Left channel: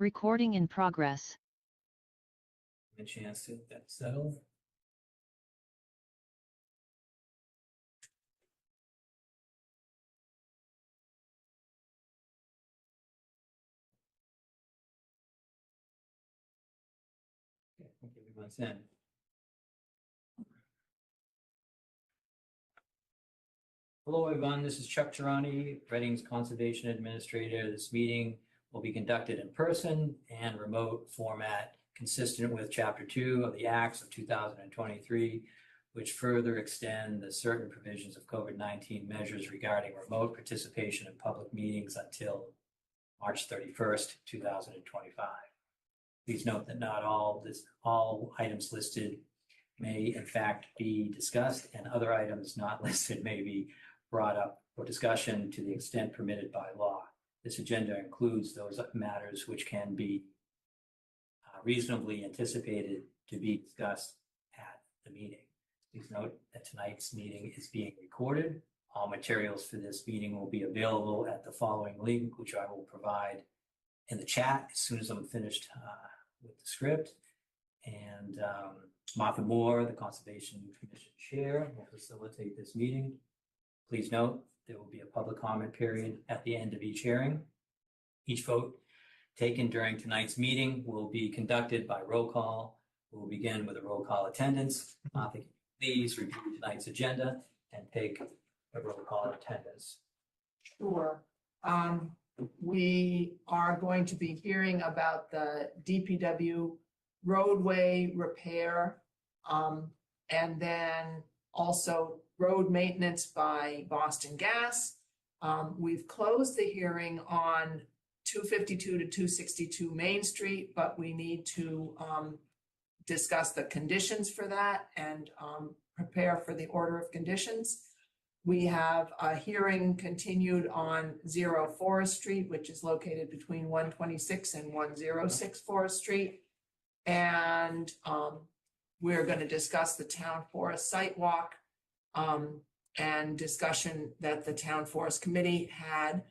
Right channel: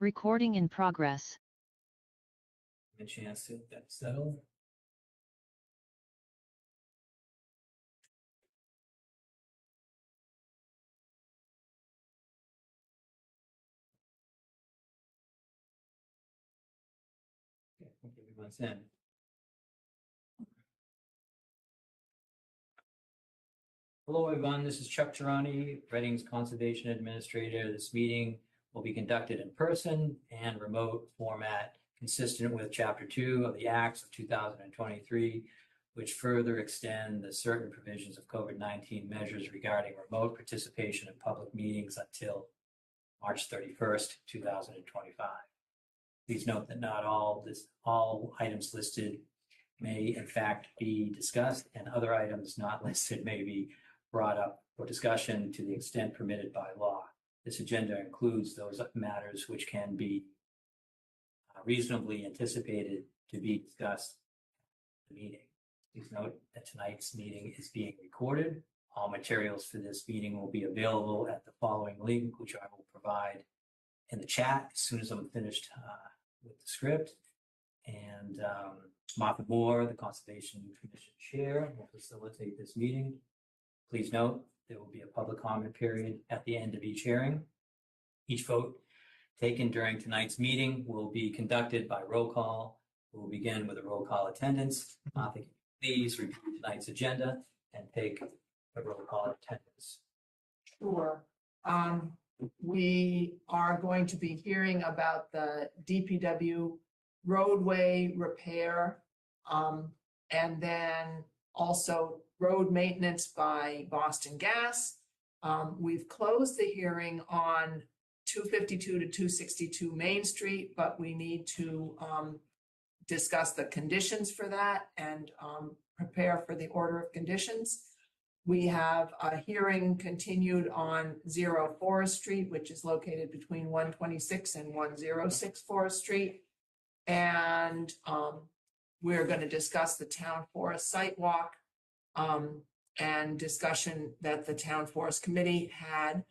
Recording in progress. A chance to get that settled. Okay, I think everyone's in. Hello, everyone. This is Chuck Tarani, Reading's Conservation Administrator. This meeting will be conducted in person and remote format, consistent with Chapter 2 of the Acts of 2023, which further extend the certain provisions of COVID-19 measures regarding remote participation in public meetings until March 31st, 2025. Please note that not all items listed may in fact be discussed, and other items not listed may be brought up for discussion to the extent permitted by law. This agenda includes those matters which can be reasonably anticipated to be discussed at the meeting. Please note that tonight's meeting is being recorded. All materials for this meeting will be available at the following link, which I will provide in the chat as soon as I'm finished with the script. And Martha Moore, the Conservation Commission Chair, will facilitate this meeting. Please note there will be a public comment period at the end of each hearing. Each vote taken during tonight's meeting will be conducted by roll call. We'll begin with a roll call attendance. Martha, please review tonight's agenda and take a roll call attendance. Sure. We are going to be hearing about the DPW roadway repair, and then also road maintenance by Boston Gas. We've closed the hearing on 252 to 262 Main Street, but we need to discuss the conditions for that and prepare for the order of conditions. We have a hearing continued on 0 Forest Street, which is located between 126 and 106 Forest Street. And we're going to discuss the town forest site walk and discussion that the town forest committee had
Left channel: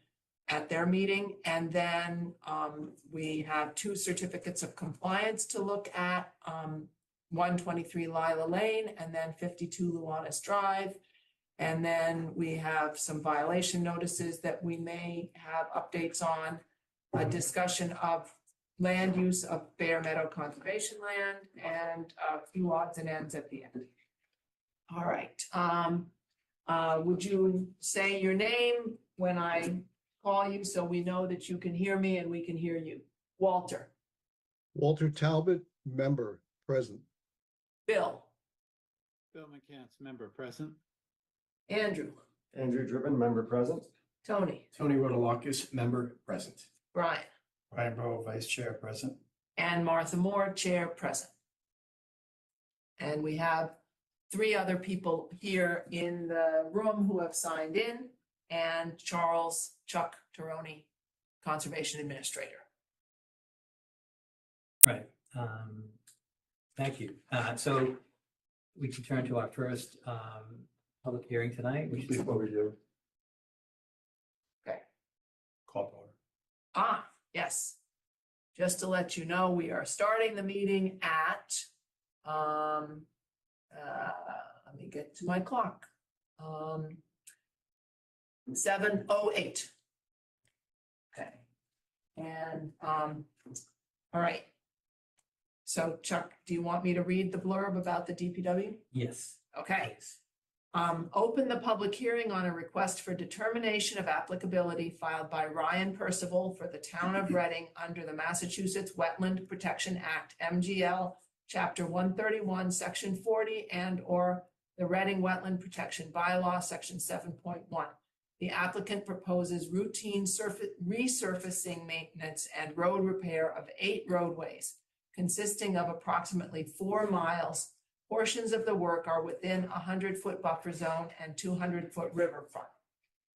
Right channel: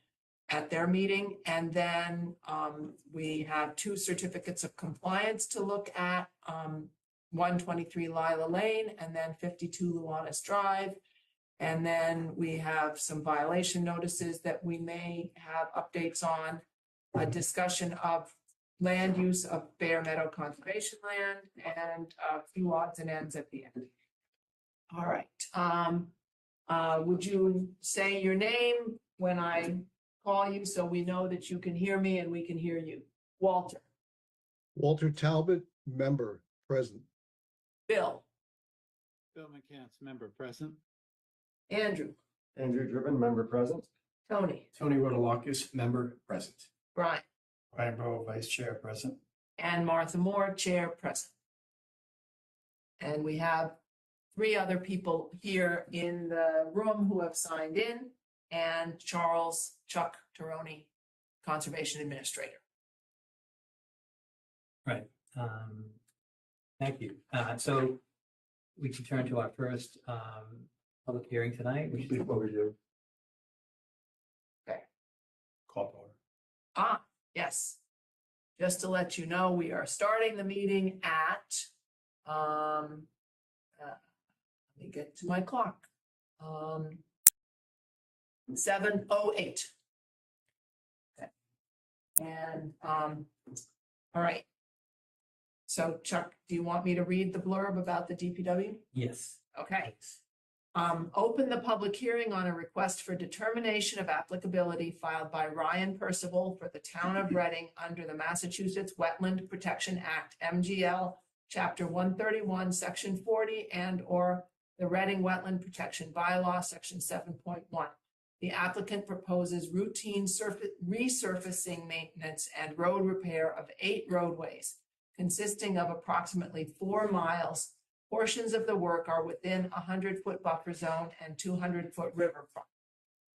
at their meeting. And then we have 2 certificates of compliance to look at, 123 Lila Lane and then 52 Luanis Drive. And then we have some violation notices that we may have updates on, a discussion of land use of Bear Meadow Conservation Land, and a few odds and ends at the end. All right. Would you say your name when I call you so we know that you can hear me and we can hear you? Walter. Walter Talbot, member, present. Bill. Bill McCants, member, present. Andrew. Andrew Driven, member, present. Tony. Tony Rodolakis, member, present. Brian. Brian Burrow, vice chair, present. And Martha Moore, chair, present. And we have 3 other people here in the room who have signed in, and Chuck Taroni, Conservation Administrator. Right. Thank you. So we can turn to our first public hearing tonight. Before we do. Okay. Call to order. Yes. Just to let you know, we are starting the meeting at, let me get to my clock. 7:08. Okay. And, all right. So Chuck, do you want me to read the blurb about the DPW? Yes. Okay. Please. Open the public hearing on a request for determination of applicability filed by Ryan Percival for the town of Reading under the Massachusetts Wetland Protection Act, MGL, Chapter 131, Section 40, and or the Reading Wetland Protection Bylaw, Section 7.1. The applicant proposes routine resurfacing maintenance and road repair of 8 roadways, consisting of approximately 4 miles. Portions of the work are within a 100-foot buffer zone and 200-foot riverfront.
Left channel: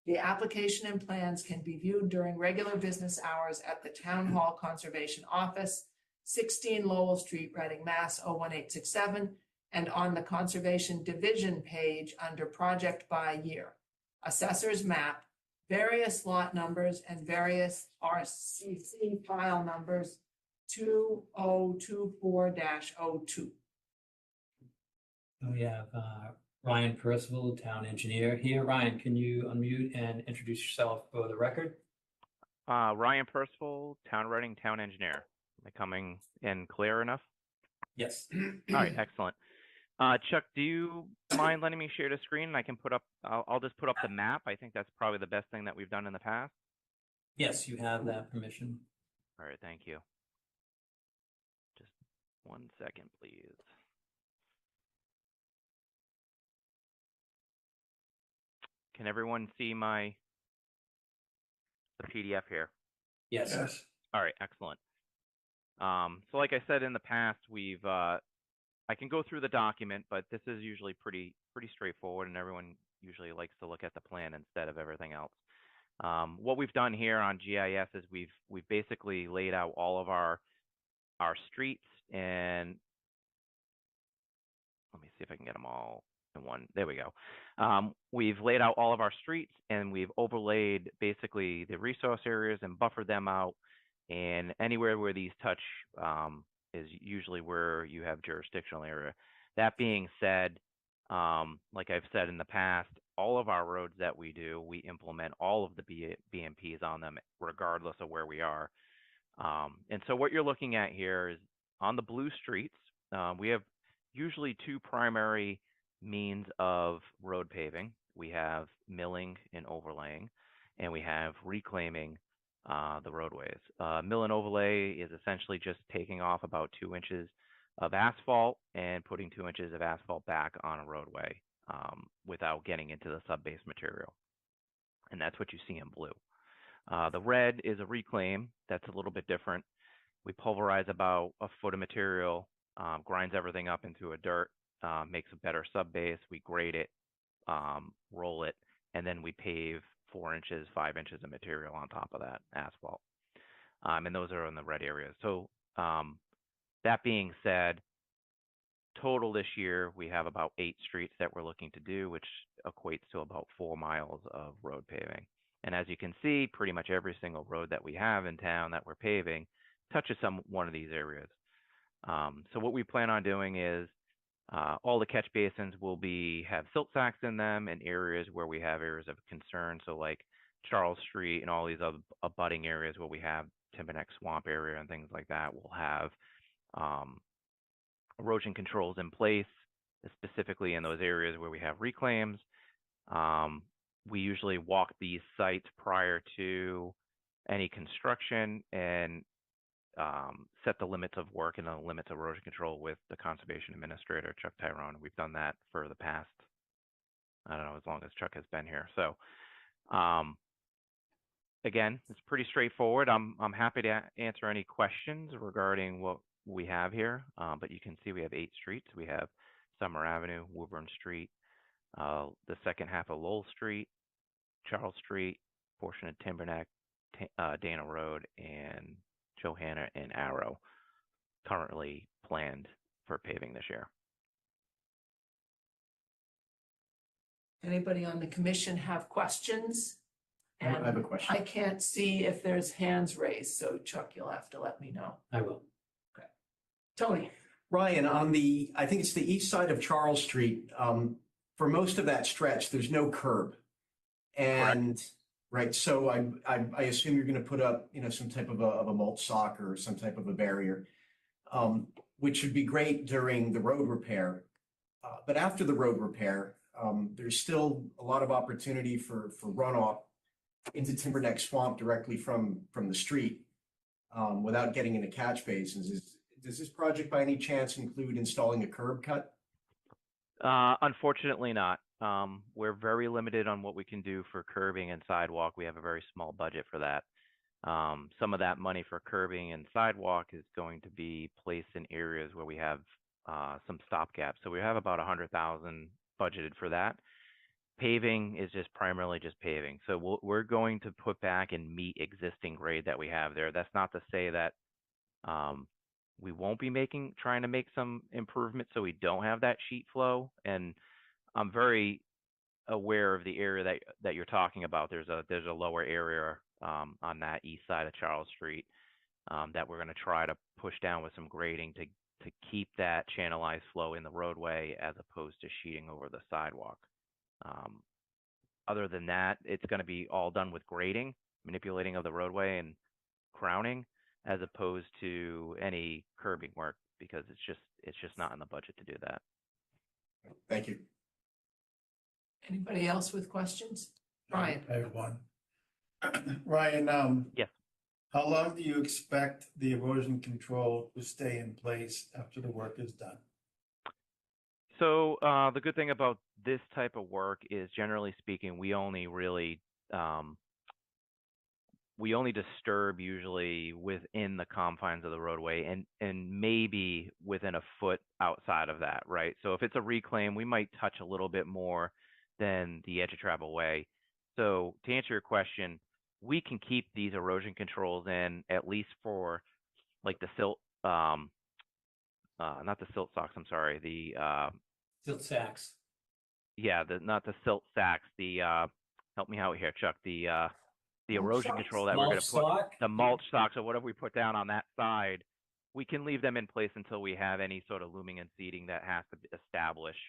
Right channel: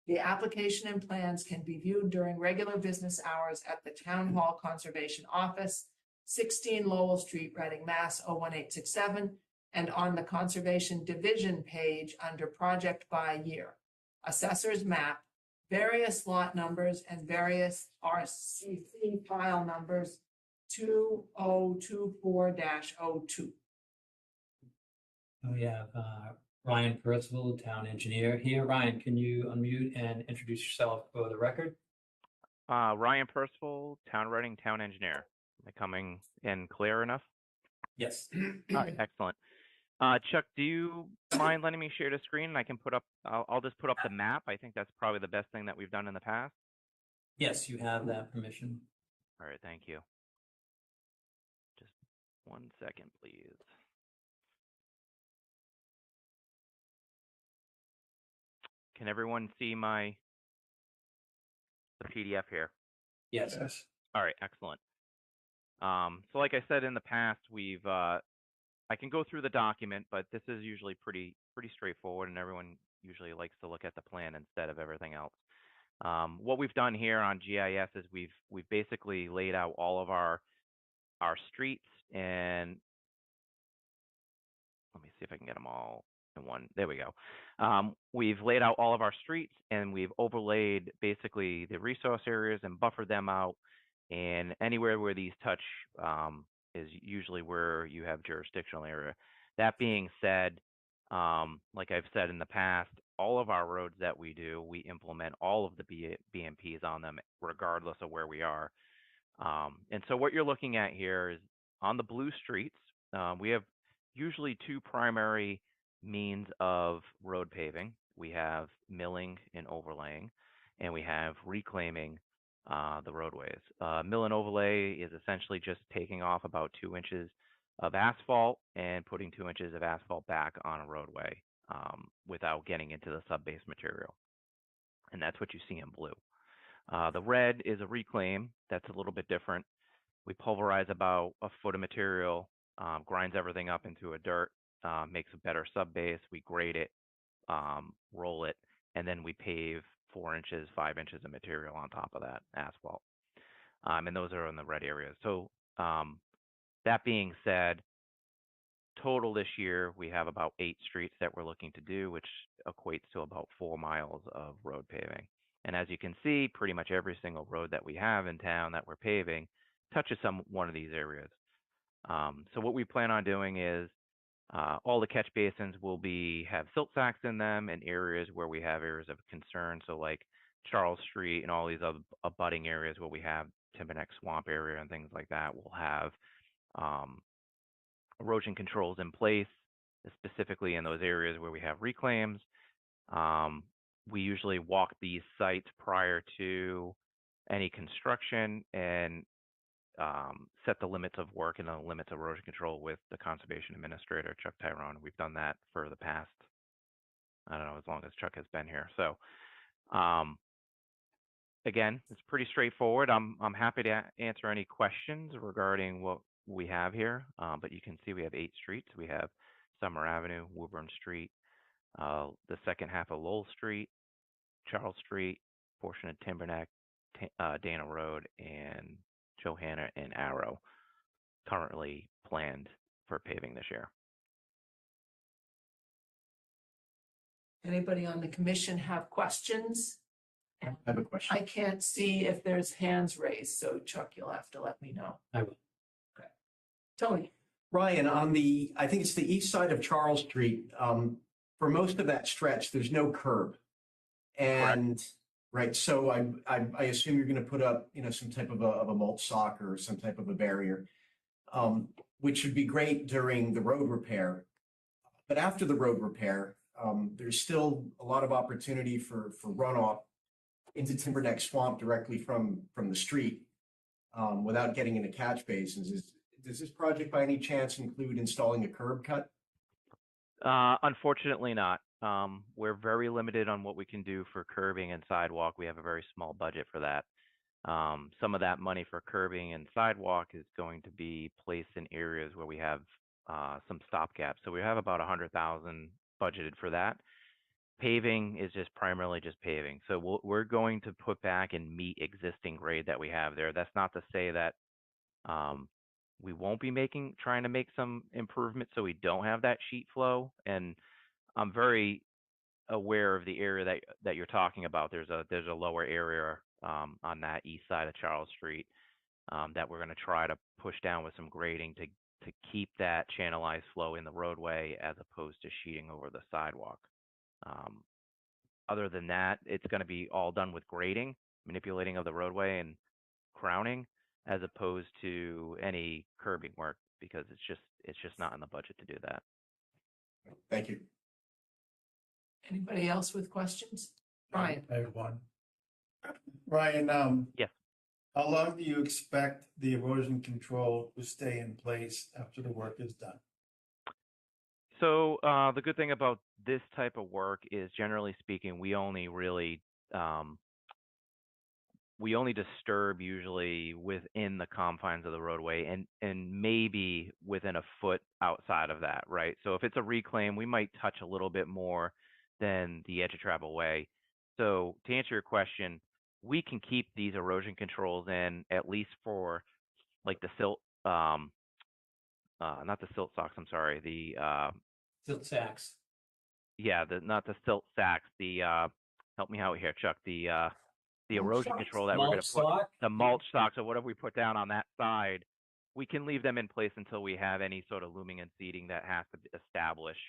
The application and plans can be viewed during regular business hours at the Town Hall Conservation Office, 16 Lowell Street, Reading, Mass. 01867, and on the Conservation Division page under Project by Year. Assessor's Map various lot numbers and various RCC file numbers 2024-02. We have Ryan Percival, town engineer here. Ryan, can you unmute and introduce yourself for the record? Ryan Percival, Town Reading Town Engineer. Am I coming in clear enough? Yes. All right, excellent. Chuck, do you mind letting me share the screen? I can put up, I'll just put up the map. I think that's probably the best thing that we've done in the past. Yes, you have that permission. All right, thank you. Just 1 second, please. Can everyone see the PDF here? Yes. All right, excellent. So like I said in the past, I can go through the document, but this is usually pretty straightforward, and everyone usually likes to look at the plan instead of everything else. What we've done here on GIS is we've basically laid out all of our streets, and let me see if I can get them all in one. There we go. We've laid out all of our streets, and we've overlaid basically the resource areas and buffered them out. And anywhere where these touch is usually where you have jurisdictional area. That being said, like I've said in the past, all of our roads that we do, we implement all of the BMPs on them, regardless of where we are. And so what you're looking at here is on the blue streets, we have usually two primary means of road paving. We have milling and overlaying, and we have reclaiming the roadways. Mill and overlay is essentially just taking off about 2 inches of asphalt and putting 2 inches of asphalt back on a roadway without getting into the sub-base material. And that's what you see in blue. The red is a reclaim. That's a little bit different. We pulverize about a foot of material, grinds everything up into a dirt, makes a better sub-base. We grade it, roll it, and then we pave 4 inches, 5 inches of material on top of that asphalt. And those are in the red areas. So that being said, total this year, we have about 8 streets that we're looking to do, which equates to about 4 miles of road paving. And as you can see, pretty much every single road that we have in town that we're paving touches one of these areas. So what we plan on doing is all the catch basins will have silt sacks in them in areas where we have areas of concern. So like Charles Street and all these other abutting areas where we have Timberneck Swamp area and things like that, we'll have erosion controls in place, specifically in those areas where we have reclaims. We usually walk these sites prior to any construction and set the limits of work and the limits of erosion control with the conservation administrator, Chuck Tyrone. We've done that for the past, I don't know, as long as Chuck has been here. So again, it's pretty straightforward. I'm happy to answer any questions regarding what we have here, but you can see we have 8 streets. We have Summer Avenue, Woburn Street, the second half of Lowell Street, Charles Street, portion of Timberneck, Dana Road, and Johanna and Arrow, currently planned for paving this year. Anybody on the commission have questions? I have a question. I can't see if there's hands raised, so Chuck, you'll have to let me know. I will. Tony. Ryan, I think it's the east side of Charles Street, for most of that stretch, there's no curb. And, right, so I assume you're going to put up, some type of a mulch sock or some type of a barrier, which would be great during the road repair. But after the road repair, there's still a lot of opportunity for runoff into Timberneck Swamp directly from the street without getting into catch basins. Does this project by any chance include installing a curb cut? Unfortunately not. We're very limited on what we can do for curbing and sidewalk. We have a very small budget for that. Some of that money for curbing and sidewalk is going to be placed in areas where we have some stopgaps. So we have about $100,000 budgeted for that. Paving is just primarily just paving. So we're going to put back and meet existing grade that we have there. That's not to say that we won't be trying to make some improvements so we don't have that sheet flow. And I'm very aware of the area that you're talking about. There's a lower area on that east side of Charles Street that we're going to try to push down with some grading to keep that channelized flow in the roadway as opposed to sheeting over the sidewalk. Other than that, it's going to be all done with grading, manipulating of the roadway and crowning, as opposed to any curbing work, because it's just not in the budget to do that. Thank you. Anybody else with questions? Brian? I have one. Ryan, Yes. how long do you expect the erosion control to stay in place after the work is done? So the good thing about this type of work is, generally speaking, we only really disturb usually within the confines of the roadway, and maybe within a foot outside of that, right? So if it's a reclaim, we might touch a little bit more than the edge of travel way. So to answer your question, we can keep these erosion controls in at least for like the silt, not the silt socks, I'm sorry, the Silt sacks. yeah, not the silt sacks, the help me out here, Chuck, the erosion socks? control that we're going Mulch to put, sock? the mulch socks or whatever we put down on that side, we can leave them in place until we have any sort of looming and seeding that has to be established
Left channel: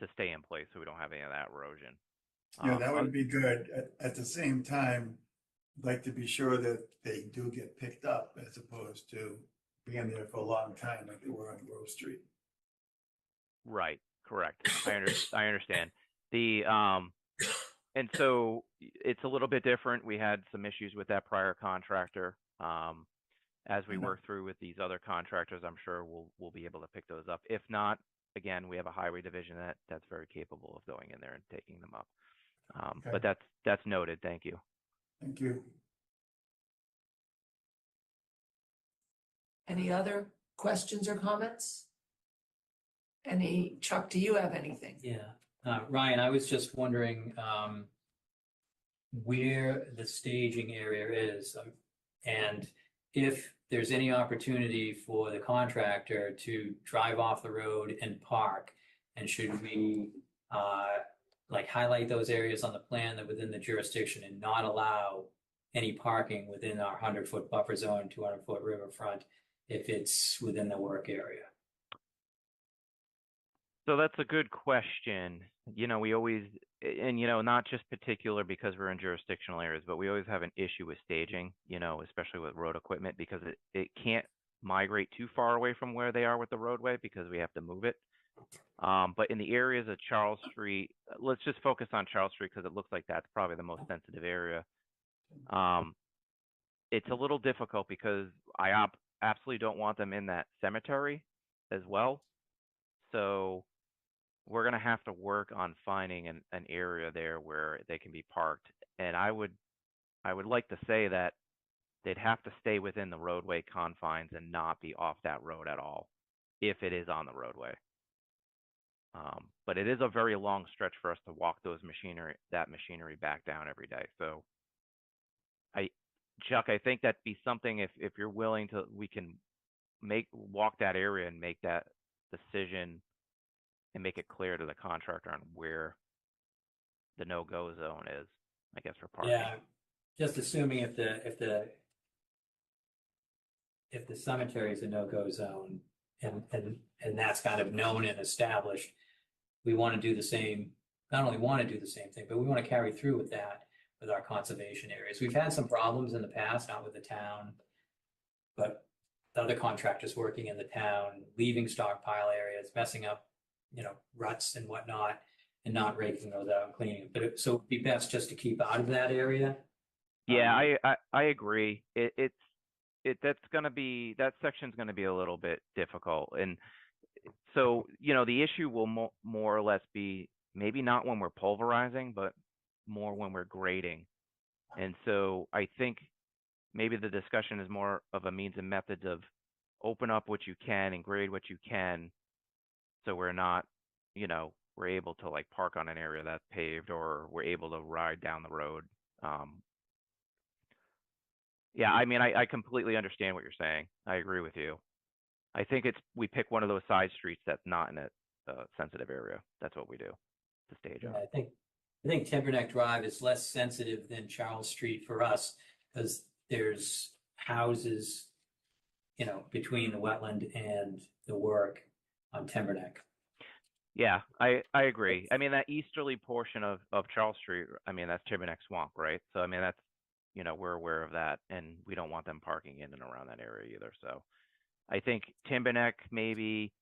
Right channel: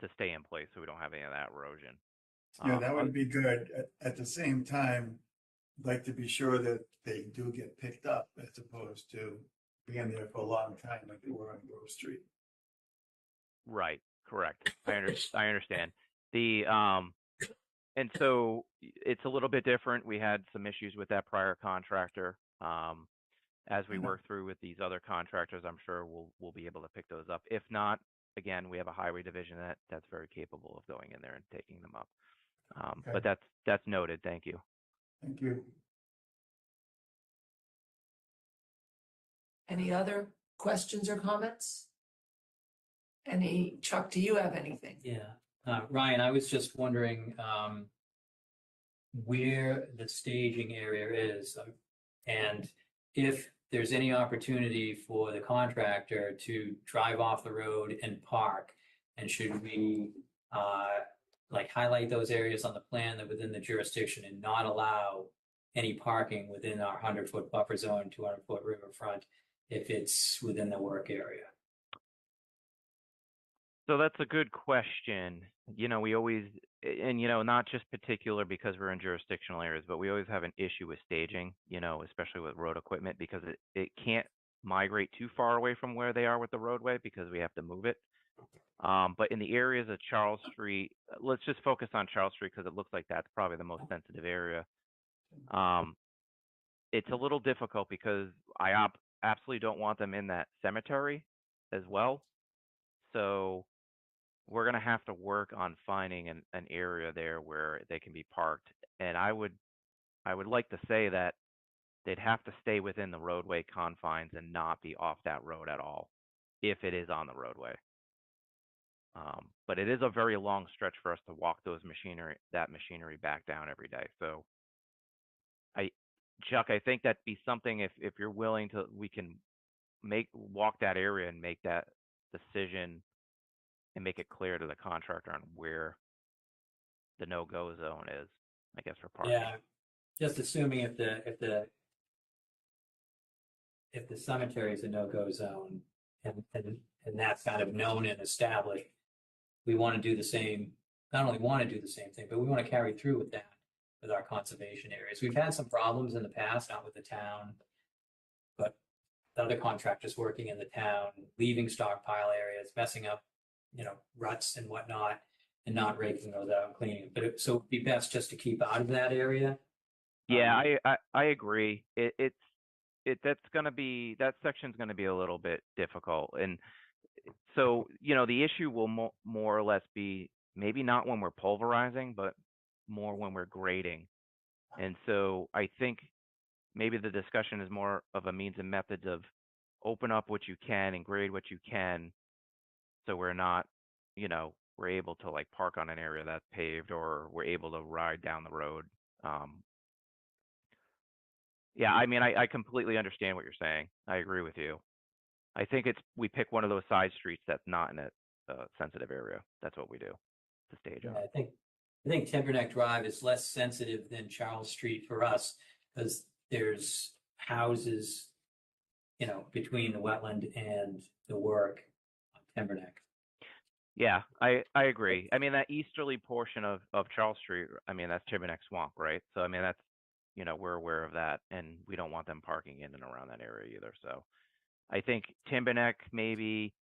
to stay in place, so we don't have any of that erosion. Yeah, that would be good. At the same time, I'd like to be sure that they do get picked up as opposed to being there for a long time like they were on Grove Street. Right, correct. I understand. The and so it's a little bit different. We had some issues with that prior contractor. As we work through with these other contractors, I'm sure we'll be able to pick those up. If not, again, we have a highway division that's very capable of going in there and taking them up. But that's noted. Thank you. Thank you. Any other questions or comments? Chuck, do you have anything? Yeah. Ryan, I was just wondering where the staging area is, and if there's any opportunity for the contractor to drive off the road and park, and should we like highlight those areas on the plan that within the jurisdiction and not allow any parking within our 100-foot buffer zone, 200-foot riverfront, if it's within the work area? So that's a good question. We always, and not just particular because we're in jurisdictional areas, but we always have an issue with staging, especially with road equipment, because it can't migrate too far away from where they are with the roadway because we have to move it. But in the areas of Charles Street, let's just focus on Charles Street because it looks like that's probably the most sensitive area. It's a little difficult because I absolutely don't want them in that cemetery as well. So we're going to have to work on finding an area there where they can be parked. And I would like to say that they'd have to stay within the roadway confines and not be off that road at all if it is on the roadway. But it is a very long stretch for us to walk that machinery back down every day. So Chuck, I think that'd be something if you're willing to, we can walk that area and make that decision and make it clear to the contractor on where the no-go zone is, I guess, for parking. Yeah, just assuming if the cemetery is a no-go zone and that's kind of known and established, we want to do the same, not only want to do the same thing, but we want to carry through with that with our conservation areas. We've had some problems in the past, not with the town, but the other contractors working in the town, leaving stockpile areas, messing up, ruts and whatnot, and not raking those out and cleaning them. So it'd be best just to keep out of that area. Yeah, I agree. That section's going to be a little bit difficult, and so the issue will more or less be maybe not when we're pulverizing, but more when we're grading. And so I think maybe the discussion is more of a means and methods of open up what you can and grade what you can, so we're not, we're able to like park on an area that's paved, or we're able to ride down the road. Yeah, I mean, I completely understand what you're saying. I agree with you. I think we pick one of those side streets that's not in a sensitive area. That's what we do to stage And up. I think I think Timberneck Drive is less sensitive than Charles Street for us because there's houses, between the wetland and the work on Timberneck. Yeah, I agree. I mean, that easterly portion of Charles Street, I mean, that's Timberneck Swamp, right? So, I mean, that's, we're aware of that, and we don't want them parking in and around that area either. So, I think Timberneck, maybe,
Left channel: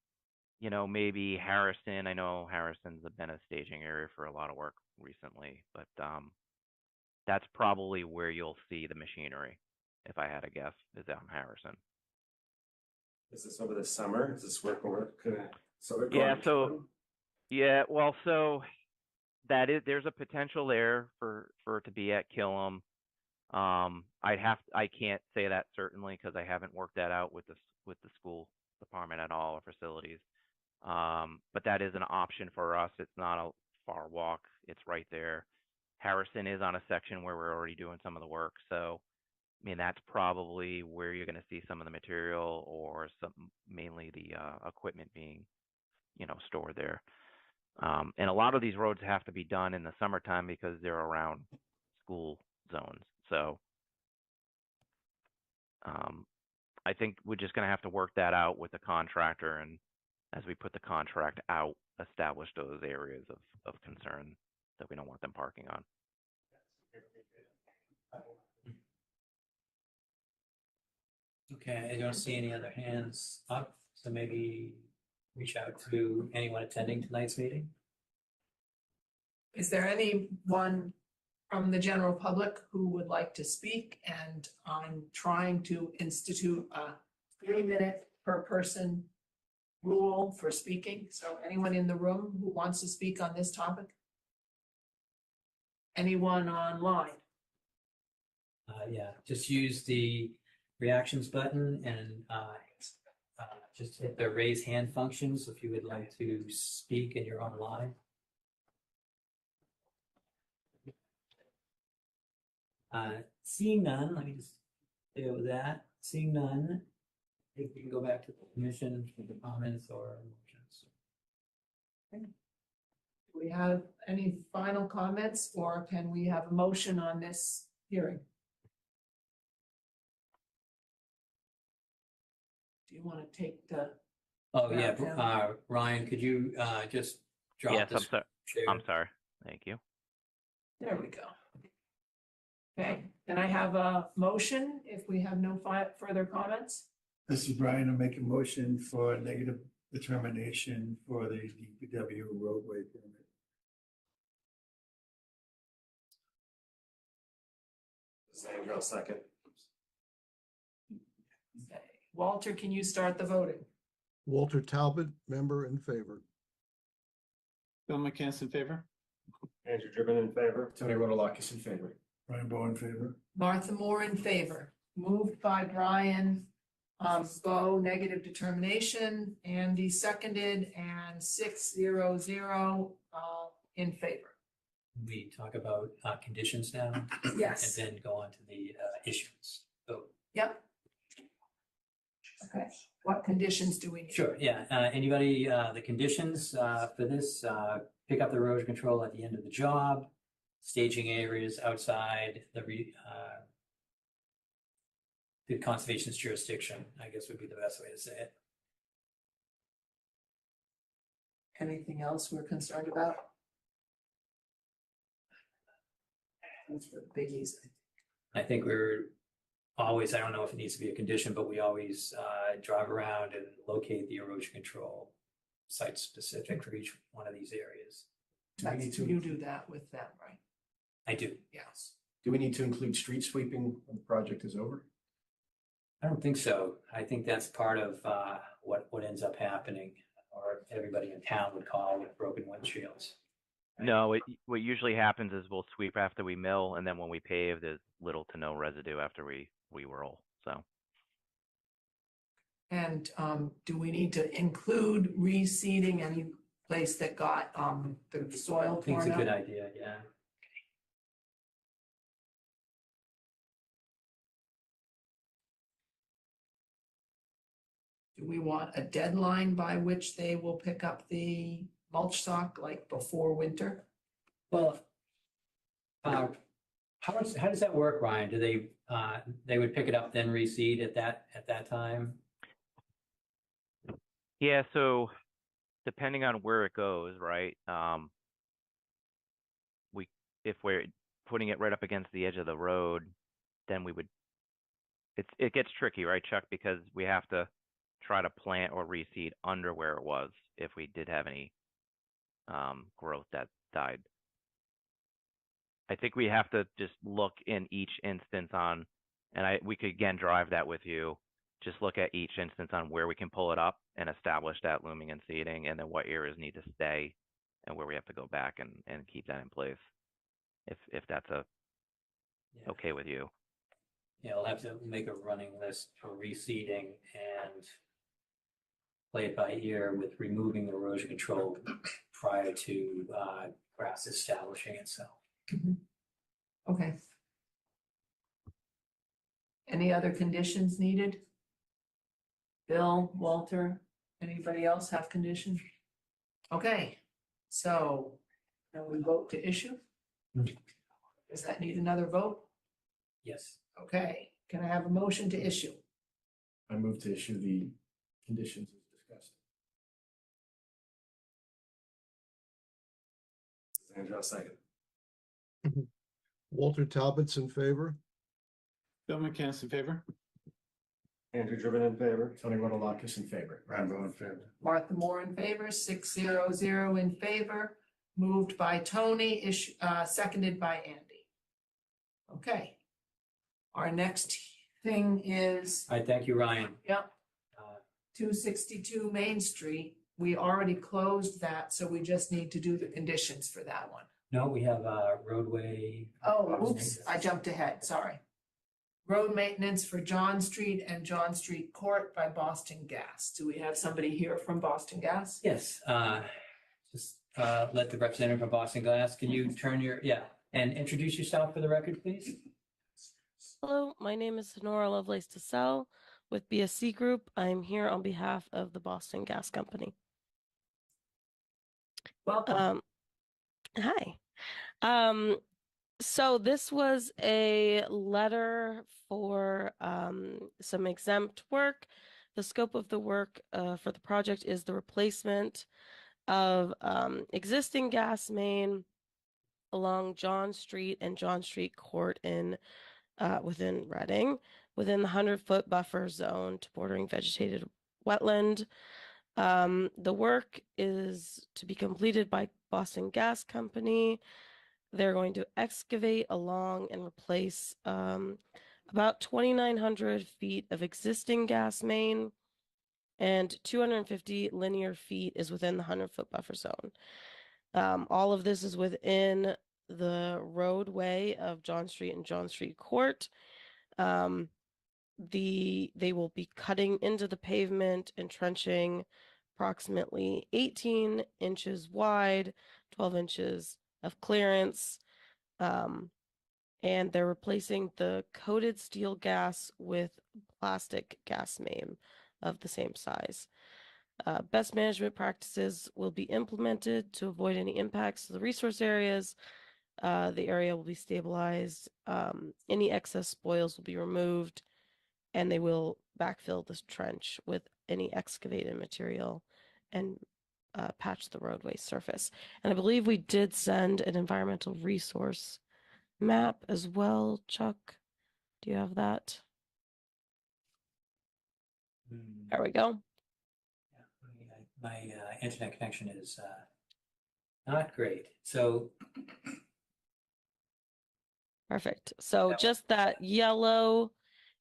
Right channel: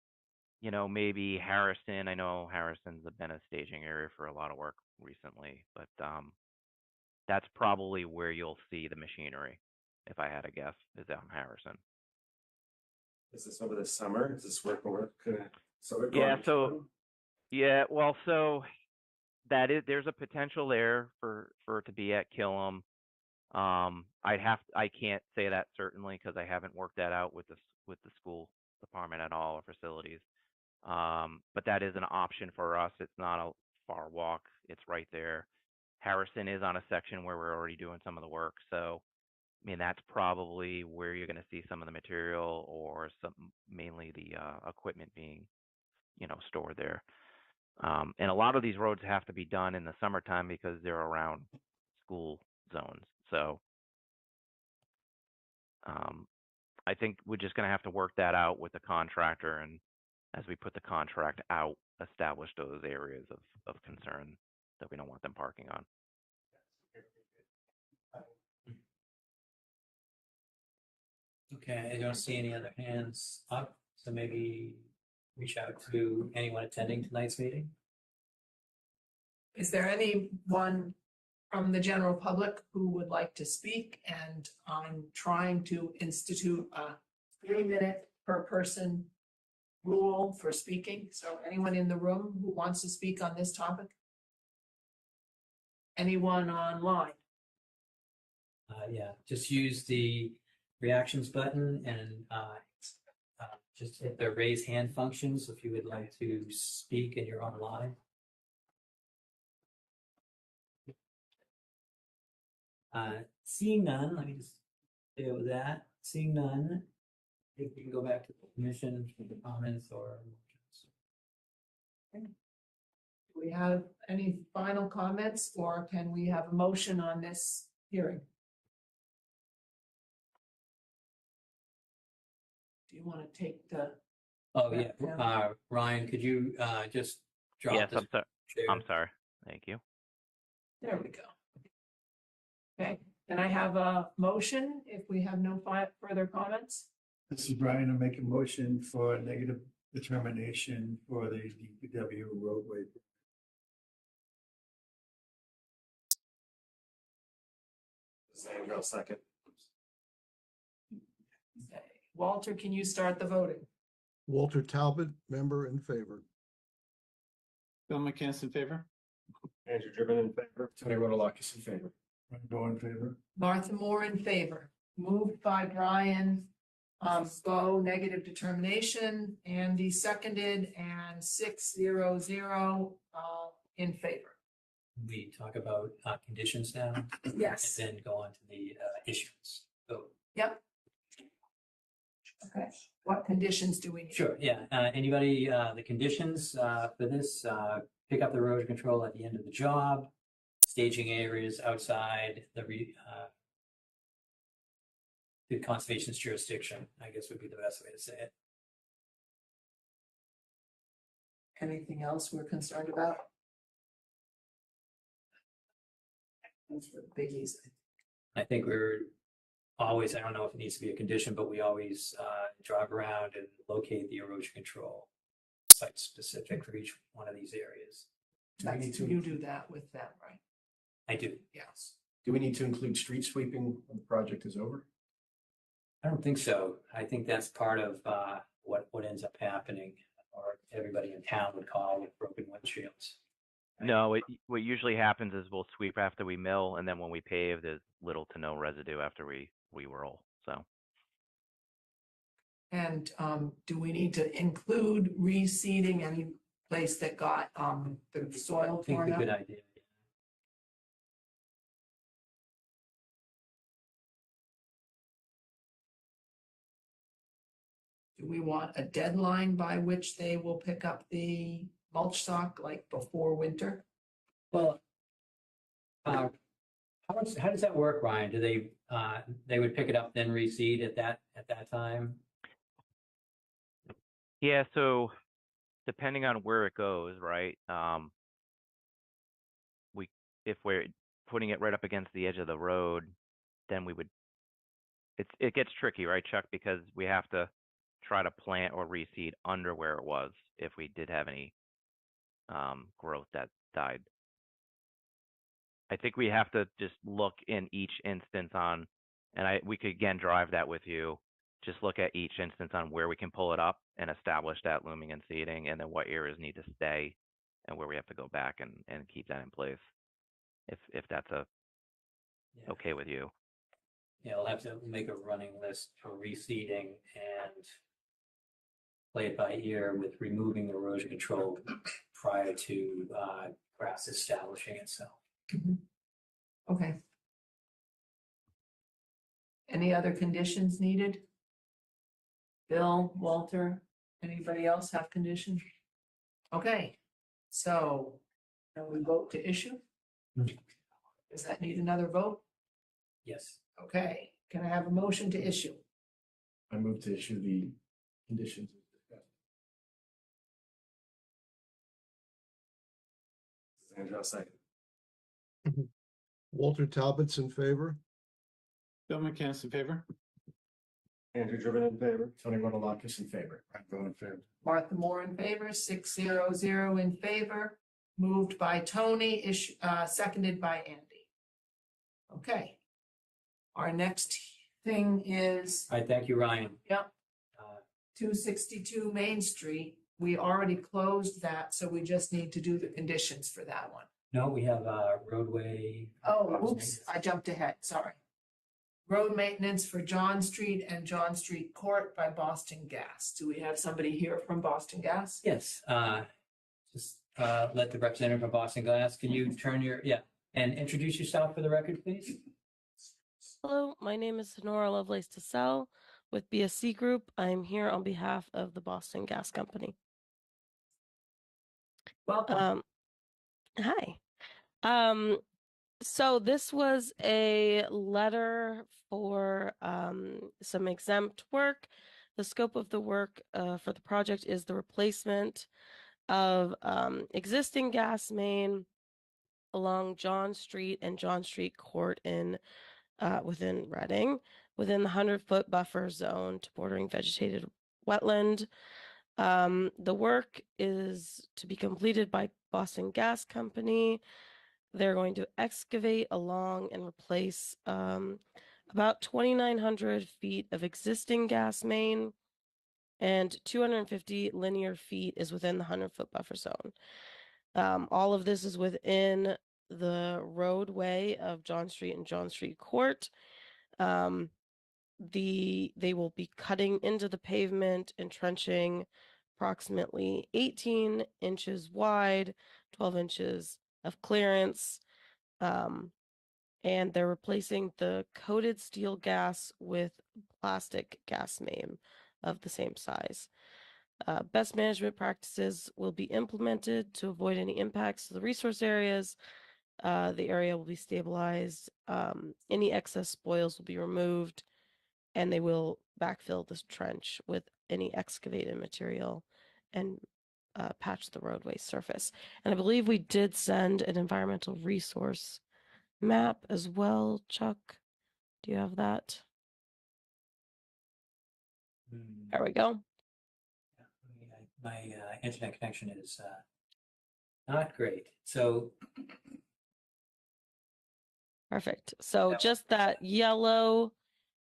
maybe Harrison. I know Harrison's been a staging area for a lot of work recently, but that's probably where you'll see the machinery, if I had to guess, is down Harrison. Is this over the summer? Is this work over? Yeah, so yeah, well, so there's a potential there for it to be at Killam. I can't say that certainly because I haven't worked that out with the school department at all, or facilities. But that is an option for us. It's not a far walk. It's right there. Harrison is on a section where we're already doing some of the work, so I mean, that's probably where you're going to see some of the material or mainly the equipment being, stored there. And a lot of these roads have to be done in the summertime because they're around school zones. So I think we're just going to have to work that out with the contractor, and as we put the contract out, establish those areas of concern that we don't want them parking on. Okay, I don't see any other hands up, so maybe reach out to anyone attending tonight's meeting. Is there anyone from the general public who would like to speak? And I'm trying to institute a 3-minute per person rule for speaking. So anyone in the room who wants to speak on this topic? Anyone online? Yeah, just use the reactions button and just hit the raise hand function. So if you would like to speak and you're online. Seeing none, let me just deal with that. Seeing none, if we can go back to the commission for the comments or motions. Do we have any final comments, or can we have a motion on this hearing? Do you want to take the? Oh, yeah, Ryan, could you just drop Yes, this? I'm sorry. Thank you. There we go. Okay, then I have a motion if we have no further comments. This is Brian. I'll make a motion for a negative determination for the DPW roadway permit. Sandra, I'll second. Okay. Walter, can you start the voting? Walter Talbot, member in favor. Bill McCants in favor? Andrew Driven in favor. Tony Rodolakis in favor. Brian Bowe in favor. Martha Moore in favor. Moved by Brian. Bo, negative determination. Andy seconded, and 6-0-0 in favor. We talk about conditions now. Yes. And then go on to the issuance. So, Yep. Okay, what conditions do we need? sure, yeah. Anybody, the conditions for this, pick up the erosion control at the end of the job, staging areas outside the conservation's jurisdiction, I guess would be the best way to say it. Anything else we're concerned about? Those are the biggies. I think we're always, I don't know if it needs to be a condition, but we always drive around and locate the erosion control site specific for each one of these areas. You do that with them, right? I do. Yes. Do we need to include street sweeping when the project is over? I don't think so. I think that's part of what ends up happening, or everybody in town would call with broken windshields. No, what usually happens is we'll sweep after we mill, and then when we pave, there's little to no residue after we roll. So. And do we need to include reseeding any place that got the soil I think it's torn a up? good idea, yeah. Do we want a deadline by which they will pick up the mulch stock, like before winter? Well, How does that work, Ryan? Do they would pick it up then reseed at that time? Yeah, so depending on where it goes, right? If we're putting it right up against the edge of the road, then it gets tricky, right, Chuck? Because we have to try to plant or reseed under where it was if we did have any growth that died. I think we have to just look in each instance on, and we could again drive that with you. Just look at each instance on where we can pull it up and establish that looming and seeding, and then what areas need to stay, and where we have to go back and keep that in place. If that's Yeah. okay with you. Yeah, we'll have to make a running list for reseeding and play it by ear with removing the erosion control prior to grass establishing itself. Okay. Any other conditions needed? Bill, Walter, anybody else have conditions? Okay, so now we vote to issue? Does that need another vote? Yes. Okay, can I have a motion to issue? I move to issue the conditions as discussed. Andrew, second. Walter Talbot's in favor. Bill McCann in favor. Andrew Driven in favor. Tony Rodolakis in favor. Ryan Bowen in favor. Martha Moore in favor, 600 in favor, moved by Tony, seconded by Andy. Okay. Our next thing is, All right, thank you, Ryan. yep, Uh, 262 Main Street. We already closed that, so we just need to do the conditions for that one. No, we have roadway. Oh, oops, I jumped ahead, sorry. Road maintenance for John Street and John Street Court by Boston Gas. Do we have somebody here from Boston Gas? Yes, just let the representative from Boston Glass, can you turn and introduce yourself for the record, please? Hello, my name is Honora Lovelace DeSalle with BSC Group. I'm here on behalf of the Boston Gas Company. Welcome. Hi. So this was a letter for some exempt work. The scope of the work for the project is the replacement of existing gas main along John Street and John Street Court within Reading, within the 100-foot buffer zone to bordering vegetated wetland. The work is to be completed by Boston Gas Company. They're going to excavate along and replace about 2,900 feet of existing gas main, and 250 linear feet is within the 100-foot buffer zone. All of this is within the roadway of John Street and John Street Court. They will be cutting into the pavement and trenching approximately 18 inches wide, 12 inches of clearance, and they're replacing the coated steel gas with plastic gas main of the same size. Best management practices will be implemented to avoid any impacts to the resource areas. The area will be stabilized. Any excess spoils will be removed, and they will backfill this trench with any excavated material and patch the roadway surface. And I believe we did send an environmental resource map as well. Chuck, do you have that? There we go. My internet connection is not great. So Perfect. So just that yellow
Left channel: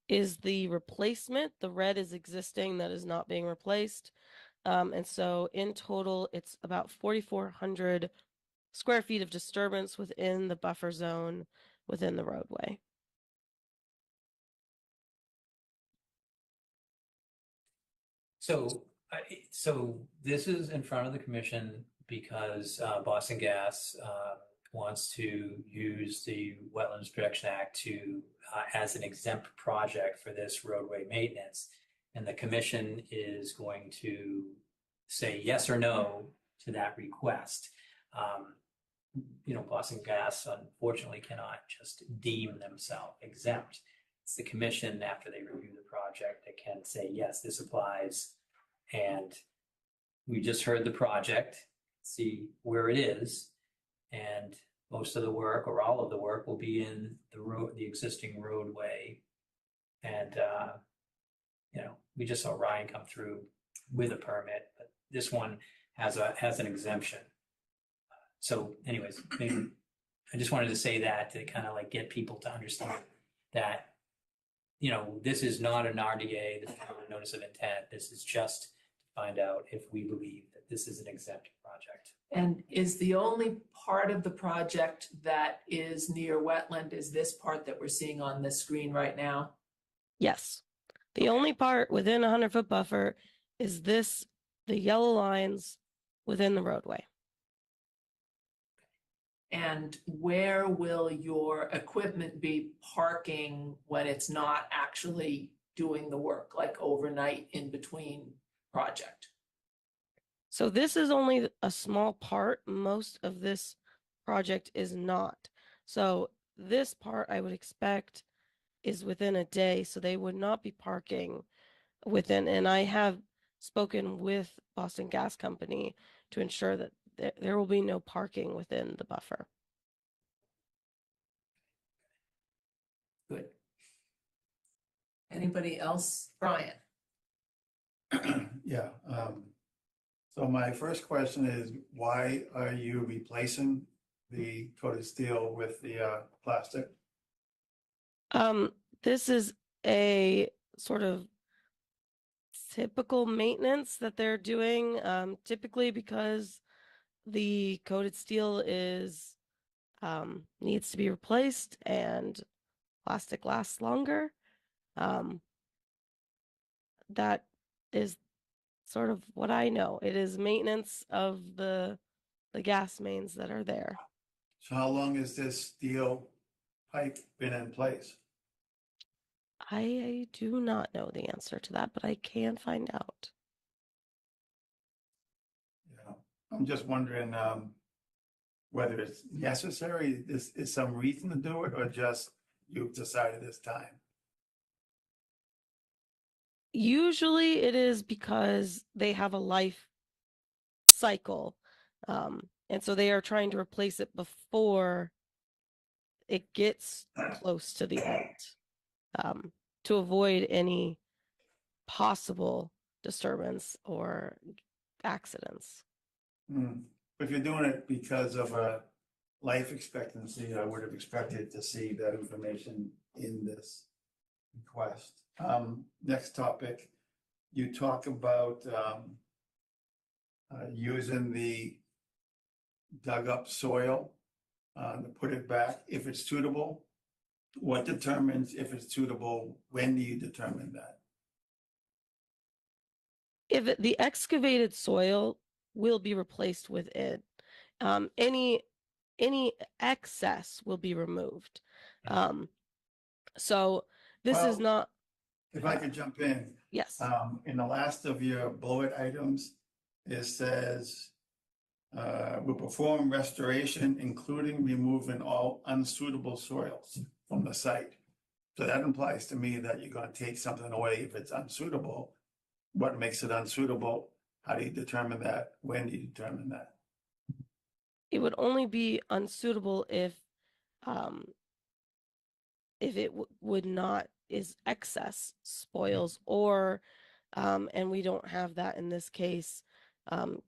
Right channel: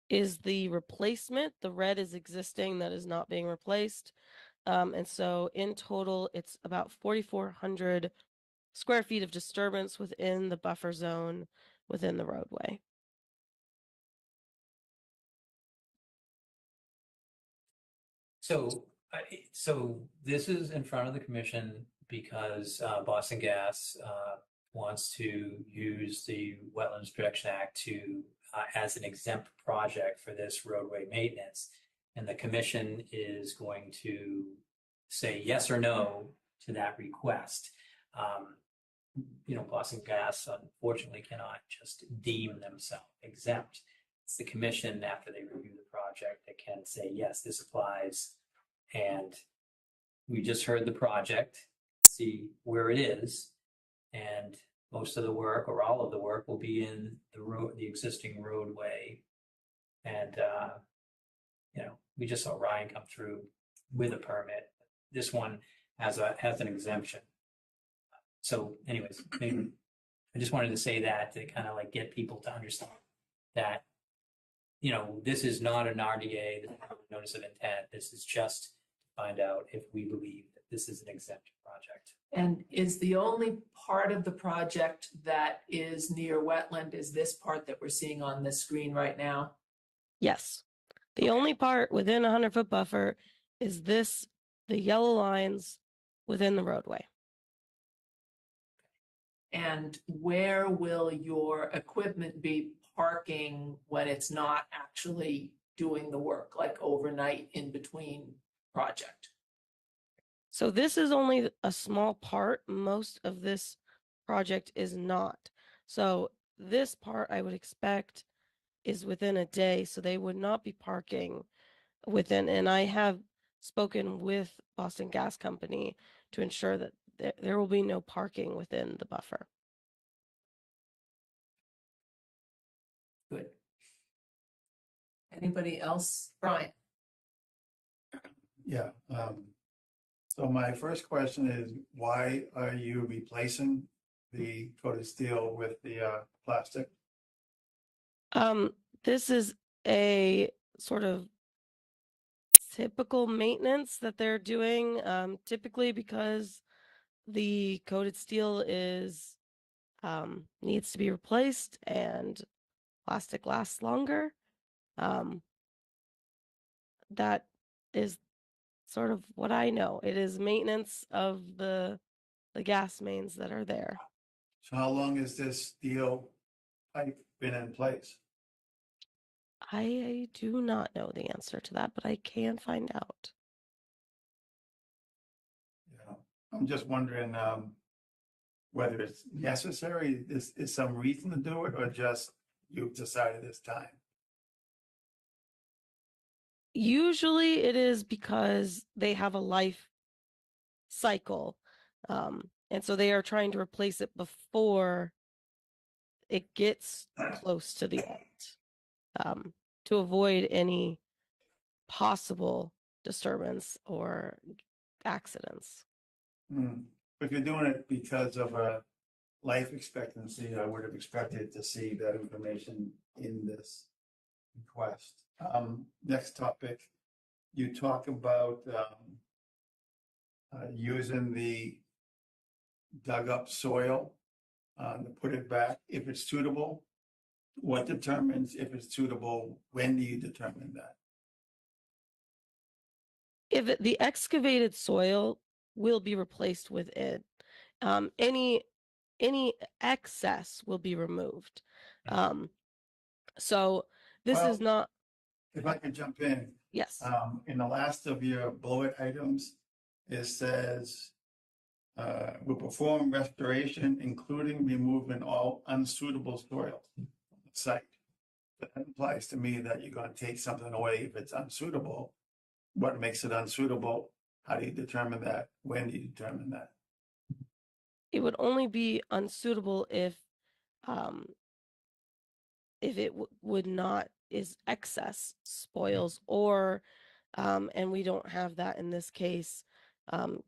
is the replacement. The red is existing that is not being replaced. And so in total, it's about 4,400 square feet of disturbance within the buffer zone within the roadway. So this is in front of the commission because Boston Gas wants to use the Wetlands Protection Act to as an exempt project for this roadway maintenance, and the commission is going to say yes or no to that request. Boston Gas unfortunately cannot just deem themselves exempt. It's the commission, after they review the project, that can say, yes, this applies. And we just heard the project, see where it is, and most of the work or all of the work will be in the existing roadway. And, we just saw Ryan come through with a permit, but this one has an exemption. So anyways, maybe I just wanted to say that to kind of like get people to understand that, this is not an RDA, this is not a notice of intent. This is just to find out if we believe that this is an exempt project. And is the only part of the project that is near wetland is this part that we're seeing on this screen right now? Yes. The only part within a 100-foot buffer is the yellow lines within the roadway. And where will your equipment be parking when it's not actually doing the work, like overnight in between project? So this is only a small part. Most of this project is not. So this part I would expect is within a day, so they would not be parking within. And I have spoken with Boston Gas Company to ensure that there will be no parking within the buffer. Good. Anybody else? Brian? Yeah, so my first question is, why are you replacing the coated steel with the plastic? This is a sort of typical maintenance that they're doing, typically because the coated steel needs to be replaced and plastic lasts longer. That is sort of what I know. It is maintenance of the gas mains that are there. So how long has this steel pipe been in place? I do not know the answer to that, but I can find out. Yeah, I'm just wondering whether it's necessary, is some reason to do it, or just you've decided it's time? Usually it is because they have a life cycle. And so they are trying to replace it before it gets close to the end, to avoid any possible disturbance or accidents. If you're doing it because of a life expectancy, I would have expected to see that information in this request. Next topic, you talk about using the dug up soil to put it back if it's suitable. What determines if it's suitable? When do you determine that? If the excavated soil will be replaced with it, any excess will be removed. So this is not. If I could jump in. Yes. In the last of your bullet items, it says, will perform restoration, including removing all unsuitable soils from the site. So that implies to me that you're going to take something away if it's unsuitable. What makes it unsuitable? How do you determine that? When do you determine that? It would only be unsuitable if it would not is excess spoils or and we don't have that in this case,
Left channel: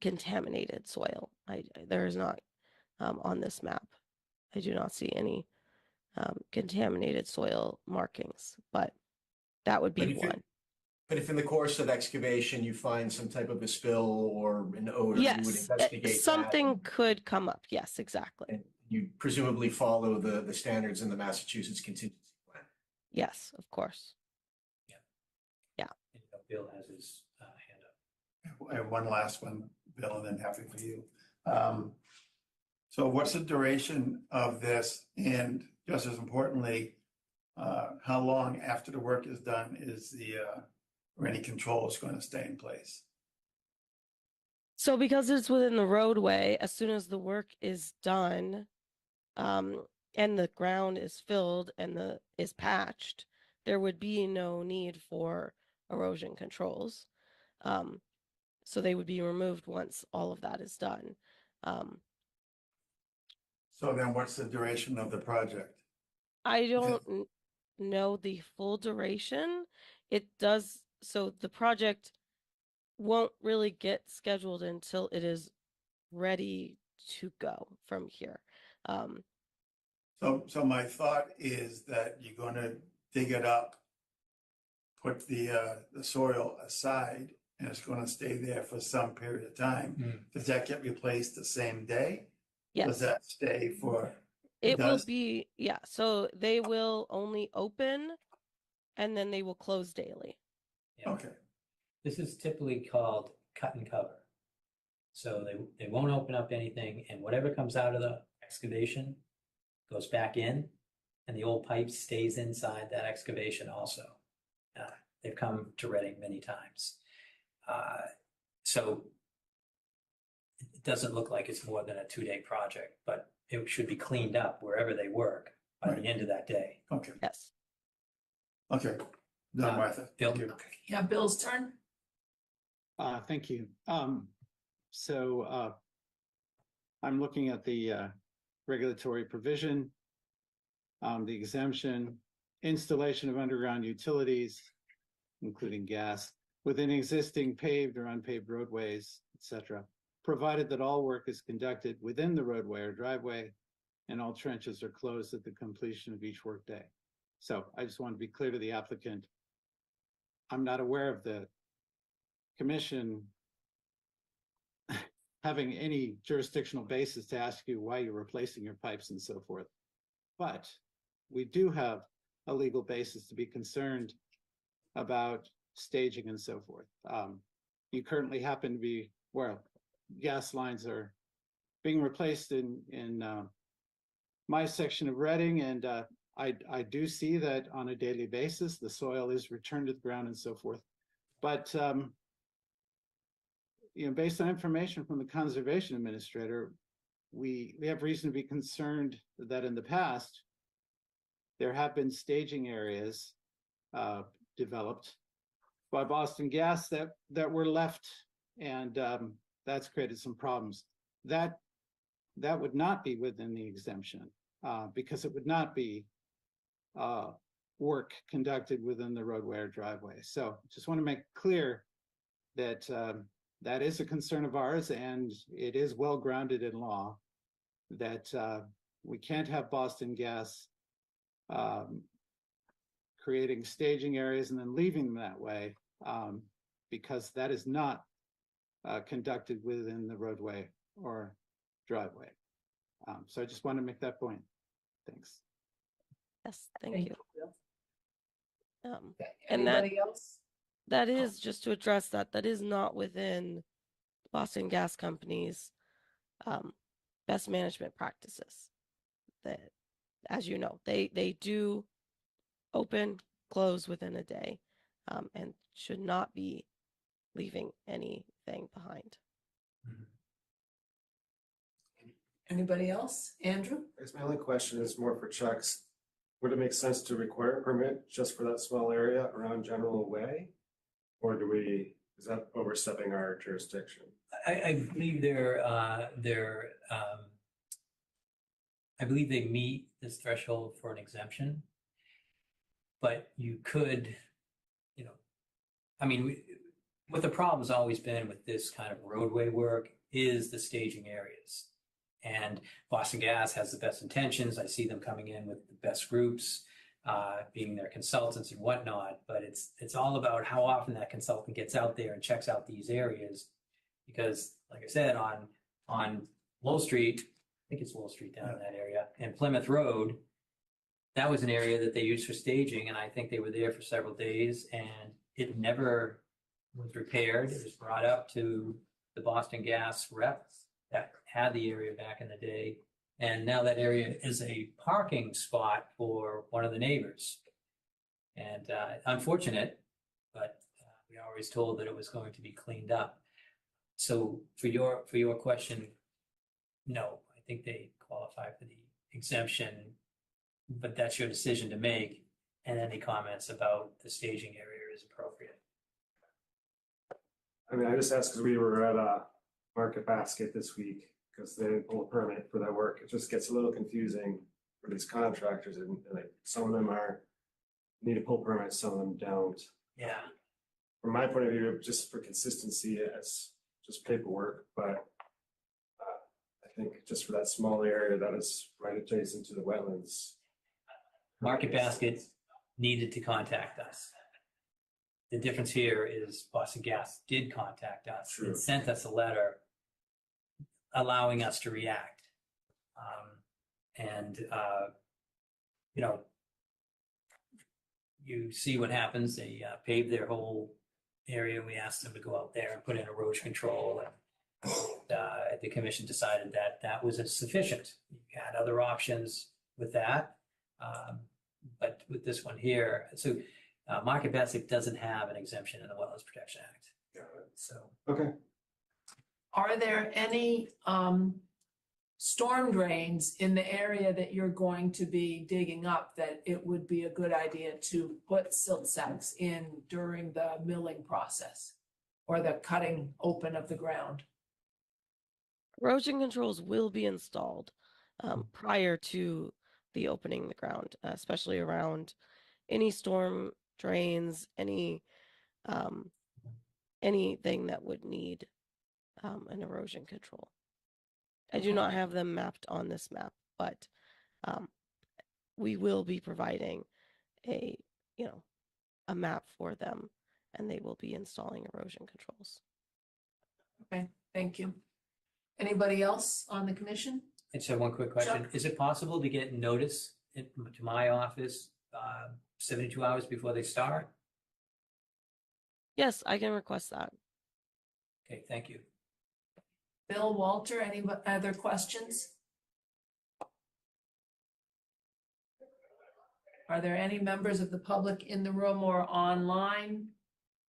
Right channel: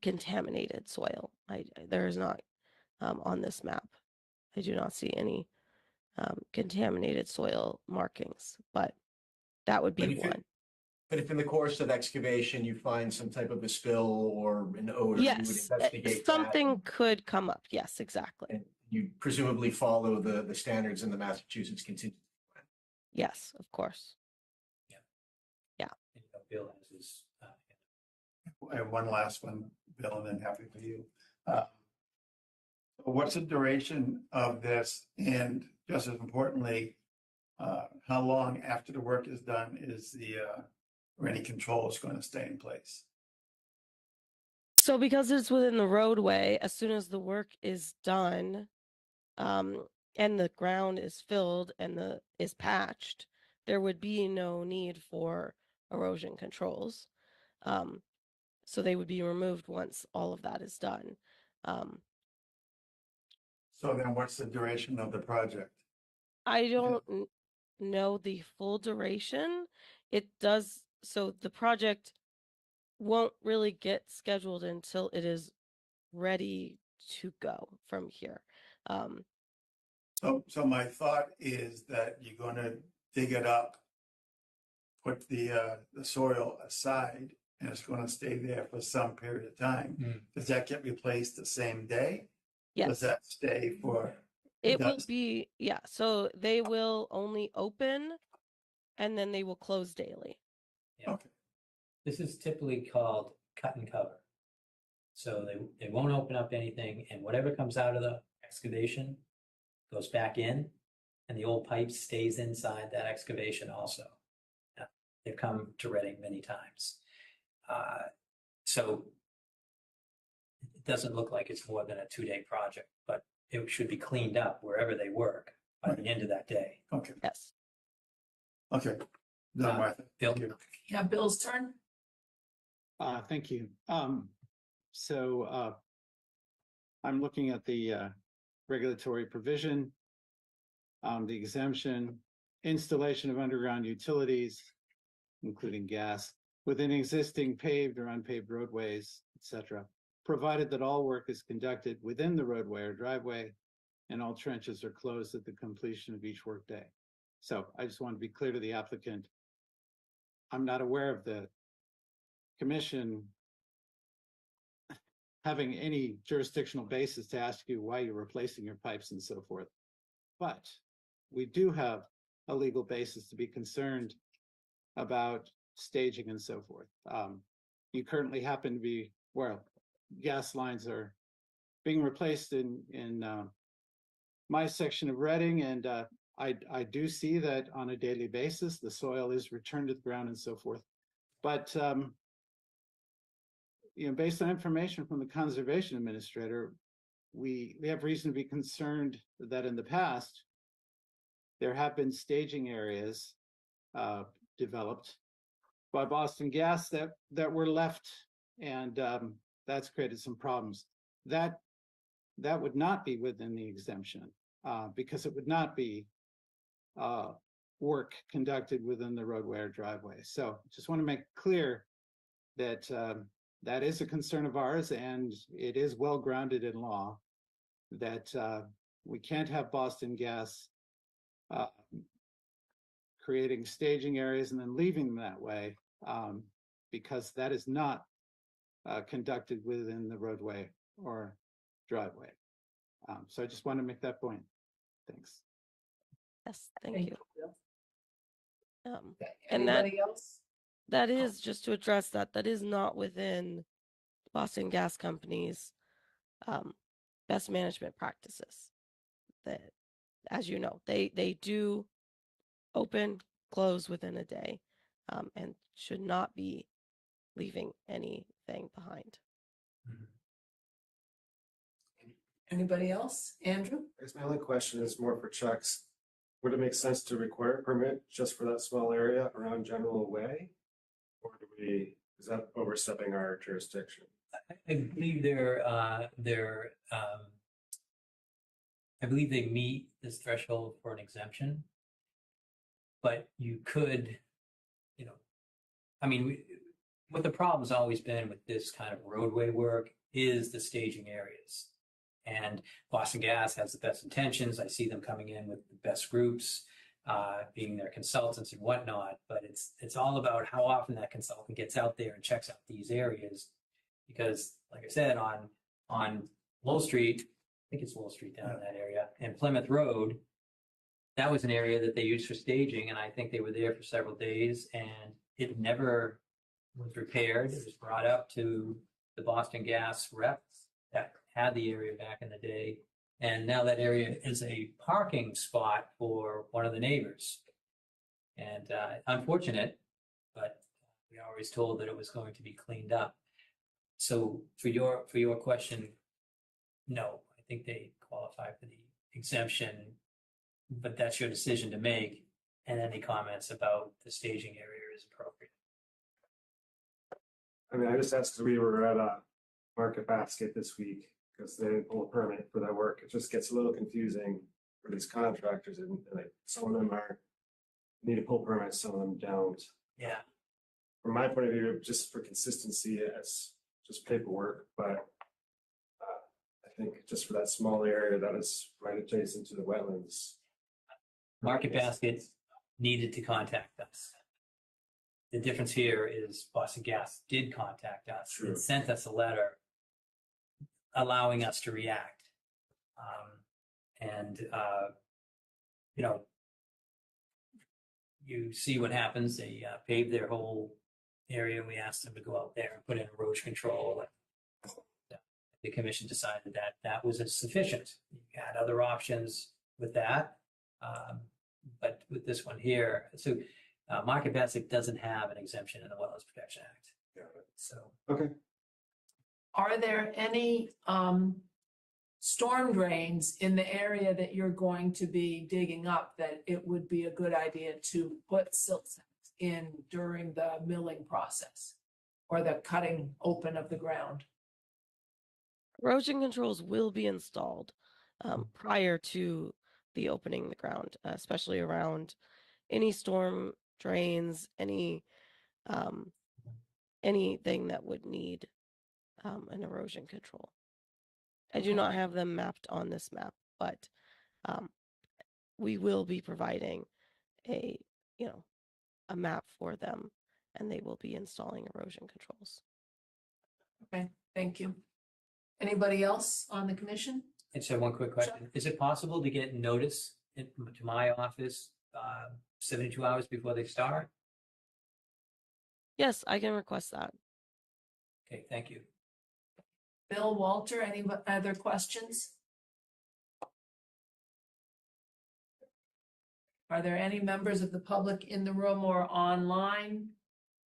contaminated soil. There is not on this map. I do not see any contaminated soil markings, but that would be one. But if in the course of excavation you find some type of a spill or an odor, you would Yes, investigate something that. could come up. Yes, exactly. And you presumably follow the standards in the Massachusetts contingency plan. Yes, of course. And Bill has his hand up. And one last one, Bill, and then happy for you. So what's the duration of this? And just as importantly, how long after the work is done is or any controls going to stay in place? So because it's within the roadway, as soon as the work is done, and the ground is filled and is patched, there would be no need for erosion controls. So they would be removed once all of that is done. So then what's the duration of the project? I don't know the full duration. It does, so the project won't really get scheduled until it is ready to go from here. So my thought is that you're gonna dig it up, put the soil aside, and it's gonna stay there for some period of time. Does that get replaced the same day? Does Yes, that stay for? it will does? be, yeah, so they will only open and then they will close daily. Yeah. Okay, This is typically called cut and cover. So they won't open up anything, and whatever comes out of the excavation goes back in, and the old pipe stays inside that excavation also. They've come to Reading many times. So it doesn't look like it's more than a 2-day project, but it should be cleaned up wherever they work by the end of that day. okay, Yes. okay. Done, Martha. Bill? Thank you. Yeah, Bill's turn. Thank you. I'm looking at the regulatory provision, the exemption, installation of underground utilities, including gas, within existing paved or unpaved roadways, etc., provided that all work is conducted within the roadway or driveway and all trenches are closed at the completion of each workday. So I just want to be clear to the applicant. I'm not aware of the commission having any jurisdictional basis to ask you why you're replacing your pipes and so forth. But we do have a legal basis to be concerned about staging and so forth. You currently happen to be where gas lines are being replaced in my section of Reading, and I do see that on a daily basis, the soil is returned to the ground and so forth. But based on information from the conservation administrator, we have reason to be concerned that in the past, there have been staging areas developed by Boston Gas that were left, and that's created some problems. That would not be within the exemption because it would not be work conducted within the roadway or driveway. So just want to make clear that that is a concern of ours, and it is well grounded in law that we can't have Boston Gas creating staging areas and then leaving them that way because that is not conducted within the roadway or driveway. So I just wanted to make that point. Thanks. Yes, thank you. Bill. And that Anybody else? that is just to address that is not within Boston Gas Company's best management practices. That, as you know, they do open, close within a day, and should not be leaving anything behind. Anybody else? Andrew? I guess my only question is more for Chuck's. Would it make sense to require a permit just for that small area around General Way? Or is that overstepping our jurisdiction? I believe I believe they meet this threshold for an exemption, but you could, what the problem's always been with this kind of roadway work is the staging areas. And Boston Gas has the best intentions. I see them coming in with the best groups, being their consultants and whatnot. But it's all about how often that consultant gets out there and checks out these areas. Because, like I said, on Lowell Street, I think it's Lowell Street down in that area, and Plymouth Road, that was an area that they used for staging, and I think they were there for several days, and it never was repaired. It was brought up to the Boston Gas rep that had the area back in the day, and now that area is a parking spot for one of the neighbors. And unfortunate, but we always told that it was going to be cleaned up. So for your question, no, I think they qualify for the exemption, but that's your decision to make. And any comments about the staging area is appropriate. I mean, I just asked because we were at Market Basket this week because they didn't pull a permit for that work. It just gets a little confusing for these contractors, and like some of them need to pull permits, some of them don't. Yeah. From my point of view, just for consistency, it's just paperwork, but I think just for that small area that was right adjacent to the wetlands. Market Basket needed to contact us. The difference here is Boston Gas did contact us True. and sent us a letter allowing us to react. You know, you see what happens. They paved their whole area, and we asked them to go out there and put in erosion control. And the commission decided that that was insufficient. You had other options with that, but with this one here, so Market Basket doesn't have an exemption in the Wetlands Protection Act. So Okay. Are there any storm drains in the area that you're going to be digging up that it would be a good idea to put silt sacks in during the milling process or the cutting open of the ground? Erosion controls will be installed prior to the opening the ground, especially around any storm drains, anything that would need an erosion control. I do not have them mapped on this map, but we will be providing a map for them, and they will be installing erosion controls. Okay, thank you. Anybody else on the commission? I just have one quick question. Sure. Is it possible to get notice to my office 72 hours before they start? Yes, I can request that. Okay, thank you. Bill, Walter, any other questions? Are there any members of the public in the room or online?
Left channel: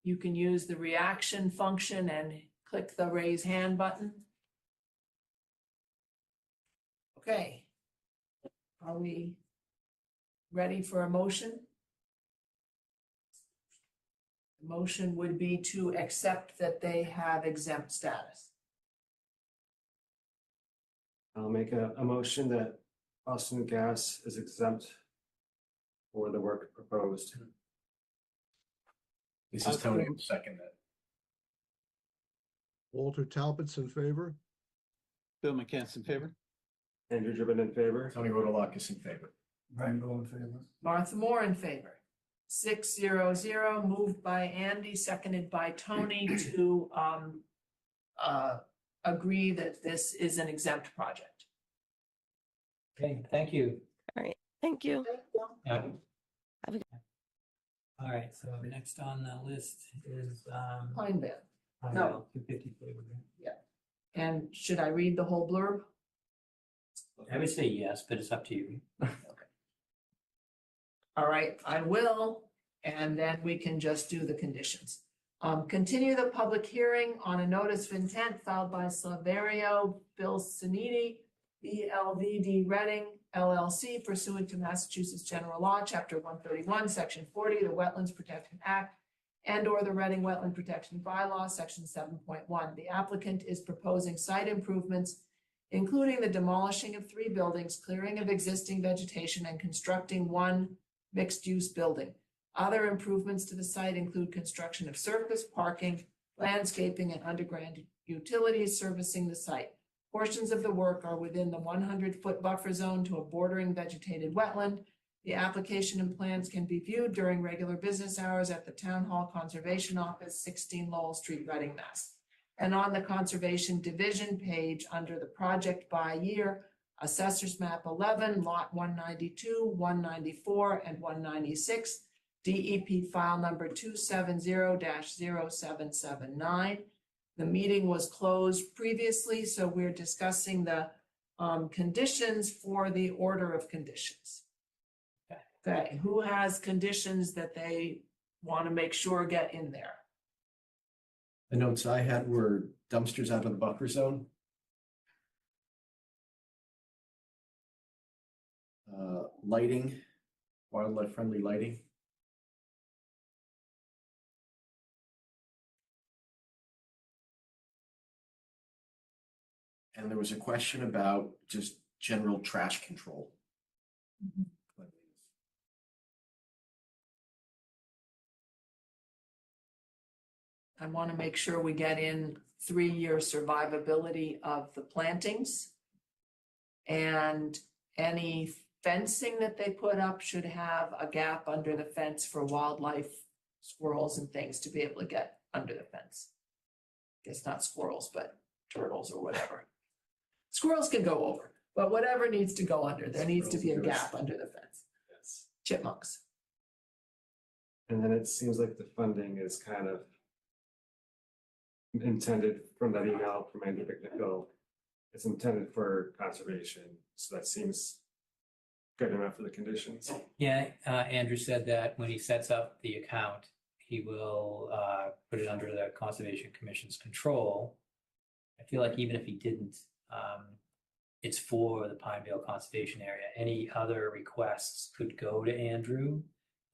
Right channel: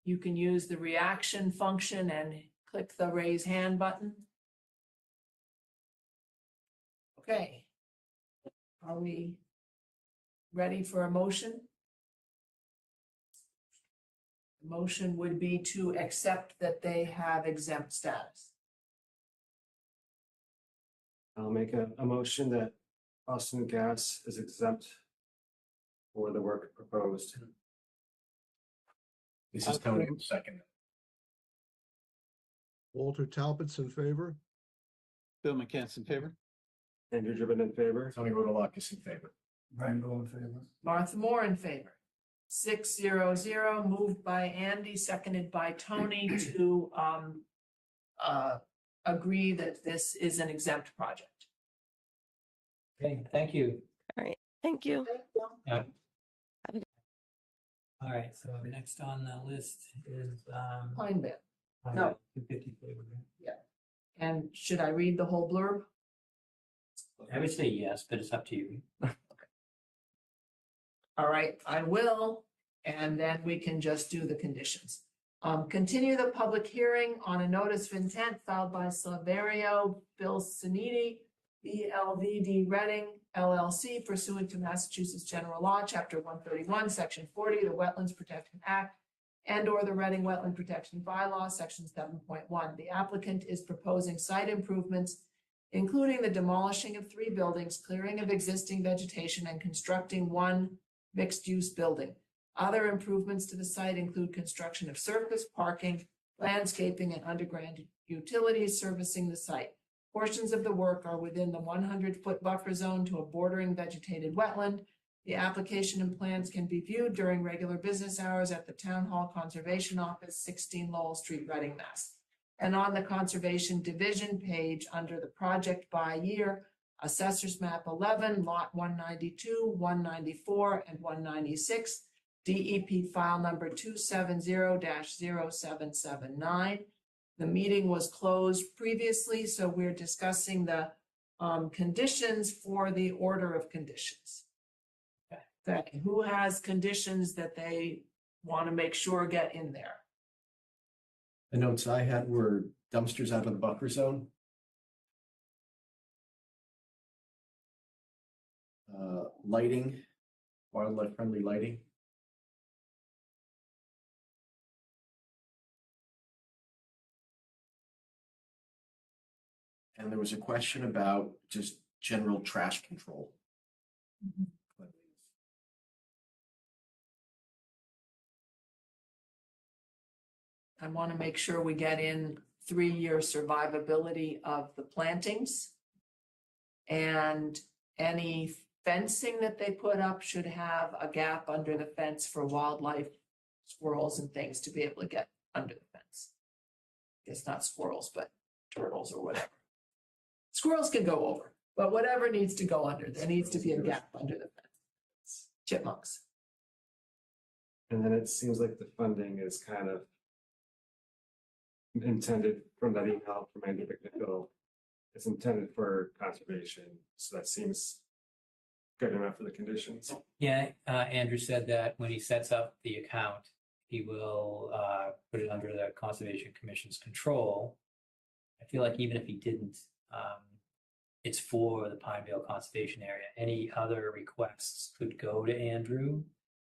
You can use the reaction function and click the raise hand button. Okay. Are we ready for a motion? The motion would be to accept that they have exempt status. I'll make a motion that Boston Gas is exempt for the work proposed. This is Tony, second that. Walter Talbot's in favor. Bill McCants in favor. Andrew Gibbon in favor. Tony Rodolakis in favor. Brian Bowe in favor. Martha Moore in favor. 6-0-0, moved by Andy, seconded by Tony to agree that this is an exempt project. Okay, thank you. All right, thank you. Yeah. Have a- All right, so next on the list is Pine Bend. No. 250 Flavor. And should I read the whole blurb? I would say yes, but it's up to you. All right, I will, and then we can just do the conditions. Continue the public hearing on a notice of intent filed by Saverio Bill Siniti, ELVD Reading LLC, pursuant to Massachusetts General Law, Chapter 131, Section 40, the Wetlands Protection Act, and/or the Reading Wetland Protection Bylaw, Section 7.1. The applicant is proposing site improvements, including the demolishing of 3 buildings, clearing of existing vegetation, and constructing 1 mixed-use building. Other improvements to the site include construction of surface parking, landscaping, and underground utilities servicing the site. Portions of the work are within the 100-foot buffer zone to a bordering vegetated wetland. The application and plans can be viewed during regular business hours at the Town Hall Conservation Office, 16 Lowell Street, Reading, Mass. And on the Conservation Division page under the project by year, Assessors Map 11, Lot 192, 194, and 196, DEP file number 270-0779. The meeting was closed previously, so we're discussing the conditions for the order of conditions. Okay, who has conditions that they want to make sure get in there? The notes I had were dumpsters out of the buffer zone. Lighting, wildlife friendly lighting. And there was a question about just general trash control. I want to make sure we get in 3-year survivability of the plantings. And any fencing that they put up should have a gap under the fence for wildlife, squirrels and things to be able to get under the fence. Guess not squirrels, but turtles or whatever. Squirrels can go over, but whatever needs to go under, there needs to be a gap under the fence. Yes. Chipmunks. And then it seems like the funding is kind of intended from that email from Andy McNichol. It's intended for conservation, so that seems good enough for the conditions. Yeah, Andrew said that when he sets up the account, he will put it under the Conservation Commission's control. I feel like even if he didn't, it's for the Pineville Conservation Area. Any other requests could go to Andrew.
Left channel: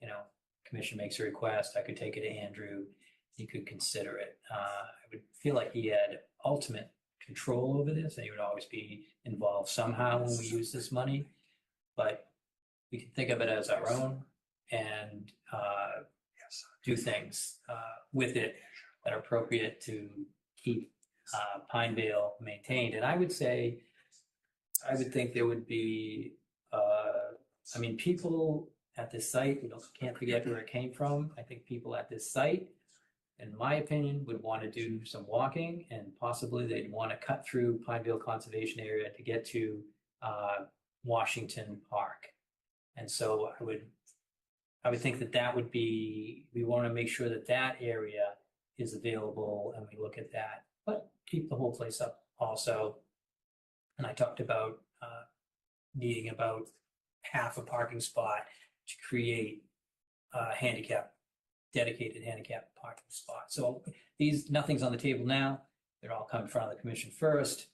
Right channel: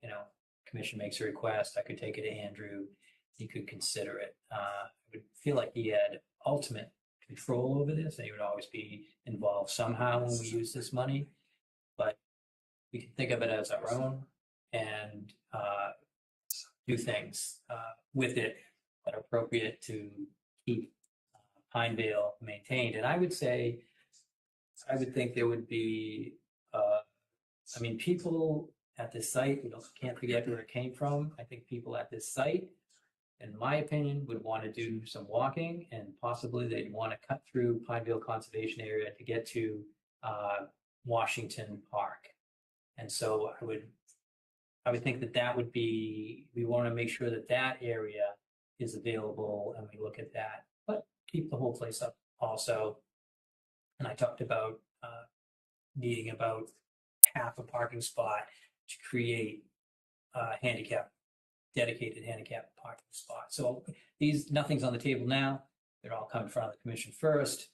You know, commission makes a request, I could take it to Andrew, he could consider it. I would feel like he had ultimate control over this, and he would always be involved somehow when we use this money. But we can think of it as our own and do things with it that are appropriate to keep Pineville maintained. And I would say, I would think there would be, I mean, people at this site, you know, can't forget where it came from. I think people at this site, in my opinion, would want to do some walking, and possibly they'd want to cut through Pineville Conservation Area to get to Washington Park. And so I would think that that would be, we want to make sure that that area is available and we look at that, but keep the whole place up also. And I talked about needing about half a parking spot to create dedicated handicap parking spot. So nothing's on the table now. They're all come in front of the commission first,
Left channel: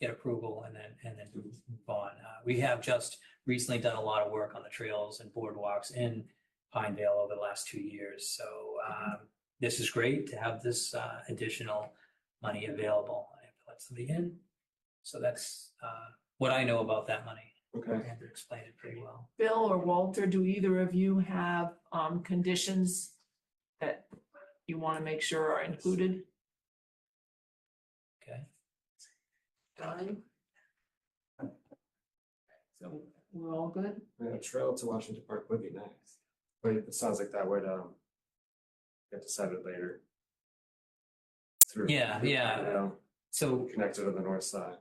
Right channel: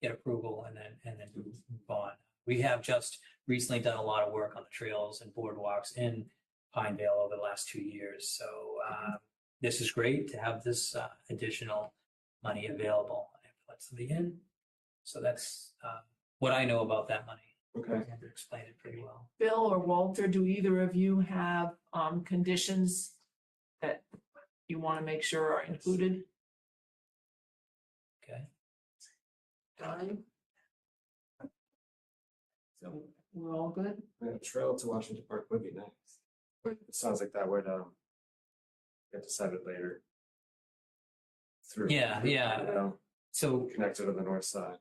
get approval, and then move on. We have just recently done a lot of work on the trails and boardwalks in Pineville over the last 2 years. So this is great to have this additional money available. I have to let somebody in. So that's what I know about that money. Okay. Andrew explained it pretty well. Bill or Walter, do either of you have conditions that you want to make sure are included? Okay. Donnie? So we're all good? A trail to Washington Park would be nice, but it sounds like that would get decided later. Yeah. You know, So connected to the north side.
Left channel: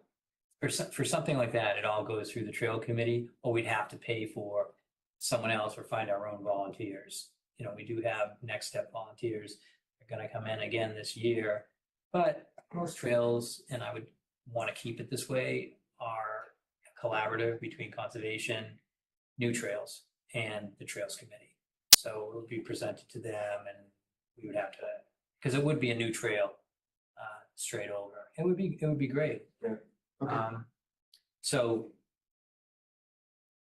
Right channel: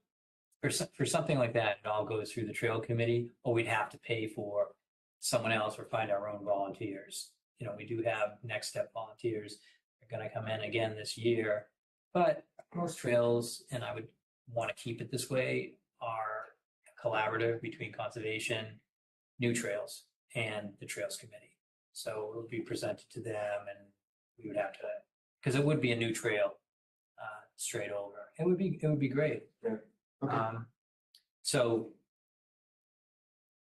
for something like that, it all goes through the trail committee, or we'd have to pay for someone else or find our own volunteers. You know, we do have Next Step volunteers. They're going to come in again this year, but most trails, and I would want to keep it this way, are collaborative between conservation, New Trails, and the Trails Committee. So it would be presented to them, and we would have to, because it would be a new trail straight over. It would be great. Yeah. Okay. So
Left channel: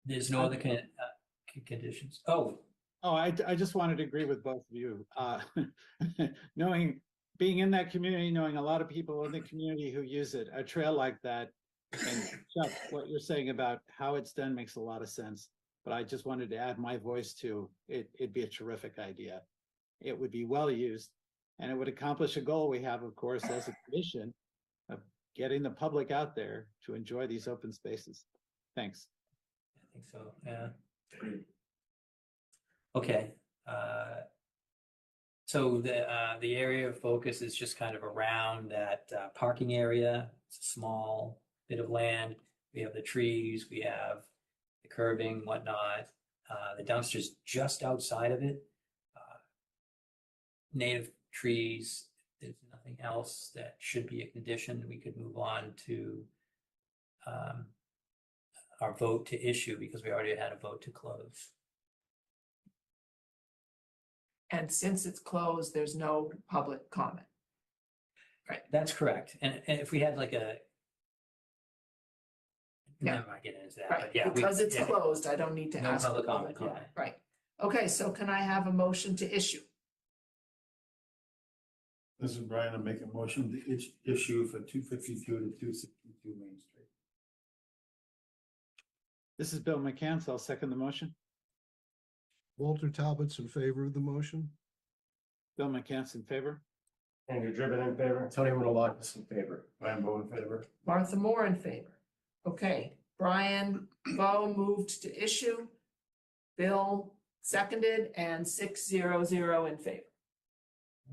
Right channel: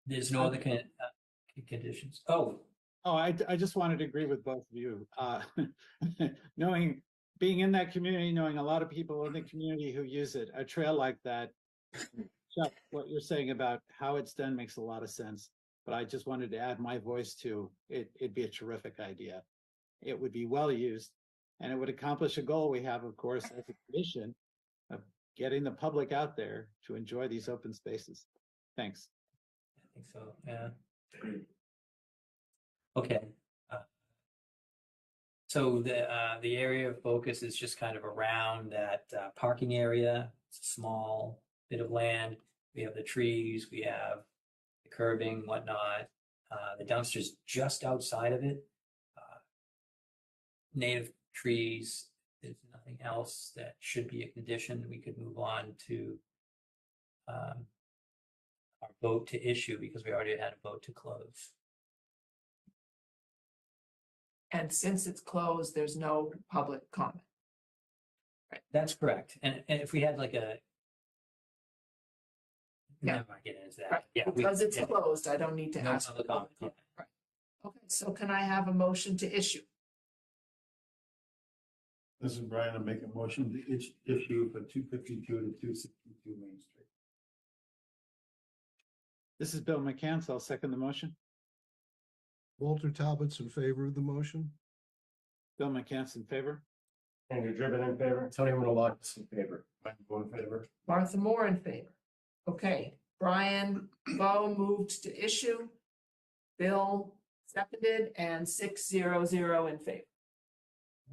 there's no other conditions. Oh, I just wanted to agree with both of you. Being in that community, knowing a lot of people in the community who use it, a trail like that, and Chuck, what you're saying about how it's done makes a lot of sense. But I just wanted to add my voice to it. It'd be a terrific idea. It would be well used, and it would accomplish a goal we have, of course, as a commission, of getting the public out there to enjoy these open spaces. Thanks. I think so. Yeah. Okay. So the area of focus is just kind of around that parking area. It's a small bit of land. We have the trees, we have the curbing, whatnot. The dumpster's just outside of it. Native trees. There's nothing else that should be a condition. We could move on to our vote to issue, because we already had a vote to close. And since it's closed, there's no public comment. That's correct. And if we had like a. Yeah. I'm not getting into that, Right, but yeah. because it's yeah. closed, I don't need to No ask for public public comment, comment, right? Okay, so can I have a motion to issue? This is Brian, I'll make a motion to issue for 252 to 262 Main Street. This is Bill McCann, so I'll second the motion. Walter Talbot's in favor of the motion. Bill McCann's in favor. Andrew Driven in favor. Tony Rodolakis in favor. Brian Bowe in favor. Martha Moore in favor. Okay, Brian Bowe moved to issue. Bill seconded and 600 in favor.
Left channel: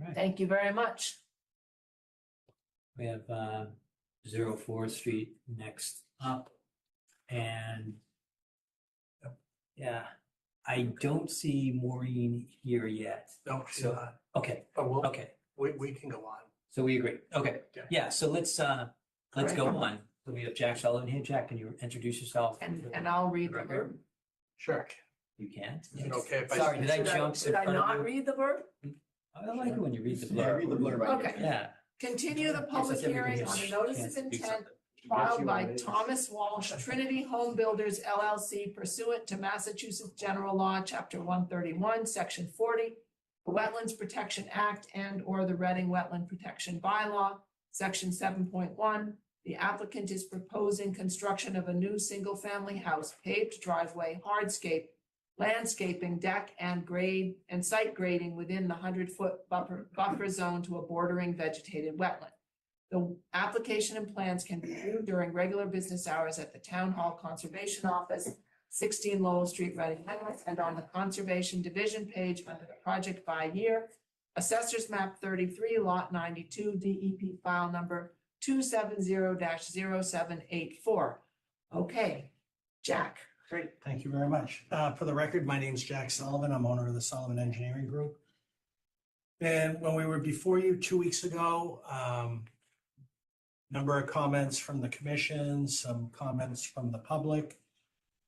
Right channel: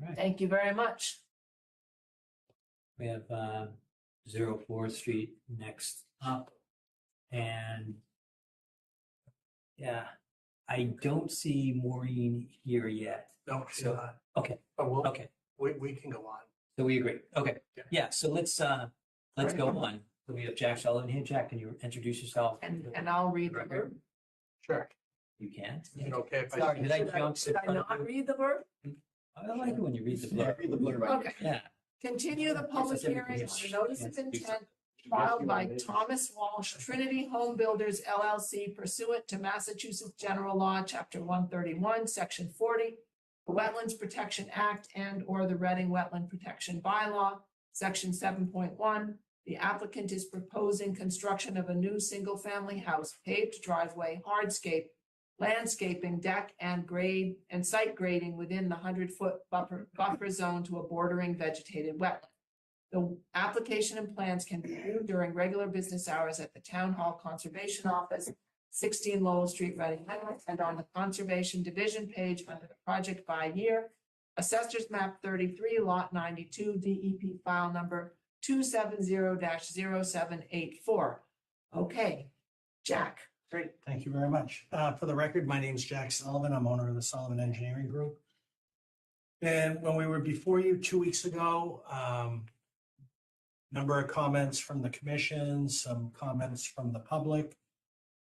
All right. Thank you very much. We have 04 Street next up. And yeah, I don't see Maureen here yet. No, So, okay, But okay. we can go on. So we agree. Okay. Yeah, so let's go on. So we have Jack Sullivan here. Jack, can you introduce yourself? And I'll read the verb. Sure. You can't? Is it okay if I? Sorry, did I Should jump? should I not read the verb? I like it when you read the Yeah, blurb. read the blurb. Okay. Yeah. Continue the public hearing on a notice of intent filed by Thomas Walsh, Trinity Home Builders LLC pursuant to Massachusetts General Law, Chapter 131, Section 40, the Wetlands Protection Act and/or the Reading Wetland Protection Bylaw, Section 7.1. The applicant is proposing construction of a new single-family house, paved driveway, hardscape, landscaping, deck, and grade and site grading within the 100-foot buffer zone to a bordering vegetated wetland. The application and plans can be viewed during regular business hours at the Town Hall Conservation Office, 16 Lowell Street, Reading, Mass, and on the Conservation Division page under the project by year. Assessors map 33, lot 92, DEP file number 270-0784. Okay, Jack. Great, thank you very much. For the record, my name's Jack Sullivan. I'm owner of the Sullivan Engineering Group. And when we were before you 2 weeks ago, number of comments from the commission, some comments from the public.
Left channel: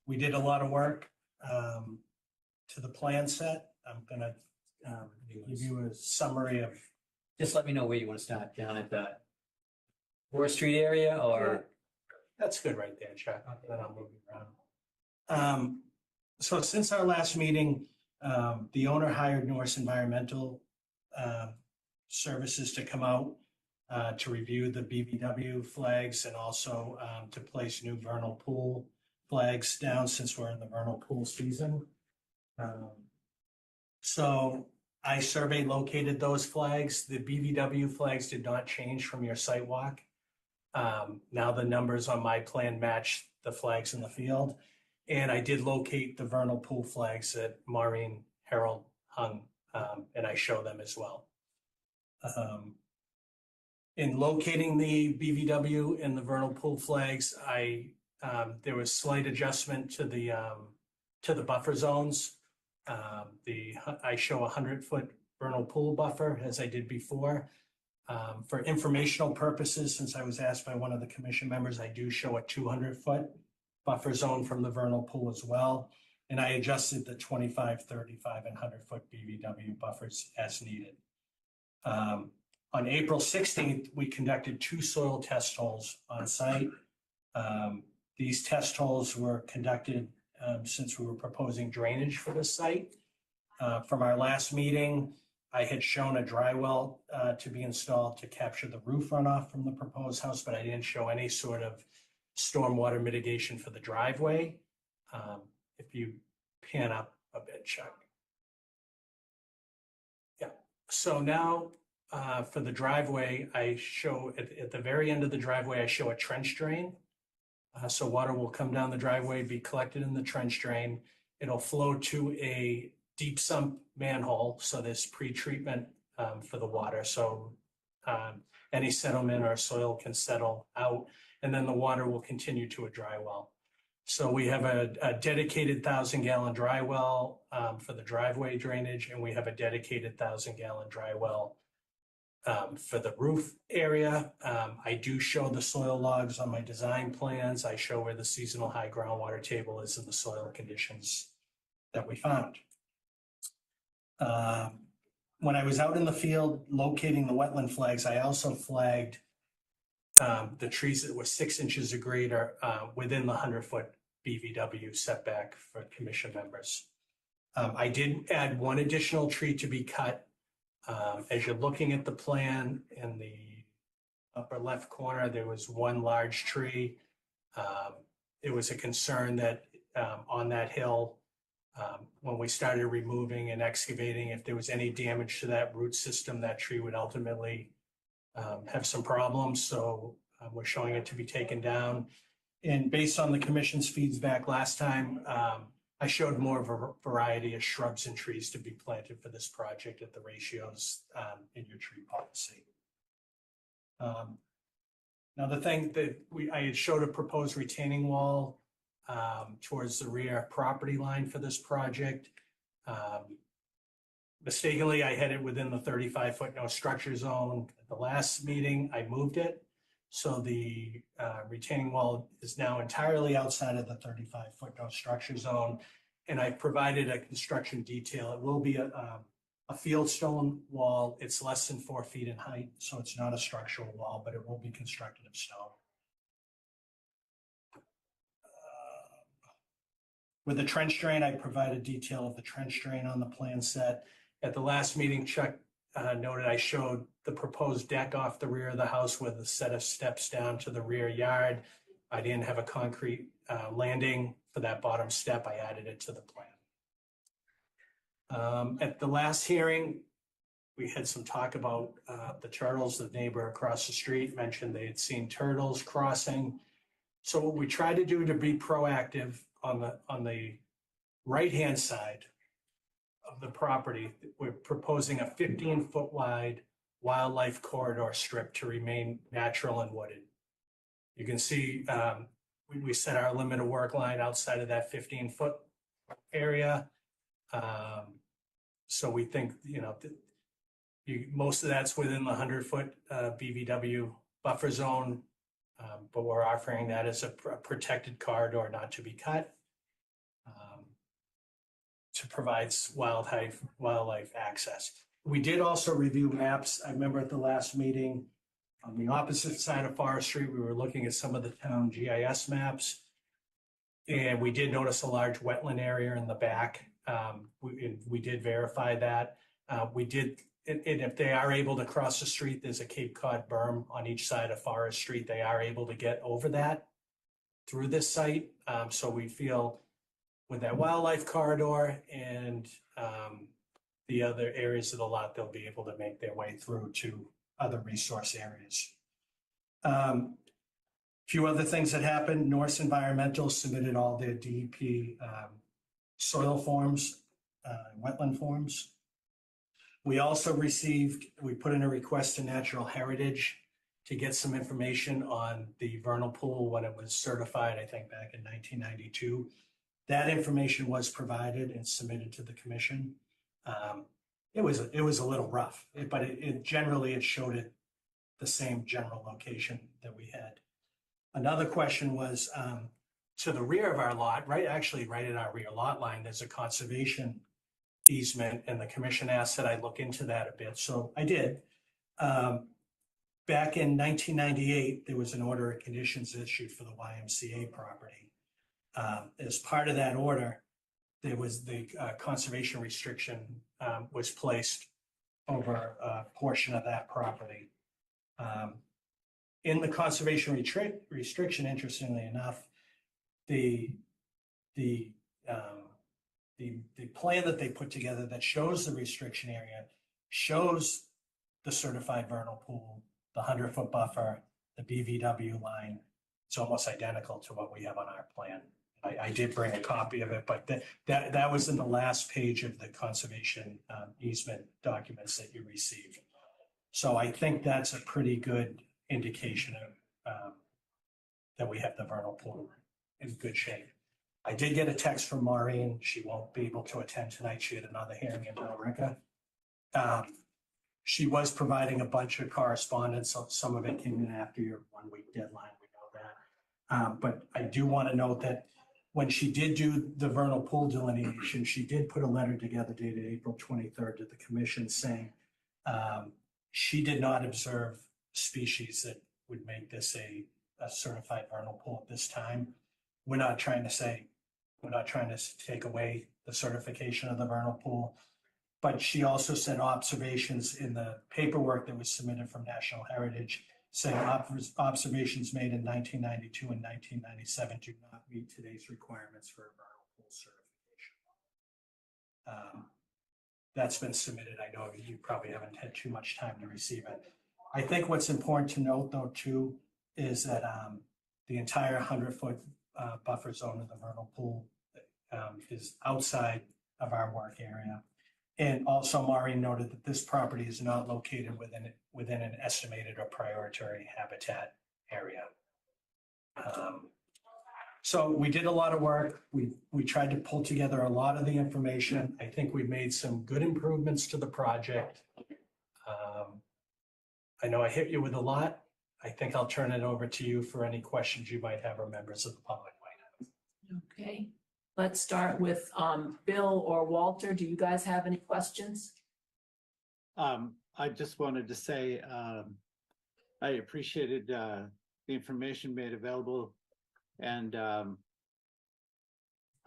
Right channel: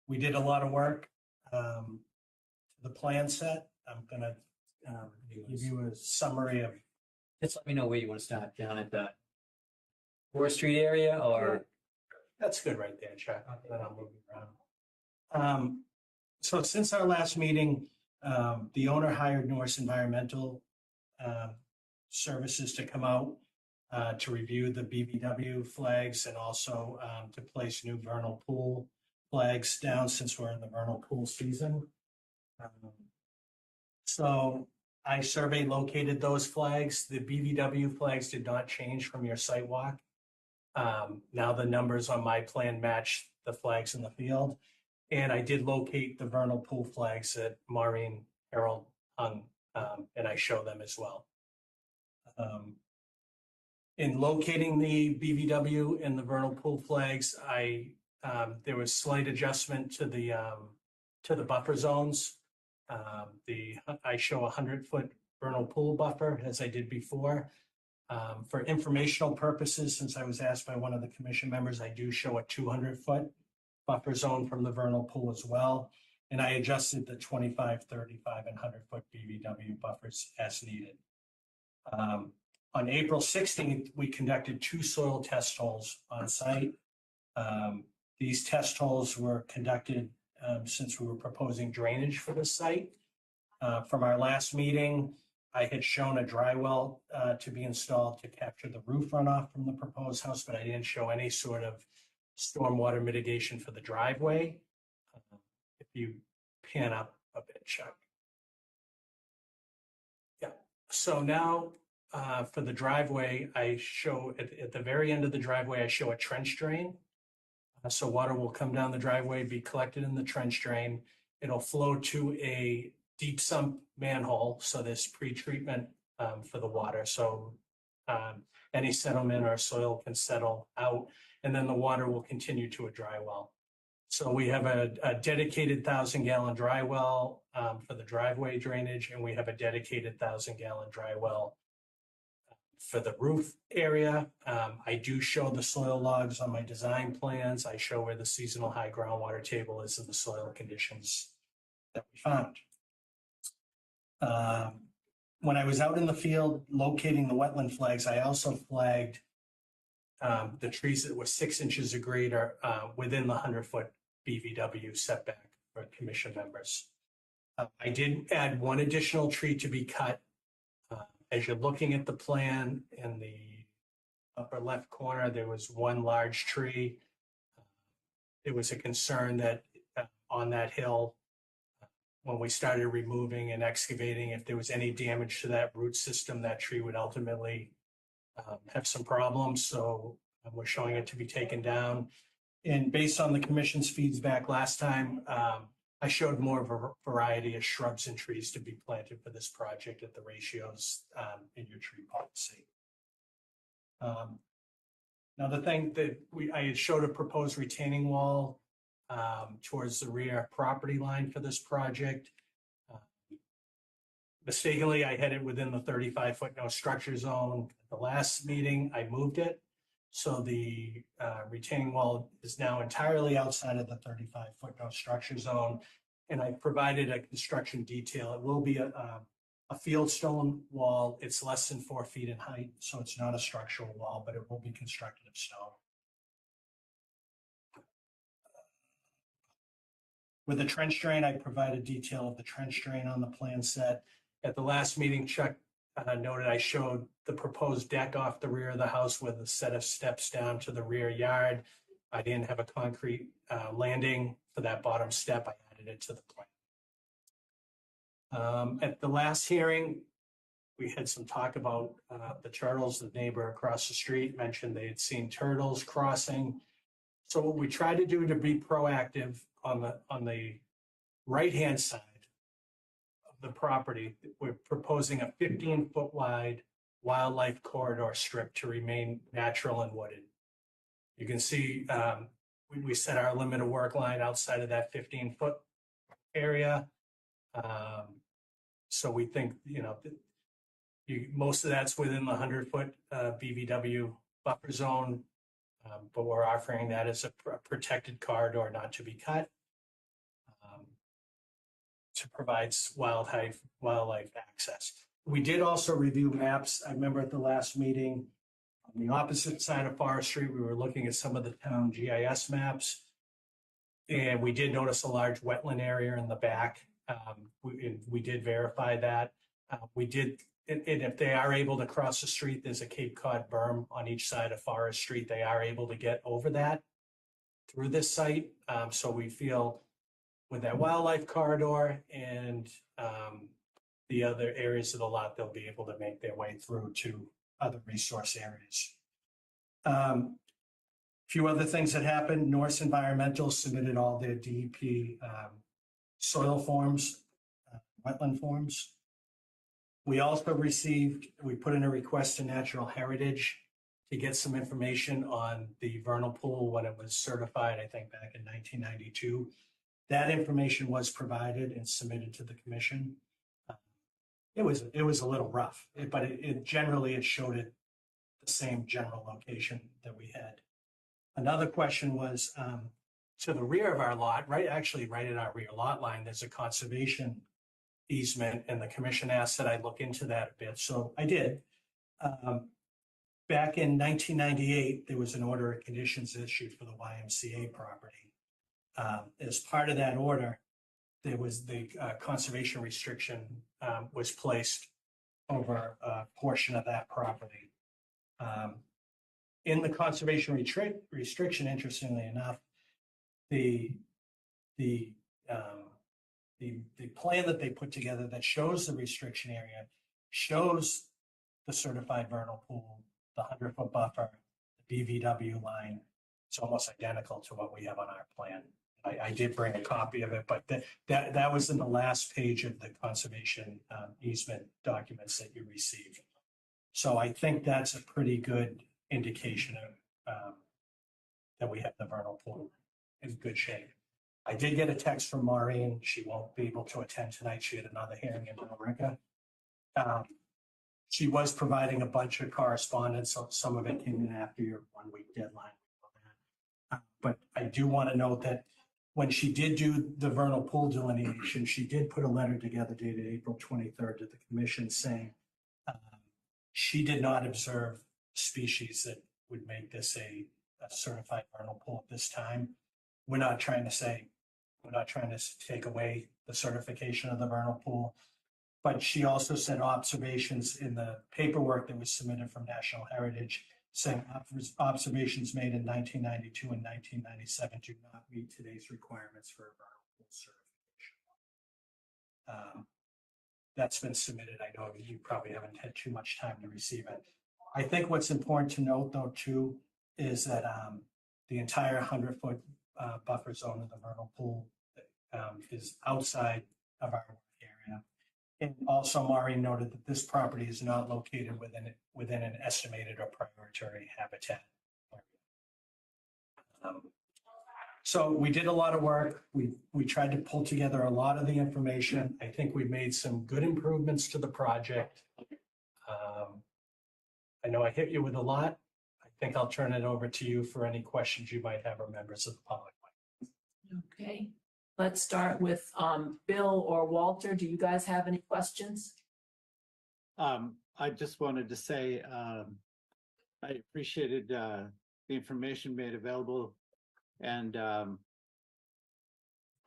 We did a lot of work to the plan set. I'm gonna give you a summary of. Just let me know where you want to start, down at the Forest Street area or? That's good right there, Chuck. Then I'll move you around. So since our last meeting, the owner hired Norse Environmental Services to come out to review the BBW flags and also to place new vernal pool flags down since we're in the vernal pool season. So I survey located those flags. The BVW flags did not change from your site walk. Now the numbers on my plan match the flags in the field. And I did locate the vernal pool flags that Maureen Harold hung, and I show them as well. In locating the BVW and the vernal pool flags, there was slight adjustment to the buffer zones. I show a 100-foot vernal pool buffer as I did before. For informational purposes, since I was asked by one of the commission members, I do show a 200-foot buffer zone from the vernal pool as well. And I adjusted the 25, 35, and 100-foot BVW buffers as needed. On April 16th, we conducted 2 soil test holes on site. These test holes were conducted since we were proposing drainage for the site. From our last meeting, I had shown a dry well to be installed to capture the roof runoff from the proposed house, but I didn't show any sort of stormwater mitigation for the driveway. If you pan up a bit, Chuck. Yeah, so now for the driveway, I show at the very end of the driveway, I show a trench drain. So water will come down the driveway, be collected in the trench drain. It'll flow to a deep sump manhole. So there's pre-treatment for the water. So any settlement or soil can settle out, and then the water will continue to a dry well. So we have a dedicated 1,000-gallon dry well for the driveway drainage, and we have a dedicated 1,000-gallon dry well for the roof area. I do show the soil logs on my design plans. I show where the seasonal high groundwater table is and the soil conditions that we found. when I was out in the field locating the wetland flags, I also flagged the trees that were 6 inches or greater within the 100-foot BVW setback for commission members. I did add one additional tree to be cut. As you're looking at the plan in the upper left corner, there was one large tree. It was a concern that on that hill, when we started removing and excavating, if there was any damage to that root system, that tree would ultimately have some problems. So we're showing it to be taken down. And based on the commission's feedback last time, I showed more of a variety of shrubs and trees to be planted for this project at the ratios in your tree policy. Now the thing that I had showed a proposed retaining wall towards the rear property line for this project. Mistakenly, I had it within the 35-foot no structure zone. At the last meeting, I moved it. So the retaining wall is now entirely outside of the 35-foot no structure zone. And I provided a construction detail. It will be a field stone wall. It's less than 4 feet in height, so it's not a structural wall, but it will be constructed of stone. With the trench drain, I provided detail of the trench drain on the plan set. At the last meeting, Chuck noted I showed the proposed deck off the rear of the house with a set of steps down to the rear yard. I didn't have a concrete landing for that bottom step. I added it to the plan. At the last hearing, we had some talk about the turtles. The neighbor across the street mentioned they had seen turtles crossing. So what we try to do to be proactive on the right-hand side of the property, we're proposing a 15-foot wide wildlife corridor strip to remain natural and wooded. You can see we set our limit of work line outside of that 15-foot area. So we think, most of that's within the 100-foot BVW buffer zone, but we're offering that as a protected corridor not to be cut to provide wildlife access. We did also review maps. I remember at the last meeting, on the opposite side of Forest Street, we were looking at some of the town GIS maps, and we did notice a large wetland area in the back. We did verify that. And if they are able to cross the street, there's a Cape Cod berm on each side of Forest Street. They are able to get over that through this site. So we feel with that wildlife corridor and the other areas of the lot, they'll be able to make their way through to other resource areas. A few other things that happened. Norse Environmental submitted all their DEP soil forms, wetland forms. We also we put in a request to Natural Heritage to get some information on the vernal pool when it was certified, I think back in 1992. That information was provided and submitted to the commission. It was a little rough, but generally it showed it the same general location that we had. Another question was to the rear of our lot, right in our rear lot line, there's a conservation easement, and the commission asked that I look into that a bit. So I did. Back in 1998, there was an order of conditions issued for the YMCA property. As part of that order, there was the conservation restriction was placed over a portion of that property. In the conservation restriction, interestingly enough, the plan that they put together that shows the restriction area shows the certified vernal pool, the 100-foot buffer, the BVW line. It's almost identical to what we have on our plan. I did bring a copy of it, but that was in the last page of the conservation easement documents that you received. So I think that's a pretty good indication of that we have the vernal pool in good shape. I did get a text from Maureen. She won't be able to attend tonight. She had another hearing in Billerica. She was providing a bunch of correspondence. So some of it came in after your 1-week deadline. We know that. But I do want to note that when she did do the vernal pool delineation, she did put a letter together dated April 23rd to the commission saying she did not observe species that would make this a certified vernal pool at this time. We're not trying to take away the certification of the vernal pool, but she also said observations in the paperwork that was submitted from National Heritage saying observations made in 1992 and 1997 do not meet today's requirements for a vernal pool certification. That's been submitted. I know you probably haven't had too much time to receive it. I think what's important to note though too is that the entire 100-foot buffer zone of the vernal pool is outside of our work area. And also Maureen noted that this property is not located within an estimated or priority habitat area. So we did a lot of work. We tried to pull together a lot of the information. I think we made some good improvements to the project. I know I hit you with a lot. I think I'll turn it over to you for any questions you might have or members of the public might have. Okay, let's start with Bill or Walter. Do you guys have any questions? I just wanted to say I appreciated the information made available, and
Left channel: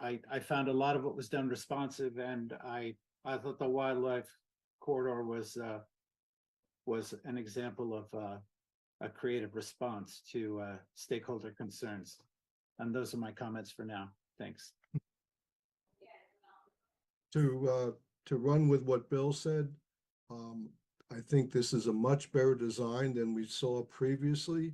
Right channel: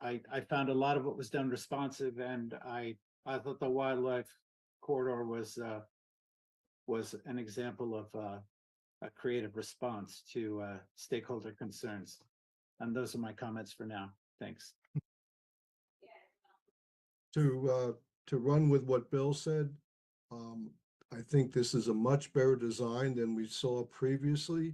I found a lot of it was done responsive, and I thought the wildlife corridor was an example of a creative response to stakeholder concerns. And those are my comments for now. Thanks. To run with what Bill said, I think this is a much better design than we saw previously.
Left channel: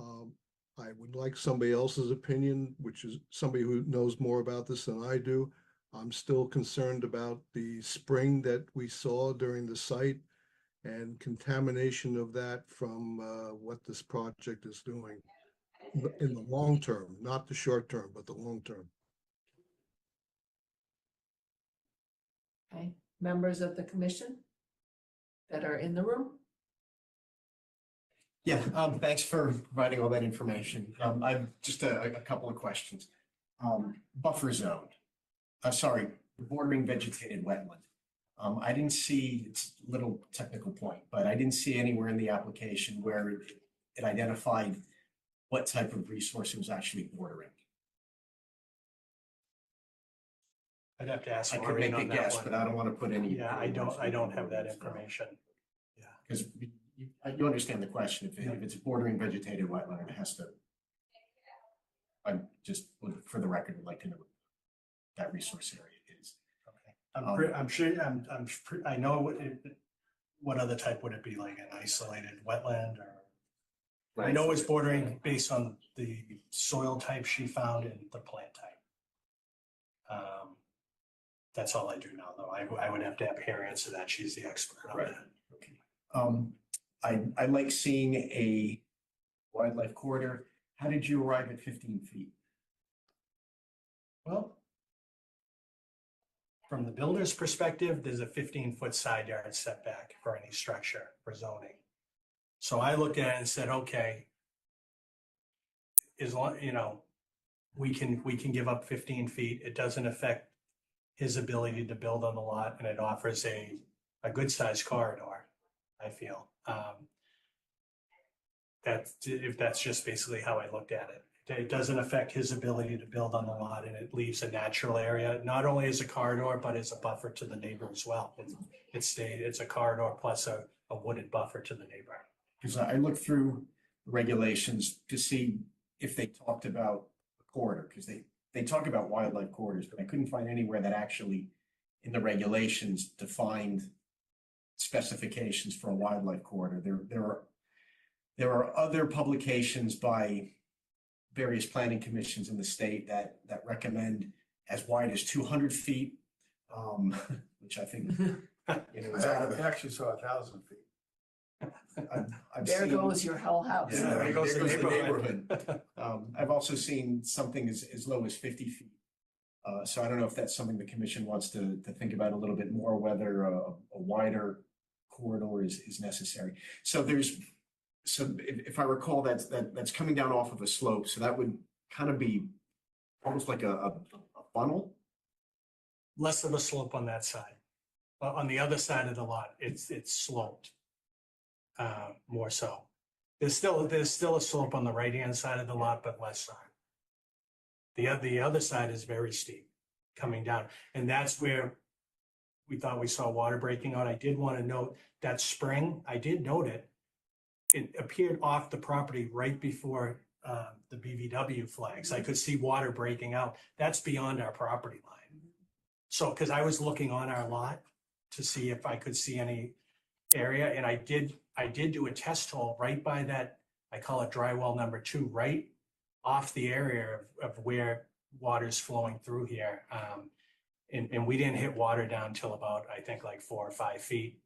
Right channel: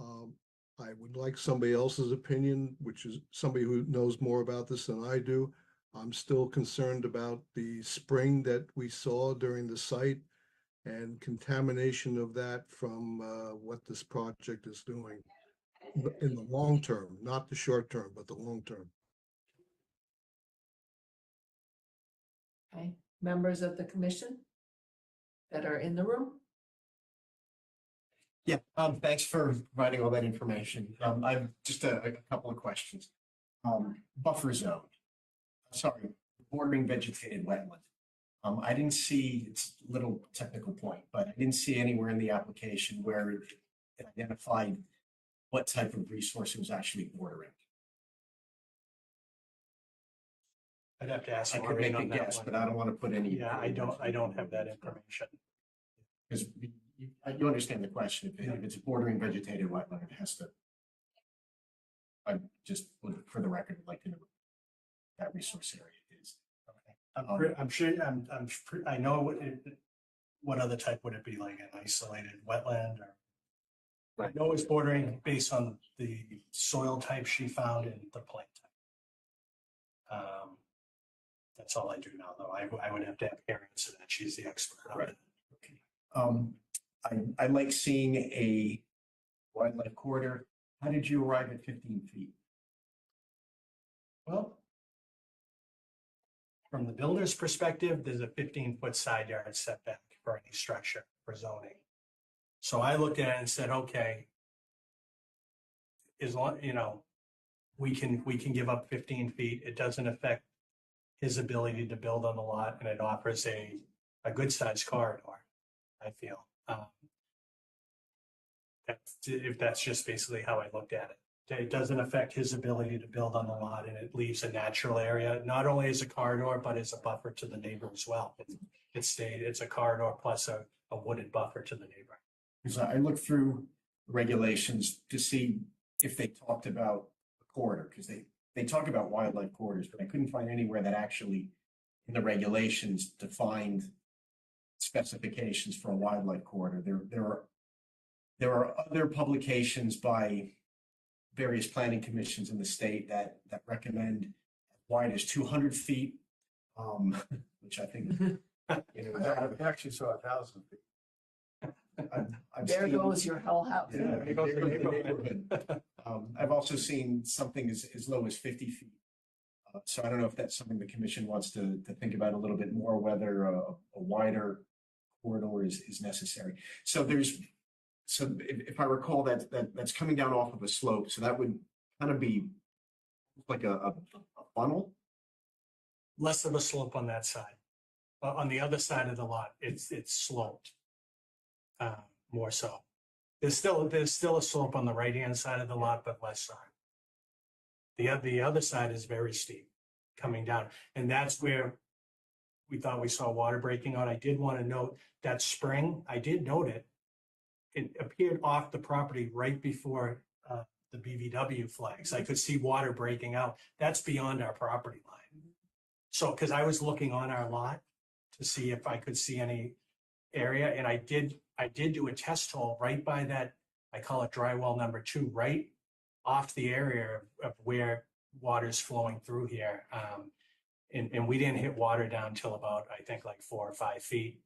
I would like somebody else's opinion, which is somebody who knows more about this than I do. I'm still concerned about the spring that we saw during the site and contamination of that from what this project is doing in the long term, not the short term, but the long term. Okay, members of the commission that are in the room? Yeah, thanks for providing all that information. I've just a couple of questions. Buffer zone, sorry, bordering vegetated wetland. I didn't see, it's a little technical point, but I didn't see anywhere in the application where it identified what type of resource it was actually bordering. I'd have to ask I could Maureen make a on that guess, one. but I don't want to put any. Yeah, I don't have that information. Because you understand the question, if it's bordering vegetated wetland, it has to. I just would, for the record, would like to know what that resource area is. I'm sure, I know what other type would it be, like an isolated wetland or? I know it's bordering based on the soil type she found and the plant type. That's all I do now, though. I would have to have her answer that. She's the expert on that. Okay. I like seeing a wildlife corridor. How did you arrive at 15 feet? Well, from the builder's perspective, there's a 15-foot side yard setback for any structure for zoning. So I looked at it and said, okay, as long, we can give up 15 feet. It doesn't affect his ability to build on the lot, and it offers a good sized corridor, I feel. That's just basically how I looked at it. It doesn't affect his ability to build on the lot, and it leaves a natural area, not only as a corridor, but as a buffer to the neighbor as well. It's a corridor plus a wooded buffer to the neighbor. Because I looked through regulations to see if they talked about a corridor, because they talk about wildlife corridors, but I couldn't find anywhere that actually in the regulations defined specifications for a wildlife corridor. There are other publications by various planning commissions in the state that recommend as wide as 200 feet, which I think I actually saw 1,000 feet. There goes your whole house. Yeah, there goes the neighborhood. I've also seen something as low as 50 feet. So I don't know if that's something the commission wants to think about a little bit more, whether a wider corridor is necessary. So if I recall, that's coming down off of a slope. So that would kind of be almost like a funnel. Less of a slope on that side. On the other side of the lot, it's sloped. More so. There's still a slope on the right-hand side of the lot, but less so. The other side is very steep coming down, and that's where we thought we saw water breaking out. I did want to note that spring, I did note it. It appeared off the property right before the BVW flags. I could see water breaking out. That's beyond our property line. So, because I was looking on our lot to see if I could see any area, and I did do a test hole right by that, I call it dry well number 2, right off the area of where water's flowing through here. And we didn't hit water down till about, I think, like 4 or 5 feet.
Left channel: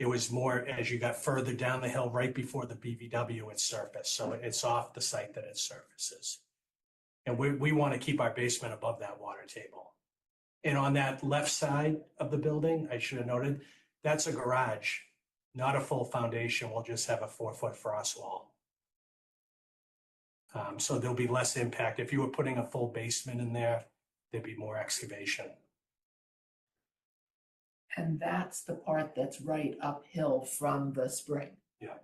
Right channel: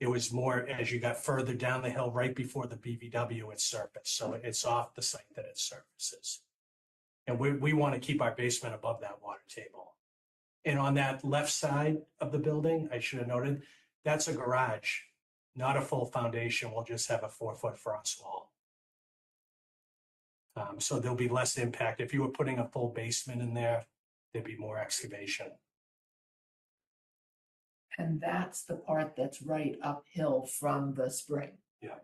It was more as you got further down the hill right before the BVW it surfaced. So it's off the site that it surfaces. And we want to keep our basement above that water table. And on that left side of the building, I should have noted, that's a garage, not a full foundation. We'll just have a 4-foot frost wall. So there'll be less impact. If you were putting a full basement in there, there'd be more excavation. And that's the part that's right uphill from the spring. Yeah.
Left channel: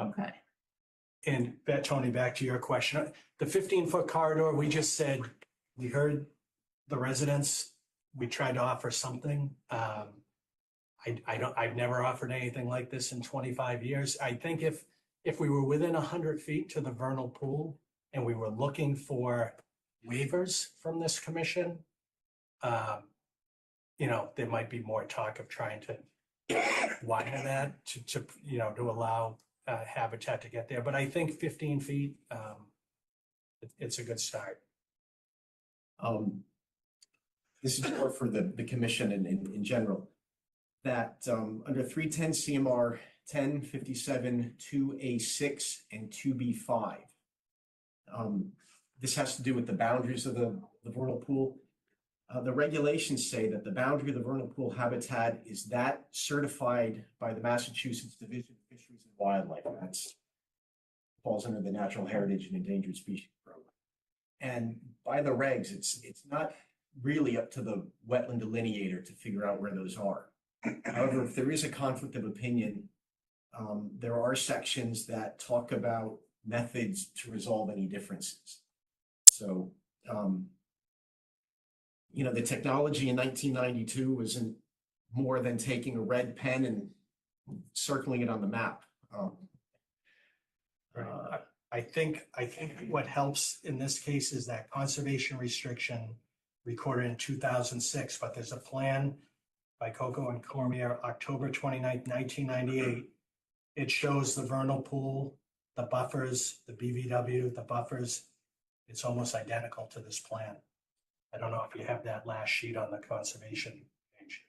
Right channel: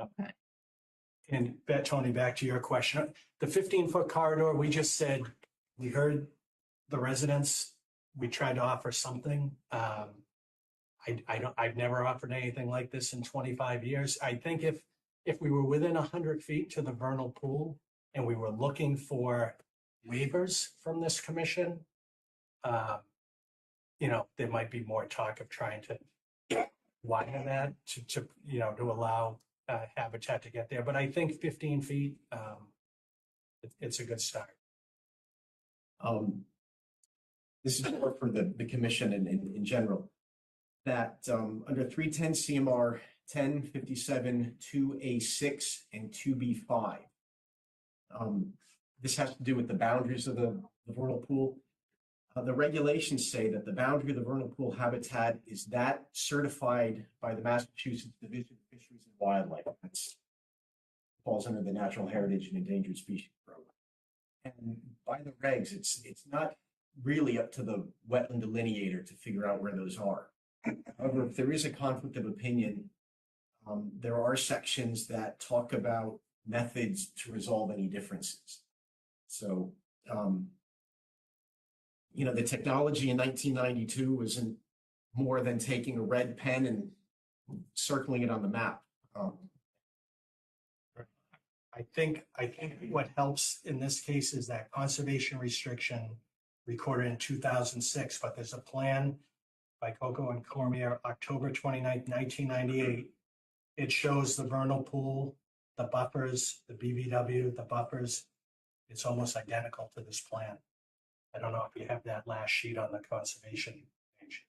Okay. And Tony, back to your question, the 15-foot corridor, we just said, we heard the residents, we tried to offer something. I've never offered anything like this in 25 years. I think if we were within 100 feet to the vernal pool and we were looking for waivers from this commission, there might be more talk of trying to widen that to allow habitat to get there. But I think 15 feet, it's a good start. This is more for the commission and in general, that under 310 CMR 1057 2A6 and 2B5, this has to do with the boundaries of the vernal pool. The regulations say that the boundary of the vernal pool habitat is that certified by the Massachusetts Division of Fisheries and Wildlife. That's falls under the Natural Heritage and Endangered Species Program. And by the regs, it's not really up to the wetland delineator to figure out where those are. However, if there is a conflict of opinion, there are sections that talk about methods to resolve any differences. So, the technology in 1992 wasn't more than taking a red pen and circling it on the map. I think what helps in this case is that conservation restriction recorded in 2006, but there's a plan by Coco and Cormier, October 29th, 1998. It shows the vernal pool, the buffers, the BVW, the buffers. It's almost identical to this plan. I don't know if you have that last sheet on the conservation page,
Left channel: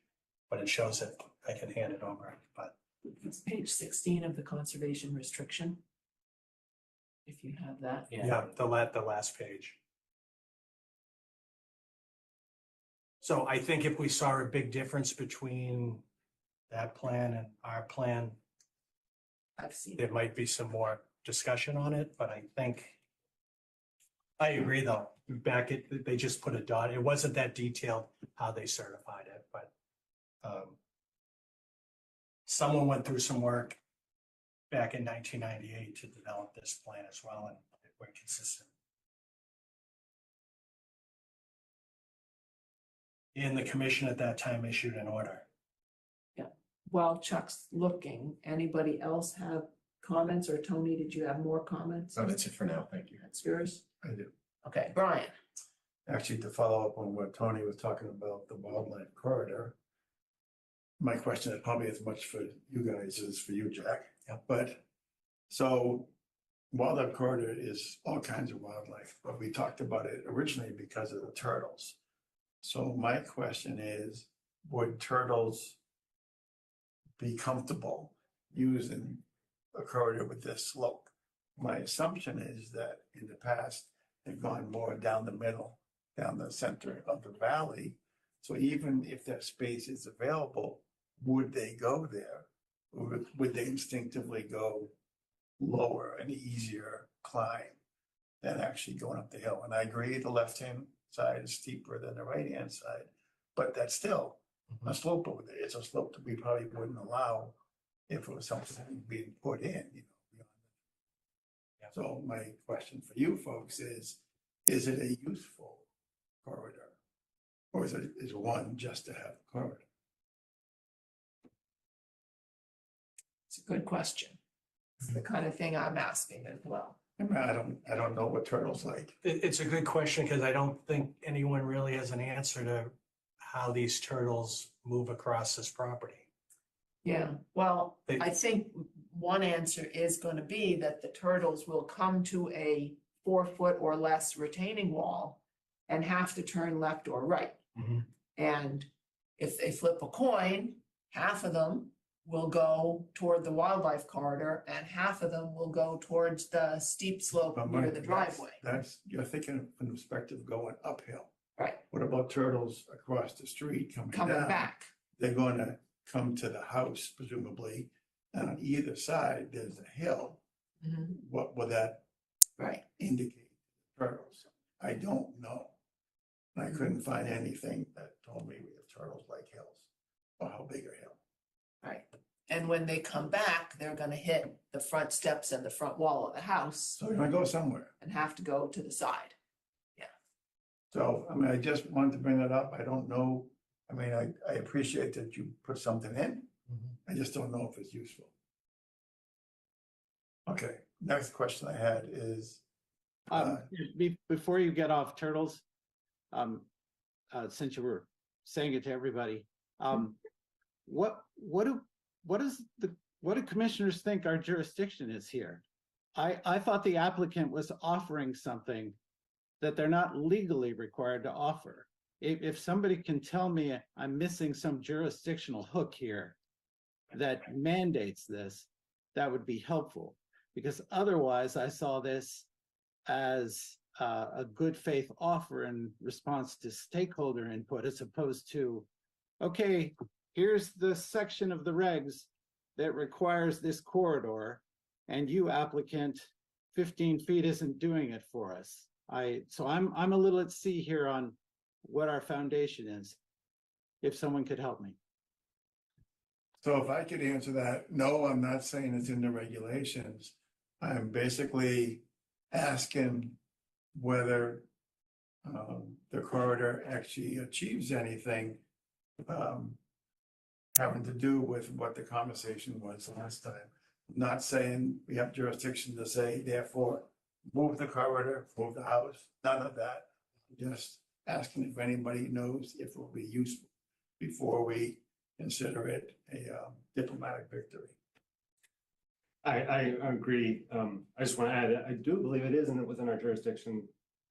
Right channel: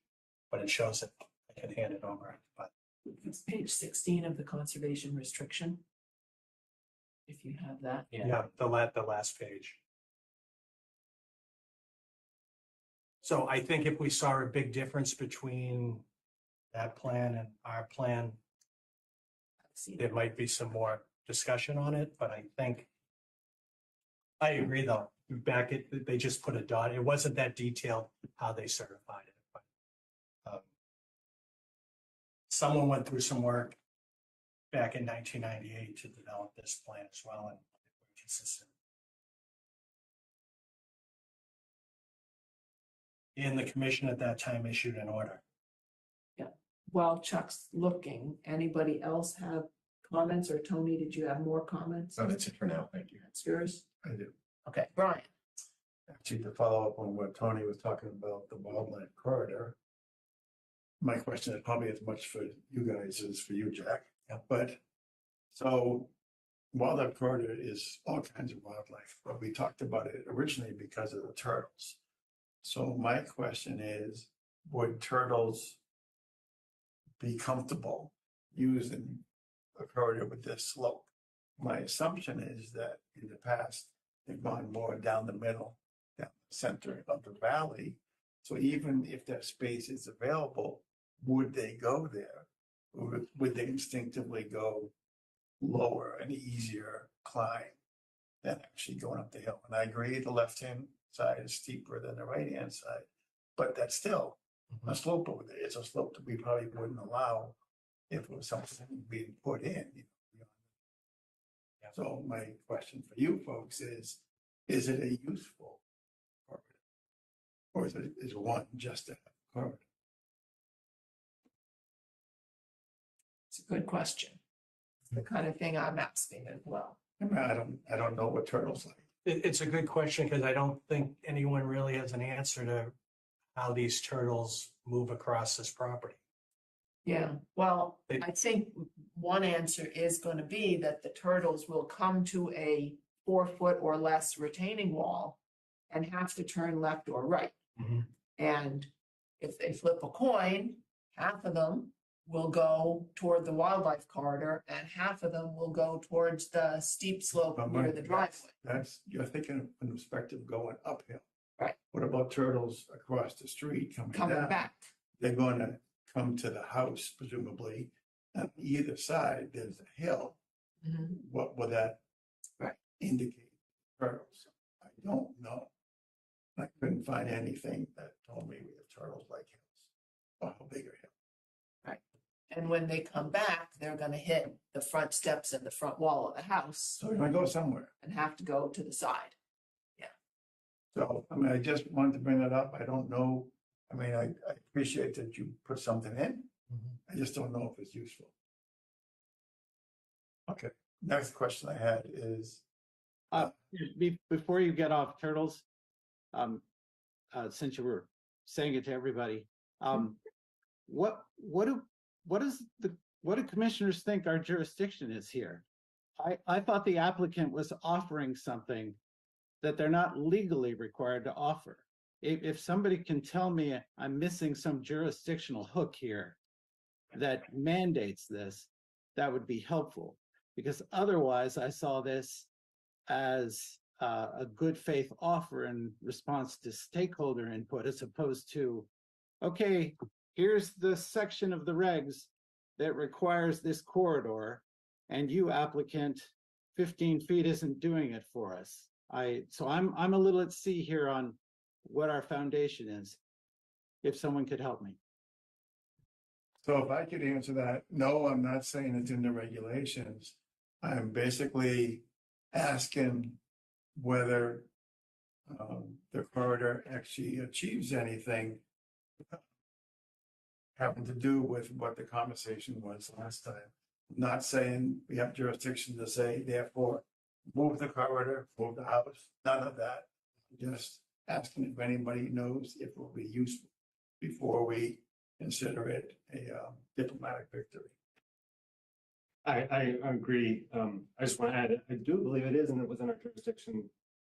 but it shows it. I can hand it over, but It's page 16 of the conservation restriction. If you have that. yeah, the last page. So I think if we saw a big difference between that plan and our plan, I've seen there might be some more discussion on it, but I agree though. They just put a dot. It wasn't that detailed how they certified it, but someone went through some work back in 1998 to develop this plan as well, and we're consistent. And the commission at that time issued an order. While Chuck's looking, anybody else have comments, or Tony, did you have more comments? Oh, that's it for now. Thank you. That's yours? I do. Okay, Brian. Actually, to follow up on what Tony was talking about, the wildlife corridor. My question is probably as much for you guys as for you, Jack. Yeah. But so wildlife corridor is all kinds of wildlife, but we talked about it originally because of the turtles. So my question is, would turtles be comfortable using a corridor with this slope? My assumption is that in the past, they've gone more down the middle, down the center of the valley. So even if that space is available, would they go there? Or would they instinctively go lower, an easier climb? than actually going up the hill. And I agree, the left-hand side is steeper than the right-hand side, but that's still a slope over there. It's a slope that we probably wouldn't allow if it was something being put in, you know. So my question for you folks is it a useful corridor? Or is one just to have a corridor? It's a good question. It's the kind of thing I'm asking as well. I mean, I don't know what turtles like. It's a good question because I don't think anyone really has an answer to how these turtles move across this property. Yeah, well, They- I think one answer is gonna be that the turtles will come to a 4 foot or less retaining wall and have to turn left or right. And if they flip a coin, half of them will go toward the wildlife corridor and half of them will go towards the steep slope But near the that's- driveway. That's, you're thinking from the perspective of going uphill. Right. What about turtles across the street coming Coming down? back, They're gonna come to the house presumably, and on either side, there's a hill. Mhm. What would that right, indicate? Turtles? I don't know. I couldn't find anything that told me we have turtles like hills, or how big a hill. right. And when they come back, they're gonna hit the front steps and the front wall of the house So you're gonna go somewhere. and have to go to the side. So, I mean, I just wanted to bring it up. I don't know. I mean, I appreciate that you put something in. I just don't know if it's useful. Okay, next question I had is, Before you get off turtles, since you were saying it to everybody, what do commissioners think our jurisdiction is here? I thought the applicant was offering something that they're not legally required to offer. If somebody can tell me I'm missing some jurisdictional hook here that mandates this, that would be helpful. Because otherwise I saw this as a good faith offer in response to stakeholder input, as opposed to, okay, here's the section of the regs that requires this corridor, and you applicant, 15 feet isn't doing it for us. So I'm a little at sea here on what our foundation is, if someone could help me. so if I could answer that, no, I'm not saying it's in the regulations. I'm basically asking whether the corridor actually achieves anything having to do with what the conversation was last time. Not saying we have jurisdiction to say, therefore, move the corridor, move the house, none of that. Just asking if anybody knows if it will be useful before we consider it a diplomatic victory. I agree. I just want to add, I do believe it is within our jurisdiction,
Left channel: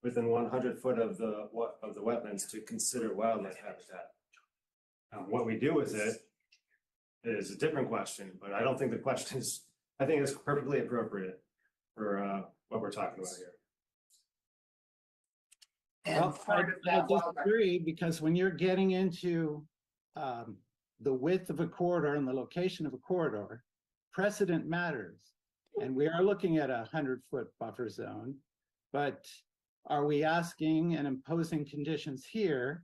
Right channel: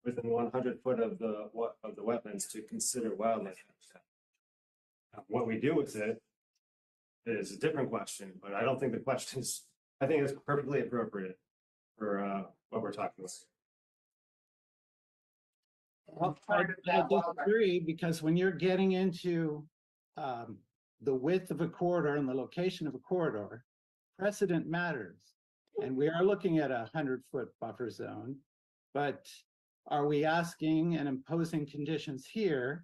within 100 foot of the wetlands, to consider wildlife habitat. What we do with it is a different question, but I don't think the question is, I think it's perfectly appropriate for what we're talking about here. And part of I that wildlife, disagree, because when you're getting into the width of a corridor and the location of a corridor, precedent matters. And we are looking at 100-foot buffer zone, but are we asking and imposing conditions here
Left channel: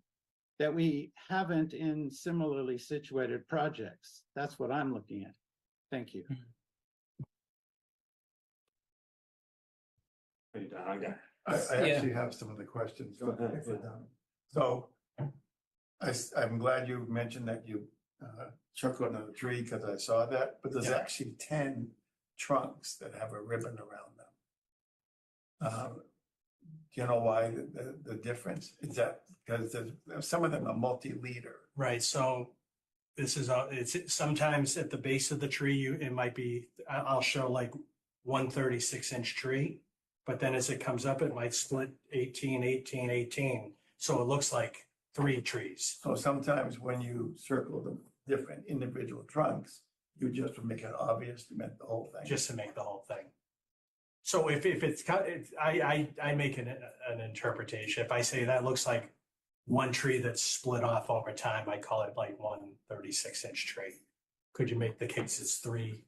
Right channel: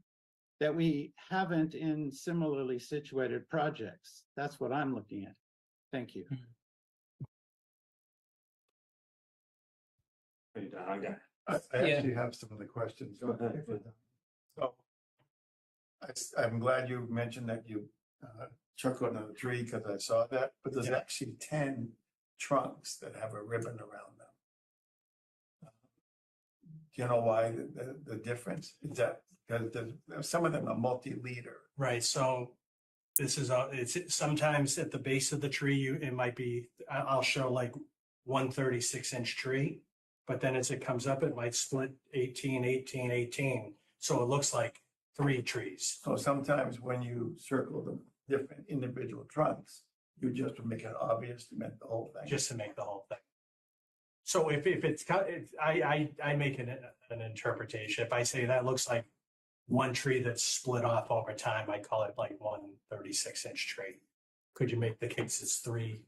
that we haven't in similarly situated projects? That's what I'm looking at. Thank you. Are you done? Okay. I actually have some of the questions. Go ahead. if we're done. So I'm glad you mentioned that you chuckled on the tree, because I saw that, but there's actually 10 trunks that have a ribbon around them. Do you know why the difference? Is that because some of them are multi-liter? Right, so this is, it's sometimes at the base of the tree, it might be, I'll show like 136-inch tree, but then as it comes up, it might split 18, 18, 18. So it looks like 3 trees. So sometimes when you circle the different individual trunks, you just would make it obvious to make the whole thing. Just to make the whole thing. So if it's cut, I make an interpretation. If I say that looks like one tree that's split off over time, I call it like 136-inch tree. Could you make the case it's 3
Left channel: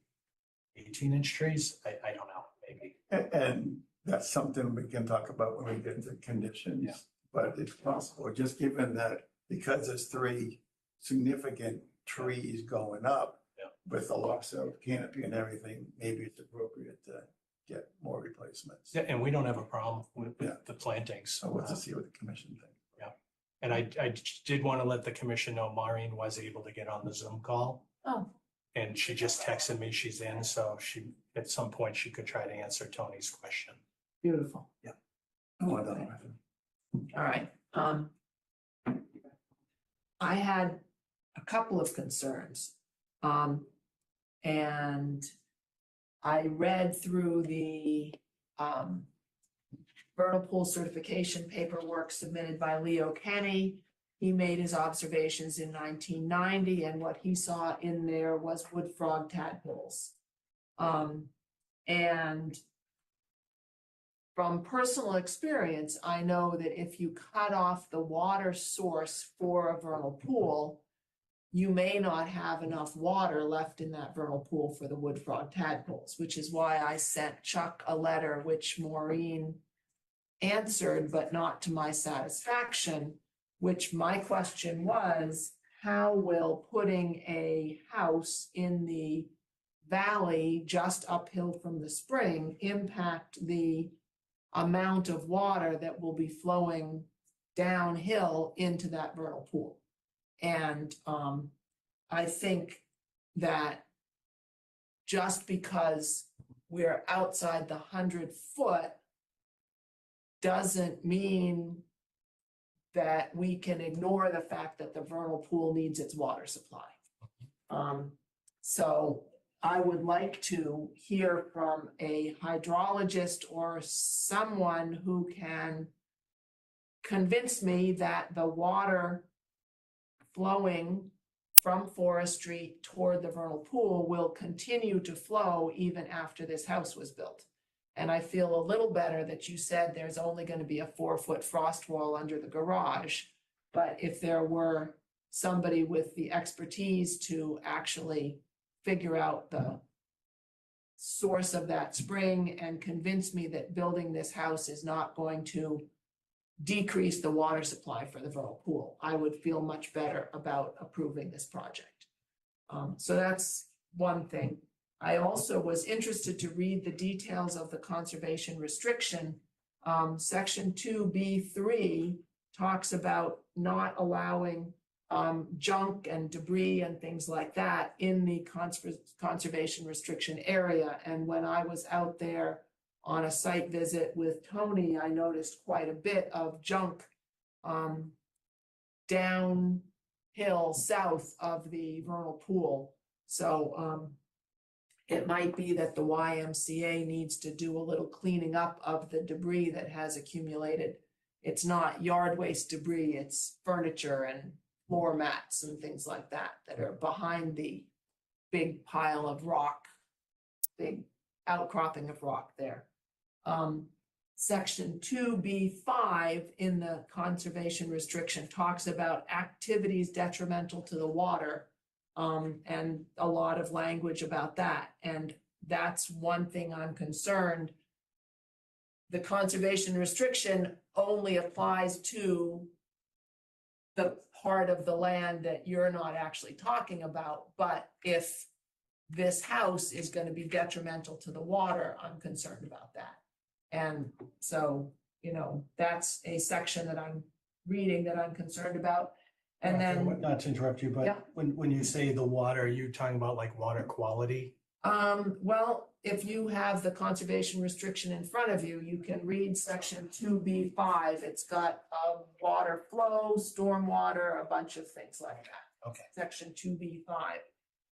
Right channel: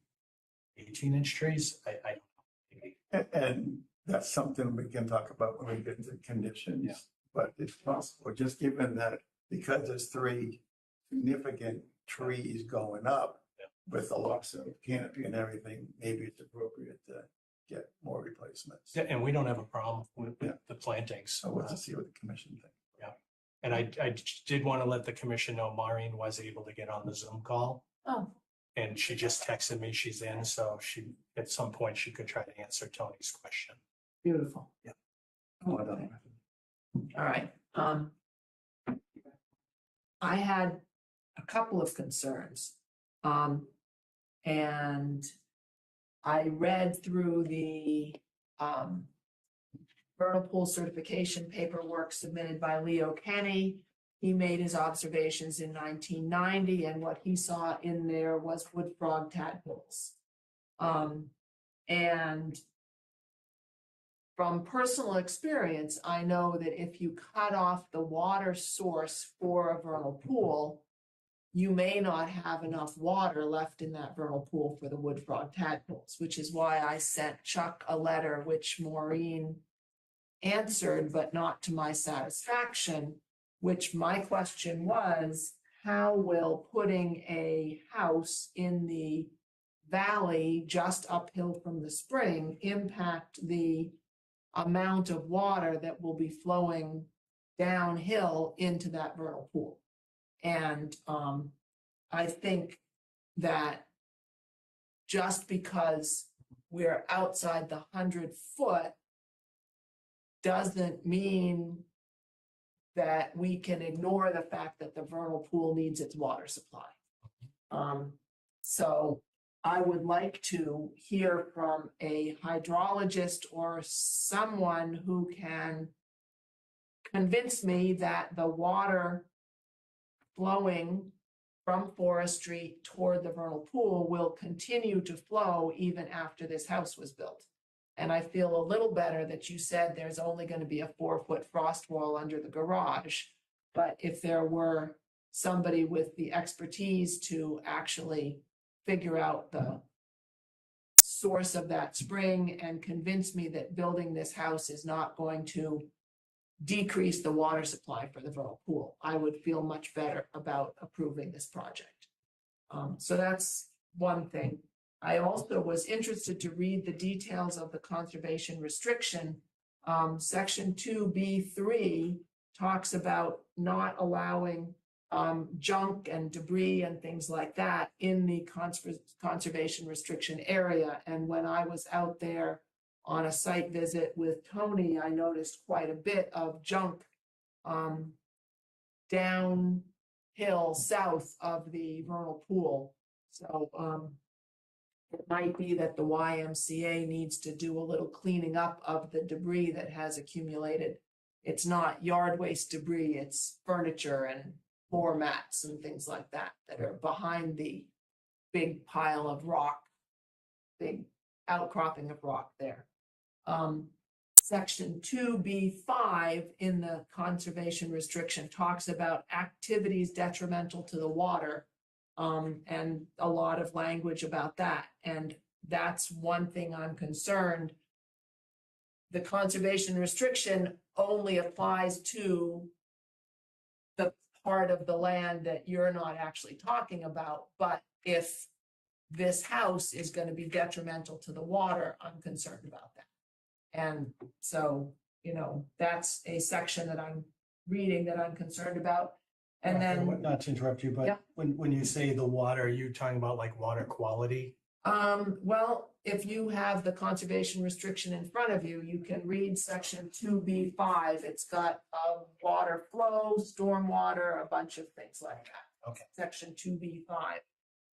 18-inch trees? I don't know, maybe. And that's something we can talk about when we get into conditions. Yeah. But it's possible, just given that, because there's 3 significant trees going up. Yeah. With the loss of canopy and everything, maybe it's appropriate to get more replacements. Yeah, and we don't have a problem with Yeah. the plantings. So we'll have to see what the commission thinks. And I did want to let the commission know Maureen was able to get on the Zoom call. Oh, And she just texted me she's in, so she, at some point, she could try to answer Tony's question. beautiful. Oh, I don't know. All right. I had a couple of concerns. And I read through the vernal pool certification paperwork submitted by Leo Kenny. He made his observations in 1990, and what he saw in there was wood frog tadpoles. And from personal experience, I know that if you cut off the water source for a vernal pool, you may not have enough water left in that vernal pool for the wood frog tadpoles, which is why I sent Chuck a letter, which Maureen answered, but not to my satisfaction, which my question was, how will putting a house in the valley just uphill from the spring impact the amount of water that will be flowing downhill into that vernal pool? And I think that just because we're outside the 100-foot doesn't mean that we can ignore the fact that the vernal pool needs its water supply. So I would like to hear from a hydrologist or someone who can convince me that the water flowing from Forest Street toward the vernal pool will continue to flow even after this house was built. And I feel a little better that you said there's only going to be a 4-foot frost wall under the garage. But if there were somebody with the expertise to actually figure out the source of that spring and convince me that building this house is not going to decrease the water supply for the vernal pool, I would feel much better about approving this project. So that's one thing. I also was interested to read the details of the conservation restriction. Section 2B3 talks about not allowing junk and debris and things like that in the conservation restriction area. And when I was out there on a site visit with Tony, I noticed quite a bit of junk downhill south of the vernal pool. So it might be that the YMCA needs to do a little cleaning up of the debris that has accumulated. It's not yard waste debris, it's furniture and floor mats and things like that that are behind the big pile of rock, big outcropping of rock there. Section 2B5 in the conservation restriction talks about activities detrimental to the water, and a lot of language about that. And that's one thing I'm concerned. The conservation restriction only applies to the part of the land that you're not actually talking about. But if this house is going to be detrimental to the water, I'm concerned about that. And so, you know, that's a section that I'm reading that I'm concerned about. And then, Not to interrupt you, Yeah. but when you say the water, are you talking about like water quality? well, if you have the conservation restriction in front of you, you can read section 2B5. It's got water flow, stormwater, a bunch of things like that. Okay. Section 2B5.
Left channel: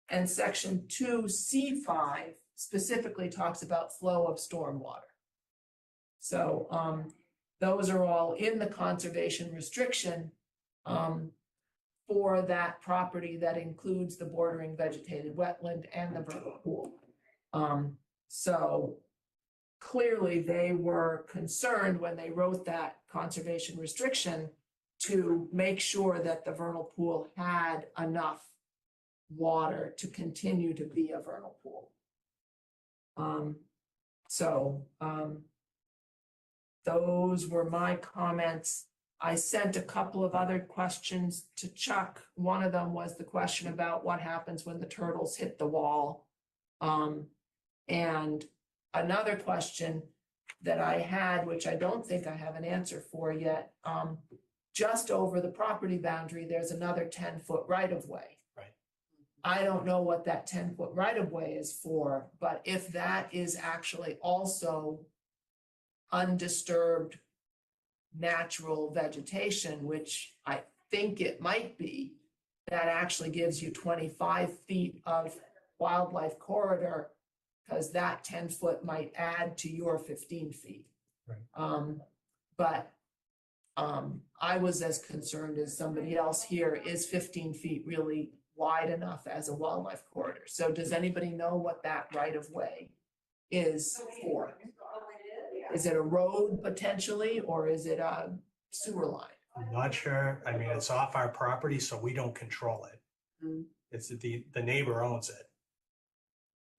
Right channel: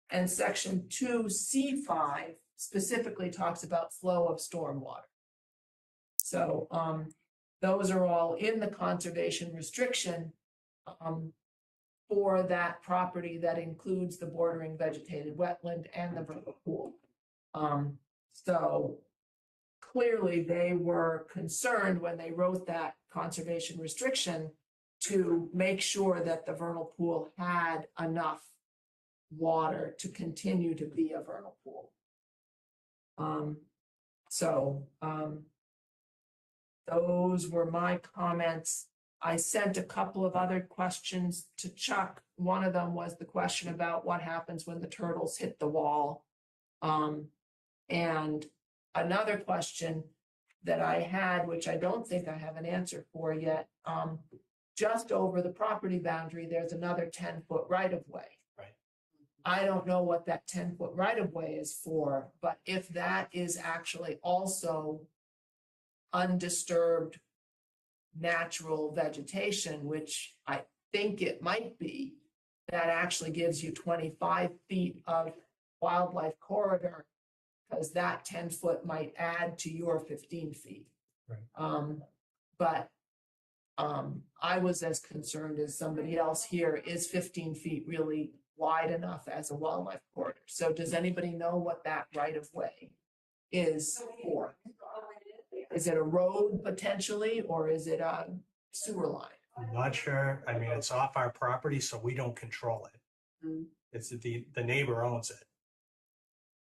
And section 2C5 specifically talks about flow of stormwater. So those are all in the conservation restriction for that property that includes the bordering vegetated wetland and the vernal pool. So clearly they were concerned when they wrote that conservation restriction to make sure that the vernal pool had enough water to continue to be a vernal pool. those were my comments. I sent a couple of other questions to Chuck. One of them was the question about what happens when the turtles hit the wall. And another question that I had, which I don't think I have an answer for yet, just over the property boundary, there's another 10-foot right-of-way. Right. I don't know what that 10-foot right-of-way is for, but if that is actually also undisturbed natural vegetation, which I think it might be, that actually gives you 25 feet of wildlife corridor, because that 10-foot might add to your 15 feet. Right. But I was as concerned as somebody else here, is 15 feet really wide enough as a wildlife corridor? So does anybody know what that right of way is for? Is it a road potentially, or is it a sewer line? I'm not sure. I mean, it's off our property, so we don't control it. Mm. It's the neighbor owns it.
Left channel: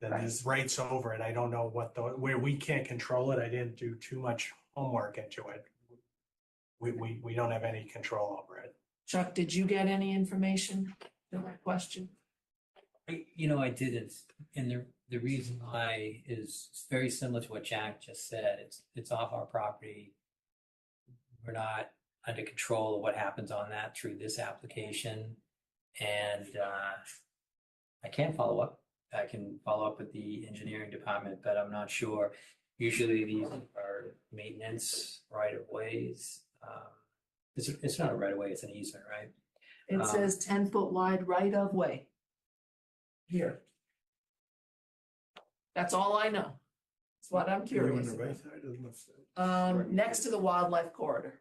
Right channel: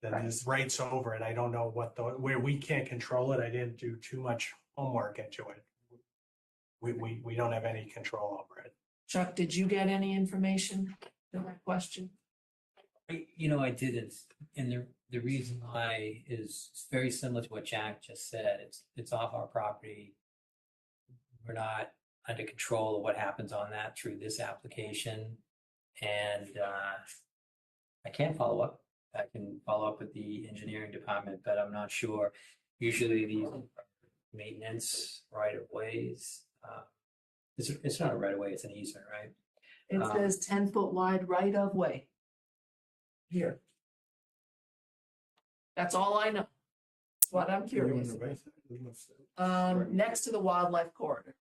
Then Right. there's rights over it. I don't know where we can't control it. I didn't do too much homework into it. We don't have any control over it. Chuck, did you get any information on that question? I didn't, and the reason why is very similar to what Jack just said. It's off our property. We're not under control of what happens on that through this application, and I can't follow up. I can follow up with the engineering department, but I'm not sure. Usually these are maintenance right of ways. It's not a right of way; it's an easement, right? It says 10-foot wide right of way. Here. That's all I know. That's what I'm curious about. Next to the wildlife corridor,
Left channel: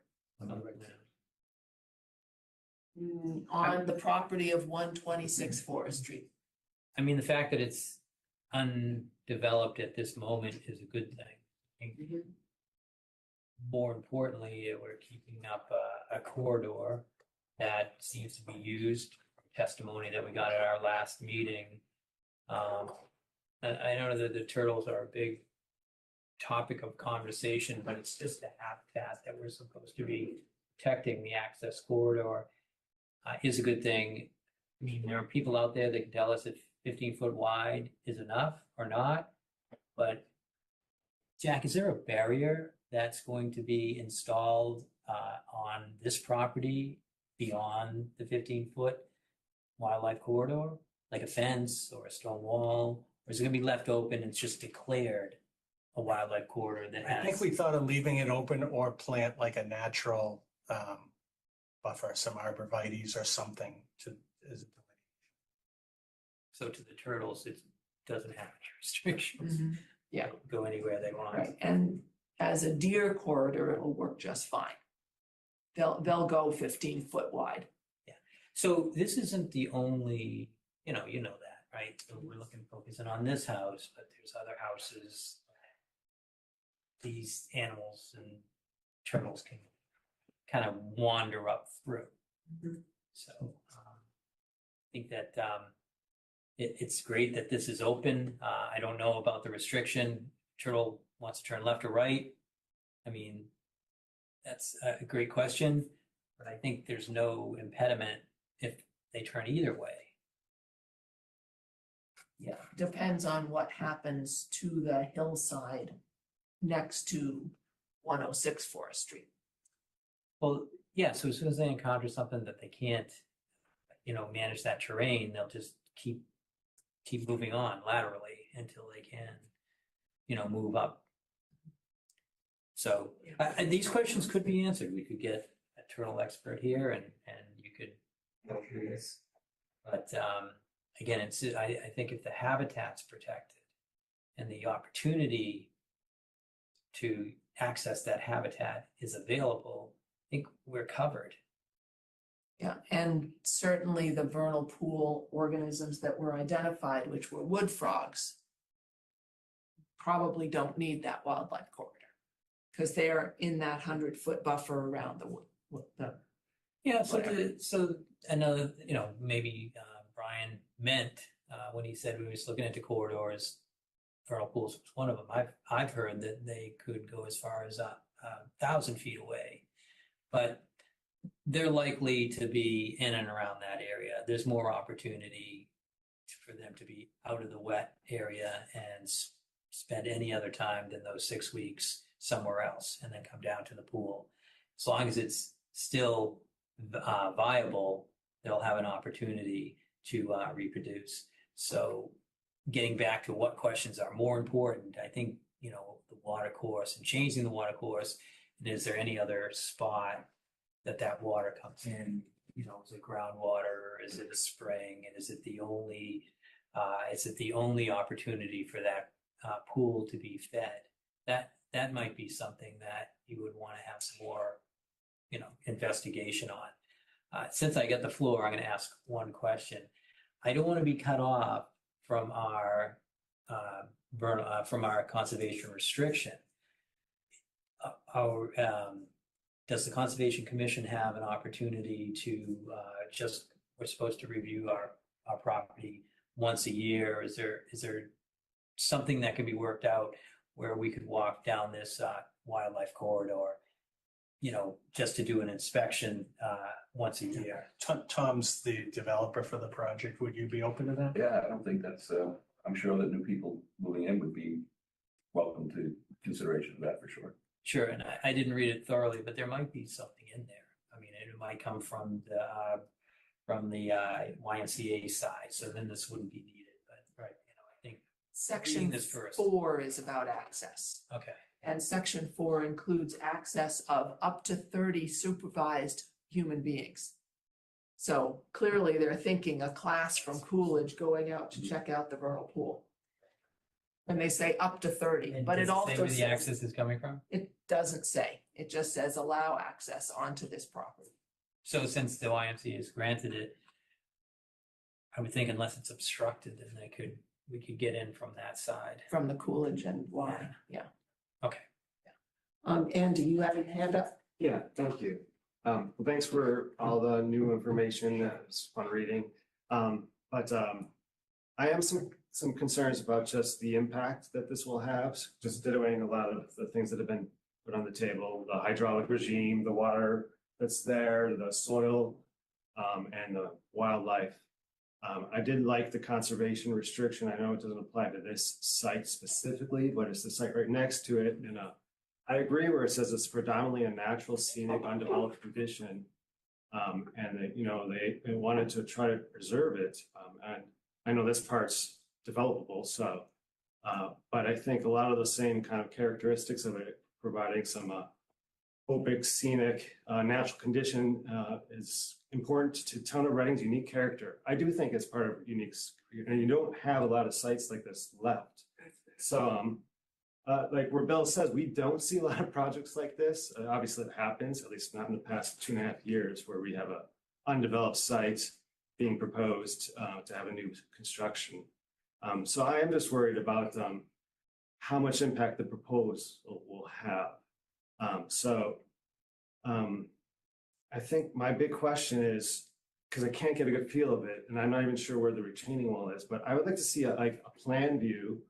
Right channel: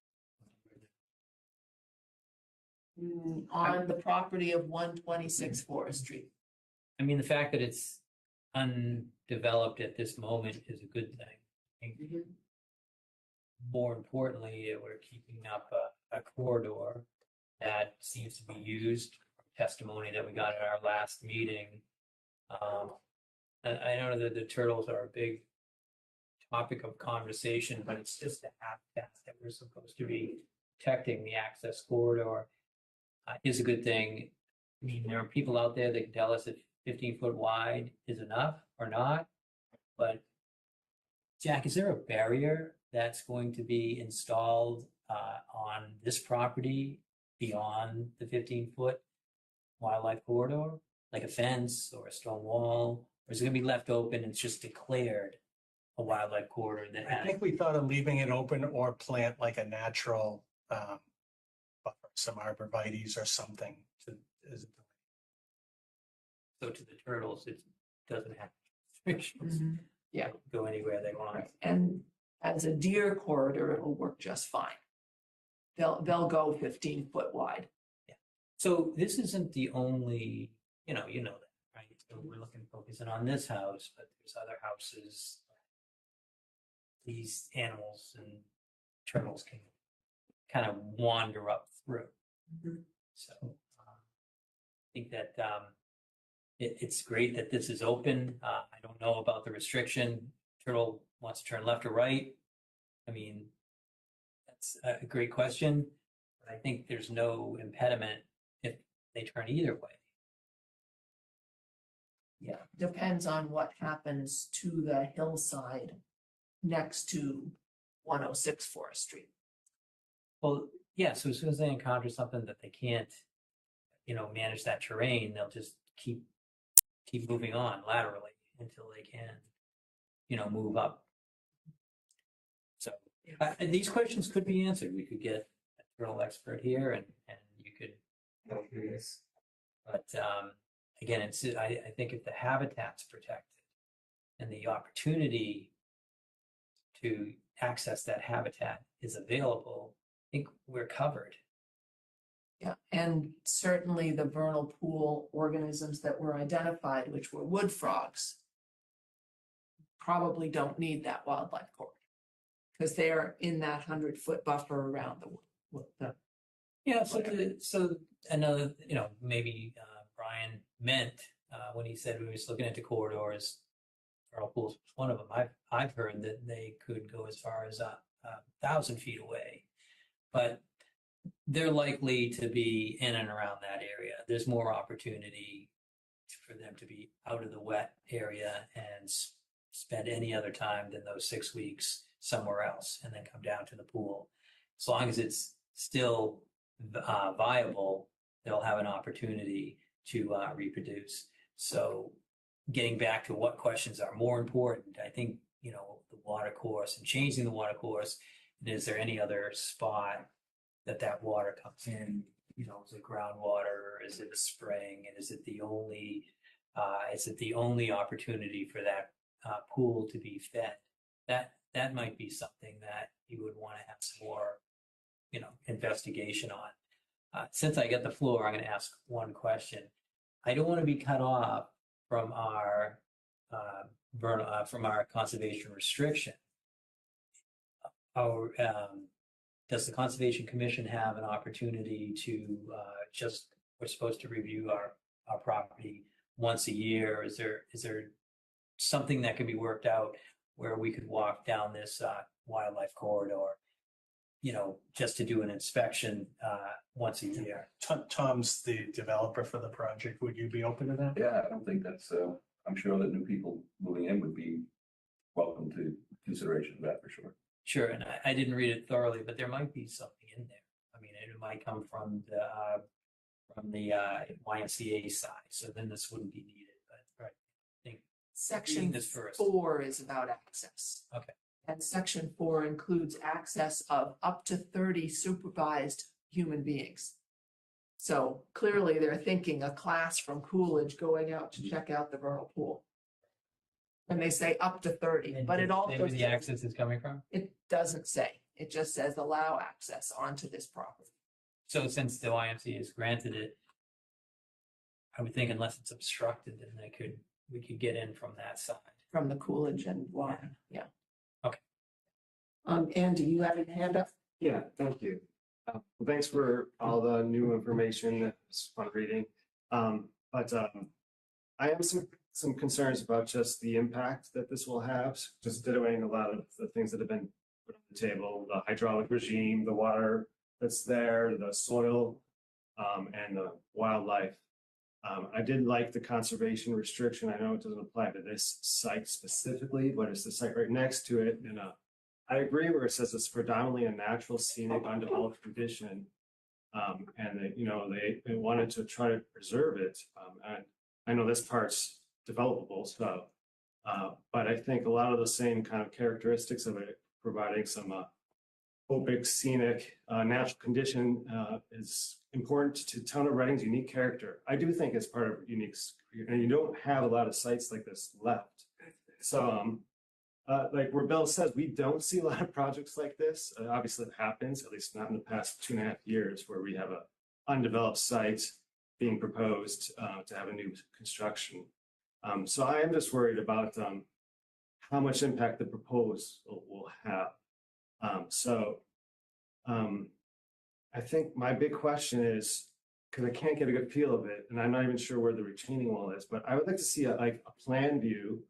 on the property of 126 Forest Street. I mean, the fact that it's undeveloped at this moment is a good thing. More importantly, we're keeping up a corridor that seems to be used from testimony that we got at our last meeting. I know that the turtles are a big topic of conversation, but it's just a habitat that we're supposed to be protecting. The access corridor is a good thing. I mean, there are people out there that can tell us if 15-foot wide is enough or not. But Jack, is there a barrier that's going to be installed on this property beyond the 15-foot wildlife corridor, like a fence or a stone wall, or is it going to be left open and it's just declared a wildlife corridor that has? I think we thought of leaving it open or plant like a natural buffer, some arborvitaes or something to. So to the turtles, it doesn't have any restrictions. Yeah. They can go anywhere they want. Right, and as a deer corridor, it'll work just fine. They'll go 15-foot wide. Yeah. So this isn't the only, you know that, right? So we're focusing on this house, but there's other houses. These animals and turtles can kind of wander up through. So I think that it's great that this is open. I don't know about the restriction. Turtle wants to turn left or right. I mean, that's a great question, but I think there's no impediment if they turn either way. Yeah, depends on what happens to the hillside next to 106 Forest Street. Well, yeah, so as soon as they encounter something that they can't, manage that terrain, they'll just keep moving on laterally until they can, move up. So these questions could be answered. We could get a turtle expert here and you could go through this. But again, I think if the habitat's protected and the opportunity to access that habitat is available, I think we're covered. Yeah, and certainly the vernal pool organisms that were identified, which were wood frogs, probably don't need that wildlife corridor because they are in that 100-foot buffer around the wood. Yeah, so I know, maybe Brian meant when he said we was looking into corridors, vernal pools was one of them. I've heard that they could go as far as 1,000 feet away. But they're likely to be in and around that area. There's more opportunity for them to be out of the wet area and spend any other time than those 6 weeks somewhere else and then come down to the pool. As long as it's still viable, they'll have an opportunity to reproduce. So getting back to what questions are more important, I think, the water course and changing the water course. And is there any other spot that water comes in? Is it groundwater, or is it a spring? And is it the only opportunity for that pool to be fed? That might be something that you would want to have some more, investigation on. Since I get the floor, I'm going to ask one question. I don't want to be cut off from our conservation restriction. Does the Conservation Commission have an opportunity to we're supposed to review our property once a year? Is there something that can be worked out where we could walk down this wildlife corridor, just to do an inspection once a year? Tom's the developer for the project. Would you be open to that? Yeah, I don't think that's, I'm sure that new people moving in would be welcome to consideration of that for sure. Sure, and I didn't read it thoroughly, but there might be something in there. I mean, it might come from the YMCA side, so then this wouldn't be needed. But right, I think Section reading this first. 4 is about access. Okay. And section 4 includes access of up to 30 supervised human beings. So clearly they're thinking a class from Coolidge going out to check out the vernal pool. And they say up to 30, And but does it also say where the says, access is coming from. it doesn't say, it just says allow access onto this property. So since the YMCA has granted it, I would think unless it's obstructed, then we could get in from that side. From the Coolidge and water, yeah. Okay. Andy, you have your hand up? Yeah, thank you. Well, thanks for all the new information. It was fun reading. But I have some concerns about just the impact that this will have, just dittoing a lot of the things that have been put on the table, the hydraulic regime, the water that's there, the soil, and the wildlife. I did like the conservation restriction. I know it doesn't apply to this site specifically, but it's the site right next to it. And I agree where it says it's predominantly a natural, scenic, undeveloped condition. And they wanted to try to preserve it. And I know this part's developable, so, but I think a lot of the same kind of characteristics of it, providing some opic, scenic, natural condition is important to Town of Reading's unique character. I do think it's part of unique, and you don't have a lot of sites like this left. So, like where Bill says, we don't see a lot of projects like this. Obviously it happens, at least not in the past 2.5 years, where we have a undeveloped site being proposed to have a new construction. So I am just worried about how much impact the proposal will have. I think my big question is, because I can't get a good feel of it, and I'm not even sure where the retaining wall is, but I would like to see a plan view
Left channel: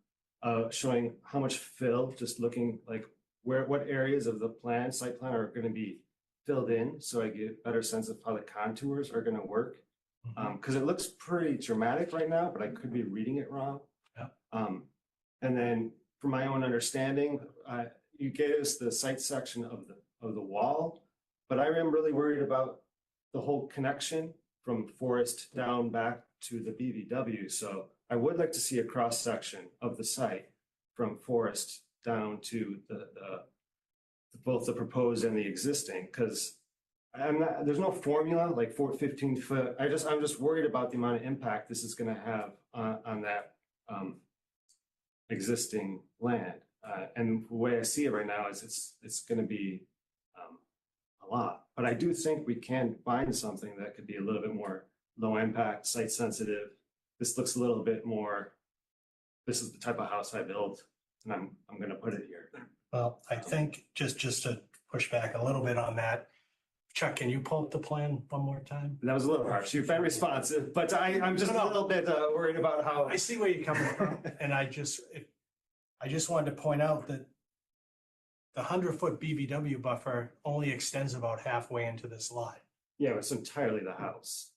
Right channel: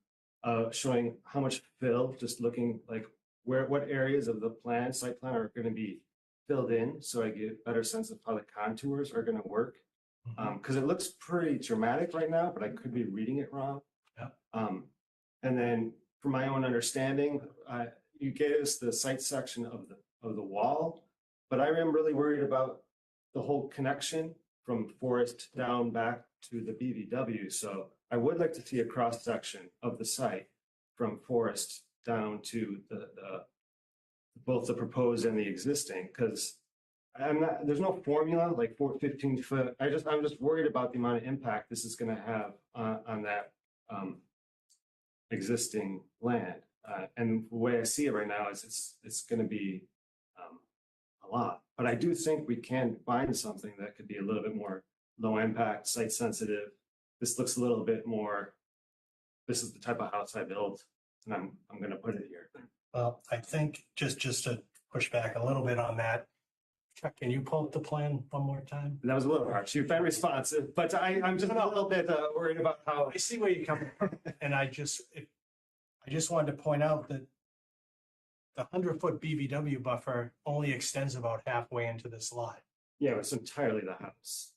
showing how much fill, just looking like what areas of the site plan are going to be filled in, so I get a better sense of how the contours are going to work. Because it looks pretty dramatic right now, but I could be reading it wrong. Yeah. And then from my own understanding, you gave us the site section of the wall, but I am really worried about the whole connection from Forest down back to the BVW. So I would like to see a cross section of the site from Forest down to both the proposed and the existing, because there's no formula like 15 foot. I'm just worried about the amount of impact this is going to have on that existing land. And the way I see it right now is it's going to be a lot. But I do think we can find something that could be a little bit more low impact, site sensitive. This looks a little bit more, this is the type of house I built, and I'm going to put it here. Well, I think just to push back a little bit on that, Chuck, can you pull up the plan one more time? That was a little harsh. You've been responsive, but I'm just a little bit worried about how. I see where you're coming from, and I just wanted to point out that the 100-foot BBW buffer only extends about halfway into this lot. Yeah, it's entirely the house.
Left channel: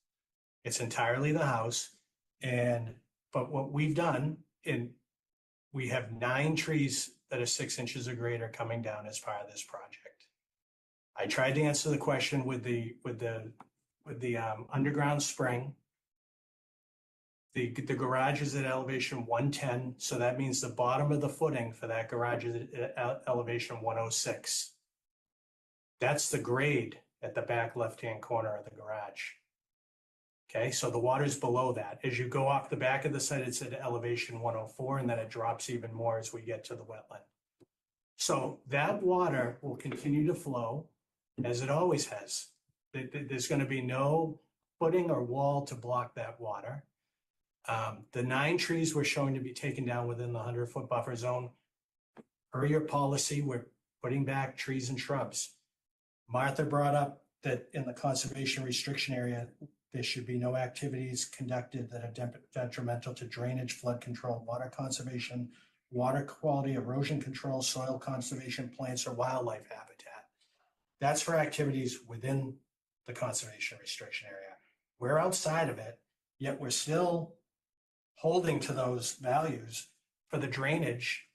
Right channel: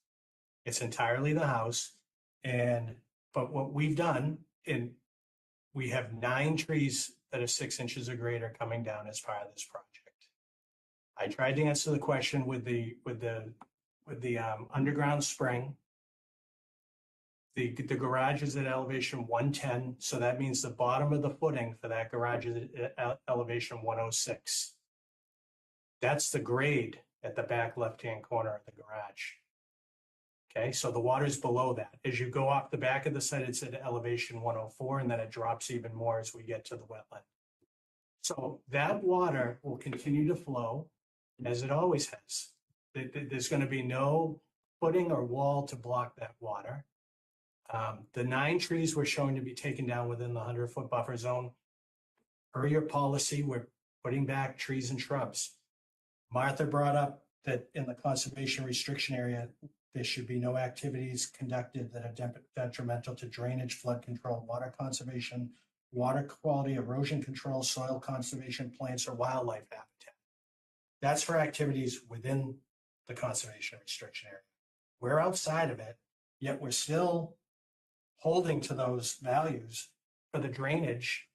It's entirely the house. But what we've done, we have 9 trees that are 6 inches or greater coming down as part of this project. I tried to answer the question with the underground spring. The garage is at elevation 110, so that means the bottom of the footing for that garage is at elevation 106. That's the grade at the back left-hand corner of the garage. Okay, so the water's below that. As you go off the back of the site, it's at elevation 104, and then it drops even more as we get to the wetland. So that water will continue to flow as it always has. There's going to be no footing or wall to block that water. The 9 trees we're showing to be taken down within the 100-foot buffer zone. Per your policy, we're putting back trees and shrubs. Martha brought up that in the conservation restriction area, there should be no activities conducted that are detrimental to drainage, flood control, water conservation, water quality, erosion control, soil conservation, plants, or wildlife habitat. That's for activities within the conservation restriction area. We're outside of it, yet we're still holding to those values. For the drainage,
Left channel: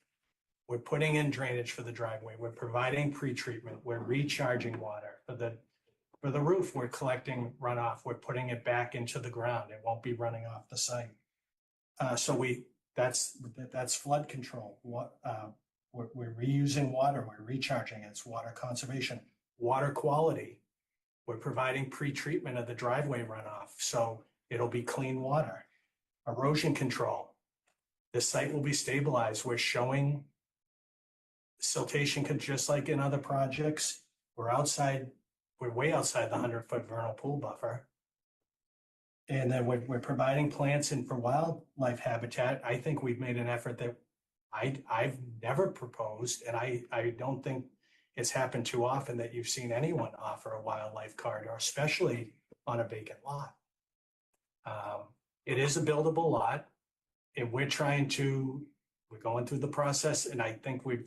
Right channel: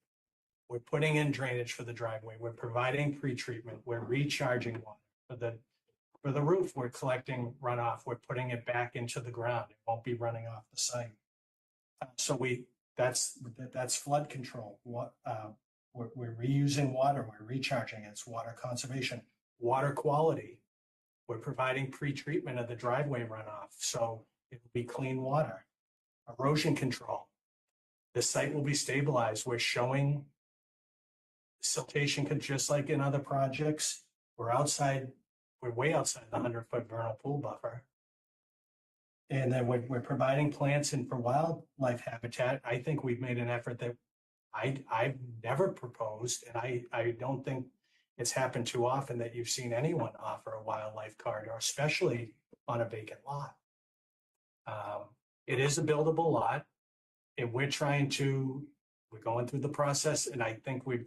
we're putting in drainage for the driveway. We're providing pre-treatment. We're recharging water. For the roof, we're collecting runoff. We're putting it back into the ground. It won't be running off the site. That's flood control. We're reusing water. We're recharging. It's water conservation. Water quality. We're providing pre-treatment of the driveway runoff, so it'll be clean water. Erosion control. The site will be stabilized. We're showing siltation, just like in other projects. We're way outside the 100-foot vernal pool buffer. And then we're providing plants and for wildlife habitat. I think we've made an effort that I've never proposed, and I don't think it's happened too often that you've seen anyone offer a wildlife corridor, especially on a vacant lot. It is a buildable lot, and we're going through the process, and I think we've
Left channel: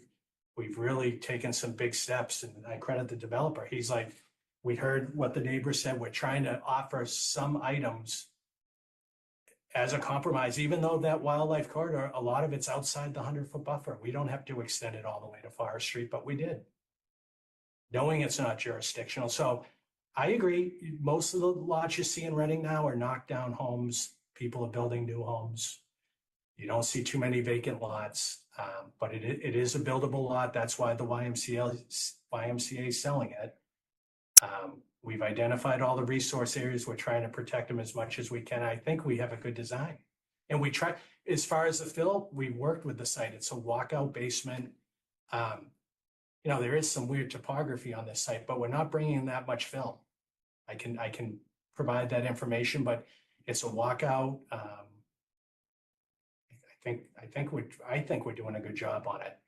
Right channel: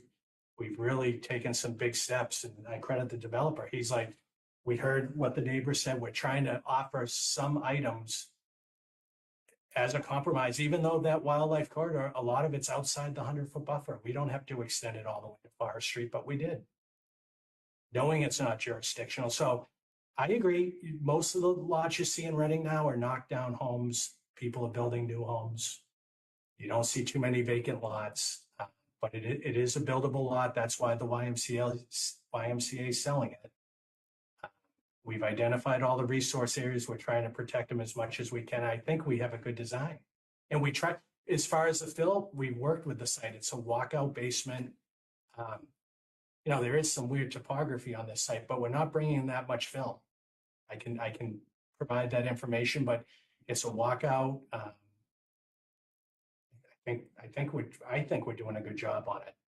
really taken some big steps, and I credit the developer. He's like, we heard what the neighbor said. We're trying to offer some items as a compromise, even though that wildlife corridor, a lot of it's outside the 100-foot buffer. We don't have to extend it all the way to Forest Street, but we did, knowing it's not jurisdictional. So I agree. Most of the lots you see in Reading now are knocked down homes. People are building new homes. You don't see too many vacant lots, but it is a buildable lot. That's why the YMCA is selling it. We've identified all the resource areas. We're trying to protect them as much as we can. I think we have a good design. And we try, as far as the fill, we've worked with the site. It's a walkout basement. There is some weird topography on this site, but we're not bringing in that much fill. I can provide that information, but it's a walkout. I think we're doing a good job on it.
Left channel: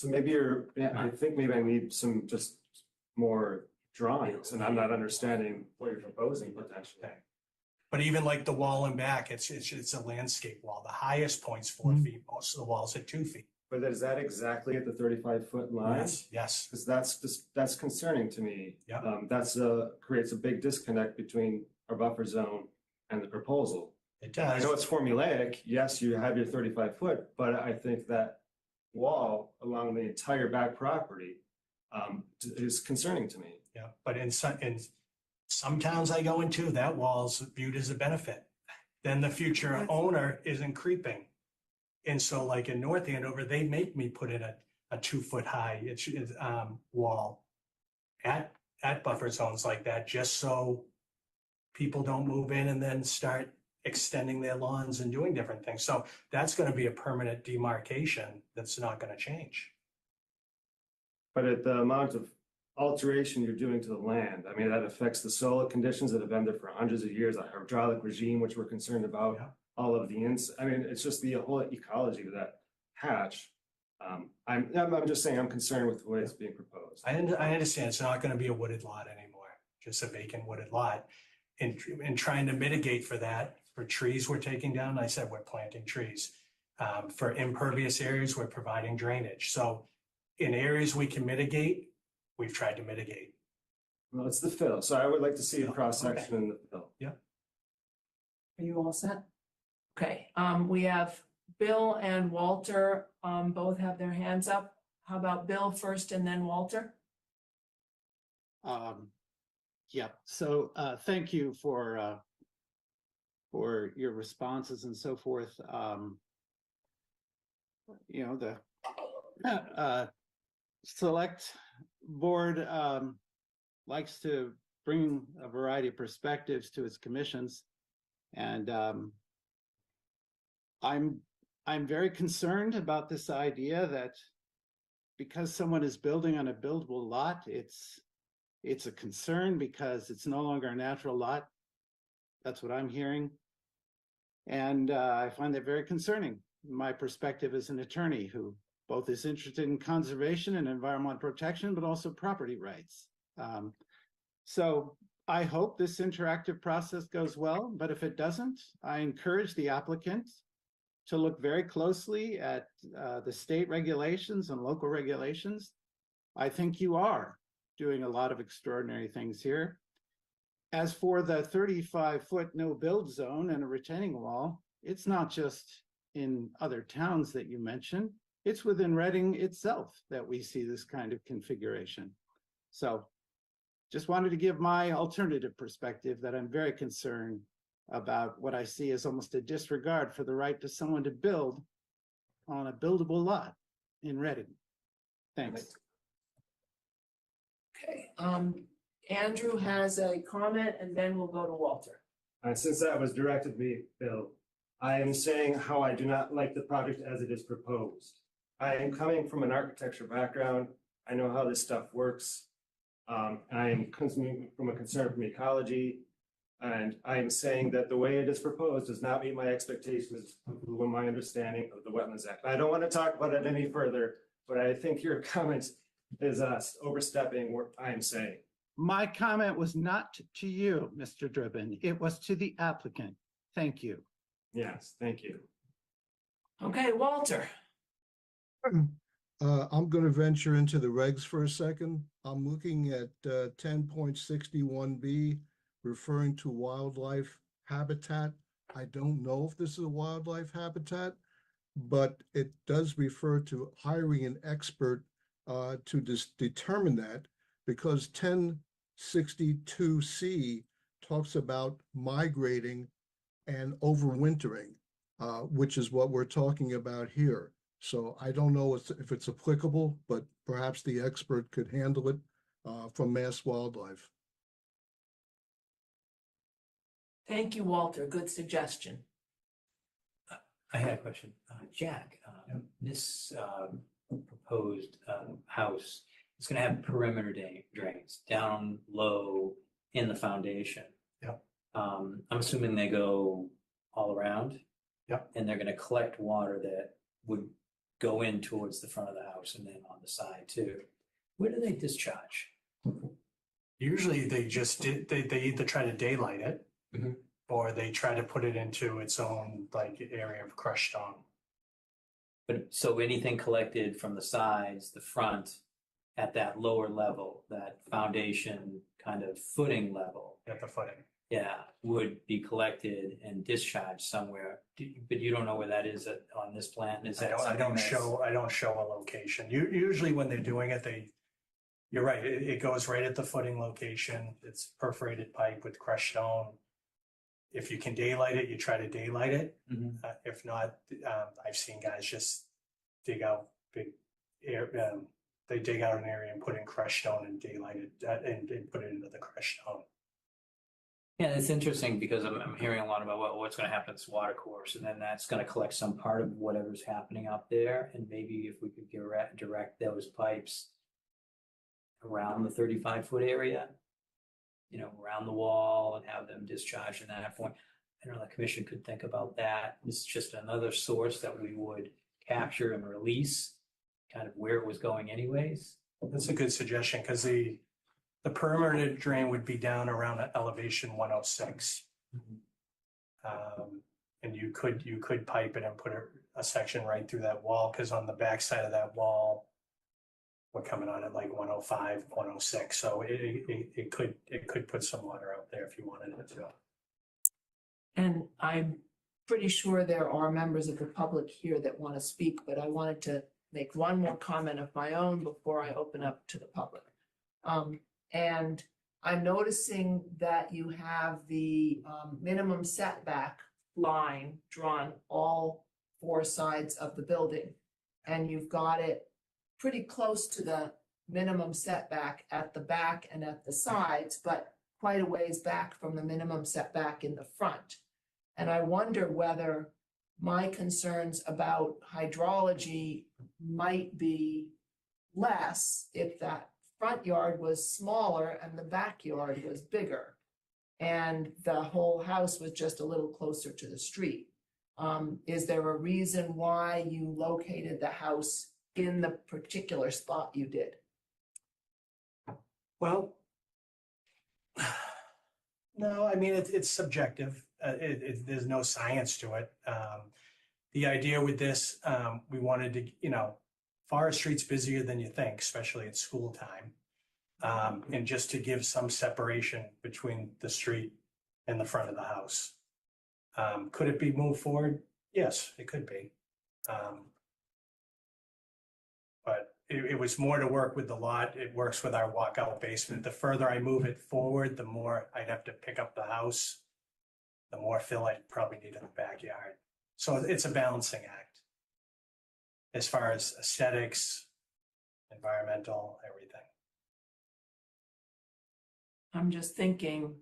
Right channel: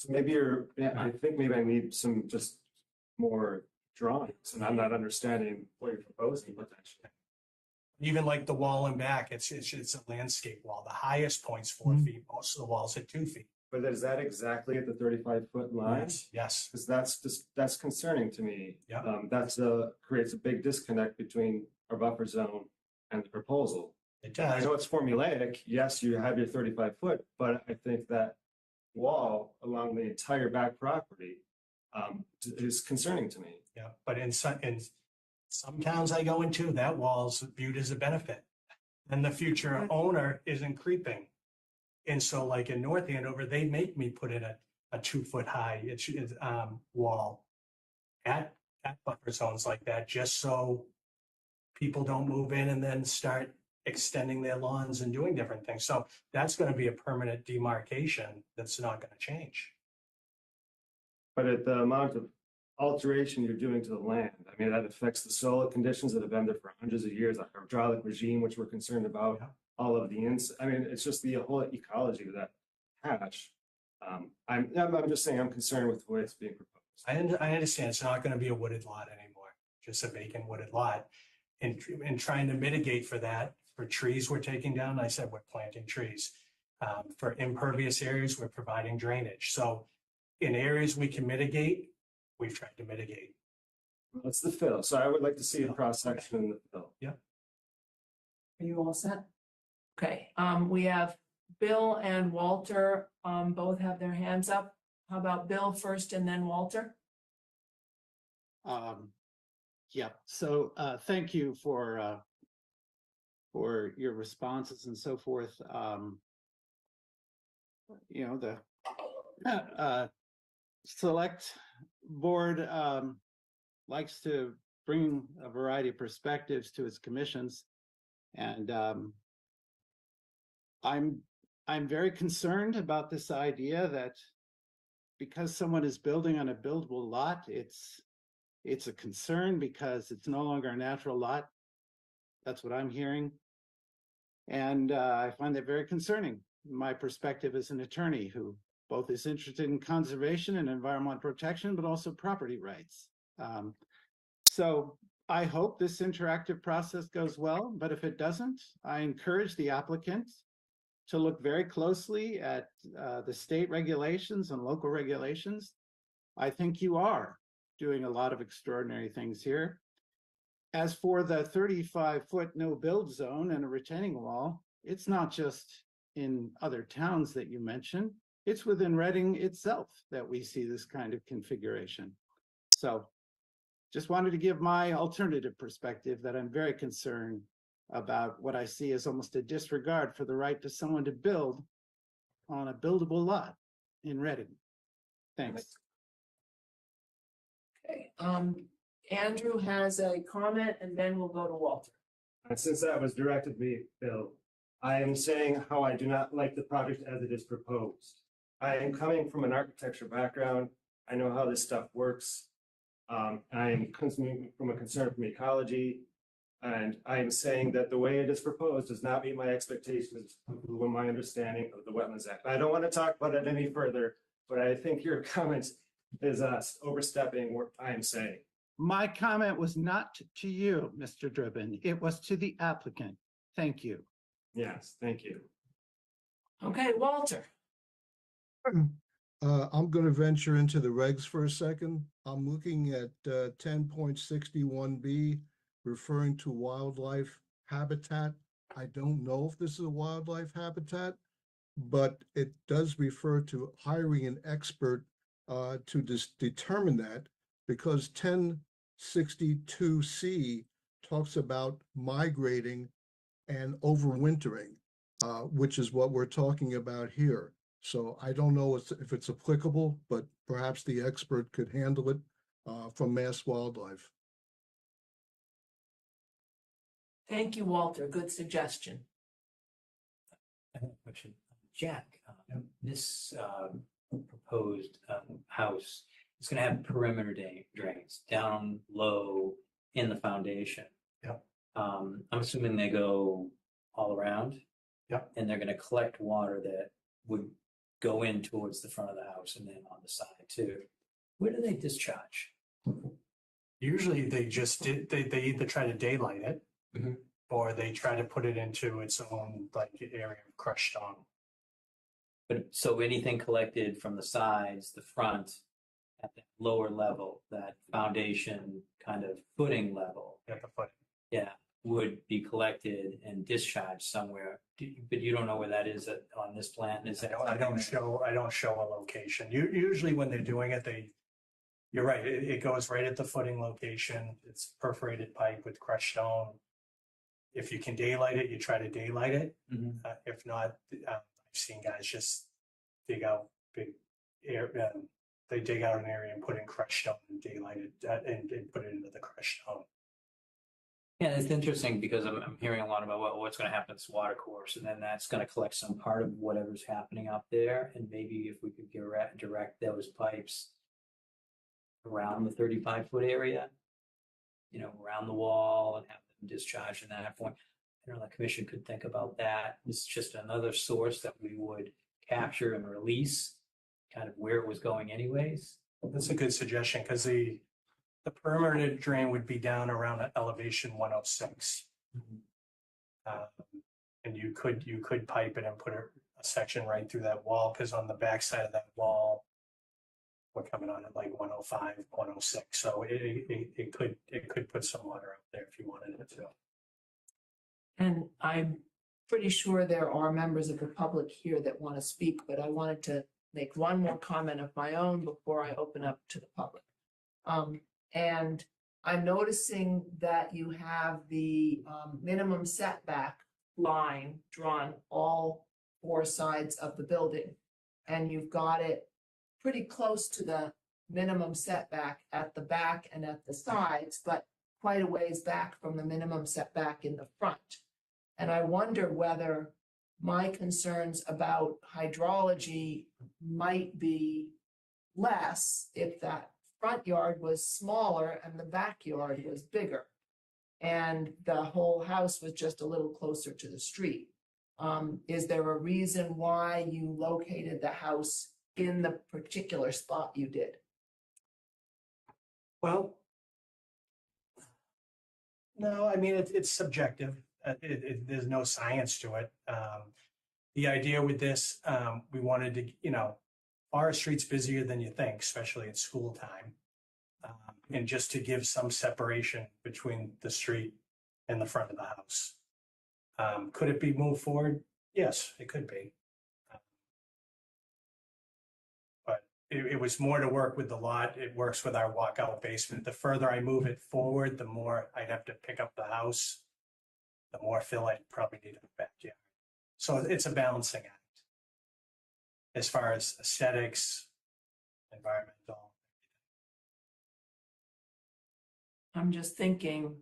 So I think maybe I need some just more drawings, and I'm not understanding what you're proposing potentially. But even like the wall and back, it's a landscape wall. The highest point's 4 feet. Most of the walls are 2 feet. But is that exactly at the 35-foot line? Yes. Because that's concerning to me. Yeah. Creates a big disconnect between our buffer zone and the proposal. It does. I know it's formulaic. Yes, you have your 35-foot, but I think that wall along the entire back property is concerning to me. Yeah, but in some towns I go into, that wall's viewed as a benefit. Then the future owner isn't creeping. And so like in North Andover, they make me put in a 2-foot high wall at buffer zones like that, just so people don't move in and then start extending their lawns and doing different things. So that's going to be a permanent demarcation that's not going to change. But at the amount of alteration you're doing to the land, I mean, that affects the soil conditions that have been there for hundreds of years, a hydraulic regime, which we're concerned about. Yeah. All of it's just the whole ecology of that patch. I'm just saying I'm concerned with the way it's being proposed. I understand it's not going to be a wooded lot anymore, just a vacant wooded lot. And trying to mitigate for that, for trees we're taking down, I said we're planting trees. For impervious areas, we're providing drainage. So in areas we can mitigate, we've tried to mitigate. Well, it's the fill, so I would like to see a cross section in the fill. Are you all set? Okay, we have Bill and Walter, both have their hands up. How about Bill first and then Walter? Yeah, so thank you for your responses and so forth. You know, the select board likes to bring a variety of perspectives to its commissions, and I'm very concerned about this idea that because someone is building on a buildable lot, it's a concern because it's no longer a natural lot. That's what I'm hearing. And I find that very concerning. My perspective as an attorney who both is interested in conservation and environmental protection, but also property rights. So I hope this interactive process goes well, but if it doesn't, I encourage the applicant to look very closely at the state regulations and local regulations. I think you are doing a lot of extraordinary things here. As for the 35-foot no build zone and a retaining wall, it's not just in other towns that you mentioned, it's within Reading itself that we see this kind of configuration. So just wanted to give my alternative perspective that I'm very concerned about what I see as almost a disregard for the right to someone to build on a buildable lot in Reading. Thanks. Okay, Andrew has a comment and then we'll go to Walter. Since that was directed to me, Bill, I am saying how I do not like the project as it is proposed. I am coming from an architecture background. I know how this stuff works. I am coming from a concern from ecology, and I am saying that the way it is proposed does not meet my expectations with my understanding of the Wetlands Act. I don't want to talk about it any further, but I think your comment is overstepping what I am saying. My comment was not to you, Mr. Driven. It was to the applicant. Thank you. Yes, thank you. Okay, Walter. I'm going to venture into the regs for a second. I'm looking at 10.61B, referring to wildlife habitat. I don't know if this is a wildlife habitat, but it does refer to hiring an expert to determine that, because 1062C talks about migrating and overwintering, which is what we're talking about here. So I don't know if it's applicable, but perhaps the expert could handle it from Mass Wildlife. Thank you, Walter. Good suggestion. I had a question. Jack, this proposed house is going to have perimeter drains down low in the foundation. Yep. I'm assuming they go all around. Yep. And they're going to collect water that would go in towards the front of the house and then on the side too. Where do they discharge? Usually they either try to daylight it or they try to put it into its own like area of crushed stone. But so anything collected from the sides, the front, at that lower level, that foundation kind of footing level. At the footing. Yeah, would be collected and discharged somewhere, but you don't know where that is on this plan. Is that I don't show a location. Usually when they're doing it, you're right. It goes right at the footing location. It's perforated pipe with crushed stone. If you can daylight it, you try to daylight it. If not, I've seen guys just dig out big air. They dig out an area and put in crushed stone and daylight it and put it into the crushed stone. Yeah, it's interesting because I'm hearing a lot about what's going to happen to this water course, and then that's going to collect some part of whatever's happening out there. And maybe if we could direct those pipes around the 35-foot area, around the wall, and have them discharged in that point. I don't know, the commission could think about that. This is just another source that we would capture and release, kind of where it was going anyways. That's a good suggestion because the perimeter drain would be down around elevation 106. And you could pipe it and put a section right through that wall, because on the back side of that wall, we're coming on at like 105, 106. So it could put some water out there if you wanted it to. And I'm pretty sure there are members of the public here that want to speak, but I wanted to make one more comment of my own before I open up to the public. And I'm noticing that you have the minimum setback line drawn all four sides of the building. And you've got it pretty close to the minimum setback at the back and at the sides, but quite a ways back from the minimum setback in the front. And I wonder whether my concerns about hydrology might be less if that front yard was smaller and the backyard was bigger, and the whole house was just a little closer to the street. Is there a reason why you located the house in the particular spot you did? Well, no, I mean, it's subjective. There's no science to it. The idea with this, we wanted to, Forest Street's busier than you think, especially at school time. And just to give some separation between the street and the front of the house. Could it be moved forward? Yes, it could be. But it was more to work with the lot. It works with our walkout basement. The further I move it forward, the more I'd have to pick up the house, the more fill I'd probably need in the backyard. So it's a balancing act as far as aesthetics, environmental, everything. I'm just thinking,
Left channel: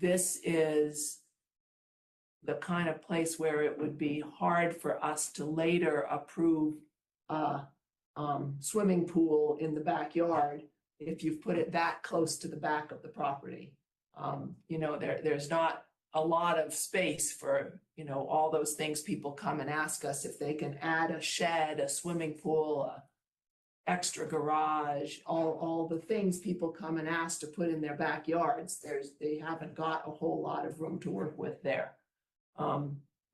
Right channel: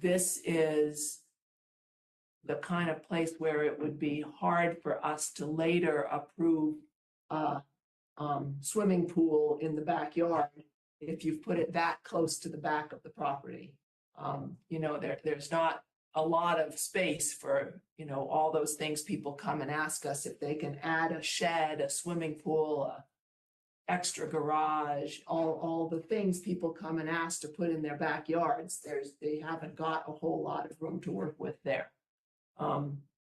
this is the kind of place where it would be hard for us to later approve a swimming pool in the backyard if you've put it that close to the back of the property. There's not a lot of space for, all those things people come and ask us if they can add a shed, a swimming pool, a extra garage, all the things people come and ask to put in their backyards. They haven't got a whole lot of room to work with there.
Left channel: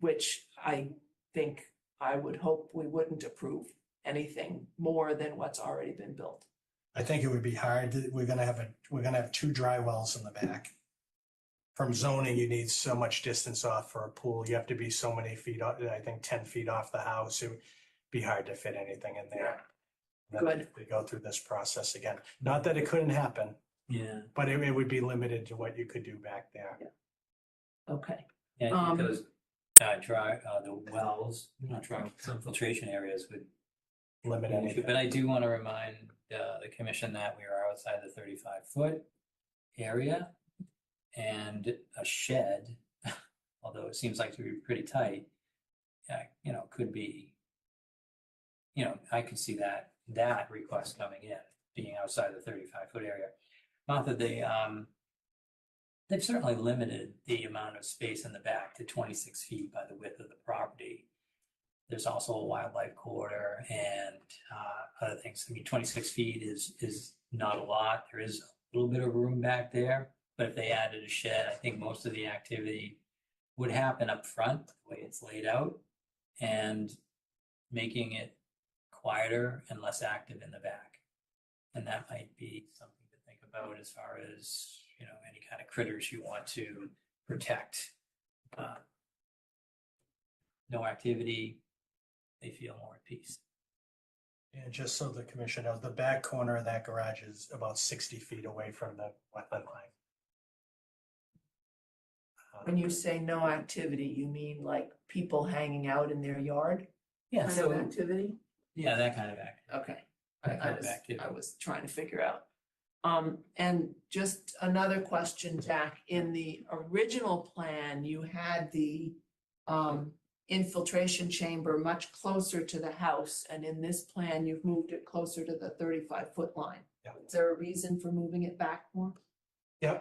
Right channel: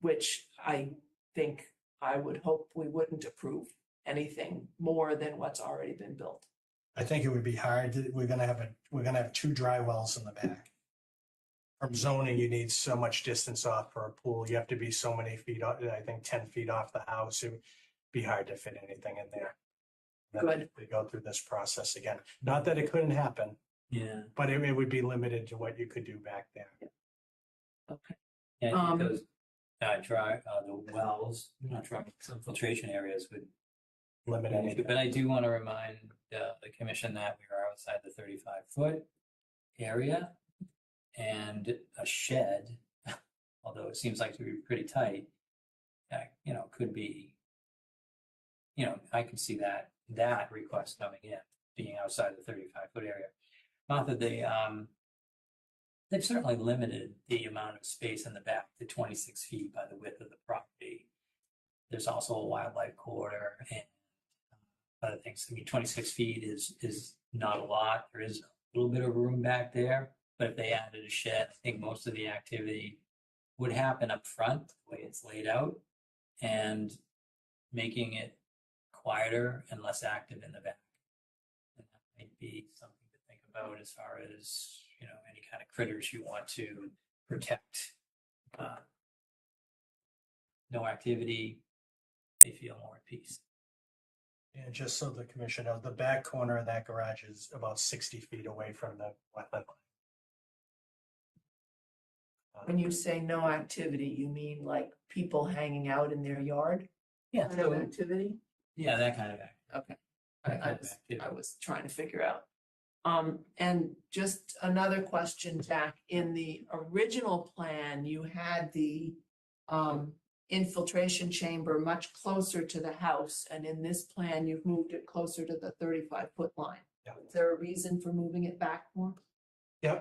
Which I think I would hope we wouldn't approve anything more than what's already been built. I think it would be hard. We're gonna have two dry wells in the back. From zoning, you need so much distance off for a pool. You have to be so many feet, I think 10 feet off the house. It would be hard to fit anything in there. Good. To go through this process again. Not that it couldn't happen, Yeah. but it would be limited to what you could do back there. Okay. Yeah, because the wells, some filtration areas would Limit anything. But I do want to remind the commission that we are outside the 35-foot area, and a shed, although it seems like to be pretty tight, could be, I could see that request coming in, being outside the 35-foot area. Not that they've certainly limited the amount of space in the back to 26 feet by the width of the property. There's also a wildlife corridor and other things. I mean, 26 feet is not a lot. There is a little bit of room back there, but if they added a shed, I think most of the activity would happen up front, the way it's laid out, and making it quieter and less active in the back. And that might be something to think about as far as, any kind of critters you want to protect. No activity, they feel more at peace. And just so the commission knows, the back corner of that garage is about 60 feet away from the wetland line. When you say no activity, you mean like people hanging out in their yard? Yeah, Kind of activity? yeah, that kind of activity. Okay. That kind of I activity. was trying to figure out. And just another question, Jack, in the original plan, you had the infiltration chamber much closer to the house, and in this plan, you've moved it closer to the 35-foot line. Yeah. Is there a reason for moving it back more? Yeah,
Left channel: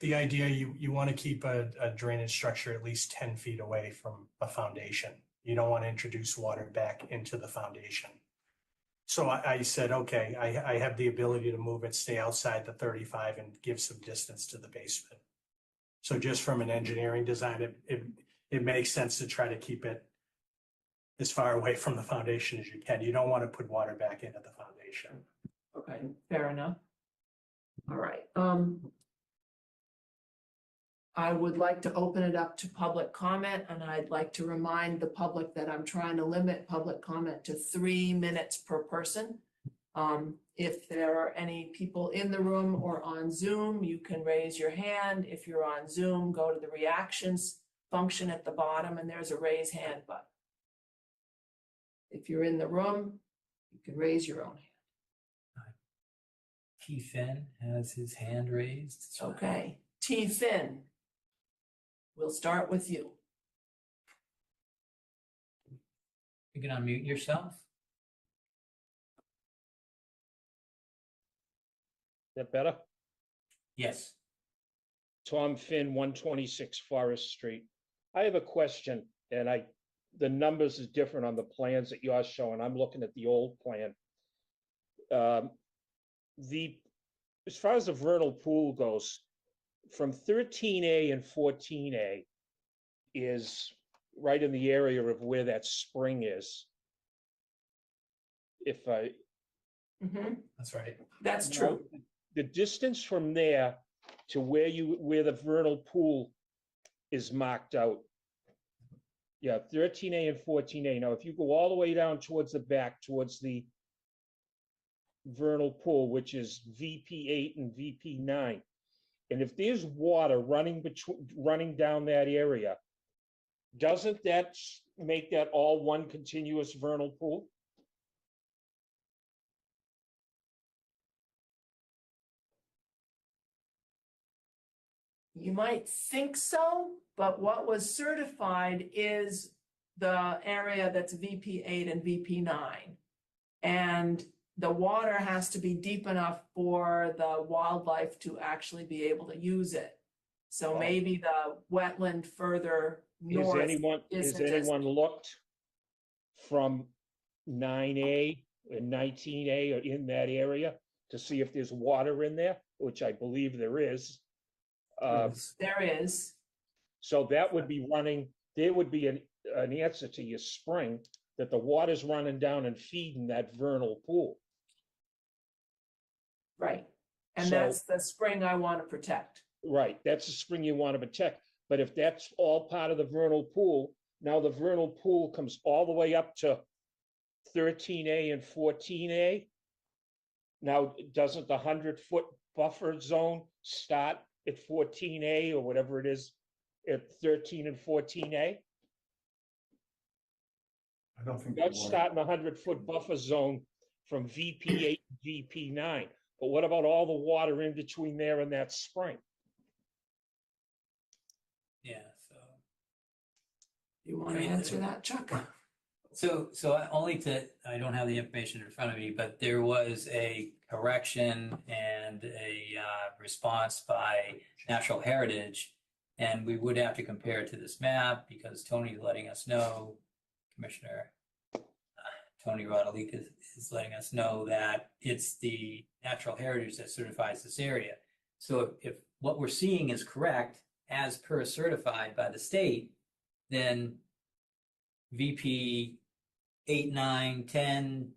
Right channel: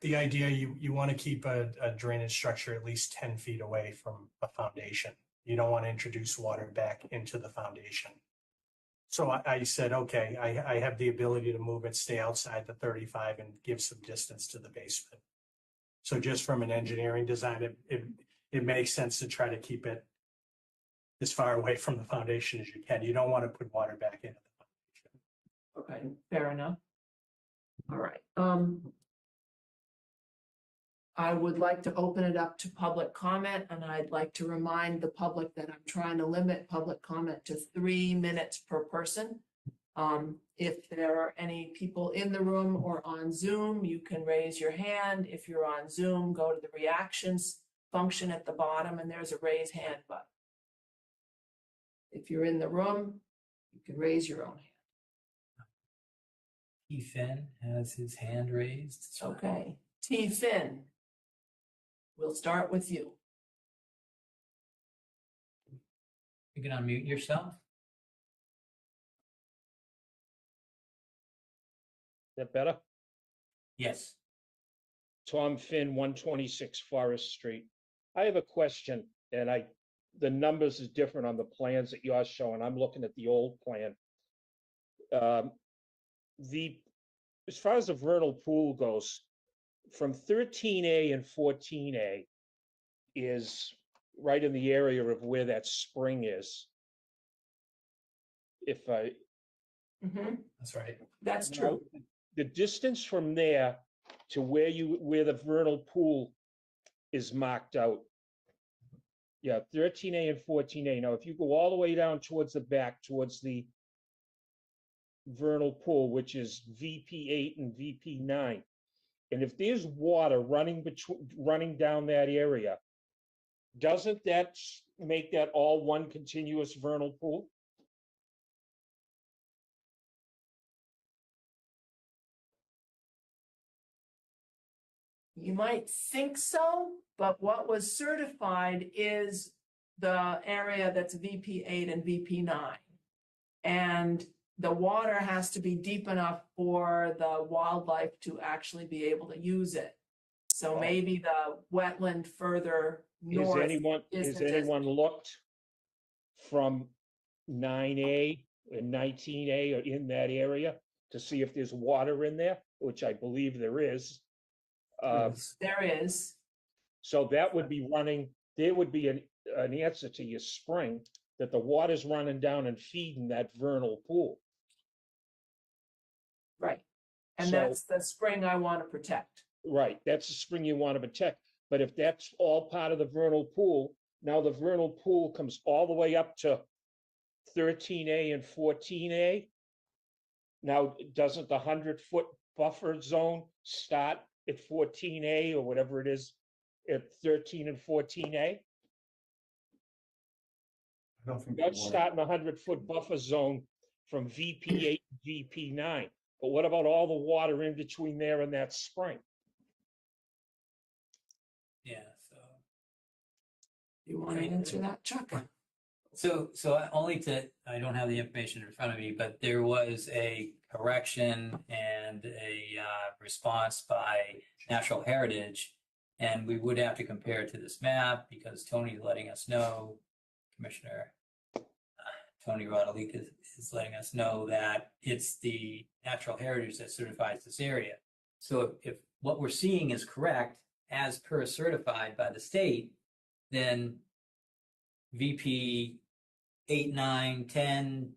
the idea, you want to keep a drainage structure at least 10 feet away from a foundation. You don't want to introduce water back into the foundation. So I said, okay, I have the ability to move it, stay outside the 35 and give some distance to the basement. So just from an engineering design, it makes sense to try to keep it as far away from the foundation as you can. You don't want to put water back into the foundation. restoration. Okay, fair enough. All right, I would like to open it up to public comment, and I'd like to remind the public that I'm trying to limit public comment to 3 minutes per person. If there are any people in the room or on Zoom, you can raise your hand. If you're on Zoom, go to the reactions function at the bottom, and there's a raise hand button. If you're in the room, you can raise your own hand. T. Finn has his hand raised. Okay, T. Finn, we'll start with you. You can unmute yourself. Is that better? Yes. Tom Finn, 126 Forest Street. I have a question, and the numbers is different on the plans that you're showing. I'm looking at the old plan. As far as the vernal pool goes, from 13A and 14A is right in the area of where that spring is. If I, That's right. That's true. the distance from there to where the vernal pool is marked out. Yeah, 13A and 14A. Now, if you go all the way down towards the back, towards the vernal pool, which is VP8 and VP9, and if there's water running down that area, doesn't that make that all one continuous vernal pool? You might think so, but what was certified is the area that's VP8 and VP9. And the water has to be deep enough for the wildlife to actually be able to use it. So maybe the wetland further north. Has anyone looked from 9A and 19A or in that area to see if there's water in there, which I believe there is? There is. So that would be running, there would be an answer to your spring, that the water's running down and feeding that vernal pool. Right. And So- that's the spring I want to protect. Right, that's the spring you want to protect. But if that's all part of the vernal pool, now the vernal pool comes all the way up to 13A and 14A. Now, doesn't the 100-foot buffer zone start at 14A or whatever it is at 13 and 14A? I don't think. That's starting a 100-foot buffer zone from VP8 to VP9. But what about all the water in between there and that spring? Yeah. So. You want to answer that, Chuck? So I don't have the information in front of me, but there was a correction and a response by Natural Heritage, and we would have to compare it to this map because Tony's letting us know, Commissioner Tony Rodolick is letting us know that it's the Natural Heritage that certifies this area. So if what we're seeing is correct, as per certified by the state, then VP 8, 9, 10,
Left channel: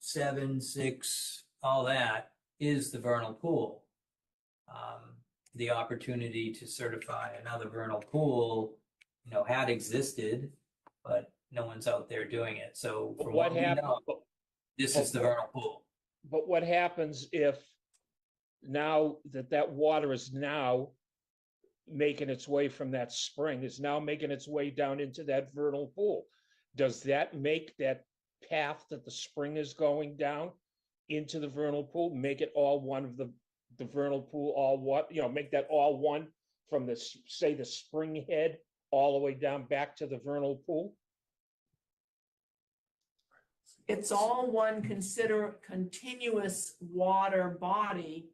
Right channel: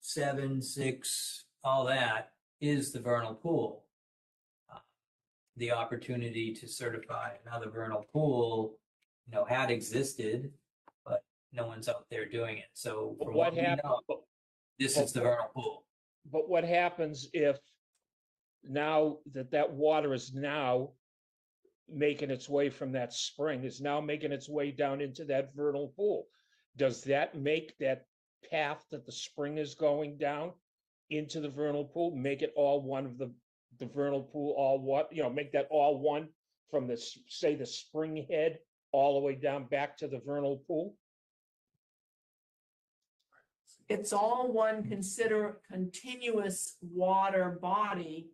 7, 6, all that is the vernal pool. The opportunity to certify another vernal pool, had existed, but no one's out there doing it. So from what we know, this is the vernal pool. But what happens if now that water is now making its way from that spring, is now making its way down into that vernal pool? Does that make that path that the spring is going down into the vernal pool, make it all one of the vernal pool, all one, make that all one from the, say, the spring head all the way down back to the vernal pool? It's all one continuous water body,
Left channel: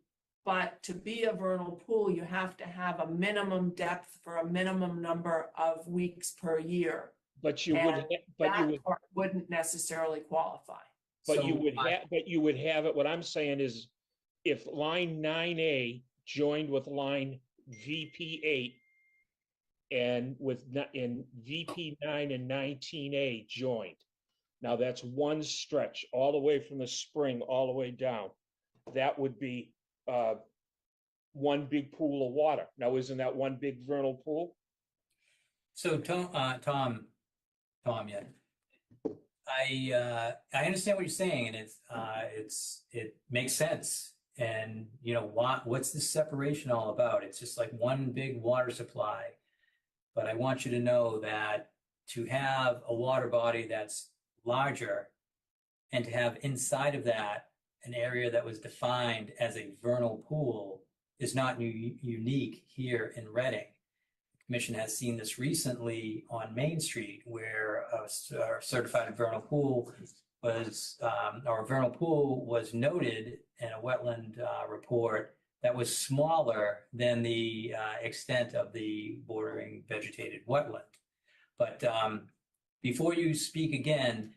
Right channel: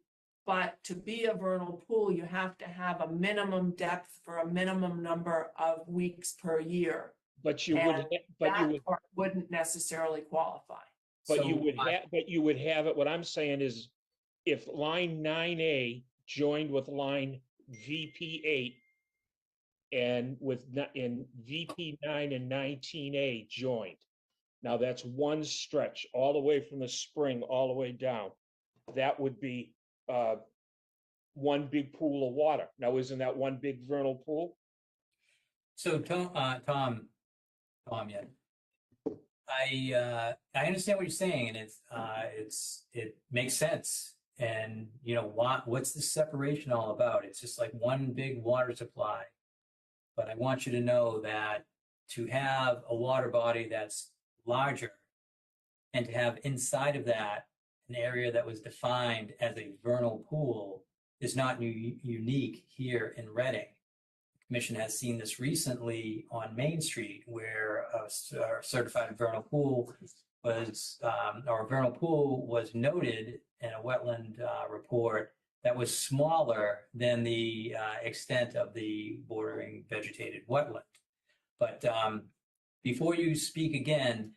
but to be a vernal pool, you have to have a minimum depth for a minimum number of weeks per year. But you would, that part wouldn't necessarily qualify. But you would have it. What I'm saying is, if line 9A joined with line VP8 and in VP9 and 19A joined. Now that's one stretch, all the way from the spring, all the way down. That would be one big pool of water. Now, isn't that one big vernal pool? So Tom, yeah. I understand what you're saying, and it makes sense. And you know, what's the separation all about? It's just like one big water supply. But I want you to know that to have a water body that's larger and to have inside of that an area that was defined as a vernal pool is not unique here in Reading. The Commission has seen this recently on Main Street, where a certified vernal pool was, or a vernal pool was noted in a wetland report that was smaller than the extent of the bordering vegetated wetland. But before you speak again,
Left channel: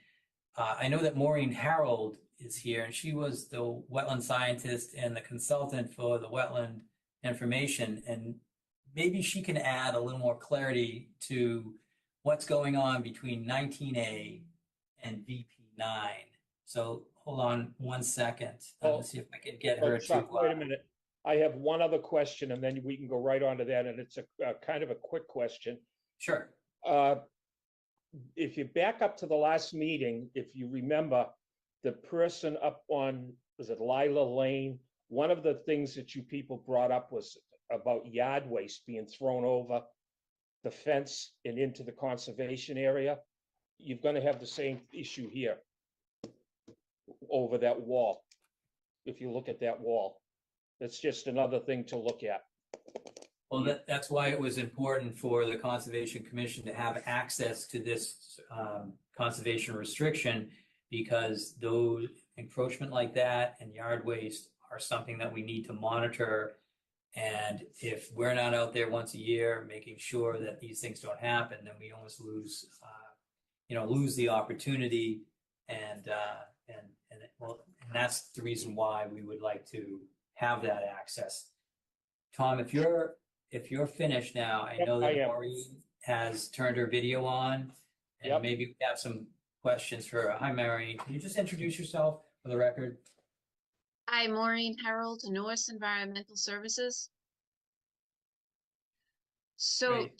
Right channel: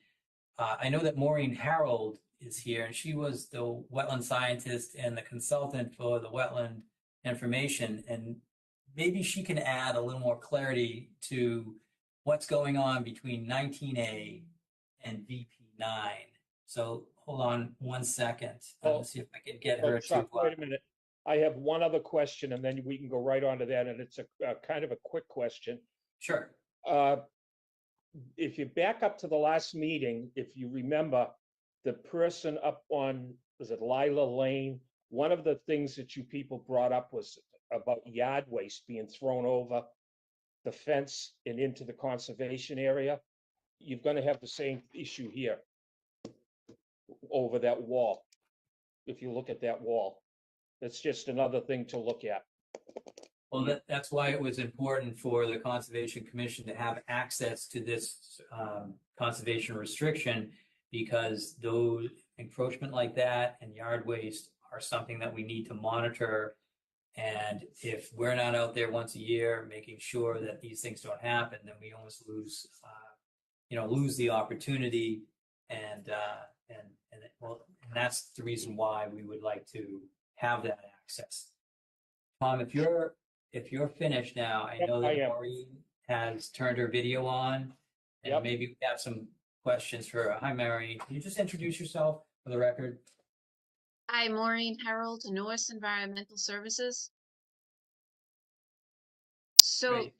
I know that Maureen Harold is here, and she was the wetland scientist and the consultant for the wetland information, and maybe she can add a little more clarity to what's going on between 19A and VP9. So hold on one second. Let's see if I can get her to. Wait a minute. I have one other question, and then we can go right on to that, and it's a kind of a quick question. Sure. If you back up to the last meeting, if you remember, the person up on, was it Lila Lane? One of the things that you people brought up was about yard waste being thrown over the fence and into the conservation area. You're going to have the same issue here over that wall. If you look at that wall, that's just another thing to look at. Well, that's why it was important for the Conservation Commission to have access to this conservation restriction, because those encroachment like that and yard waste are something that we need to monitor. And if we're not out there once a year making sure that these things don't happen, then we almost lose the opportunity. And that's the reason why we would like to have that access. Tom, if you're finished now, I know that Maureen has turned her video on, and maybe we have some questions for her. Hi, Maureen. Can you just introduce yourself for the record? Hi, Maureen Harold, Norris Environmental Services. So Great.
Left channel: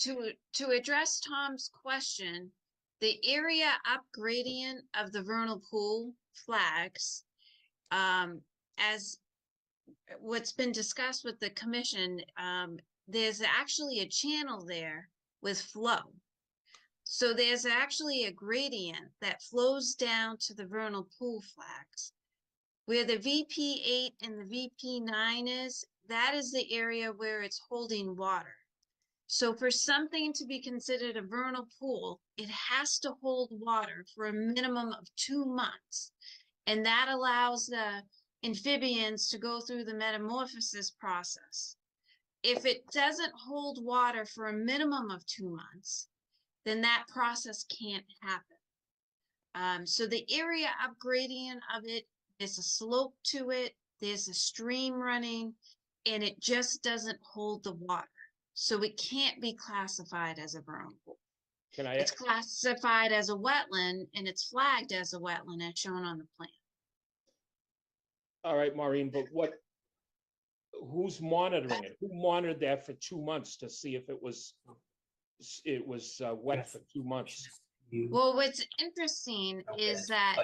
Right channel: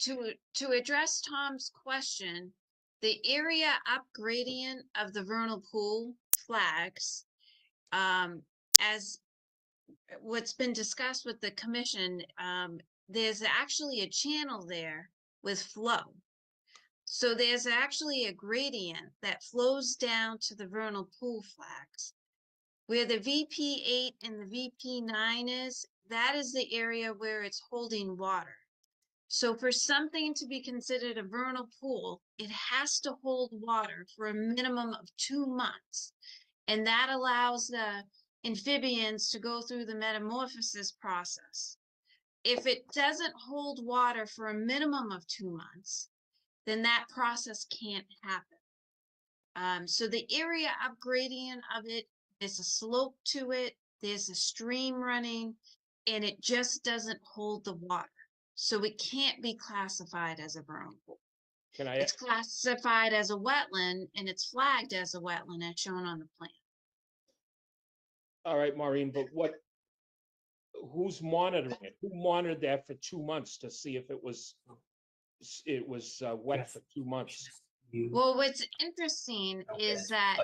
to address Tom's question, the area up gradient of the vernal pool flags, as what's been discussed with the commission, there's actually a channel there with flow. So there's actually a gradient that flows down to the vernal pool flags. Where the VP8 and the VP9 is, that is the area where it's holding water. So for something to be considered a vernal pool, it has to hold water for a minimum of 2 months. And that allows the amphibians to go through the metamorphosis process. If it doesn't hold water for a minimum of 2 months, then that process can't happen. So the area up gradient of it, there's a slope to it, there's a stream running, and it just doesn't hold the water. So it can't be classified as a vernal pool. It's classified as a wetland, and it's flagged as a wetland as shown on the plan. All right, Maureen, but who's monitoring it? Who monitored that for 2 months to see if it was wet for 2 months? Well, what's interesting is that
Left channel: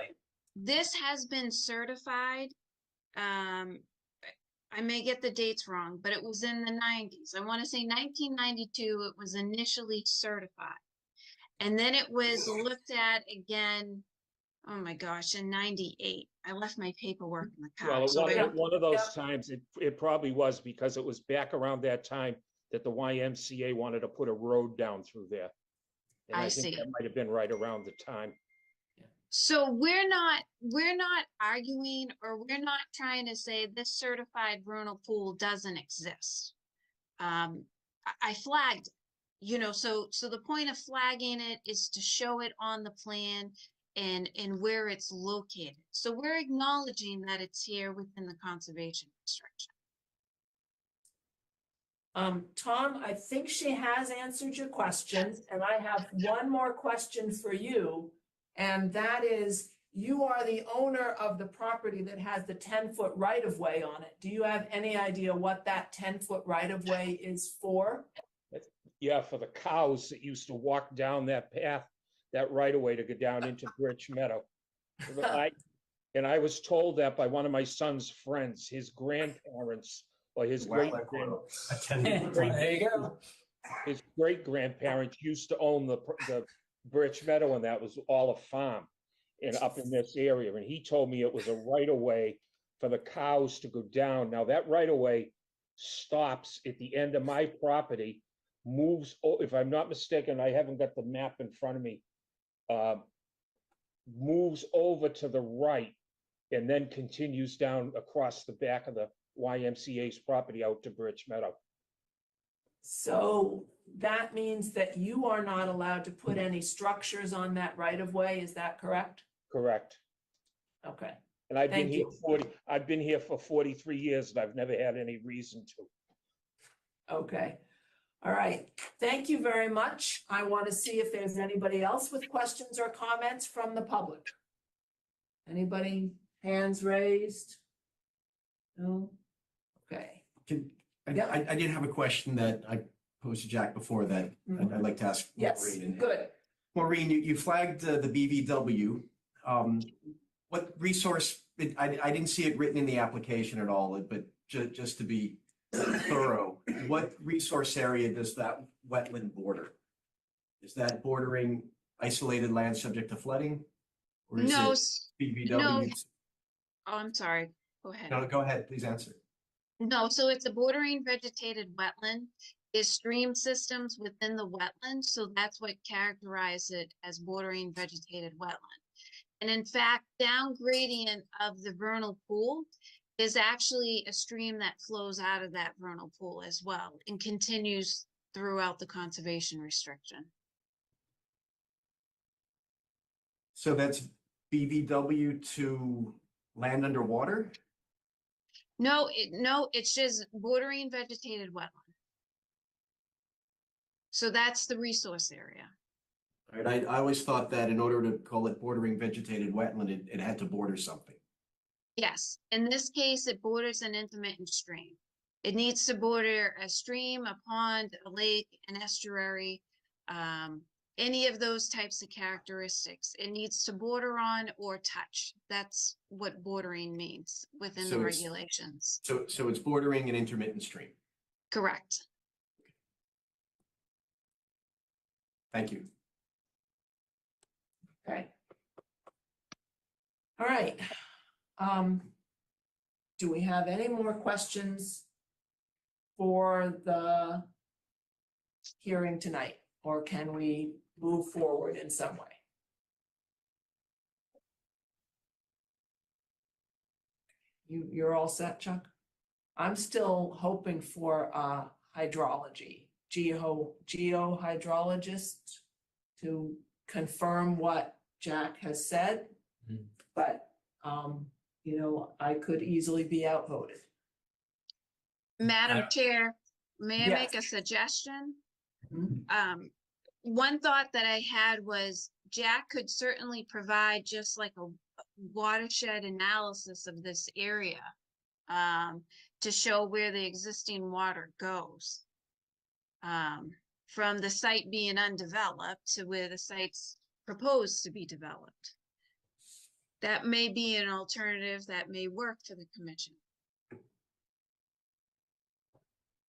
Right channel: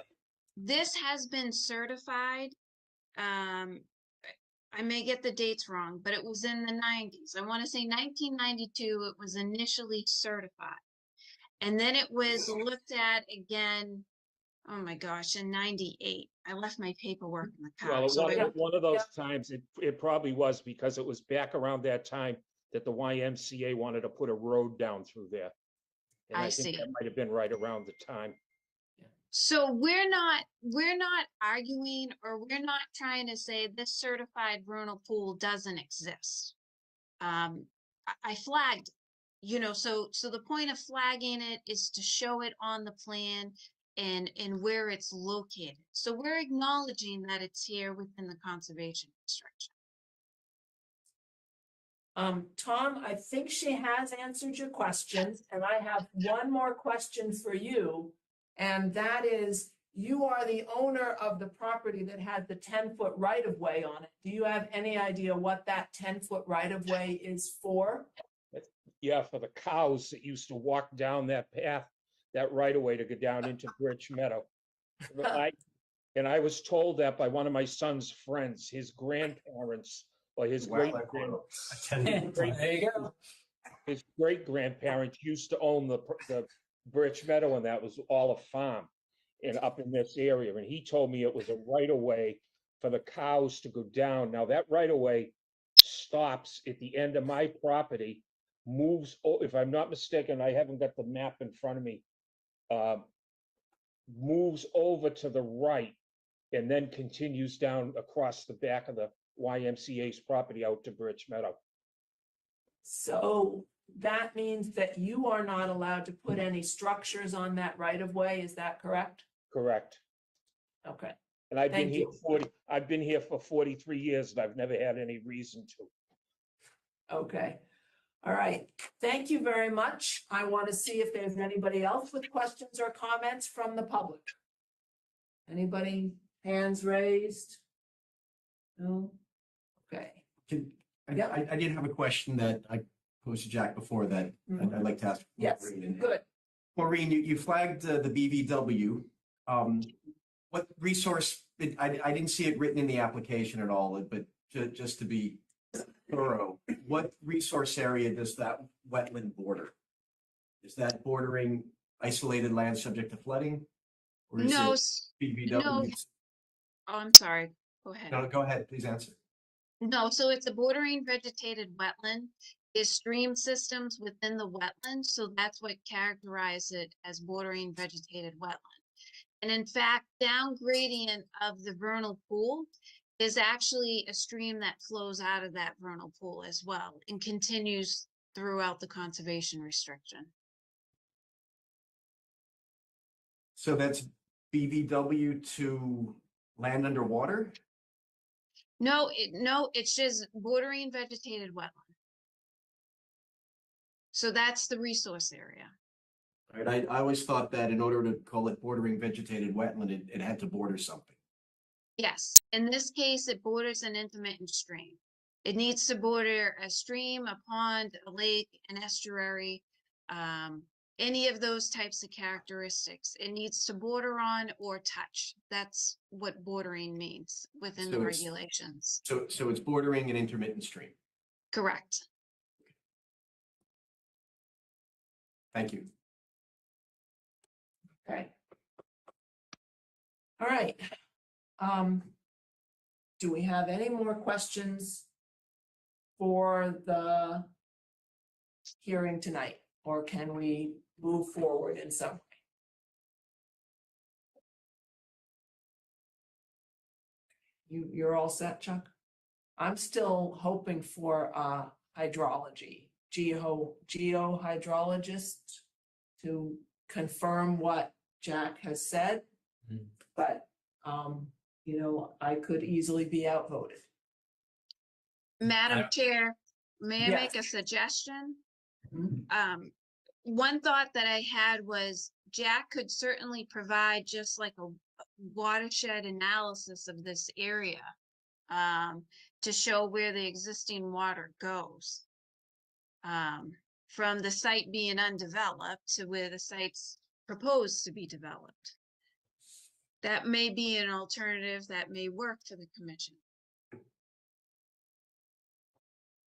this has been certified. I may get the dates wrong, but it was in the 90s. I want to say 1992, it was initially certified. And then it was looked at again, oh my gosh, in 98. I left my paperwork in the car. Well, So one of those times, it probably was, because it was back around that time that the YMCA wanted to put a road down through there. And I think see. that might have been right around the time. So we're not arguing, or we're not trying to say this certified vernal pool doesn't exist. I flagged, so the point of flagging it is to show it on the plan and where it's located. So we're acknowledging that it's here within the conservation restriction. Tom, I think she has answered your questions, and I have one more question for you. And that is, you are the owner of the property that has the 10-foot right-of-way on it. Do you have any idea what that 10-foot right-of-way is for? Yeah, for the cows that used to walk down that path, that right of way to go down into Birch Meadow. And I was told that by one of my son's friends, his grandparents, or his great There you go. his great grandparents used to own the Birch Meadow, and that was all a farm and up in this area. And he told me it was a right of way for the cows to go down. Now that right of way stops at the end of my property, moves, if I'm not mistaken, I haven't got the map in front of me, moves over to the right and then continues down across the back of the YMCA's property out to Birch Meadow. So that means that you are not allowed to put any structures on that right-of-way, is that correct? Correct. Okay, And I've been Thank here you. I've been here for 43 years and I've never had any reason to. okay. All right, thank you very much. I want to see if there's anybody else with questions or comments from the public. Anybody, hands raised? No? Okay. I did have a question that I posed to Jack before that I'd like to ask. Yes, Maureen. good. Maureen, you flagged the BVW. What resource, I didn't see it written in the application at all, but just to be thorough, what resource area does that wetland border? Is that bordering isolated land subject to flooding? Or is No, it BVW? no. Oh, I'm sorry. Go ahead. No, go ahead, please answer. No, so it's a bordering vegetated wetland. Is stream systems within the wetland, so that's what characterizes it as bordering vegetated wetland. And in fact, down gradient of the vernal pool is actually a stream that flows out of that vernal pool as well and continues throughout the conservation restriction. So that's BVW to land underwater? No, it's just bordering vegetated wetland. So that's the resource area. All right, I always thought that in order to call it bordering vegetated wetland, it had to border something. Yes, in this case, it borders an intermittent stream. It needs to border a stream, a pond, a lake, an estuary, any of those types of characteristics. It needs to border on or touch. That's what bordering means within the regulations. So it's bordering an intermittent stream. Correct. Thank you. Okay. All right. Do we have any more questions for the hearing tonight, or can we move forward in some way? You're all set, Chuck? I'm still hoping for hydrology, geohydrologist to confirm what Jack has said, but I could easily be outvoted. Madam Chair, may I Yes. make a suggestion? Mhm. One thought that I had was Jack could certainly provide just like a watershed analysis of this area to show where the existing water goes. From the site being undeveloped to where the site's proposed to be developed. That may be an alternative that may work for the commission.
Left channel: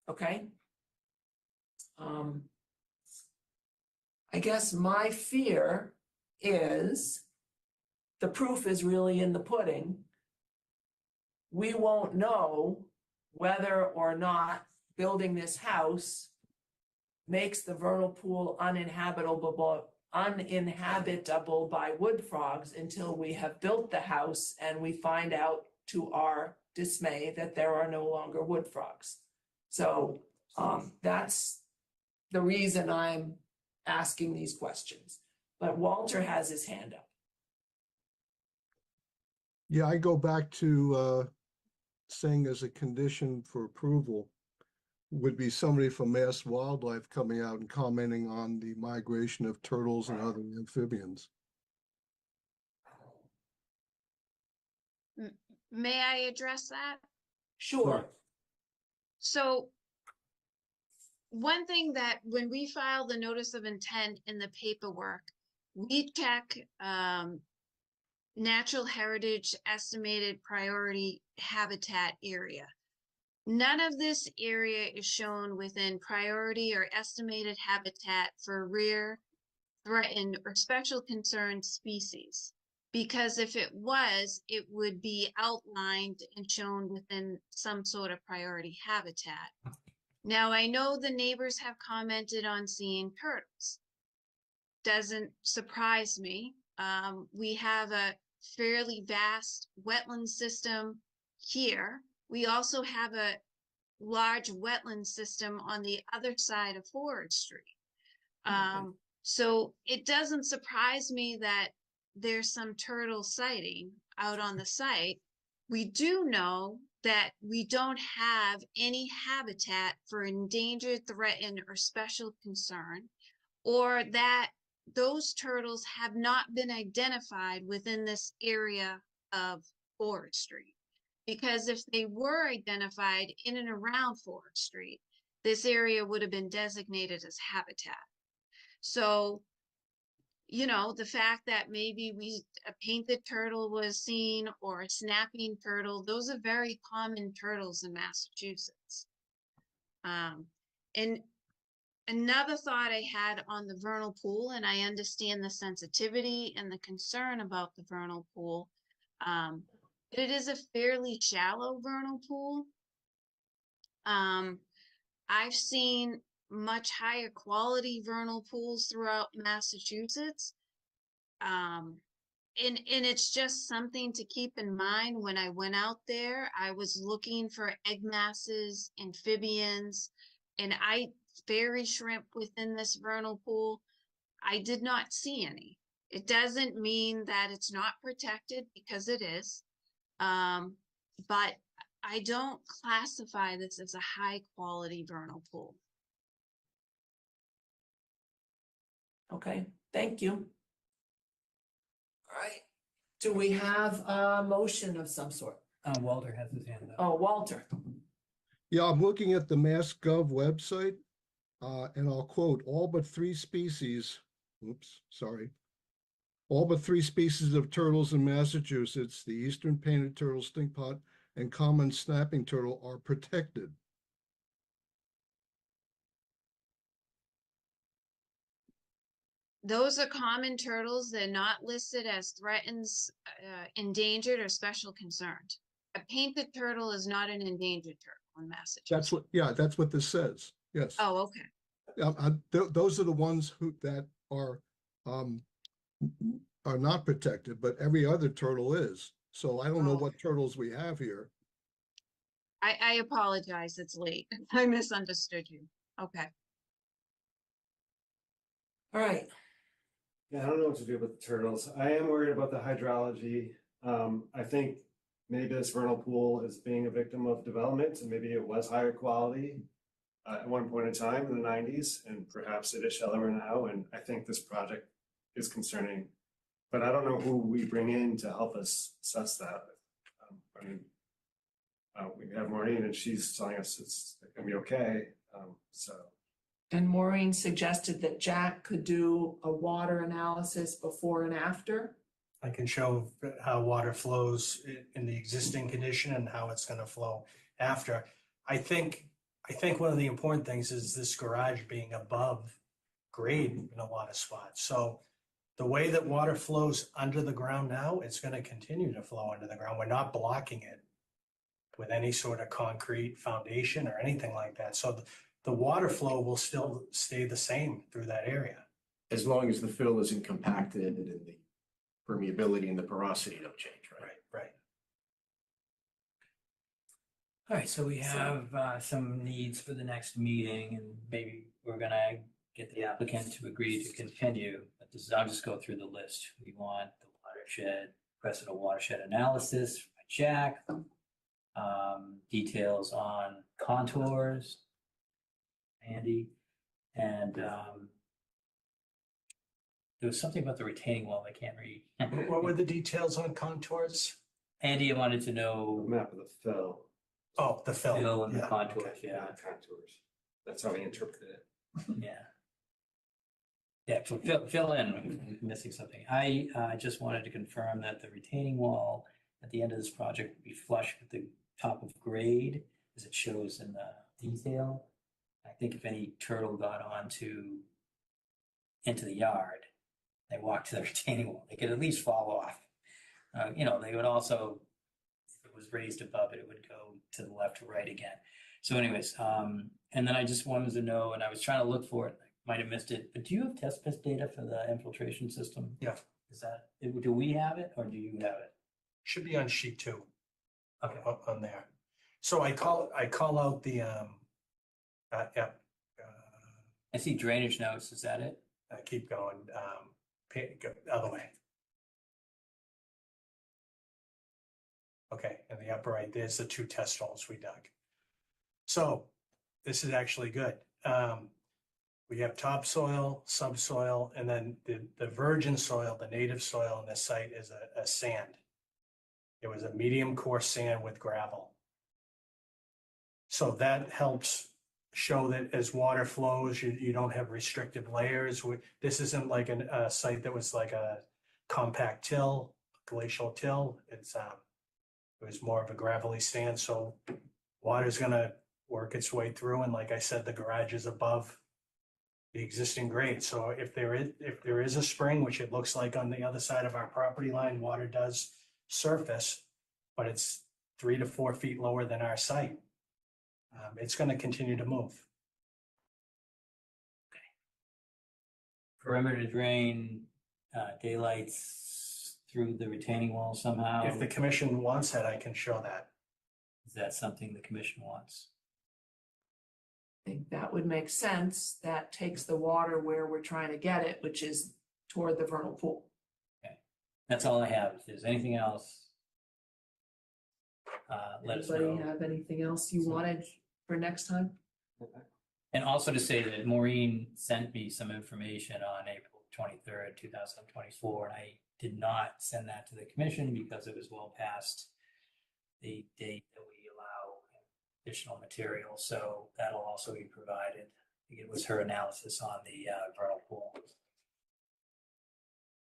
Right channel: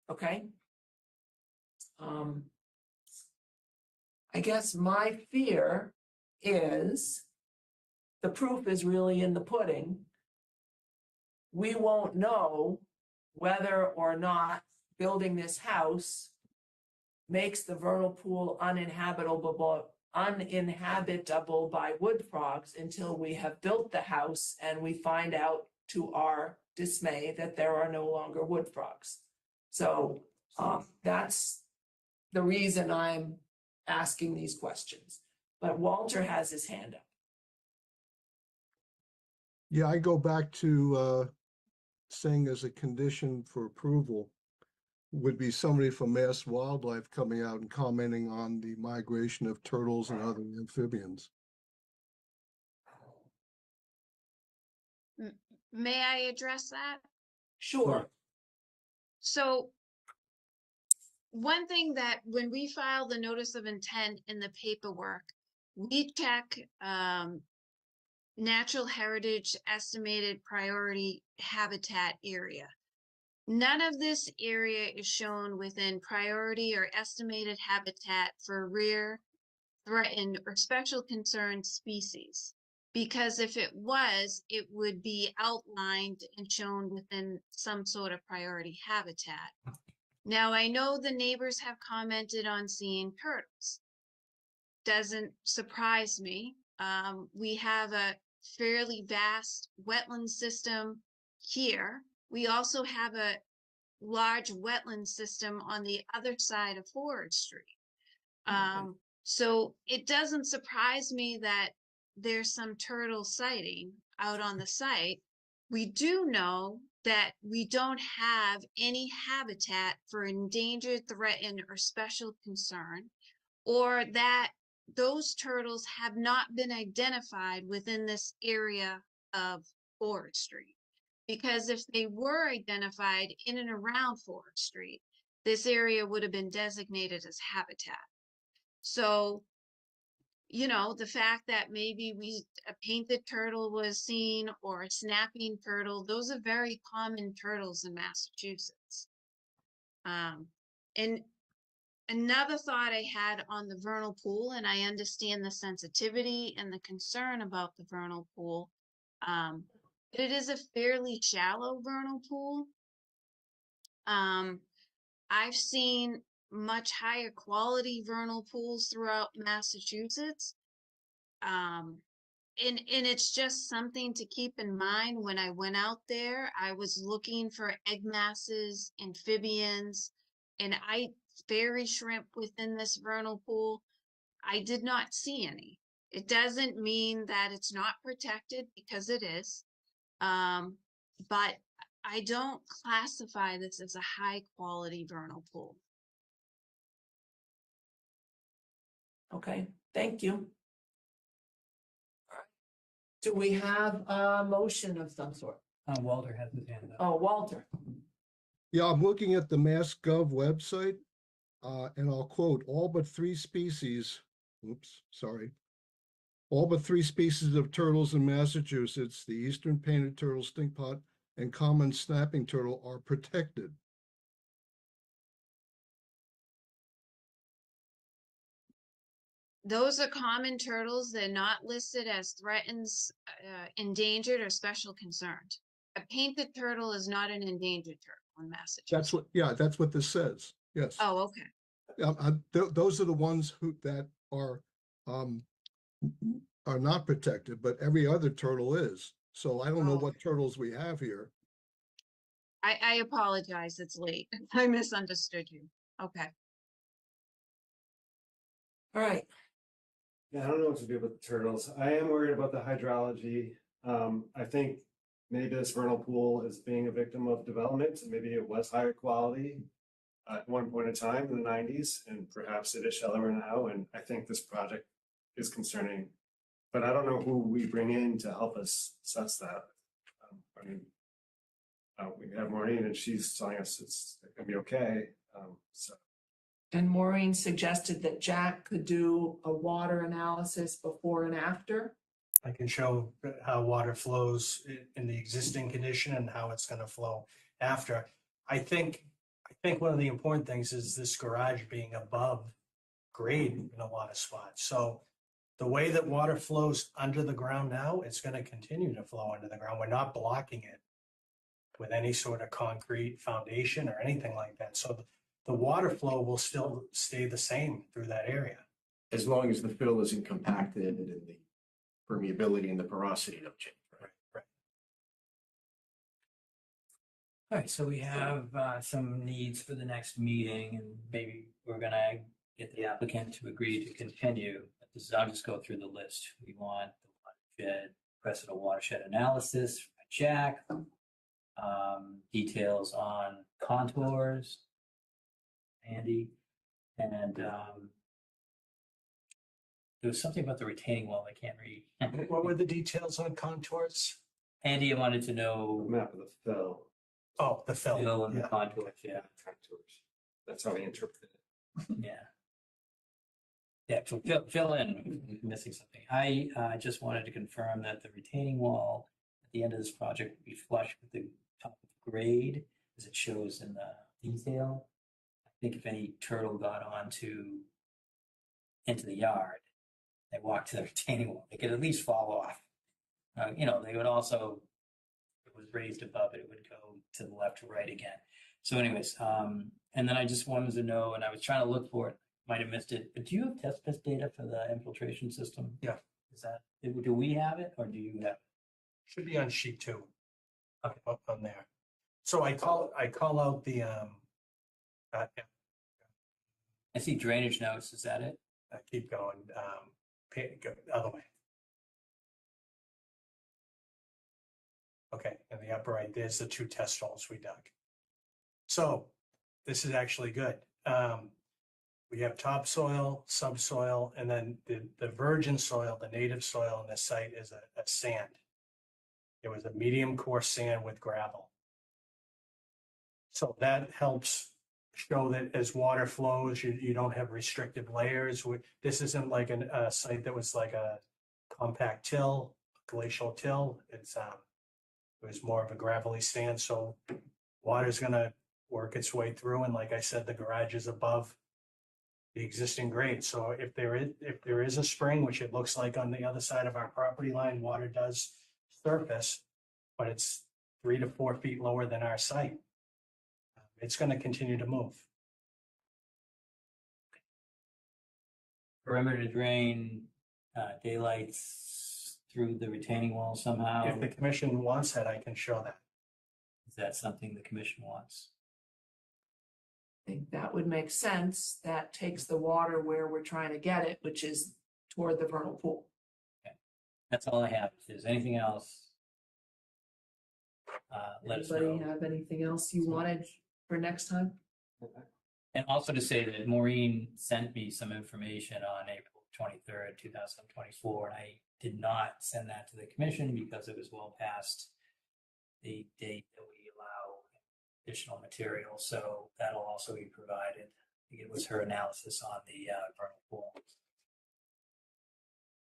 Okay. I guess my fear is the proof is really in the pudding. We won't know whether or not building this house makes the vernal pool uninhabitable by wood frogs until we have built the house and we find out to our dismay that there are no longer wood frogs. So that's the reason I'm asking these questions. But Walter has his hand up. Yeah, I go back to saying as a condition for approval would be somebody from Mass Wildlife coming out and commenting on the migration of turtles and other amphibians. may I address that? Sure. So one thing that when we file the notice of intent in the paperwork, we check natural heritage estimated priority habitat area. None of this area is shown within priority or estimated habitat for rare, threatened, or special concern species. Because if it was, it would be outlined and shown within some sort of priority habitat. Now, I know the neighbors have commented on seeing turtles. Doesn't surprise me. We have a fairly vast wetland system here. We also have a large wetland system on the other side of Forward Street. So it doesn't surprise me that there's some turtle sighting out on the site. We do know that we don't have any habitat for endangered, threatened, or special concern, or that those turtles have not been identified within this area of Forward Street. Because if they were identified in and around Forward Street, this area would have been designated as habitat. So, you know, the fact that maybe a painted turtle was seen or a snapping turtle, those are very common turtles in Massachusetts. And another thought I had on the vernal pool, and I understand the sensitivity and the concern about the vernal pool, it is a fairly shallow vernal pool. I've seen much higher quality vernal pools throughout Massachusetts. And it's just something to keep in mind. When I went out there, I was looking for egg masses, amphibians, and fairy shrimp within this vernal pool. I did not see any. It doesn't mean that it's not protected, because it is. But I don't classify this as a high quality vernal pool. Okay, thank you. All right. Do we have a motion of some sort? Walter has his hand up. Oh, Walter. Yeah, I'm looking at the MassGov website, and I'll quote, all but three species of turtles in Massachusetts, the eastern painted turtle, stinkpot, and common snapping turtle are protected. Those are common turtles. They're not listed as threatened, endangered, or special concerned. A painted turtle is not an endangered turtle in Massachusetts. That's what this says. Yes. Oh, okay. Those are the ones that are not protected, but every other turtle is. So I don't know what turtles we have here. I apologize. It's late. I misunderstood you. Okay. All right. Yeah, I don't know what to do with the turtles. I am worried about the hydrology. I think maybe this vernal pool is being a victim of development, and maybe it was higher quality at one point in time in the 90s, and perhaps it is shallower now. And I think this project is concerning, but I don't know who we bring in to help us assess that. We have Maureen, and she's telling us it's going to be okay. And Maureen suggested that Jack could do a water analysis before and after. I can show how water flows in the existing condition and how it's going to flow after. I think one of the important things is this garage being above grade in a lot of spots. So the way that water flows under the ground now, it's going to continue to flow under the ground. We're not blocking it with any sort of concrete foundation or anything like that. So the water flow will still stay the same through that area. As long as the fill isn't compacted and the permeability and the porosity don't change, right? Right. All right, so we have some needs for the next meeting, and maybe we're gonna get the applicant to agree to continue. But I'll just go through the list. We want the watershed, requested a watershed analysis by Jack, details on contours, Andy, and there was something about the retaining wall I can't read. What were the details on contours? Andy wanted to know Map of the fill. Oh, the fill. fill and the Yeah, contours, okay. yeah, Contours. That's how I interpreted it. yeah. Yeah, so fill in, I'm missing something. I just wanted to confirm that the retaining wall at the end of this project will be flush with the top of grade as it shows in the detail. I think if any turtle got into the yard, they walked to the retaining wall, they could at least fall off. You know, they would also, if it was raised above it, it would go to the left or right again. So anyways, and then I just wanted to know, and I was trying to look for it, might have missed it, but do you have test pit data for the infiltration system? Yeah. Is that, do we have it or do you have it? Should be on sheet 2. Okay. Up on there. So I call out the, yeah. I see drainage notes, is that it? Keep going, go the other way. Okay, in the upper right, there's the 2 test holes we dug. So this is actually good. We have topsoil, subsoil, and then the virgin soil, the native soil on this site is a sand. It was a medium coarse sand with gravel. So that helps show that as water flows, you don't have restricted layers. This isn't like a site that was like a compact till, glacial till. It was more of a gravelly sand, so water's gonna work its way through. And like I said, the garage is above the existing grade. So if there is a spring, which it looks like on the other side of our property line, water does surface, but it's 3 to 4 feet lower than our site. It's going to continue to move. Perimeter drain, daylights through the retaining wall somehow? If the commission wants that, I can show that. Is that something the commission wants? I think that would make sense. That takes the water where we're trying to get it, which is toward the vernal pool. That's all I have. If there's anything else, let us Anybody know. have anything else you wanted for next time? And also to say that Maureen sent me some information on April 23rd, 2024, and I did not send that to the commission because it was well past the date that we allow additional material. So that'll also be provided. I think it was her analysis on the vernal pool.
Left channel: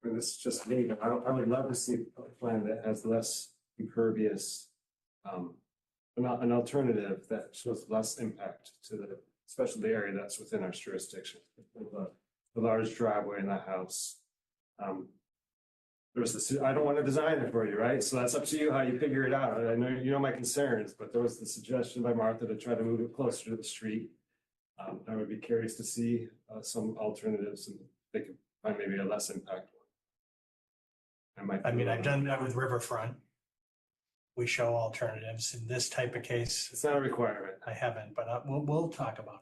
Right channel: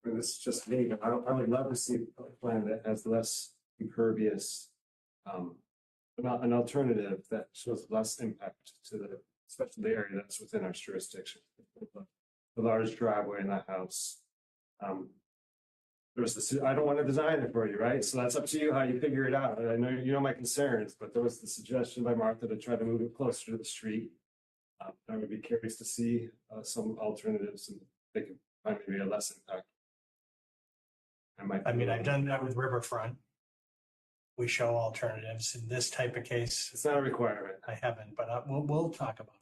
And this is just me, but I would love to see a plan that has less impervious, an alternative that shows less impact to especially the area that's within our jurisdiction. The large driveway in that house. I don't want to design it for you, right? So that's up to you how you figure it out. I know you know my concerns, but there was the suggestion by Martha to try to move it closer to the street. I would be curious to see some alternatives, and they could find maybe a less impact one. I've done that with Riverfront. We show alternatives in this type of case. It's not a requirement. I haven't, but we'll talk about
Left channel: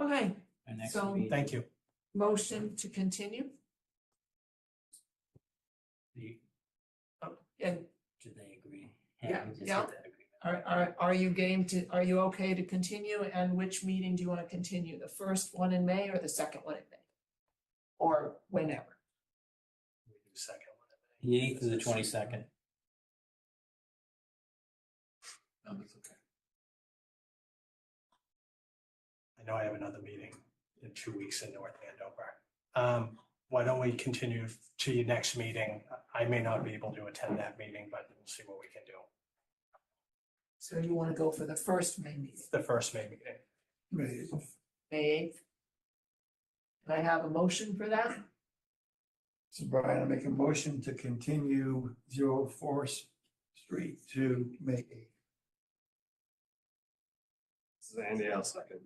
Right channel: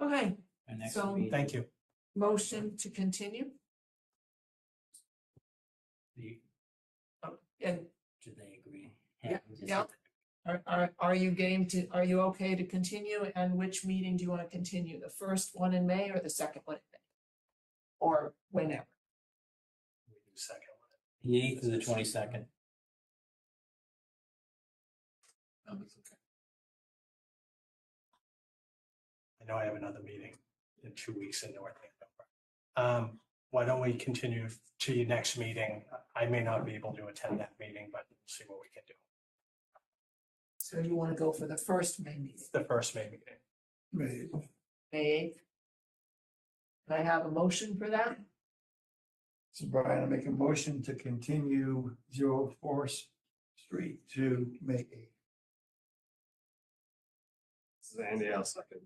it. Okay, Our next So- meeting- Thank you. motion to continue. And Did they agree? Yeah, we just yeah. hit that agreement. are you are you okay to continue? And which meeting do you want to continue? The first one in May or the second one in May? Or whenever? We do second one. The 8th to the 22nd. No, that's okay. I know I have another meeting in 2 weeks in North Andover. Why don't we continue to your next meeting? I may not be able to attend that meeting, but we'll see what we can do. So you want to go for the first May meeting, The first May meeting. May 8th? Can I have a motion for that? So Brian, I make a motion to continue 04th Street to May 8th. This is Andy, I'll second.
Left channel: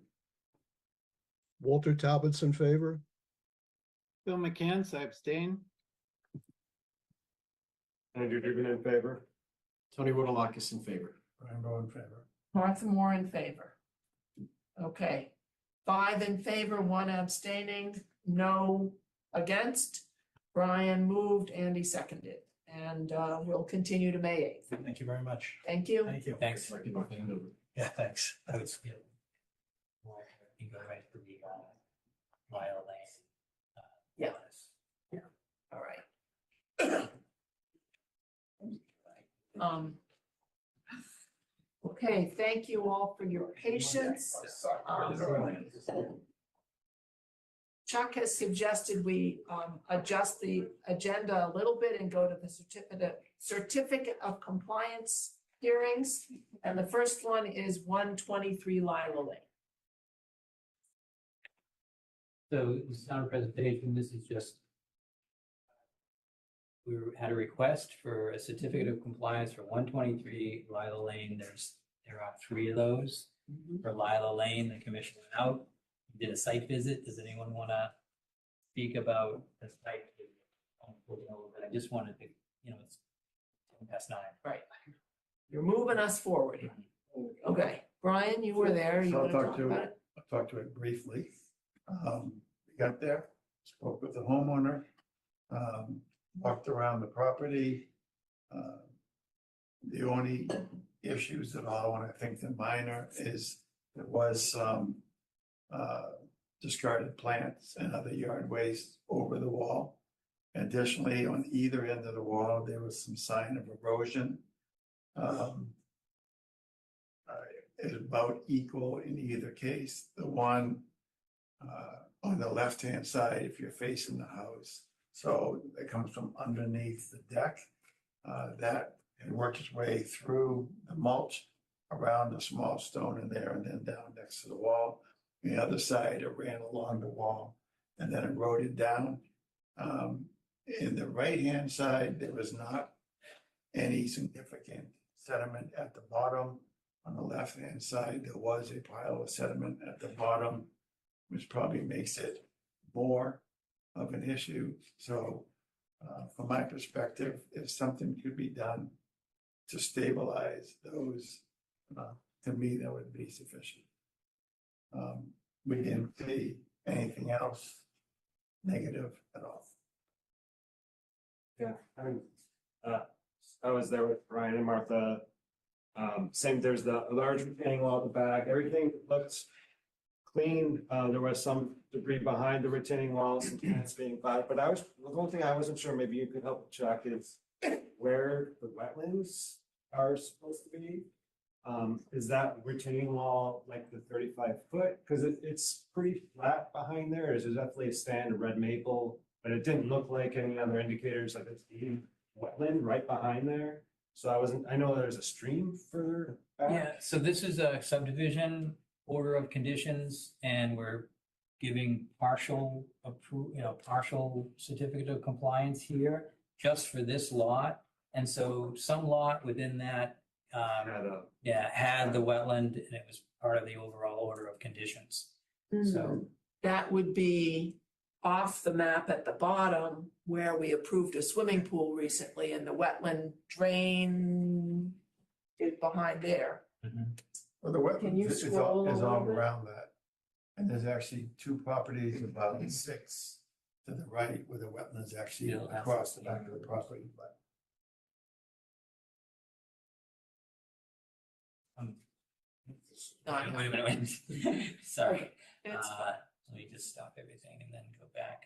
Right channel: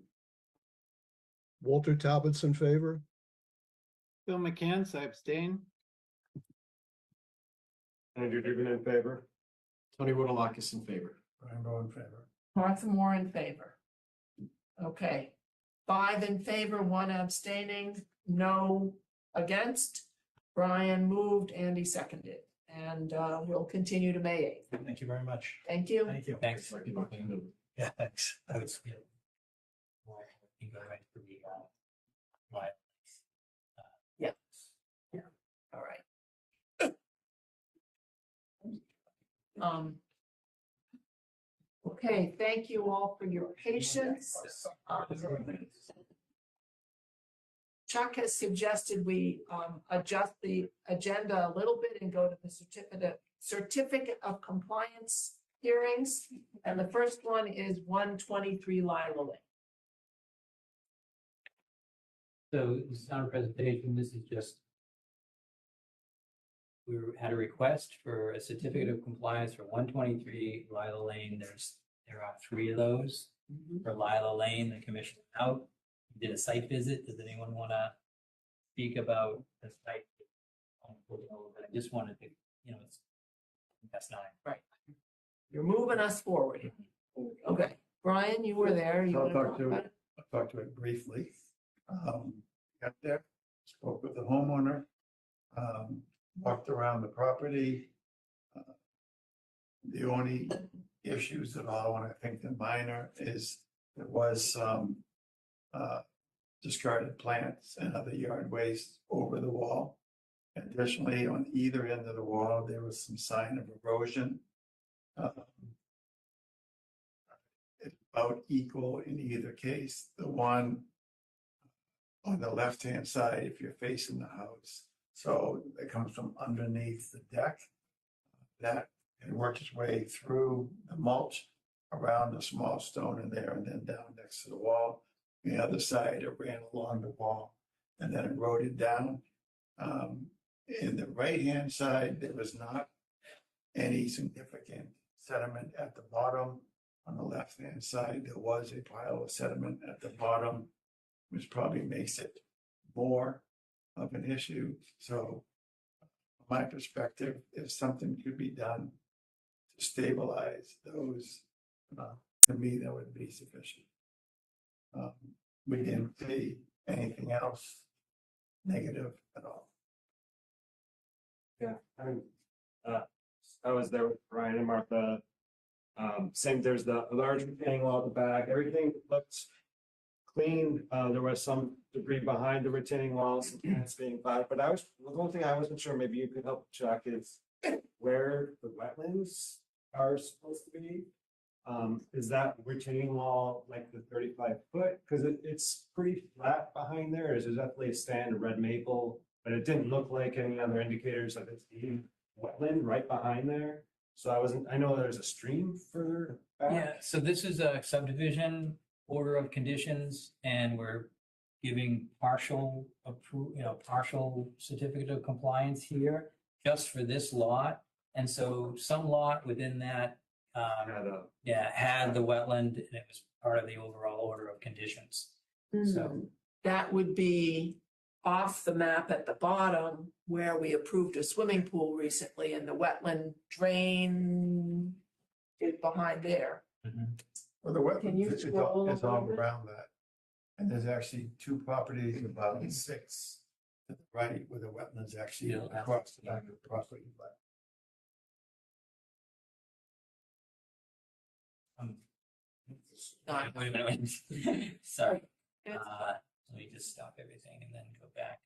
Walter Talbot's in favor? Bill McCann, I abstain. Andrew Dugan in favor. Tony Woodalakis in favor. Brian Bowe in favor. Martha Moore in favor. Okay, 5 in favor, 1 abstaining, no against. Brian moved, Andy seconded, and we'll continue to May 8th. Thank you very much. Thank you. Thank you. Thanks. Yeah, thanks. That's good. You go right to the Mile Lane. Yeah. Yeah. All right. Okay, thank you all for your patience. Chuck has suggested we adjust the agenda a little bit and go to the certificate of compliance hearings. And the first one is 123 Lila Lane. So this is not a presentation, this is just, we had a request for a certificate of compliance for 123 Lila Lane. There are 3 of those. For Lila Lane, the commission went out, did a site visit. Does anyone want to speak about the site? I just wanted to, it's 9:10. Right. You're moving us forward. Okay, Brian, you were there. You So want to talk about it? I'll talk to it briefly. We got there, spoke with the homeowner, walked around the property. The only issues at all, and I think the minor, is there was some discarded plants and other yard waste over the wall. Additionally, on either end of the wall, there was some sign of erosion. It's about equal in either case. The one on the left-hand side, if you're facing the house, so it comes from underneath the deck, that it worked its way through the mulch around the small stone in there and then down next to the wall. The other side, it ran along the wall and then eroded down. In the right-hand side, there was not any significant sediment at the bottom. On the left-hand side, there was a pile of sediment at the bottom, which probably makes it more of an issue. So from my perspective, if something could be done to stabilize those, to me, that would be sufficient. We didn't see anything else negative at all. Yeah, I was there with Brian and Martha. Same, there's the large retaining wall at the back. Everything looks clean. There was some debris behind the retaining walls and plants being fired, but the one thing I wasn't sure, maybe you could help check, is where the wetlands are supposed to be. Is that retaining wall like the 35-foot? Because it's pretty flat behind there. There's definitely a stand of red maple, but it didn't look like any other indicators of it being wetland right behind there. So I know there's a stream further back. Yeah, so this is a subdivision order of conditions, and we're giving partial certificate of compliance here just for this lot. And so some lot within that had the wetland, and it was part of the overall order of conditions. So that would be off the map at the bottom where we approved a swimming pool recently, and the wetland drain is behind there. Well, the Can you wetland is scroll a all little bit? around that. And there's actually 2 properties, about 6 to the right, where the wetland is actually across the back of the property. But wait a minute. Sorry. It's Let me just stop everything and then go back.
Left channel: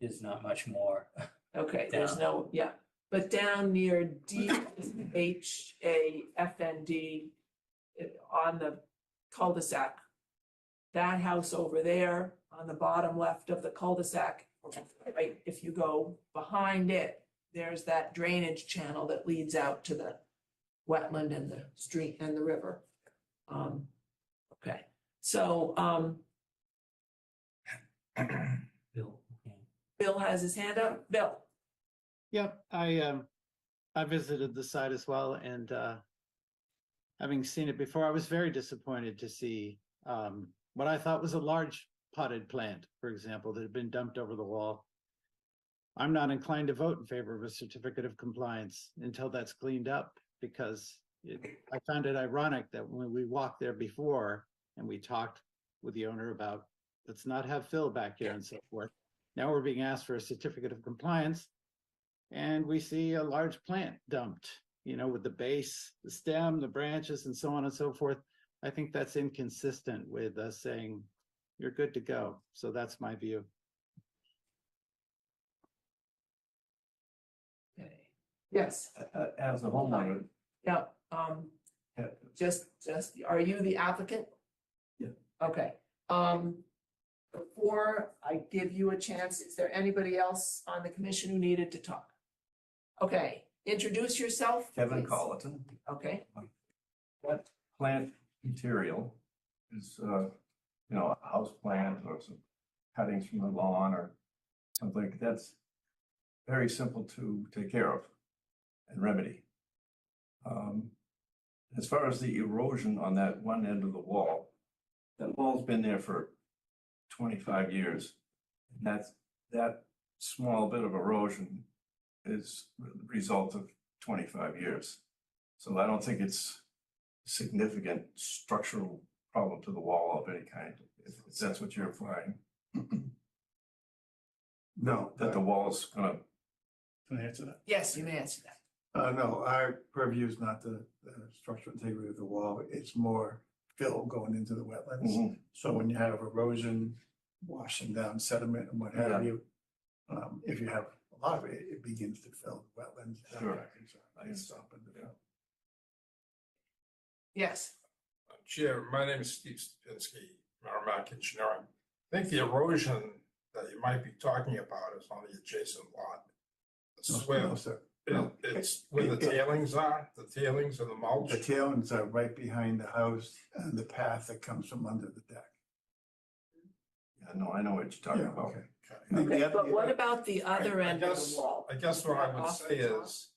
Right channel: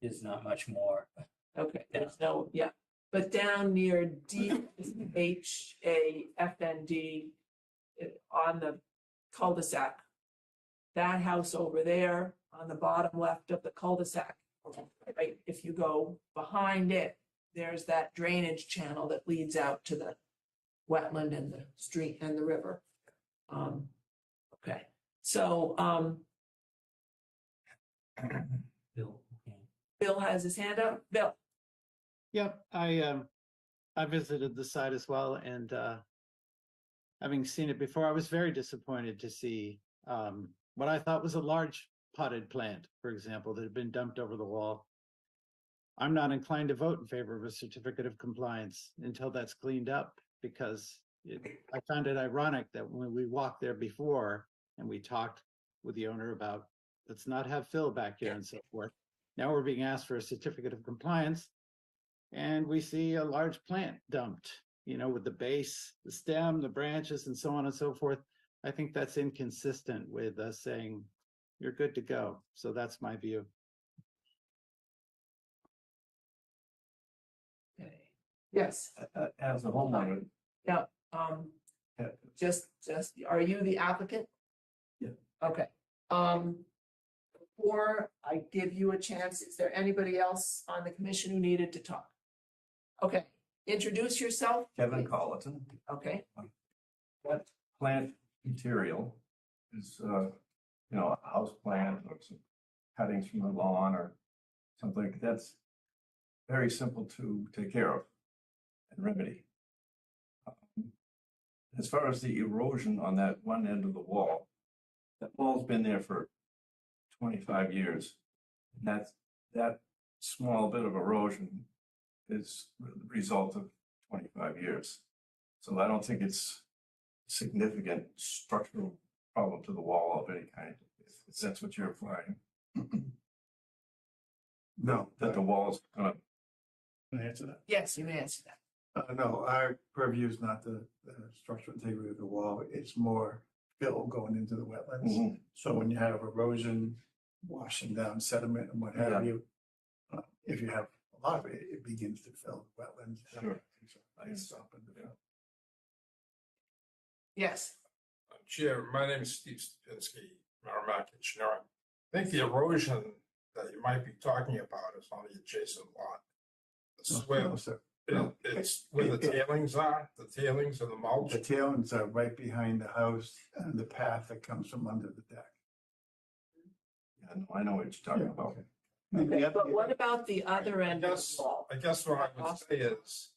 There's not much more. okay, there's no, but down near DHAFND on the cul-de-sac, that house over there on the bottom left of the cul-de-sac, right, if you go behind it, there's that drainage channel that leads out to the wetland and the street and the river. Okay, so Bill. Bill has his hand up. Bill. Yep, I visited the site as well, and having seen it before, I was very disappointed to see what I thought was a large potted plant, for example, that had been dumped over the wall. I'm not inclined to vote in favor of a certificate of compliance until that's cleaned up, because I found it ironic that when we walked there before and we talked with the owner about, let's not have fill back here and so forth. Now we're being asked for a certificate of compliance, and we see a large plant dumped, with the base, the stem, the branches, and so on and so forth. I think that's inconsistent with us saying you're good to go. So that's my view. Yes, As a homeowner, yeah, just, are you the applicant? Yeah. Okay, before I give you a chance, is there anybody else on the commission who needed to talk? Okay, introduce yourself. Kevin please. Colleton, Okay, what plant material is, a house plant or some cuttings from the lawn or something that's very simple to take care of and remedy. As far as the erosion on that one end of the wall, that wall's been there for 25 years. And that small bit of erosion is the result of 25 years. So I don't think it's a significant structural problem to the wall of any kind, if that's what you're implying. No, That the wall's gonna, can I answer that? yes, you may answer that. No, our purview is not the structural integrity of the wall, it's more fill going into the wetlands. Mhm. So when you have erosion, washing down sediment and what have Yeah. you, if you have a lot of it, it begins to fill wetlands. Sure. I can stop it. Yeah. Yes, Chair, my name is Steve Stupinski, Merrimack Engineering. I think the erosion that you might be talking about is on the adjacent lot. The No, swale, sir. it's where the tailings are, the tailings and the mulch. The tailings are right behind the house and the path that comes from under the deck. yeah, no, I know what you're talking Yeah, about. okay. okay, but what about the other I end of guess- the wall? I guess what I would Off say the top? is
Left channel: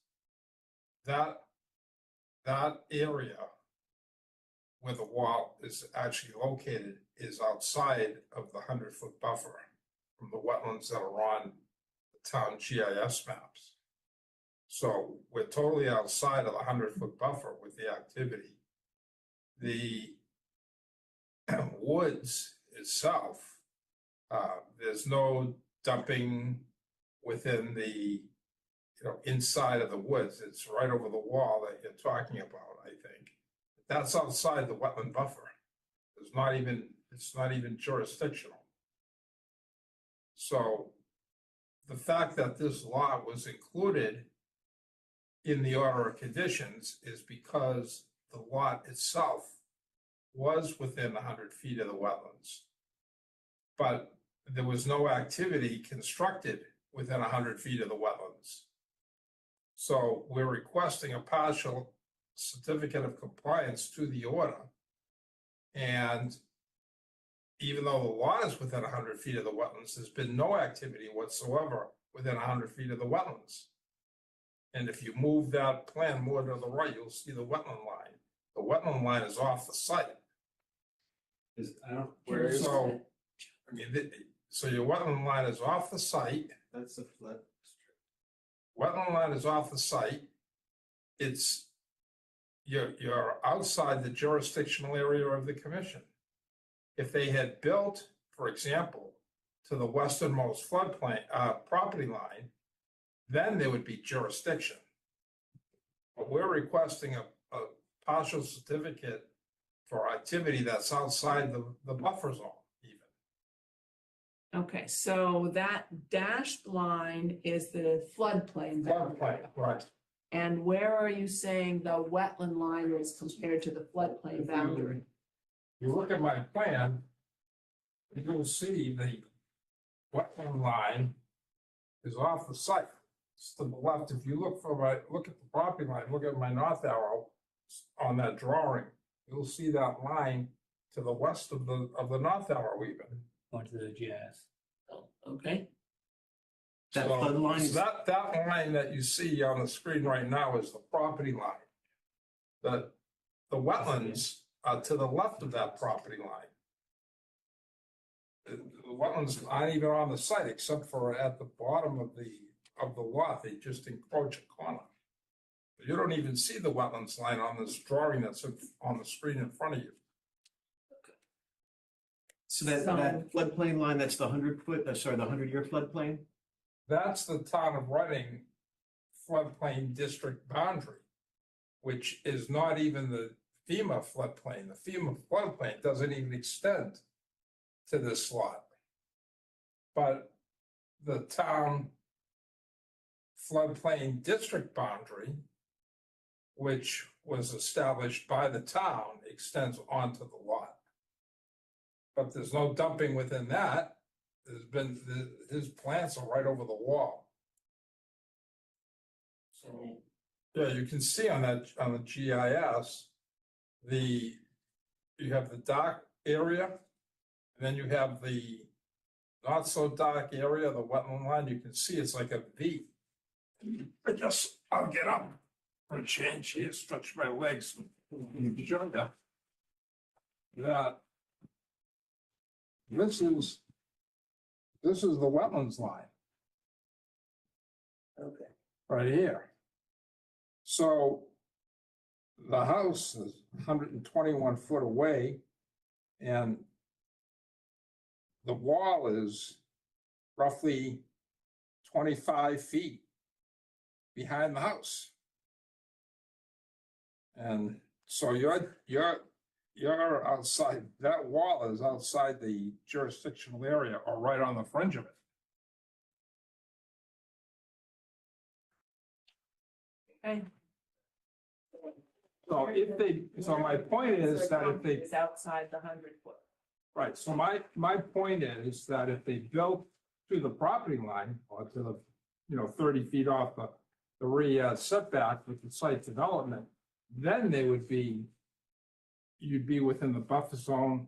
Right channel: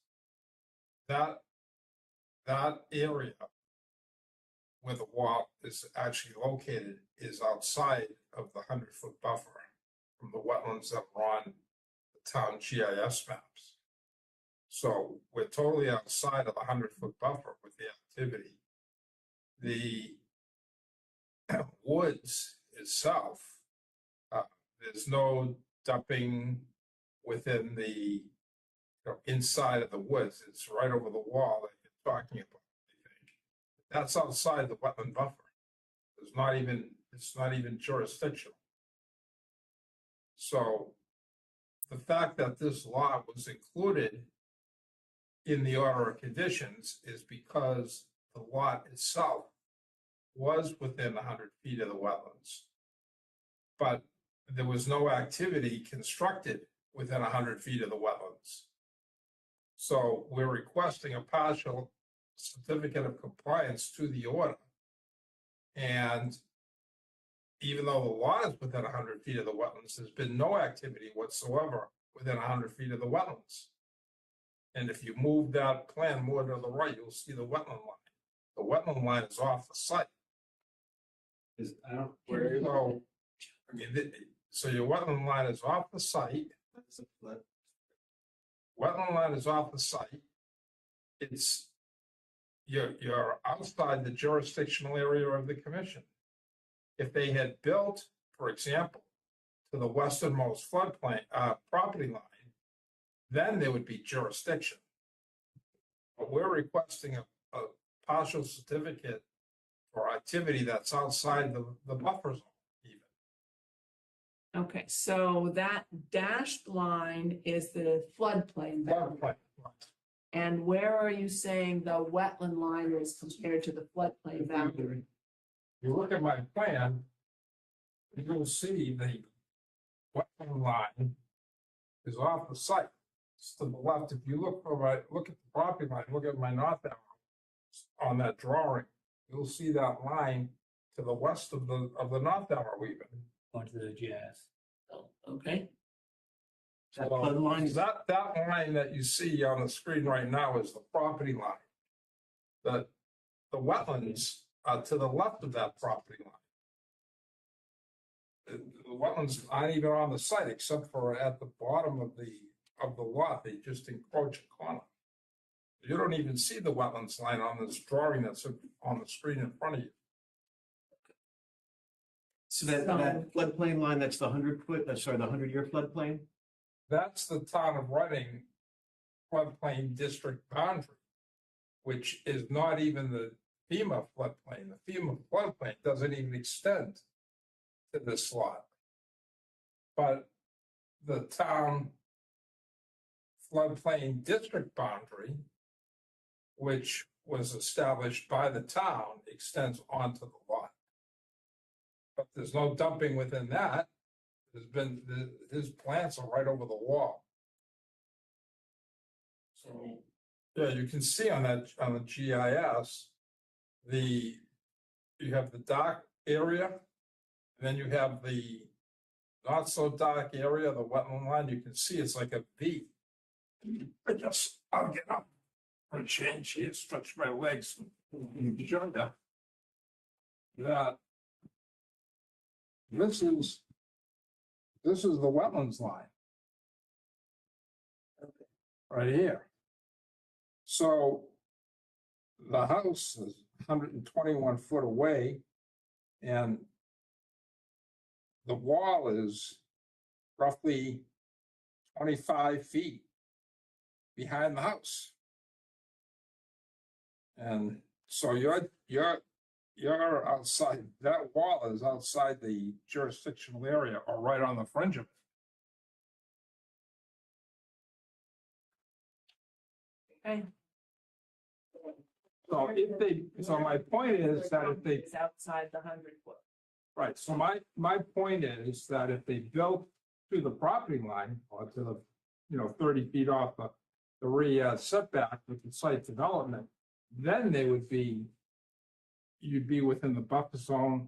that area where the wall is actually located is outside of the 100-foot buffer from the wetlands that are on the town GIS maps. So we're totally outside of the 100-foot buffer with the activity. The woods itself, there's no dumping within the, inside of the woods. It's right over the wall that you're talking about, I think. That's outside the wetland buffer. It's not even jurisdictional. So the fact that this lot was included in the order of conditions is because the lot itself was within 100 feet of the wetlands. But there was no activity constructed within 100 feet of the wetlands. So we're requesting a partial certificate of compliance to the order. And even though the lot is within 100 feet of the wetlands, there's been no activity whatsoever within 100 feet of the wetlands. And if you move that plan more to the right, you'll see the wetland line. The wetland line is off the site. So, so your wetland line is off the site. That's a flood. Wetland line is off the site. You're outside the jurisdictional area of the commission. If they had built, for example, to the westernmost floodplain, property line, then there would be jurisdiction. But we're requesting a partial certificate for activity that's outside the buffer zone even. Okay, so that dashed line is the floodplain boundary. Floodplain, right. And where are you saying the wetland line is compared to the floodplain boundary? You look at my plan, you'll see the wetland line is off the site. It's to the left. If you look at the property line, look at my north arrow on that drawing, you'll see that line to the west of the north arrow even. Going to the GIS. Oh, okay, That So flood line is- that line that you see on the screen right now is the property line. The wetlands are to the left of that property line. The wetlands aren't even on the site except for at the bottom of the lot, they just encroach a corner. You don't even see the wetlands line on this drawing that's on the screen in front of you. So that floodplain line, that's the 100-foot, the 100-year floodplain? That's the town of Reading floodplain district boundary, which is not even the FEMA floodplain. The FEMA floodplain doesn't even extend to this lot. But the town floodplain district boundary, which was established by the town, extends onto the lot. But there's no dumping within that. His plants are right over the wall. So, yeah, you can see on the GIS, you have the dark area, and then you have the not so dark area, the wetland line. You can see it's like a V. I'll get up for a change here, stretch my legs. Show you that this is the wetlands line. Okay. Right here. So the house is 121 foot away, and the wall is roughly 25 feet behind the house. And so you're outside, that wall is outside the jurisdictional area or right on the fringe of it. Okay. So my point is that if they, It's outside the 100-foot. right, so my point is that if they built to the property line or to the, 30 feet off the rear setback with the site development, then you'd be within the buffer zone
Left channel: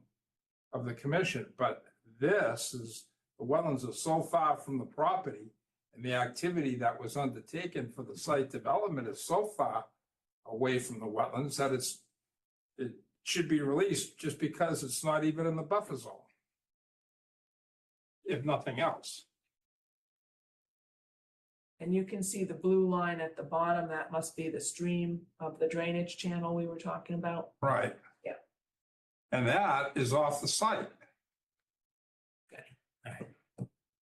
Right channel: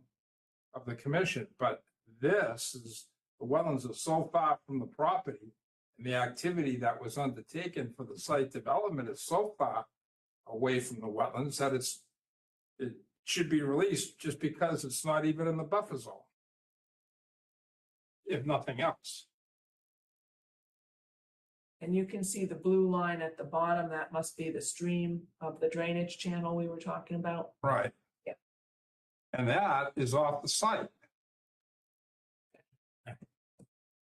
of the commission. But the wetlands are so far from the property, and the activity that was undertaken for the site development is so far away from the wetlands that it should be released just because it's not even in the buffer zone, if nothing else. And you can see the blue line at the bottom. That must be the stream of the drainage channel we were talking about. Right. Yeah. And that is off the site.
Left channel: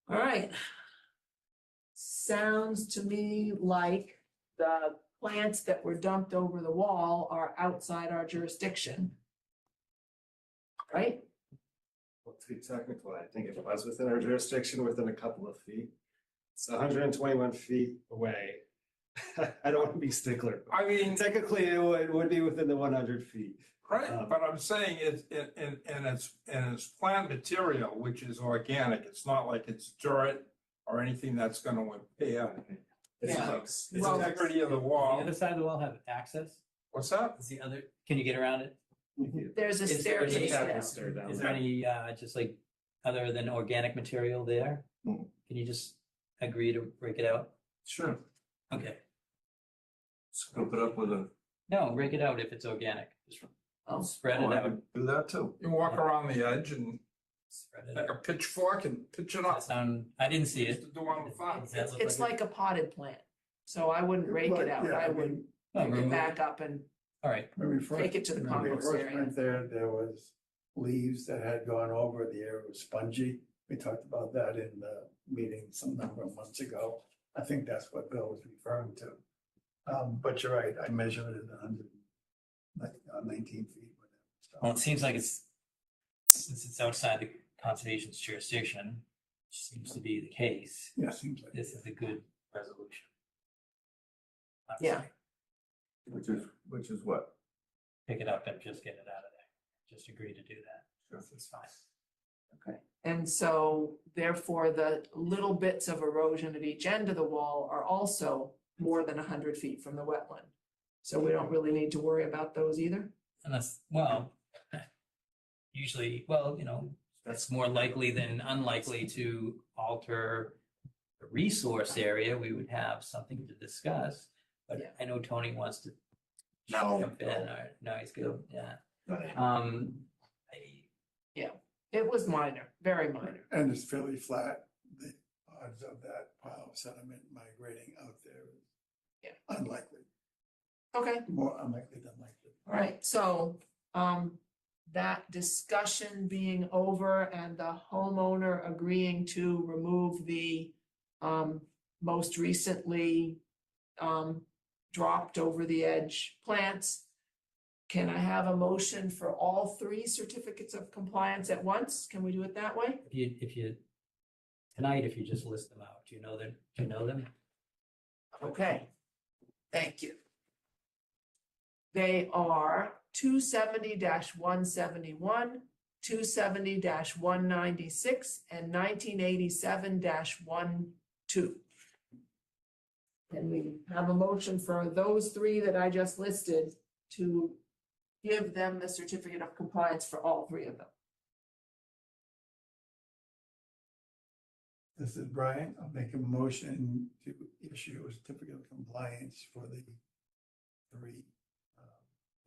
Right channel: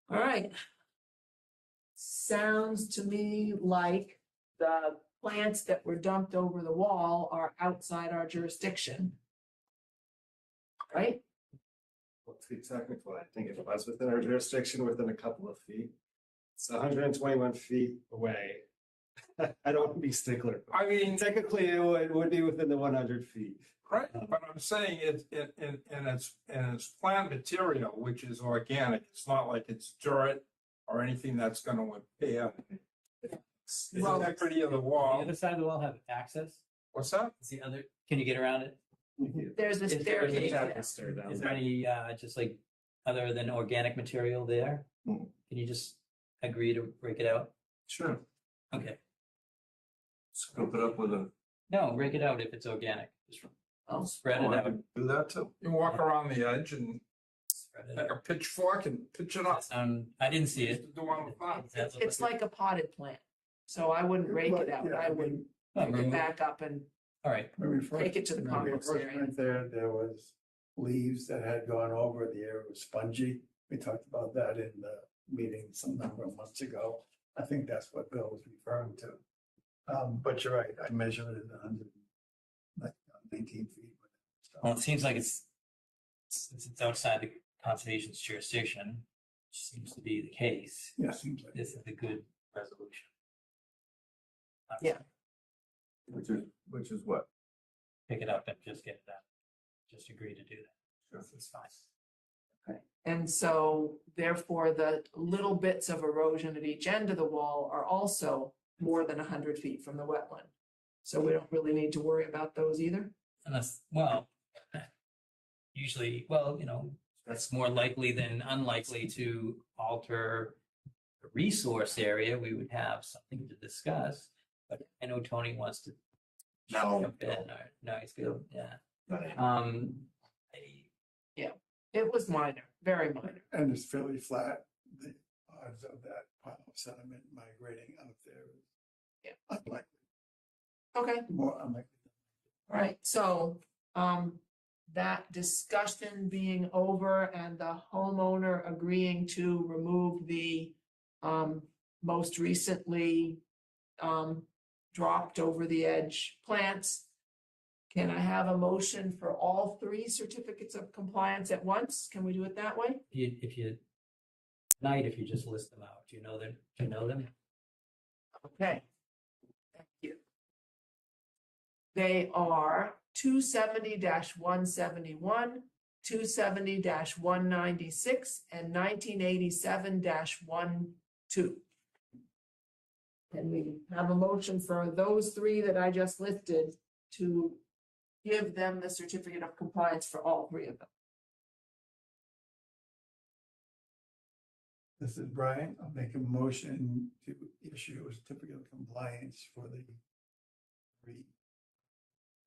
All right. Sounds to me like the plants that were dumped over the wall are outside our jurisdiction. Right? Well, to be technical, I think if it was within our jurisdiction, within a couple of feet, it's 121 feet away. I don't want to be stickler. I mean, technically, it would be within the 100 feet. Right, but I'm saying it's it's plant material, which is organic. It's not like it's dirt or anything that's going to impair the integrity of the wall. The other side of the wall have access? What's that? Is the other, can you get around it? There's a Is there any- staircase down. Is there any, just like, other than organic material there? Can you just agree to break it out? Sure. Okay. Scoop it up with a. No, break it out if it's organic. Just spread it out. Do that too. You walk around the edge and Spread it take out. a pitchfork and pitch it Does up. that sound, I didn't see Used it. to do on the farm. Does that look It's like like a potted plant. So I wouldn't rake it out. I would Oh, pick it back up and All right. When we first- take it to the when we compost first area. went there, there was leaves that had gone over, the area was spongy. We talked about that in the meeting some number of months ago. I think that's what Bill was referring to. But you're right, I measured it 19 feet. Well, it seems like since it's outside the conservation's jurisdiction, which seems to be the case. Yeah, seems like. This is a good resolution. Yeah. Which is what? Pick it up and just get it out of there. Just agree to do that. It's fine. Okay. And so therefore, the little bits of erosion at each end of the wall are also more than 100 feet from the wetland. So we don't really need to worry about those either. Unless, well, usually, well, that's more likely than unlikely to alter the resource area. We would have something to discuss. But I know Tony wants to jump in. Or, no, he's good. Yeah. It was minor, very minor. And it's fairly flat. The odds of that pile of sediment migrating out there is unlikely, Okay. more unlikely than likely. All right, so, that discussion being over and the homeowner agreeing to remove the, most recently, dropped over the edge plants. Can I have a motion for all 3 certificates of compliance at once? Can we do it that way? If you tonight, if you just list them out, do you know them? Okay, thank you. They are 270-171, 270-196, and 1987-12. And we have a motion for those three that I just listed to give them the certificate of compliance for all three of them. This is Brian. I'll make a motion to issue a certificate of compliance for the three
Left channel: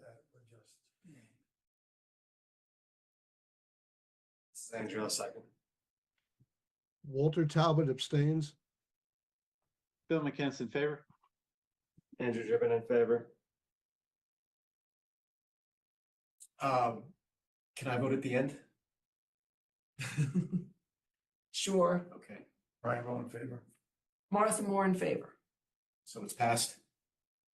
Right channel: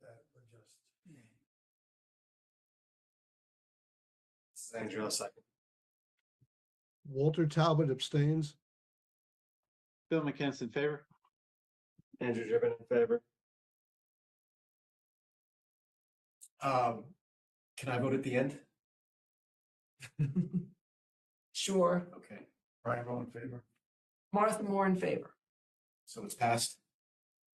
that were just named. Andrew, a second. Walter Talbot abstains. Bill McKenzie in favor. Andrew Driven in favor. Can I vote at the end? Sure. Okay, Brian, vote in favor. Martha Moore in favor. so it's passed.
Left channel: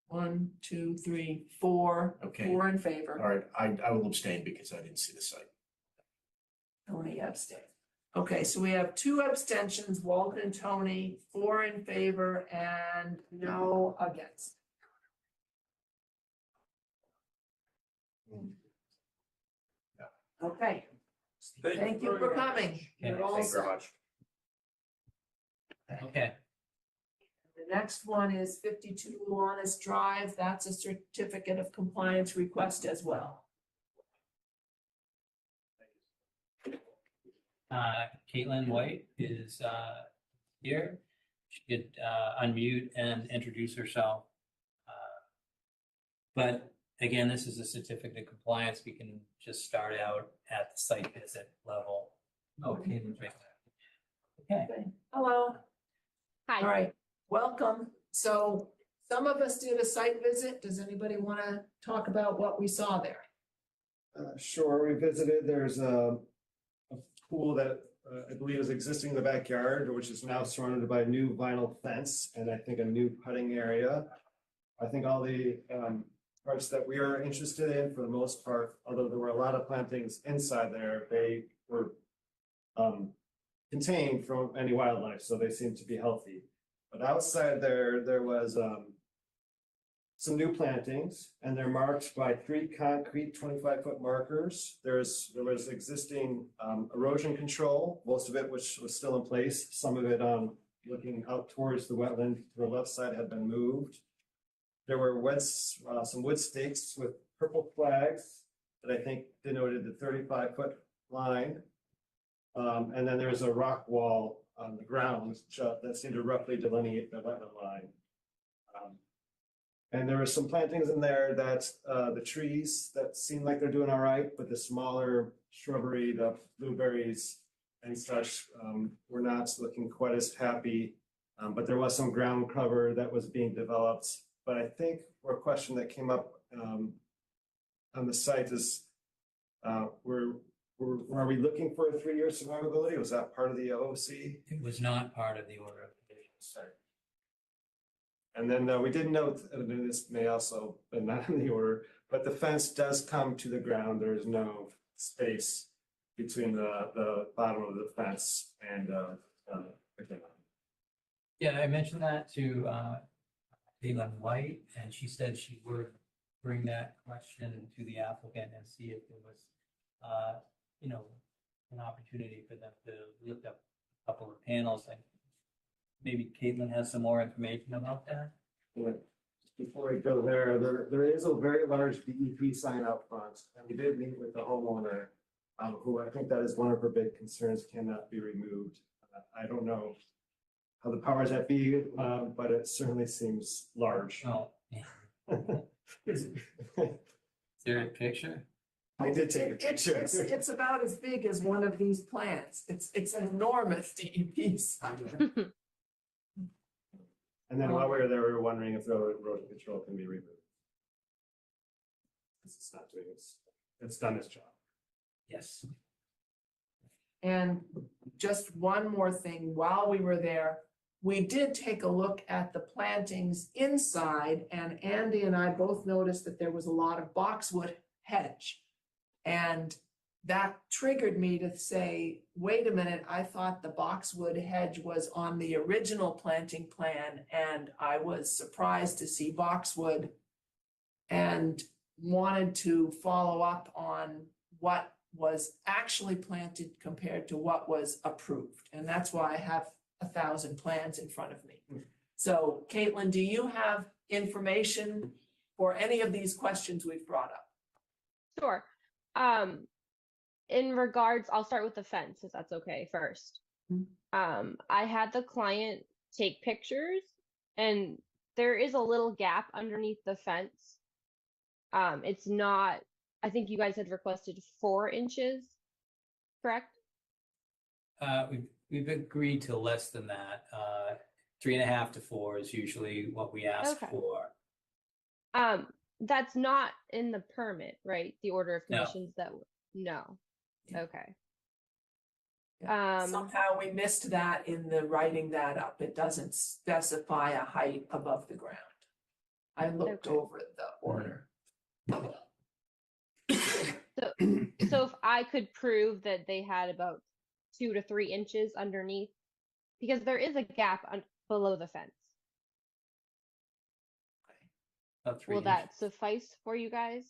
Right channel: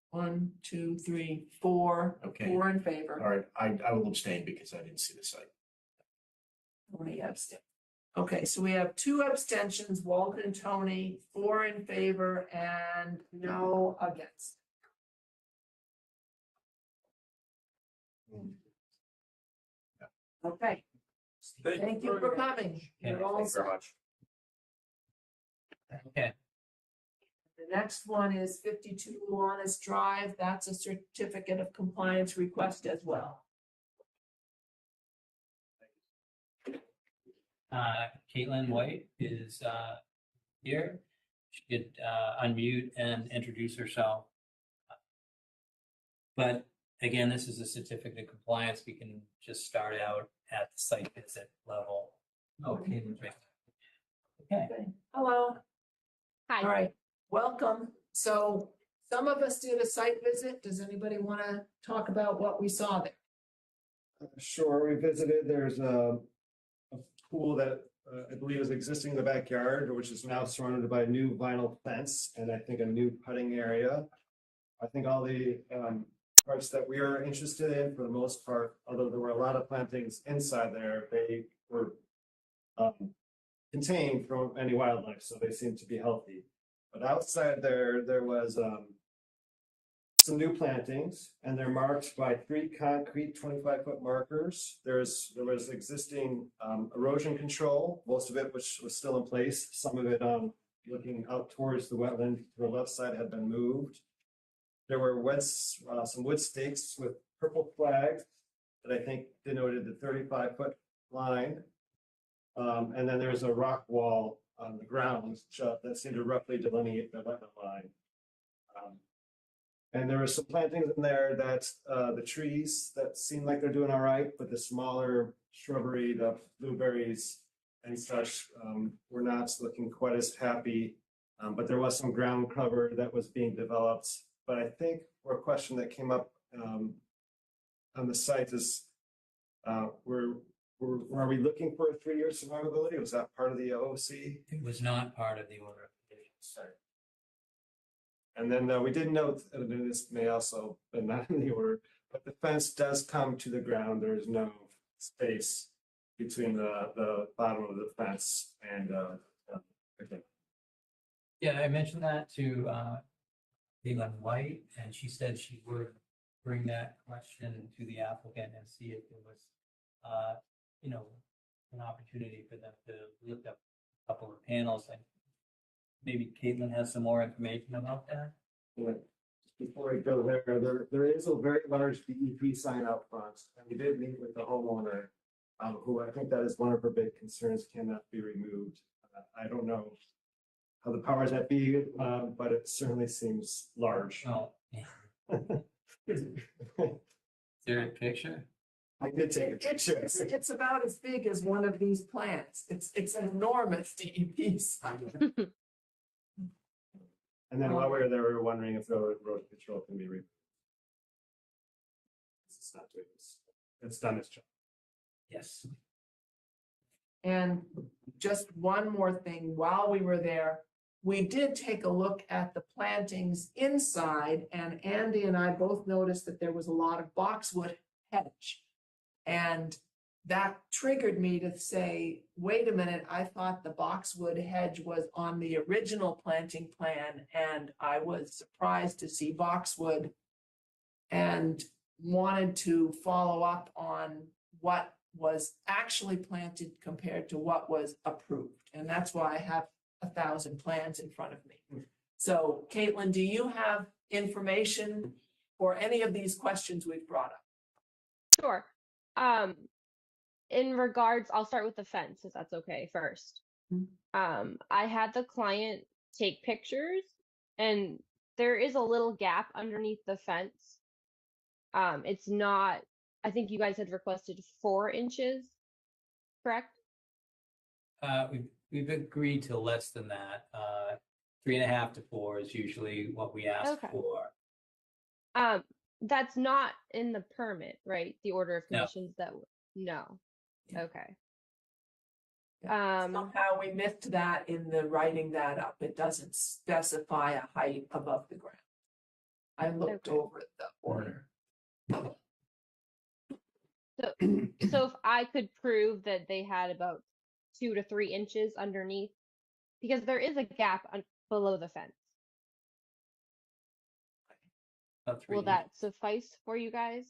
1, 2, 3, 4. Okay. 4 in favor. All right, I will abstain because I didn't see the site. Tony abstained. Okay, so we have 2 abstentions, Walter and Tony, 4 in favor and no against. Okay, thank you for coming. You're all Thank you very set. much. Okay, The next one is 52 Luanis Drive. That's a certificate of compliance request as well. Caitlin White is here. She could unmute and introduce herself. But again, this is a certificate of compliance. We can just start out at the site visit level. Okay. Okay. Hello. Hi. All right, welcome. So some of us did a site visit. Does anybody want to talk about what we saw there? Sure, we visited, there's a pool that I believe is existing in the backyard, which is now surrounded by new vinyl fence and I think a new putting area. I think all the parts that we are interested in, for the most part, although there were a lot of plantings inside there, they were contained from any wildlife, so they seemed to be healthy. But outside there was some new plantings, and they're marked by 3 concrete 25-foot markers. There was existing erosion control, most of it which was still in place. Some of it looking out towards the wetland to the left side had been moved. There were some wood stakes with purple flags that I think denoted the 35-foot line. And then there's a rock wall on the ground that seemed to roughly delineate the wetland line. And there were some plantings in there that the trees that seem like they're doing all right, but the smaller shrubbery, the blueberries and such, were not looking quite as happy. But there was some ground cover that was being developed. But I think a question that came up on the site is, were we looking for a 3-year survivability? Was that part of the OC? It was not part of the order of conditions. Sorry. And then we did note, and this may also be not in the order, but the fence does come to the ground. There is no space between the bottom of the fence and the ground. Yeah, I mentioned that to Caitlin White, and she said she would bring that question to the applicant and see if there was, an opportunity for them to lift up a couple of panels. And maybe Caitlin has some more information about that. Yeah. Before I go there is a very large DEP sign out front, and we did meet with the homeowner, who I think that is one of her big concerns, cannot be removed. I don't know how the powers that be, but it certainly seems large. Oh, yeah. Is there a picture? I did take a picture. It's about as big as one of these plants. It's an enormous DEP sign. And then while we were there, we were wondering if the erosion control can be removed. It's not doing it's done its job. Yes. And just one more thing, while we were there, we did take a look at the plantings inside, and Andy and I both noticed that there was a lot of boxwood hedge. And that triggered me to say, wait a minute, I thought the boxwood hedge was on the original planting plan, and I was surprised to see boxwood and wanted to follow up on what was actually planted compared to what was approved. And that's why I have 1,000 plans in front of me. So Caitlin, do you have information for any of these questions we've brought up? Sure. In regards, I'll start with the fence, if that's okay first. I had the client take pictures, and there is a little gap underneath the fence. It's not, I think you guys had requested 4 inches, correct? We've agreed to less than that. 3.5 to 4 is usually what we ask Okay. for. That's not in the permit, right? The order of No. conditions no. Yeah. Okay. Somehow we missed that in the writing that up. It doesn't specify a height above the ground. I looked Okay. over the order. So if I could prove that they had about 2 to 3 inches underneath, because there is a gap below the fence. About 3 Will that inches. suffice for you guys?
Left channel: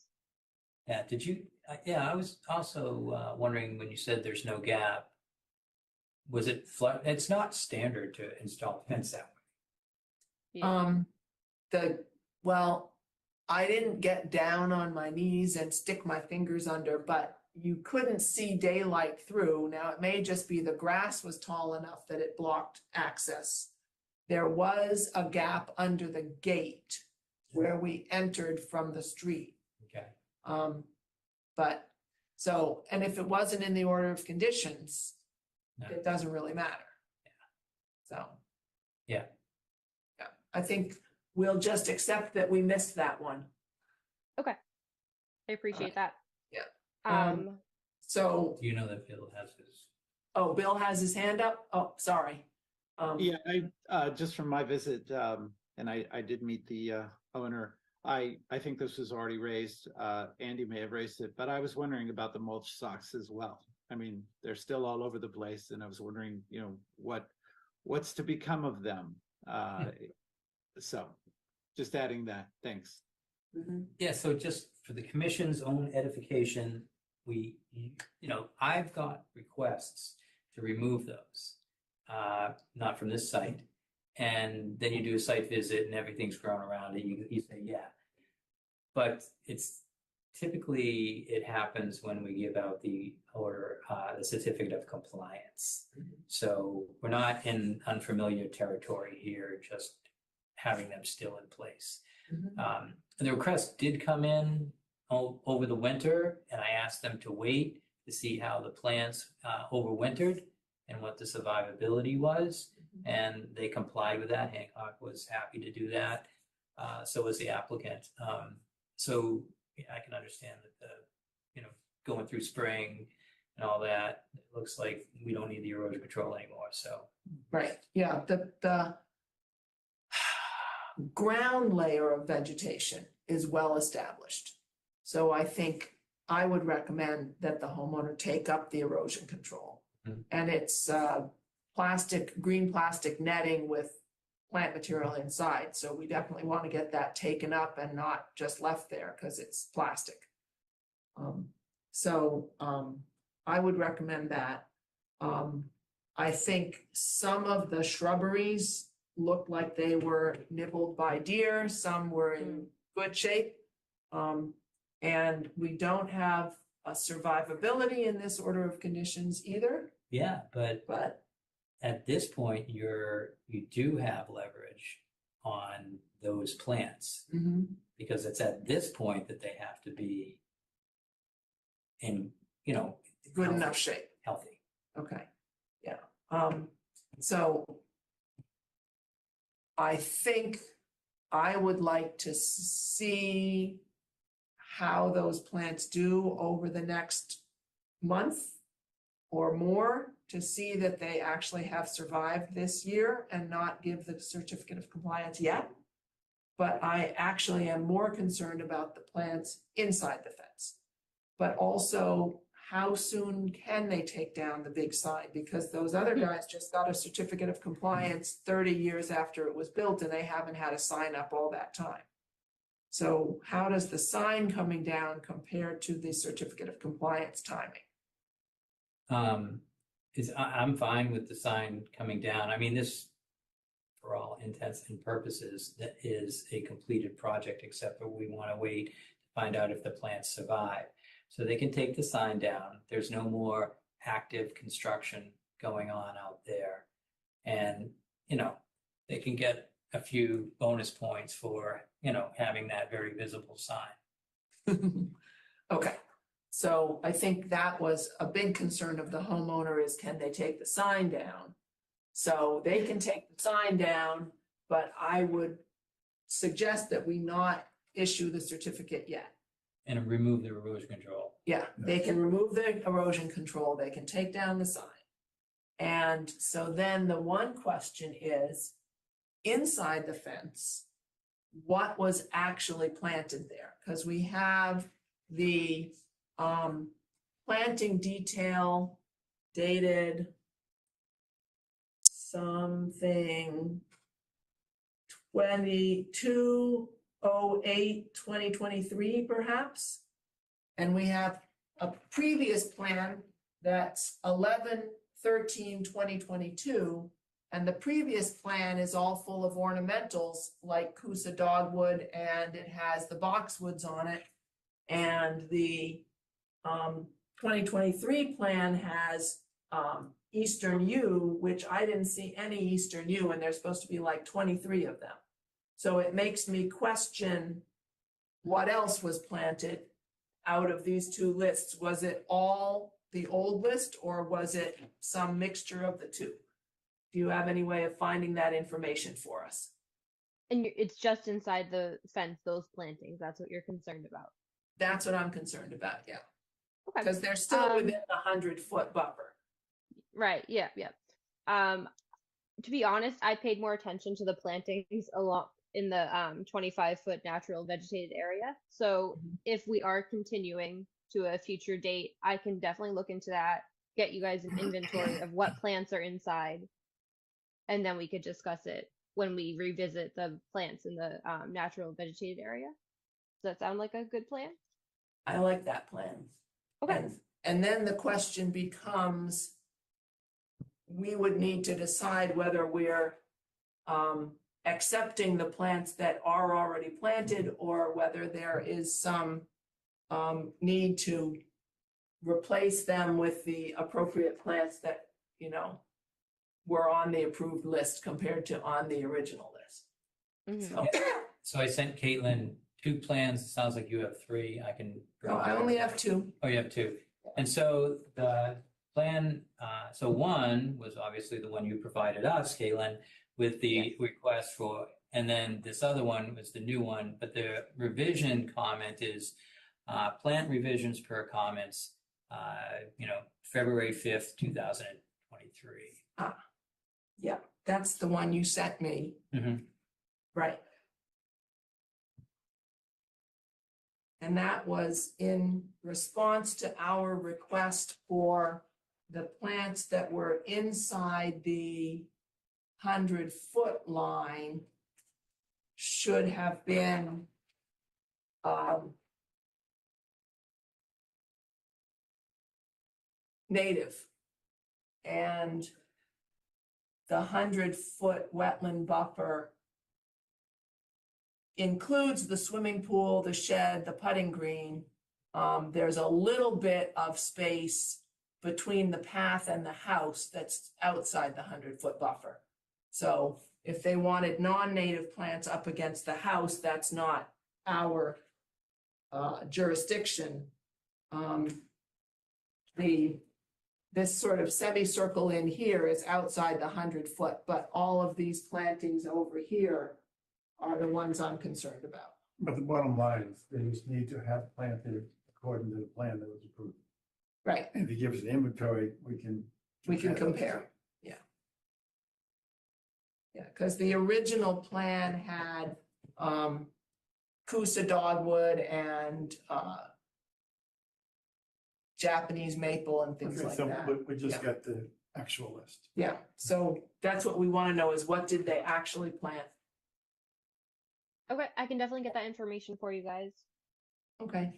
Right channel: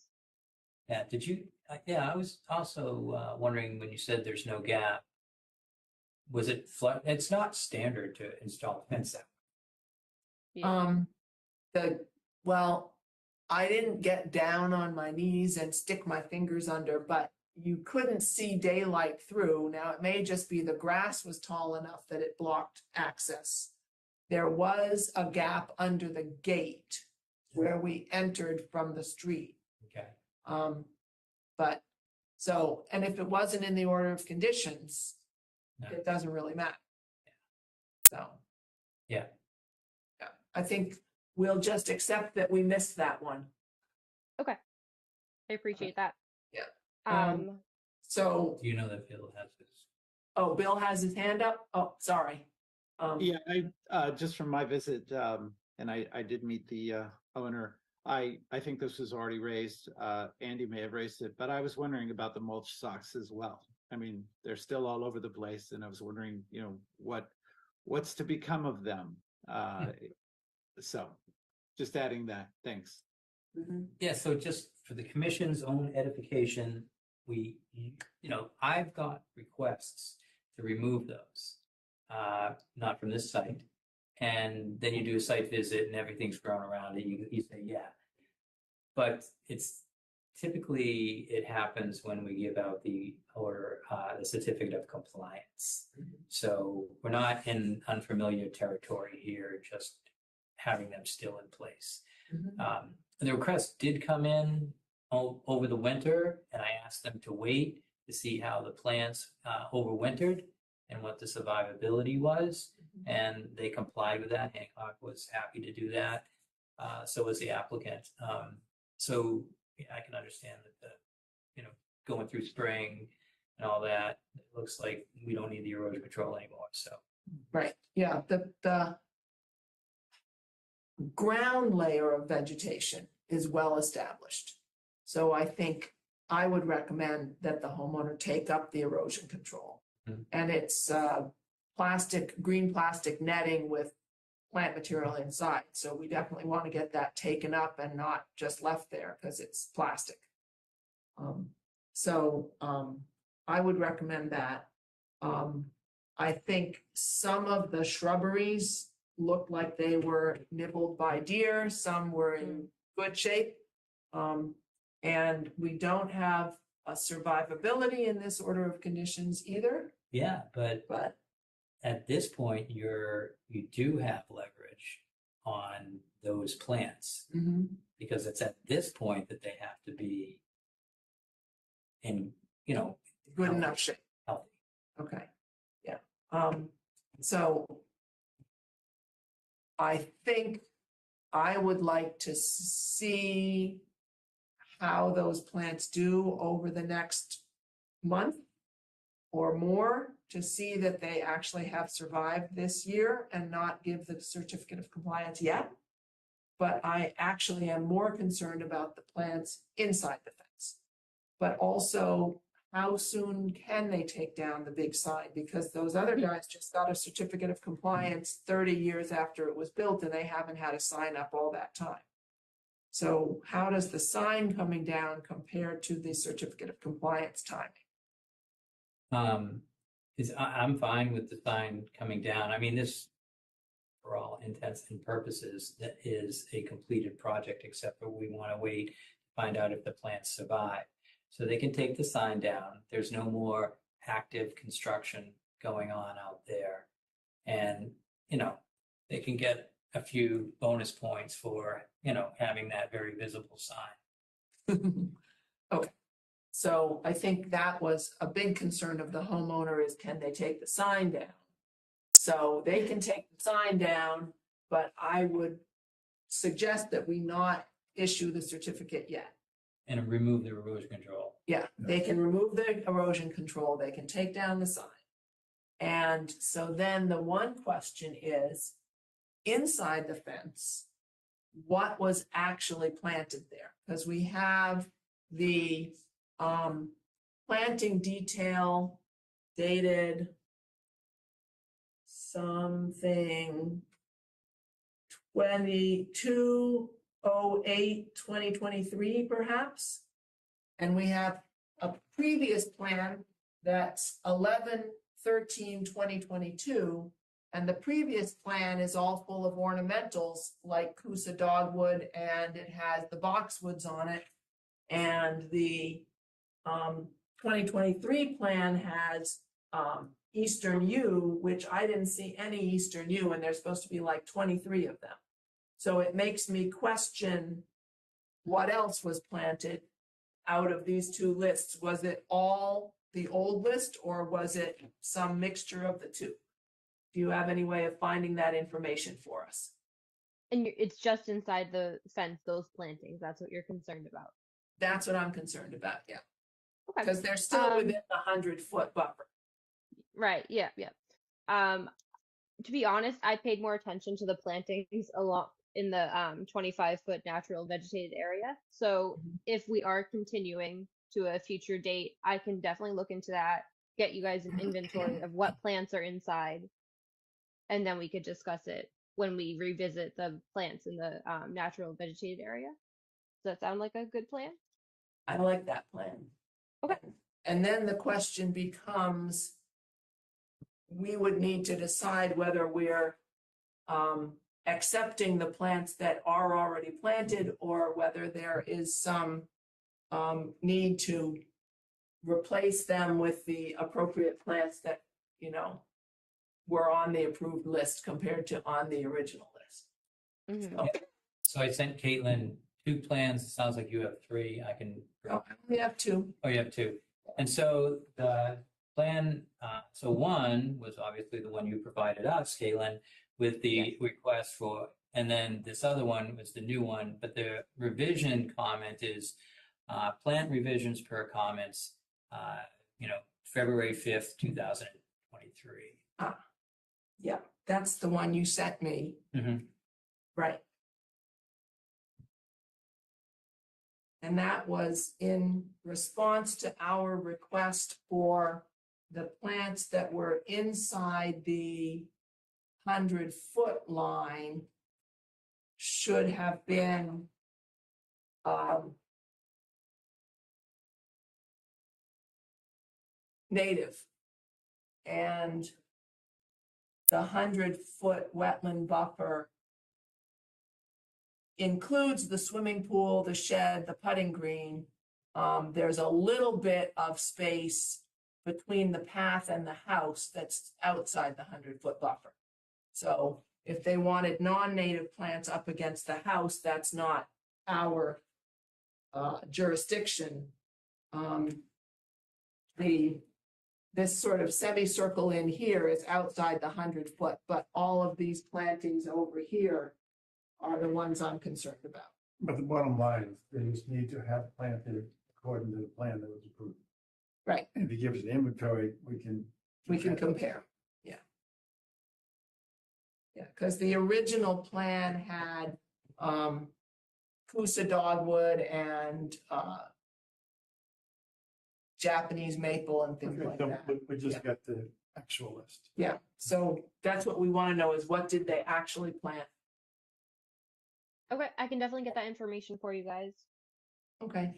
Yeah, did you, yeah, I was also wondering when you said there's no gap, was it flood? It's not standard to install a fence that way. Well, I didn't get down on my knees and stick my fingers under, but you couldn't see daylight through. Now, it may just be the grass was tall enough that it blocked access. There was a gap under the gate where we entered from the street. Okay. But so, and if it wasn't in the order of conditions, No. it doesn't really matter. So. Yeah. Yeah, I think we'll just accept that we missed that one. Okay. I appreciate that. Yeah. So, Do you know that Bill has his? oh, Bill has his hand up? Oh, sorry. Yeah, just from my visit, and I did meet the owner. I think this was already raised. Andy may have raised it, but I was wondering about the mulch socks as well. I mean, they're still all over the place, and I was wondering, what's to become of them? So, just adding that. Thanks. Yeah, so just for the commission's own edification, I've got requests to remove those, not from this site. And then you do a site visit and everything's grown around it, you say, yeah. But it's typically, it happens when we give out the certificate of compliance. So we're not in unfamiliar territory here, just having them still in place. The request did come in over the winter, and I asked them to wait to see how the plants overwintered and what the survivability was. And they complied with that. Hancock was happy to do that. So was the applicant. So yeah, I can understand that going through spring and all that, it looks like we don't need the erosion control anymore. So Right, yeah, the ground layer of vegetation is well established. So I think I would recommend that the homeowner take up the erosion control. And it's green plastic netting with plant material inside. So we definitely want to get that taken up and not just left there because it's plastic. I would recommend that. I think some of the shrubberies looked like they were nibbled by deer. Some were in good shape. And we don't have a survivability in this order of conditions either. yeah, but But at this point, you do have leverage on those plants because it's at this point that they have to be in, good enough shape. healthy. Okay, yeah. So I think I would like to see how those plants do over the next month or more to see that they actually have survived this year and not give the certificate of compliance yet. But I actually am more concerned about the plants inside the fence, but also how soon can they take down the big sign? Because those other guys just got a certificate of compliance 30 years after it was built and they haven't had a sign up all that time. So how does the sign coming down compare to the certificate of compliance timing? I'm fine with the sign coming down. I mean, this, for all intents and purposes, that is a completed project, except that we want to wait to find out if the plants survive. So they can take the sign down. There's no more active construction going on out there. And, you know, they can get a few bonus points for, you know, having that very visible sign. Okay, so I think that was a big concern of the homeowner is can they take the sign down? So they can take the sign down, but I would suggest that we not issue the certificate yet. And remove the erosion control. Yeah, they can remove the erosion control, they can take down the sign. And so then the one question is, inside the fence, what was actually planted there? Because we have the planting detail dated something 22/08/2023 perhaps. And we have a previous plan that's 11/13/2022. And the previous plan is all full of ornamentals like Coosa dogwood, and it has the boxwoods on it. And the 2023 plan has Eastern yew, which I didn't see any Eastern yew, and there's supposed to be like 23 of them. So it makes me question what else was planted out of these two lists. Was it all the old list, or was it some mixture of the two? Do you have any way of finding that information for us? And it's just inside the fence, those plantings. That's what you're concerned about. That's what I'm concerned about, yeah. Okay. Because they're still within the 100-foot buffer. Right. Yeah. Yeah. To be honest, I paid more attention to the plantings along in the 25-foot natural vegetated area. So if we are continuing to a future date, I can definitely look into that, get you guys an inventory of what plants are inside, and then we could discuss it when we revisit the plants in the natural vegetated area. Does that sound like a good plan? I like that plan. Okay. And then the question becomes, we would need to decide whether we're accepting the plants that are already planted, or whether there is some need to replace them with the appropriate plants that, you know, were on the approved list compared to on the original list. So, So I sent Caitlin 2 plans. It sounds like you have 3. I can. no, I only have 2. Oh, you have 2. And so the plan, so one was obviously the one you provided us, Caitlin, with the request for, and then this other one was the new one, but the revision comment is plant revisions per comments, February 5th, 2023. Yeah, that's the one you sent me. Mm-hmm. Right. And that was in response to our request for the plants that were inside the 100-foot line should have been native. And the 100-foot wetland buffer includes the swimming pool, the shed, the putting green. There's a little bit of space between the path and the house that's outside the 100-foot buffer. So if they wanted non-native plants up against the house, that's not our jurisdiction. This sort of semicircle in here is outside the 100-foot, but all of these plantings over here are the ones I'm concerned about. But the bottom line is they just need to have planted according to the plan that was approved. Right. And if he gives an inventory, we can compare. Yeah. Yeah, because the original plan had Coosa dogwood and Japanese maple and things Okay, like so that. we just Yeah. got the actual list. Yeah, so that's what we want to know is what did they actually plant? Okay, I can definitely get that information for you guys. Okay.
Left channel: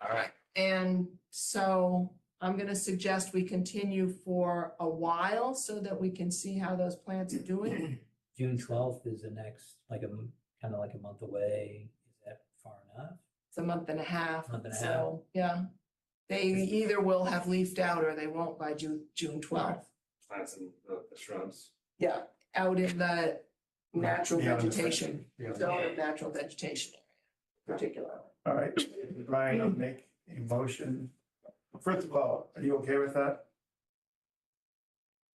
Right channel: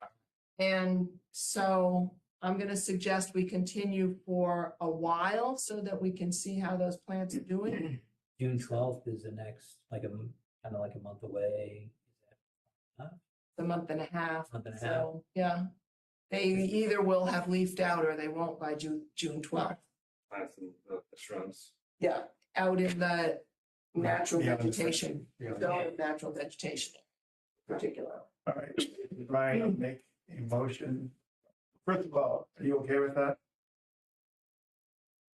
All right. And so I'm gonna suggest we continue for a while so that we can see how those plants are doing. June 12th is the next, like kind of like a month away. Is that far enough? It's a month and a half. Month and a So, yeah. They either will have leafed out or they won't by June 12th. Plants and the shrubs. Yeah, out in the natural Yeah, the vegetation, yeah. zone of natural vegetation particular. All right, Brian, I'll make a motion. First of all, are you okay with that?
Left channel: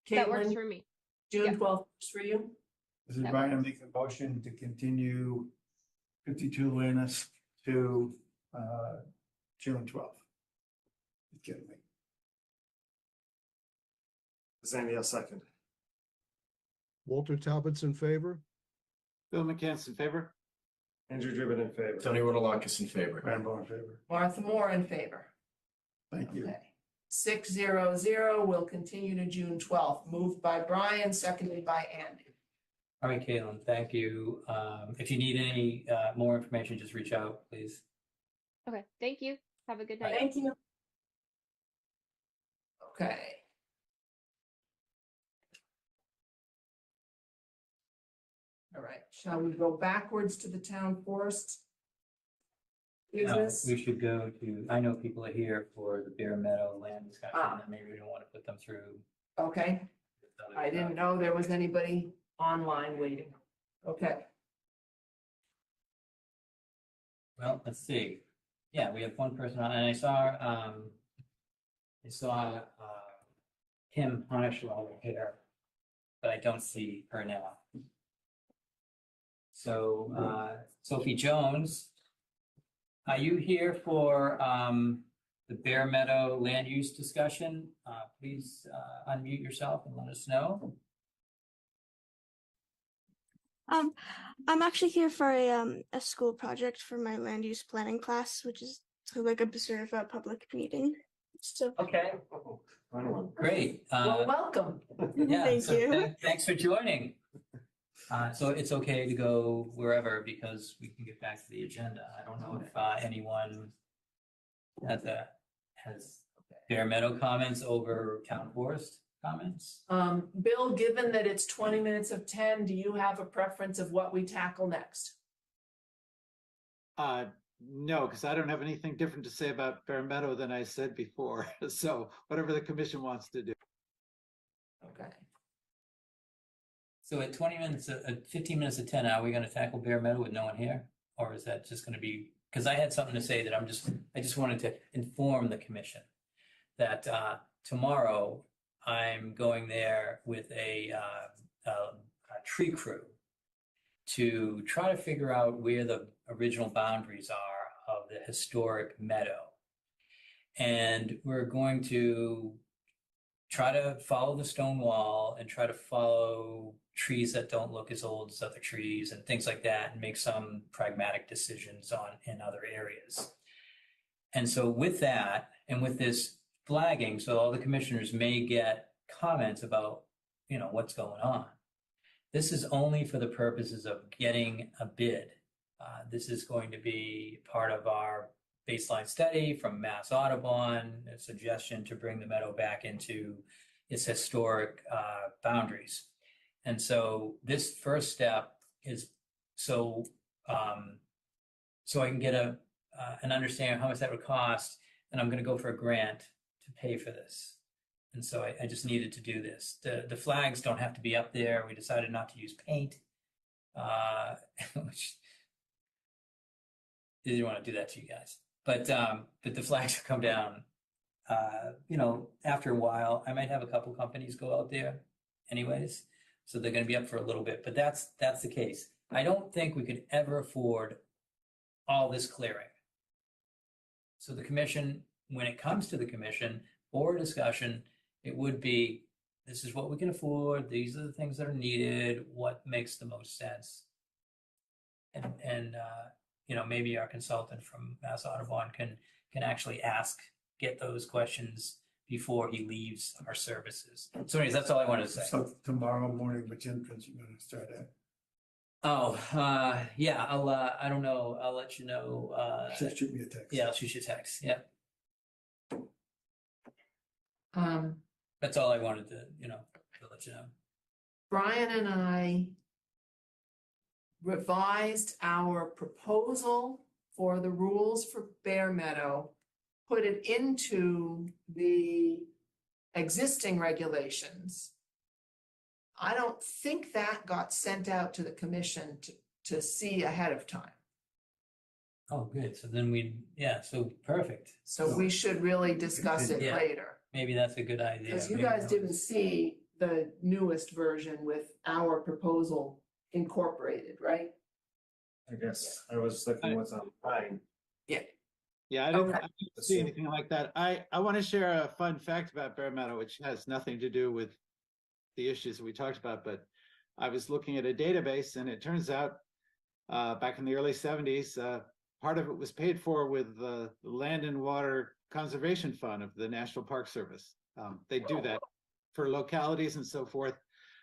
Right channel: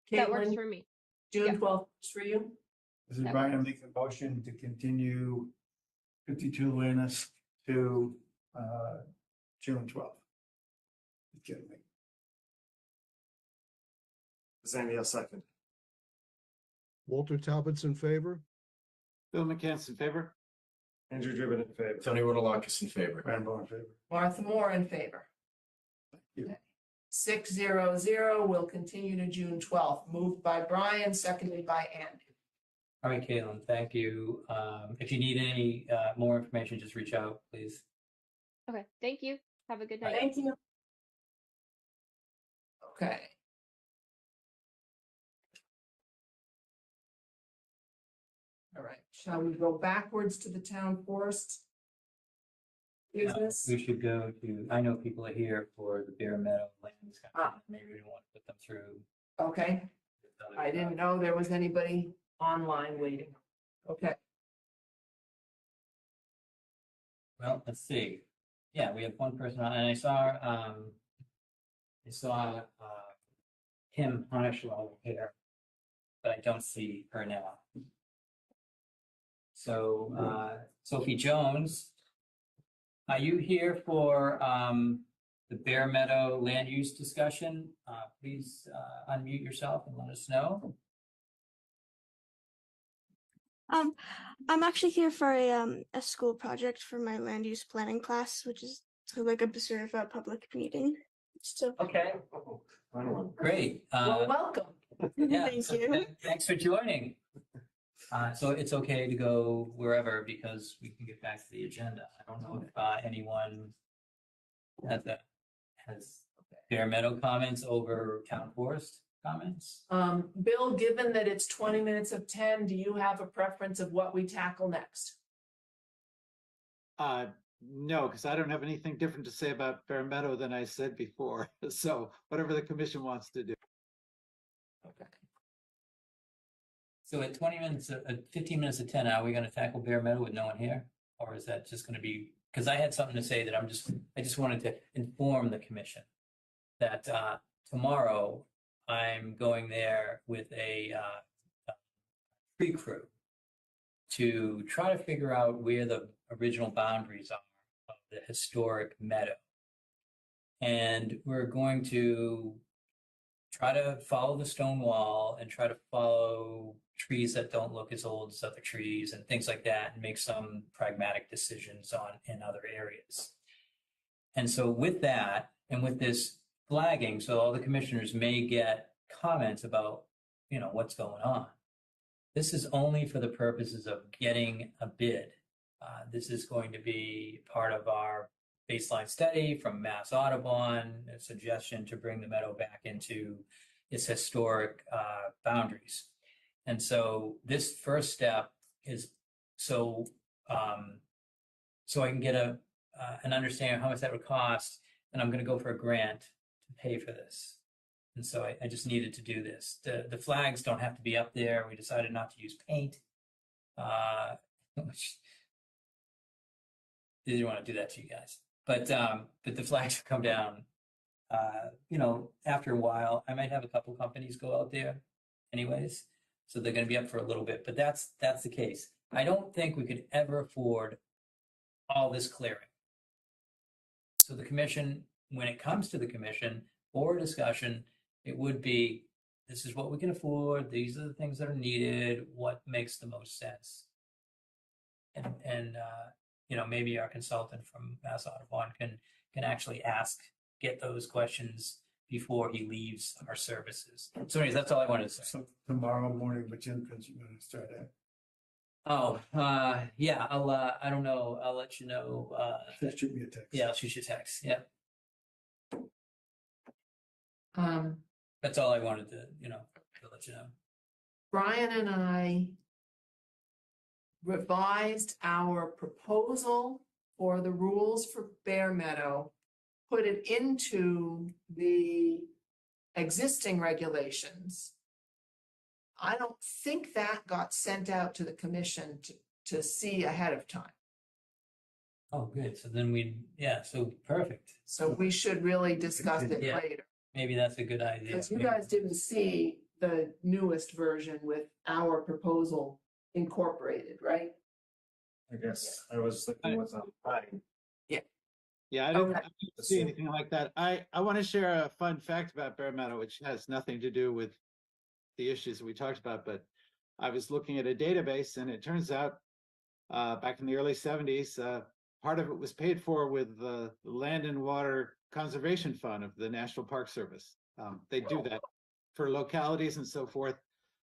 That works Caitlin, for me. June Yeah. 12th works for you? This is That Brian, works. make a motion to continue 52 Luanus to June 12th. Excuse me. Zanny, I'll second. Walter Talbot's in favor? Bill McCants in favor? Andrew Driven in favor. Tony Rotalakis in favor. Rambo in favor. Martha Moore in favor. Thank you. Okay. 600 will continue to June 12th, moved by Brian, seconded by Andy. All right, Caitlin, thank you. If you need any more information, just reach out, please. Okay, thank you. Have a good night. Thank you. Okay. All right, shall we go backwards to the town forest? No, Business? we should go to, I know people are here for the Bear Meadow land discussion, Ah. and maybe we don't want to put them through. Okay, I didn't know there was anybody online waiting. Okay, Well, let's see. Yeah, we have one person on, and I saw Kim Honishwell here, but I don't see her now. So, Sophie Jones, are you here for, the Bear Meadow land use discussion? Please, unmute yourself and let us know. I'm actually here for a school project for my land use planning class, which is sort of like a certified public meeting. So Okay. Great. well, welcome. Yeah, Thank so you. Thanks for joining. So it's okay to go wherever because we can get back to the agenda. I don't know if anyone has Bear Meadow comments over town forest comments. Bill, given that it's 20 minutes of 10, do you have a preference of what we tackle next? No, because I don't have anything different to say about Bear Meadow than I said before. So whatever the commission wants to do. Okay. So at 20 minutes, 15 minutes of 10, are we going to tackle Bear Meadow with no one here? Or is that just going to be, because I had something to say that I just wanted to inform the commission that tomorrow I'm going there with a tree crew to try to figure out where the original boundaries are of the historic meadow. And we're going to try to follow the stone wall and try to follow trees that don't look as old as other trees and things like that and make some pragmatic decisions in other areas. And so with that and with this flagging, so all the commissioners may get comments about, what's going on. This is only for the purposes of getting a bid. This is going to be part of our baseline study from Mass Audubon, a suggestion to bring the meadow back into its historic boundaries. And so this first step is so I can get an understanding of how much that would cost, and I'm going to go for a grant to pay for this. And so I just needed to do this. The flags don't have to be up there. We decided not to use paint, which I didn't want to do that to you guys. But the flags come down. After a while, I might have a couple companies go out there, anyways. So they're going to be up for a little bit. But that's the case. I don't think we could ever afford all this clearing. So the commission, when it comes to the commission or discussion, it would be, this is what we can afford. These are the things that are needed. What makes the most sense? And maybe our consultant from Mass Audubon can actually ask get those questions before he leaves our services. So anyways, that's all I wanted to say. So tomorrow morning, which entrance you gonna start at? Oh, yeah, I don't know, I'll let you know, Just shoot me a text. yeah, I'll shoot you a text, yeah. Um, That's all I wanted to, to let you know. Brian and I revised our proposal for the rules for Bear Meadow, put it into the existing regulations. I don't think that got sent out to the commission to see ahead of time. Oh, good, so then so perfect. So we should really discuss it Yeah. later. Maybe that's a good idea. Because you guys didn't see the newest version with our proposal incorporated, right? I guess I was looking what's online. Yeah, I didn't Okay. see anything like that. I want to share a fun fact about Bear Meadow, which has nothing to do with the issues that we talked about, but I was looking at a database and it turns out back in the early 70s, part of it was paid for with the Land and Water Conservation Fund of the National Park Service. They do that for localities and so forth.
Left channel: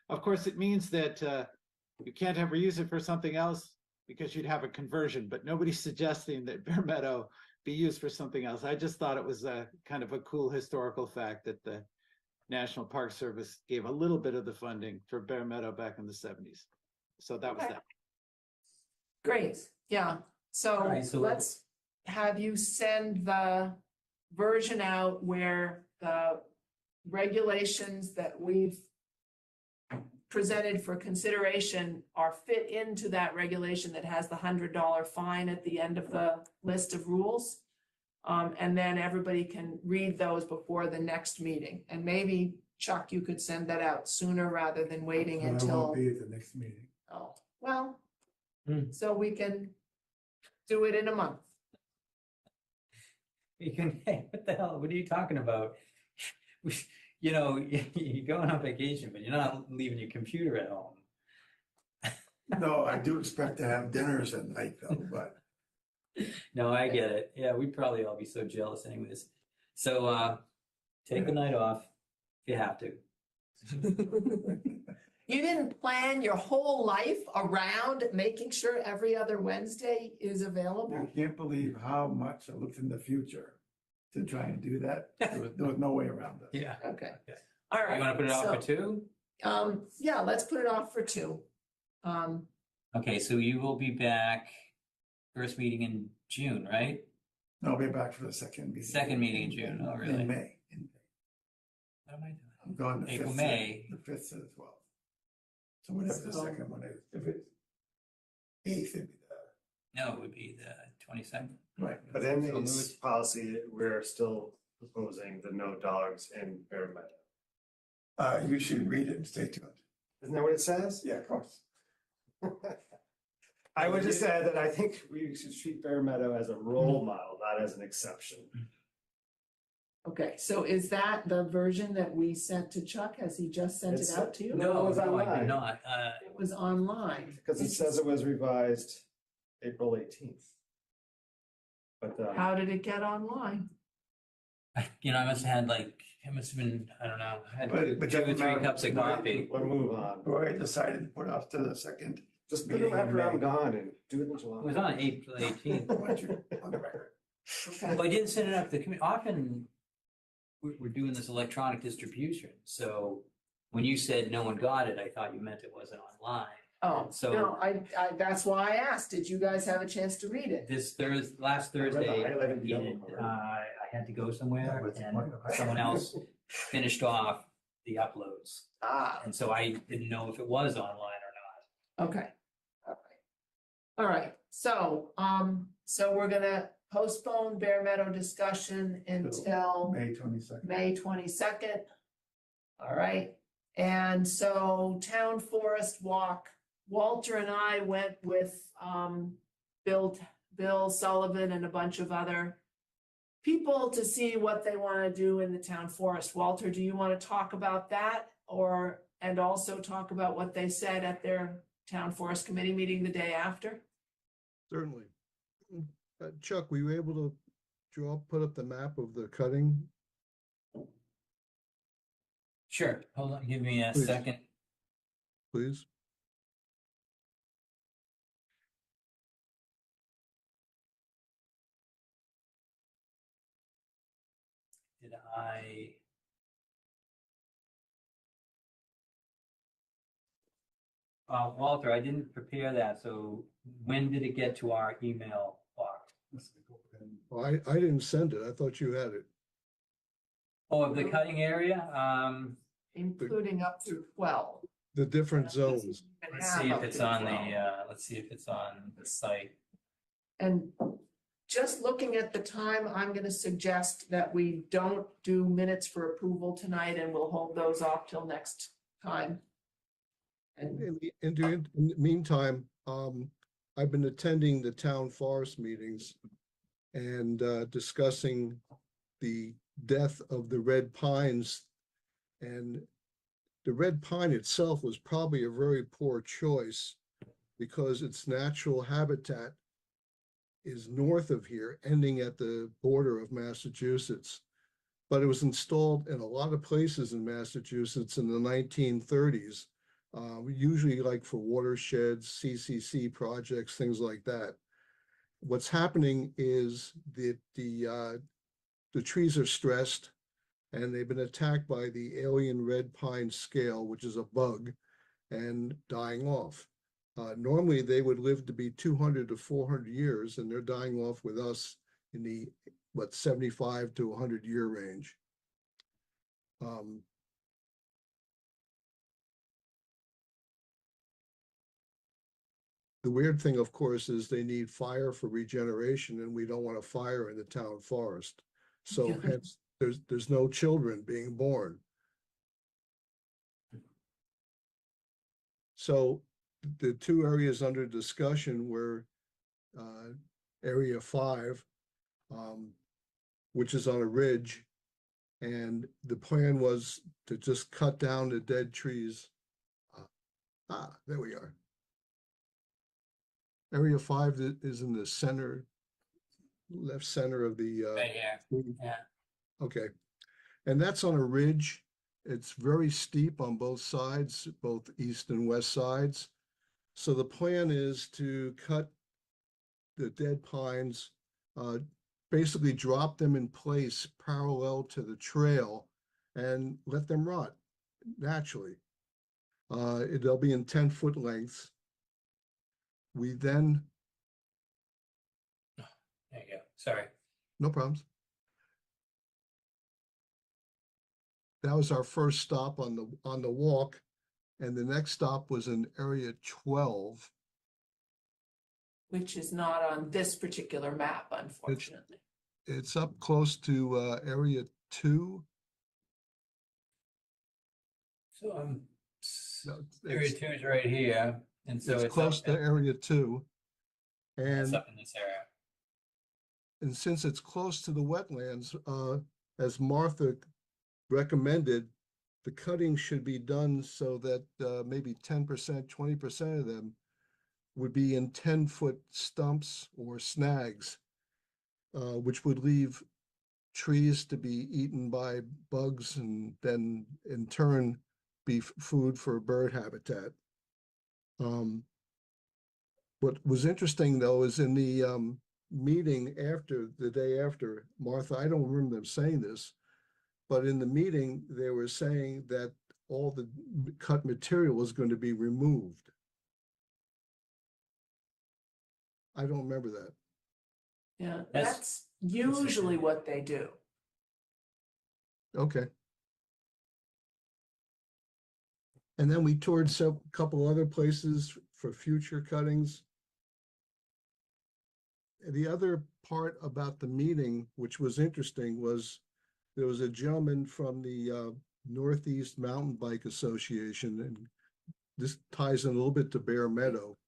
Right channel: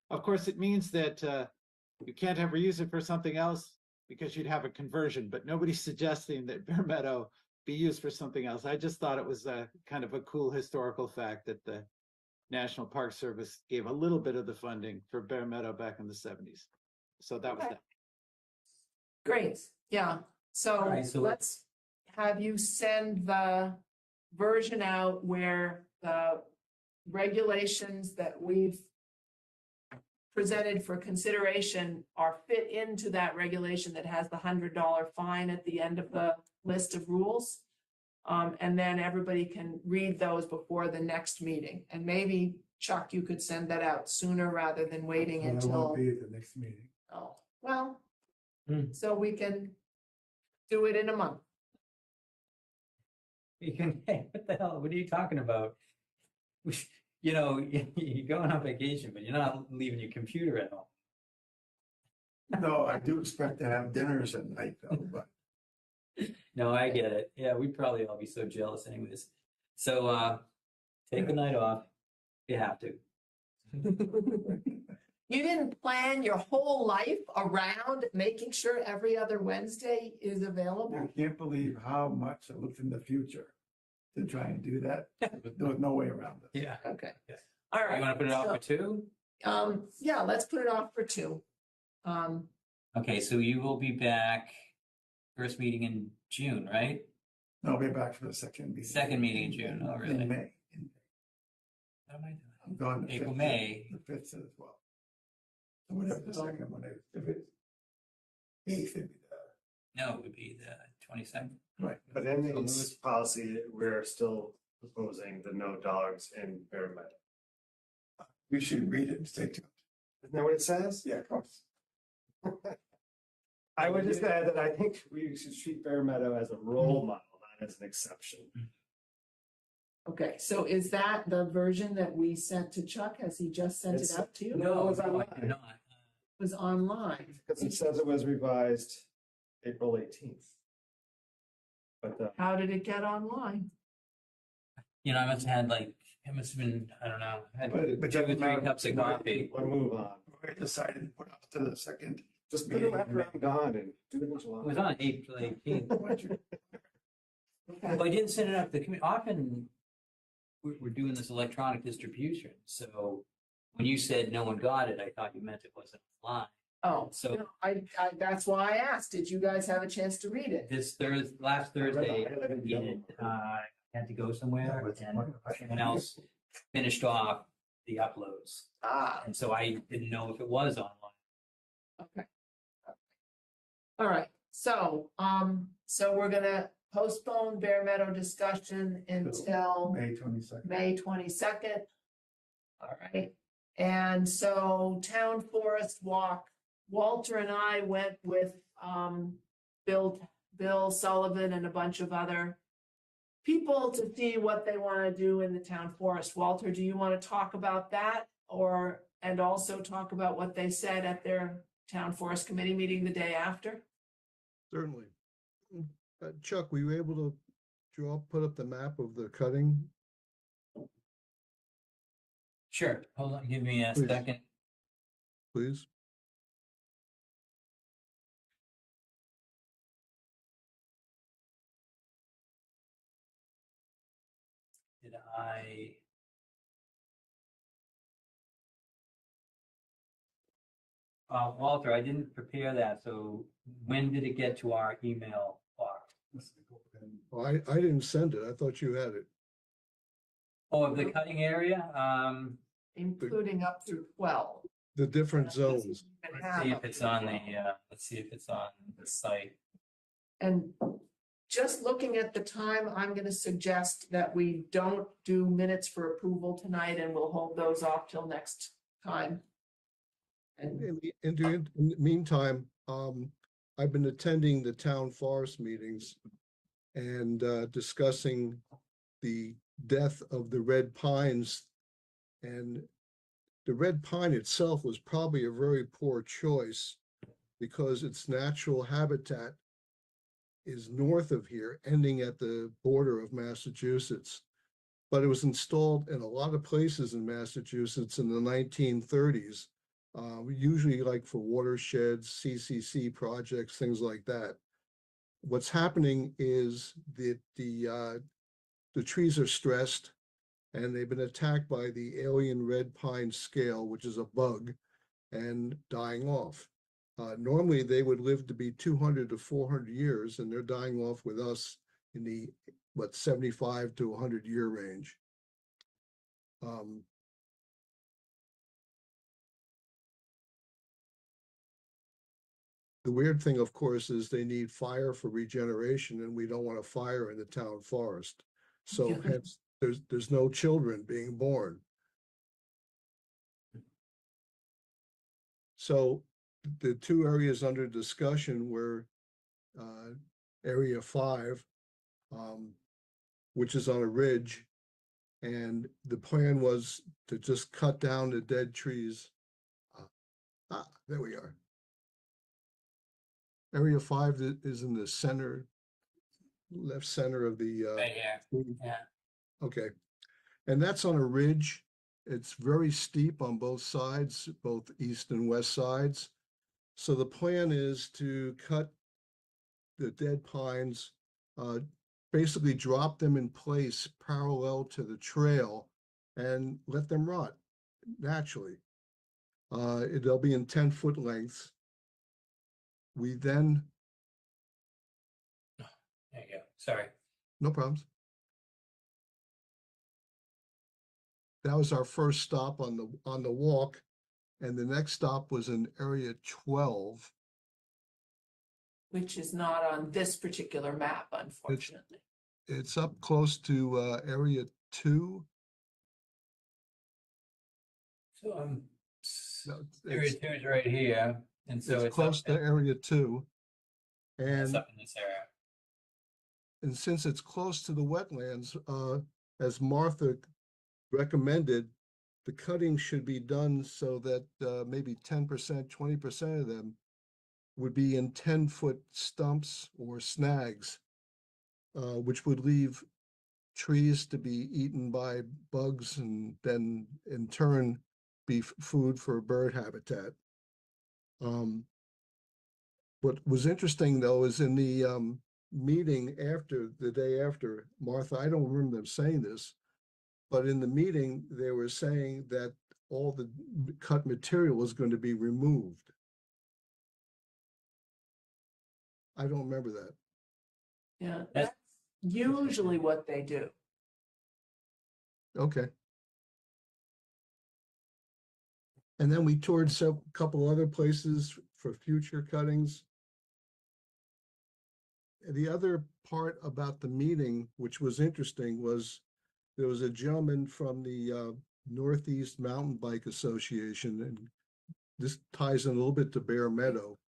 Of course, it means that you can't ever use it for something else because you'd have a conversion, but nobody's suggesting that Bear Meadow be used for something else. I just thought it was a kind of a cool historical fact that the National Park Service gave a little bit of the funding for Bear Meadow back in the 70s. So that was Okay. that. Great, yeah. So right, so let's have you send the version out where the regulations that we've presented for consideration are fit into that regulation that has the $100 fine at the end of the list of rules. And then everybody can read those before the next meeting. And maybe Chuck, you could send that out sooner rather than waiting I until. won't be at the next meeting. Oh, well, Hmm. so we can do it in a month. You can, hey, what the hell, what are you talking about? You're going on vacation, but you're not leaving your computer at home. No, I do expect to have dinners at night though, but No, I get it. Yeah, we'd probably all be so jealous anyways. So, take the night off if you have to. You didn't plan your whole life around making sure every other Wednesday is you available? can't believe how much I looked in the future to try and do that. There was no way around it. Yeah. Okay. Yeah. All right. You want to put it off for two? Yeah, let's put it off for 2. Okay, so you will be back first meeting in June, right? No, I'll be back for the second meeting. Second meeting in June. Oh, really? In May. What am I doing? I'm going the April, 5th, May. The 5th to the 12th. So whatever the second one is, if it's 8th, it'd be No, it would be the 22nd. Right. But in So this policy, we're still proposing the no dogs in Bear Meadow. You should read it and stay tuned. Isn't that what it says? Yeah, of course. I would just add that I think we should treat Bear Meadow as a role model, not as an exception. Okay, so is that the version that we sent to Chuck? Has he just sent it It's- out to you? No, it's I did online. not. It was online. Because it says it was revised April 18th. But How did it get online? I must have had it must have been, I don't know, I had But 2 or doesn't 3 matter. cups of coffee. we'll move on. Roy decided to put off to the second. Just put it after I'm gone and do it in July. It was on April 18th. On the record. Okay. But I didn't send it out to the community. Often we're doing this electronic distribution. So when you said no one got it, I thought you meant it wasn't online. Oh, So- no, I, that's why I asked. Did you guys have a chance to read it? Last Thursday, I live in Ian, Yellowstone. I had to go somewhere That was and wonderful. someone else finished off the uploads. Ah, And so I didn't know if it was online or okay. All right, so we're gonna postpone Bear Meadow discussion until May 22nd. May 22nd. All right, and so Town Forest Walk, Walter and I went with Bill Sullivan and a bunch of other people to see what they want to do in the town forest. Walter, do you want to talk about that and also talk about what they said at their town forest committee meeting the day after? Certainly. Chuck, were you able to put up the map of the cutting? Sure, hold on, give me a Please. second. Please? Did I? Walter, I didn't prepare that, so when did it get to our email box? Well, I didn't send it. I thought you had it. Oh, of the cutting area, Including up through 12. The different zones. let's see if it's on the, let's see if it's on the site. And just looking at the time, I'm going to suggest that we don't do minutes for approval tonight, and we'll hold those off till next time. And In the meantime, I've been attending the town forest meetings and discussing the death of the red pines. And the red pine itself was probably a very poor choice because its natural habitat is north of here, ending at the border of Massachusetts. But it was installed in a lot of places in Massachusetts in the 1930s. Usually like for watersheds, CCC projects, things like that. What's happening is that the trees are stressed and they've been attacked by the alien red pine scale, which is a bug, and dying off. Normally they would live to be 200 to 400 years, and they're dying off with us in the, 75 to 100 year range. The weird thing, of course, is they need fire for regeneration, and we don't want a fire in the town forest. So hence, there's no children being born. So the two areas under discussion were Area 5, which is on a ridge, and the plan was to just cut down the dead trees. There we are. Area 5 is in the center, left center of the. Right here. Yeah. Okay, and that's on a ridge. It's very steep on both sides, both east and west sides. So the plan is to cut the dead pines, basically drop them in place parallel to the trail and let them rot naturally. They'll be in 10-foot lengths. We then. There you go. Sorry. No problems. That was our first stop on the walk, and the next stop was in Area 12. which is not on this particular map, unfortunately. It's up close to Area 2. So Area 2 is right here, and so it's close to Area 2, and it's up in this area. And since it's close to the wetlands, as Martha recommended, the cutting should be done so that maybe 10%, 20% of them would be in 10-foot stumps or snags, which would leave trees to be eaten by bugs and then in turn be food for bird habitat. What was interesting though is in the meeting after, the day after, Martha, I don't remember them saying this, but in the meeting they were saying that all the cut material was going to be removed. I don't remember that. Yeah, that's usually what they do. Okay. And then we toured a couple other places for future cuttings. The other part about the meeting, which was interesting, was there was a gentleman from the Northeast Mountain Bike Association, and this ties in a little bit to Bear Meadow.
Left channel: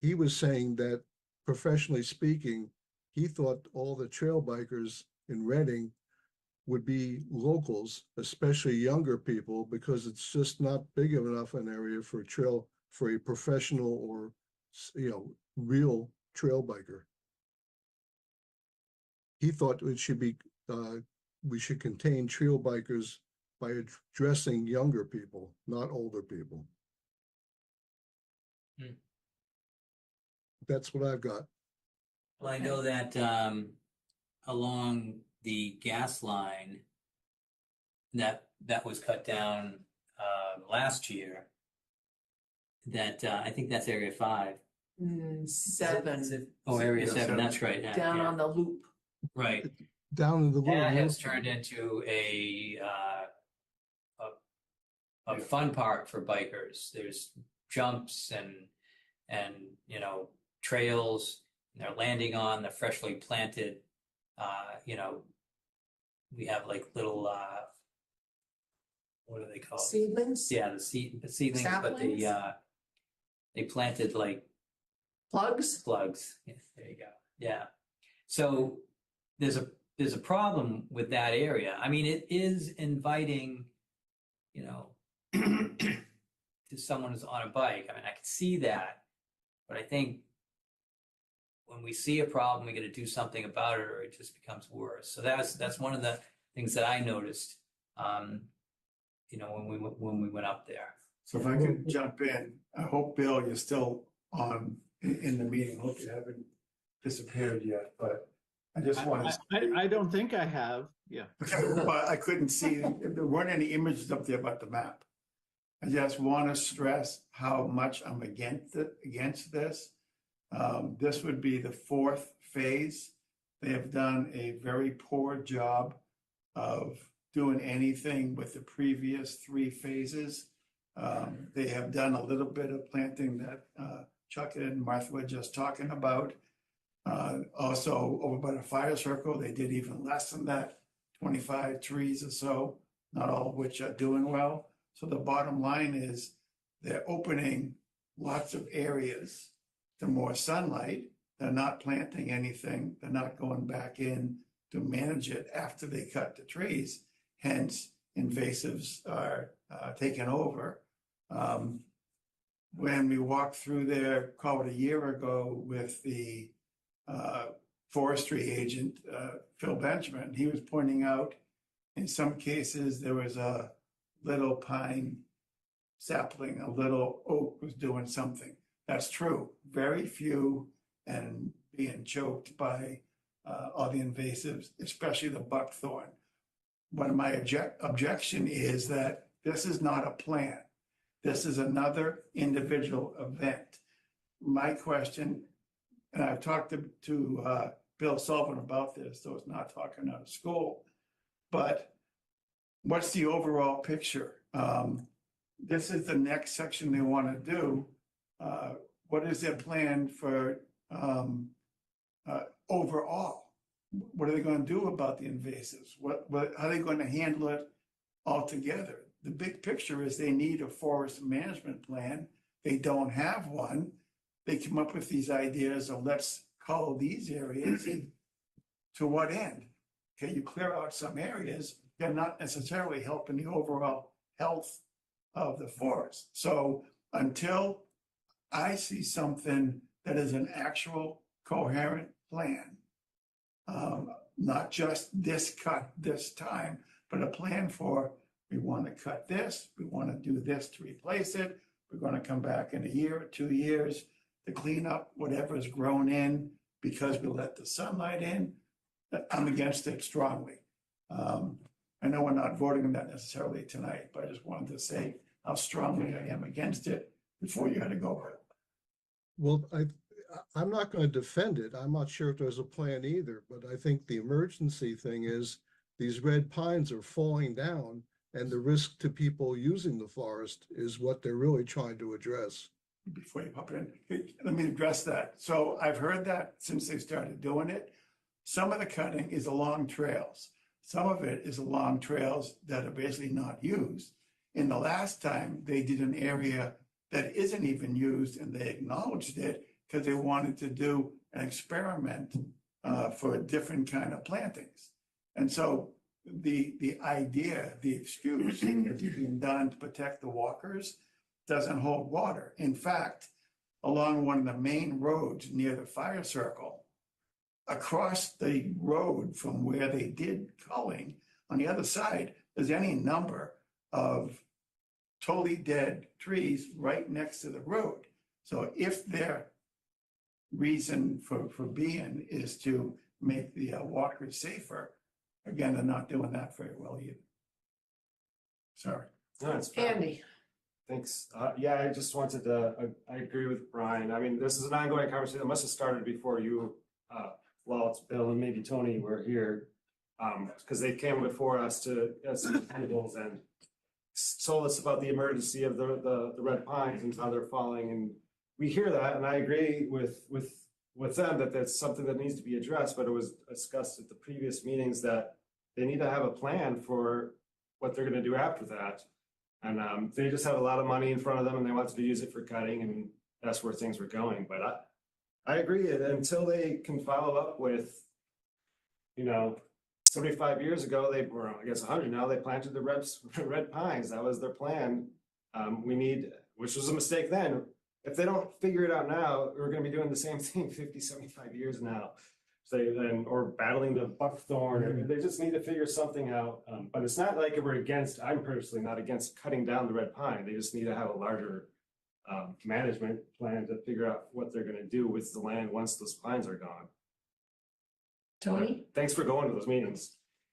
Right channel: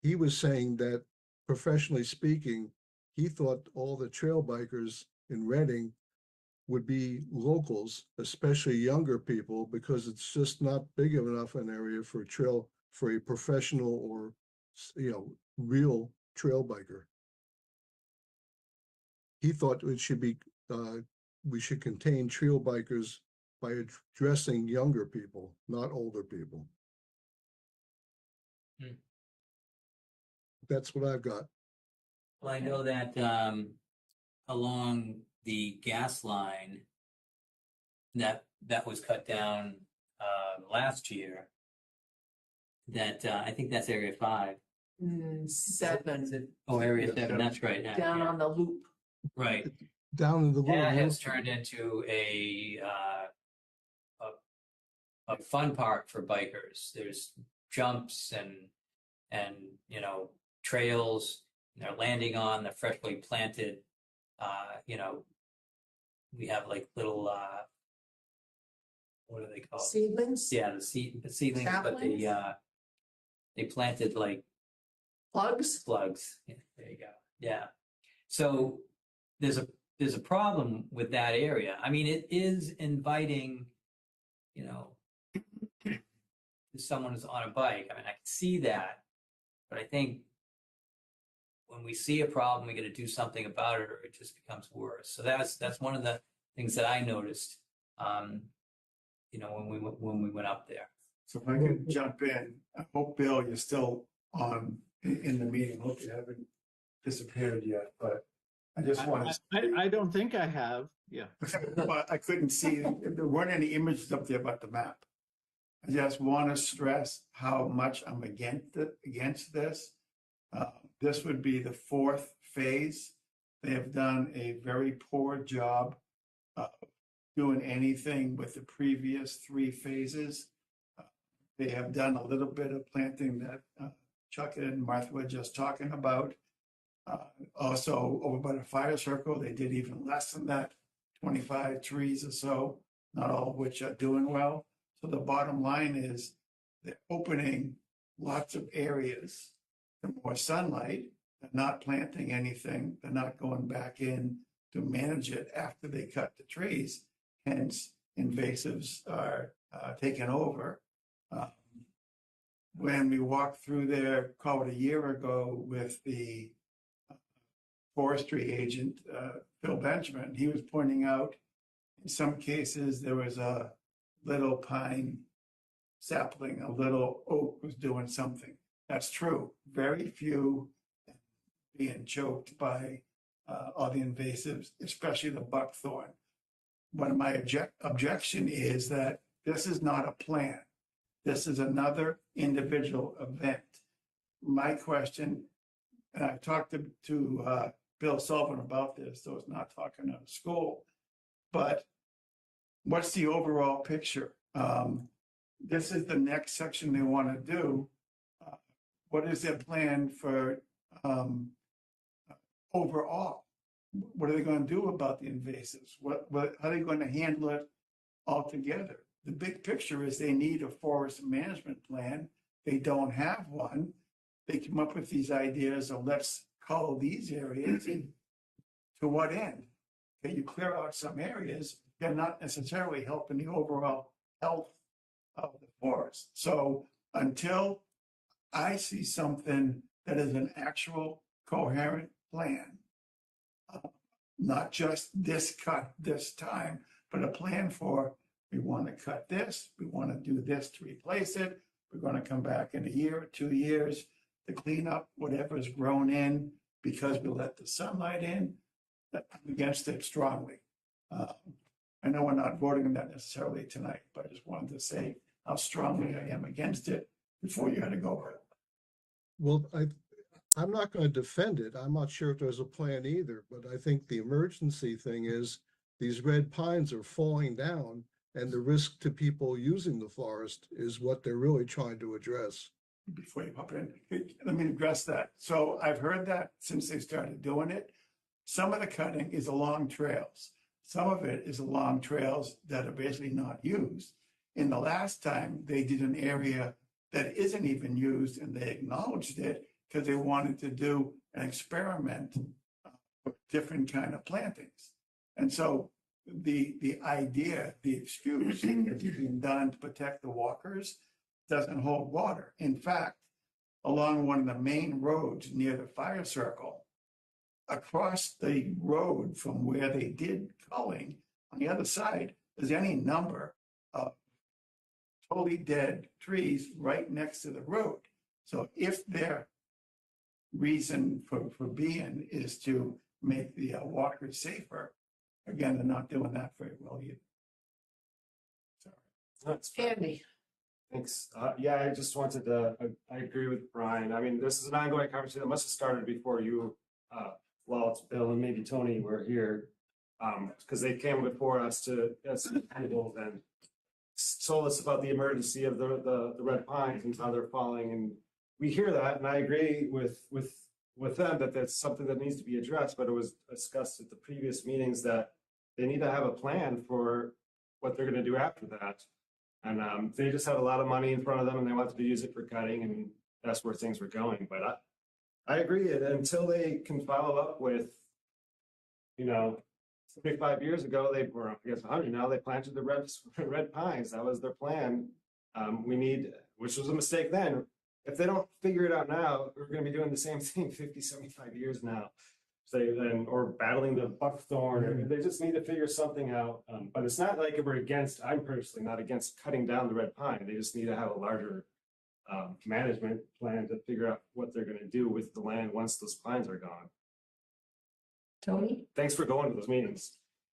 He was saying that, professionally speaking, he thought all the trail bikers in Reading would be locals, especially younger people, because it's just not big enough an area for a professional or, real trail biker. he thought it should be, we should contain trail bikers by addressing younger people, not older people. Hmm. That's what I've got. Well, I know that along the gas line that was cut down last year, that I think that's Area 5. 7. Oh, Area Yeah, 7, that's right. Down yeah. on the loop. Right. Down in the That little. has turned into a fun park for bikers. There's jumps and you know, trails, and they're landing on the freshly planted, you know, we have like little what are they called? Seedlings? Yeah, the seedlings, but Saplings? they planted like Plugs? plugs. Yeah, there you go. Yeah. So there's a problem with that area. I mean, it is inviting, you know, to someone who's on a bike. I mean, I can see that, but I think when we see a problem, we got to do something about it, or it just becomes worse. So that's one of the things that I noticed, you know, when we went up there. So if I could jump in, I hope, Bill, you're still on in the meeting. Hope you haven't disappeared yet, but I just want to. I don't think I have. Yeah. But I couldn't see, there weren't any images up there about the map. I just want to stress how much I'm against this. This would be the 4th phase. They have done a very poor job of doing anything with the previous 3 phases. They have done a little bit of planting that Chuck and Martha were just talking about. Also, over by the fire circle, they did even less than that, 25 trees or so, not all of which are doing well. So the bottom line is they're opening lots of areas to more sunlight. They're not planting anything. They're not going back in to manage it after they cut the trees. Hence, invasives are taking over. When we walked through there, call it a year ago, with the forestry agent, Phil Benjamin, he was pointing out in some cases there was a little pine sapling, a little oak was doing something. That's true. Very few, and being choked by all the invasives, especially the buckthorn. One of my objection is that this is not a plan. This is another individual event. My question, and I've talked to Bill Sullivan about this, so it's not talking out of school, but what's the overall picture? This is the next section they want to do. What is their plan for overall? What are they going to do about the invasives? How are they going to handle it altogether? The big picture is they need a forest management plan. They don't have one. They come up with these ideas of let's cull these areas, and to what end? Okay, you clear out some areas, they're not necessarily helping the overall health of the forest. So until I see something that is an actual coherent plan, not just this cut this time, but a plan for, we want to cut this, we want to do this to replace it, we're going to come back in a year or 2 years to clean up whatever's grown in because we let the sunlight in. I'm against it strongly. I know we're not voting on that necessarily tonight, but I just wanted to say how strongly I am against it before you had to go over it. Well, I'm not going to defend it. I'm not sure if there's a plan either, but I think the emergency thing is these red pines are falling down, and the risk to people using the forest is what they're really trying to address. Before you hop in, let me address that. So I've heard that since they started doing it. Some of the cutting is along trails. Some of it is along trails that are basically not used. In the last time, they did an area that isn't even used, and they acknowledged it because they wanted to do an experiment for a different kind of plantings. And so the idea, the excuse that's being done to protect the walkers doesn't hold water. In fact, along one of the main roads near the fire circle, across the road from where they did culling, on the other side, there's any number of totally dead trees right next to the road. So if their reason for being is to make the walkers safer, again, they're not doing that very well either. Sorry. No, it's fine. Andy, Thanks. Yeah, I just wanted to, I agree with Brian. I mean, this is an ongoing conversation. It must have started before you, Walt, Bill, and maybe Tony were here. Because they came before us to get some tables and told us about the emergency of the red pines and how they're falling. And we hear that, and I agree with them that that's something that needs to be addressed, but it was discussed at the previous meetings that they need to have a plan for what they're gonna do after that. And they just have a lot of money in front of them and they want to use it for cutting, and that's where things were going. But I agree, until they can follow up with, 75 years ago, or I guess 100 now, they planted the red pines. That was their plan. Which was a mistake then. If they don't figure it out now, we're going to be doing the same thing 50, 75 years now. Or battling the buckthorn. They just need to figure something out. But it's not like I'm personally not against cutting down the red pine. They just need to have a larger management plan to figure out what they're going to do with the land once those pines are gone. Tony? Thanks for going to those meetings.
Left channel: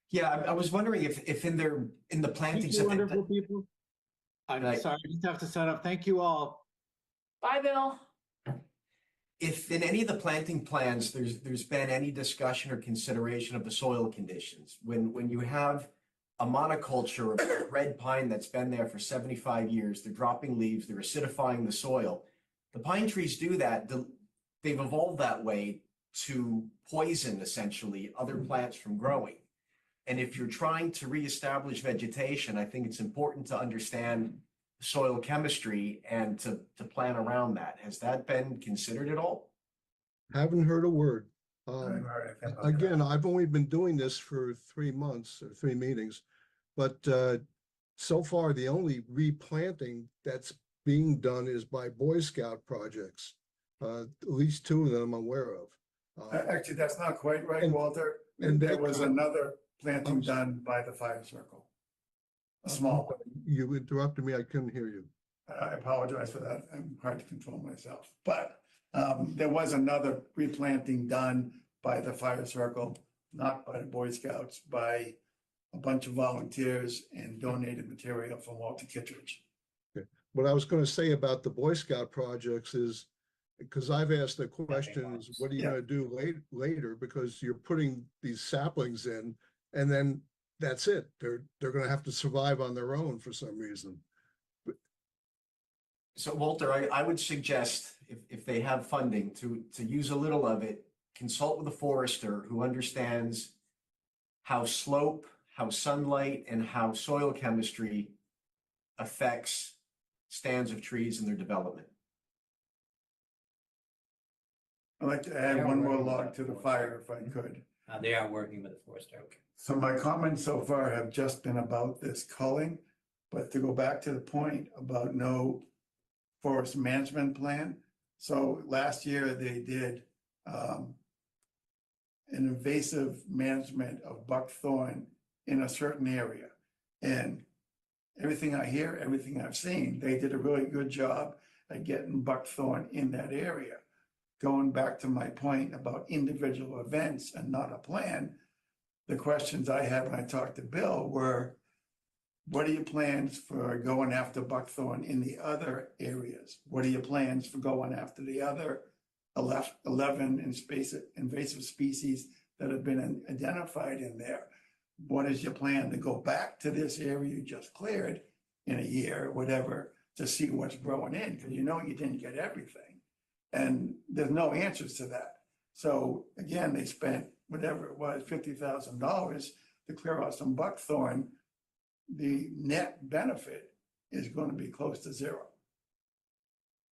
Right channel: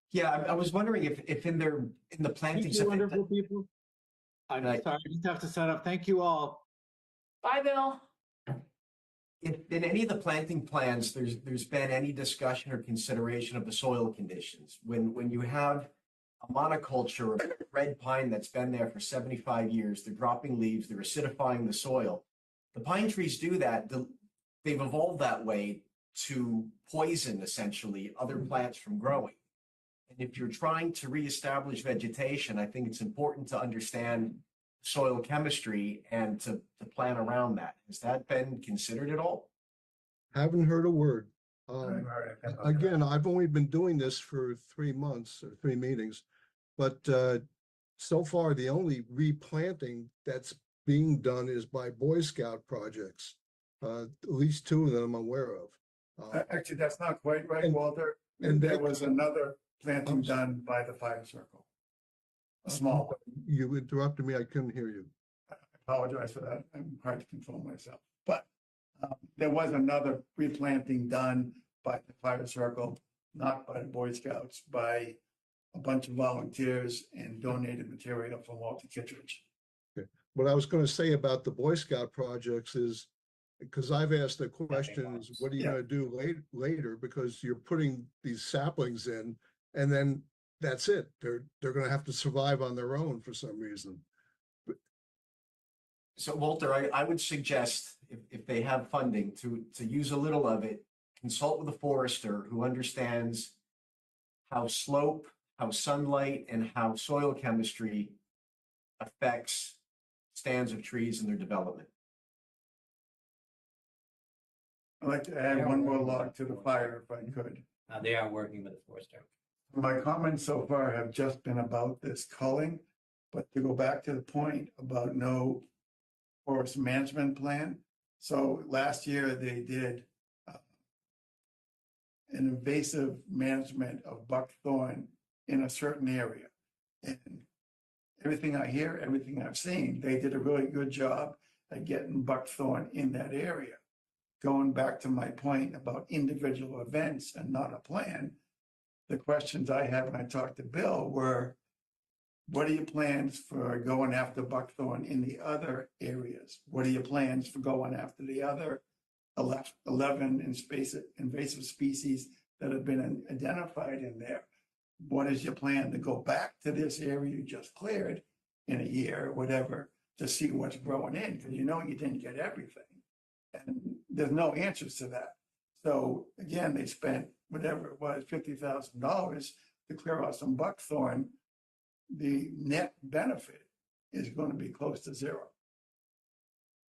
Yeah, I was wondering if in the plantings. Thank you, wonderful people. I'm sorry, I just have to sign up. Thank you all. Bye, Bill. If in any of the planting plans, there's been any discussion or consideration of the soil conditions, when you have a monoculture of red pine that's been there for 75 years, they're dropping leaves, they're acidifying the soil. The pine trees do that. They've evolved that way to poison essentially other plants from growing. And if you're trying to reestablish vegetation, I think it's important to understand soil chemistry and to plan around that. Has that been considered at all? Haven't heard a word. Again, I've only been doing this for 3 months or 3 meetings, but so far the only replanting that's being done is by Boy Scout projects. At least 2 of them I'm aware of. Actually, that's not quite right, Walter. And there was another planting done by the fire circle. A small one. You interrupted me. I couldn't hear you. I apologize for that. I'm hard to control myself. But there was another replanting done by the fire circle, not by the Boy Scouts, by a bunch of volunteers and donated material from Walter Kittredge. Okay. What I was going to say about the Boy Scout projects is, because I've asked the questions, what are you going to do later? Because you're putting these saplings in, and then that's it. They're going to have to survive on their own for some reason. So Walter, I would suggest if they have funding to use a little of it, consult with a forester who understands how slope, how sunlight, and how soil chemistry affects stands of trees and their development. I'd like to add one more log to the fire if I could. They are working with the forester. Okay. So my comments so far have just been about this culling, but to go back to the point about no forest management plan. So last year they did an invasive management of buckthorn in a certain area. And everything I hear, everything I've seen, they did a really good job at getting buckthorn in that area. Going back to my point about individual events and not a plan, the questions I had when I talked to Bill were, what are your plans for going after buckthorn in the other areas? What are your plans for going after the other 11 invasive species that have been identified in there? What is your plan to go back to this area you just cleared in a year, whatever, to see what's growing in? Because you didn't get everything. And there's no answers to that. So again, they spent whatever it was, $50,000 to clear out some buckthorn. The net benefit is going to be close to zero.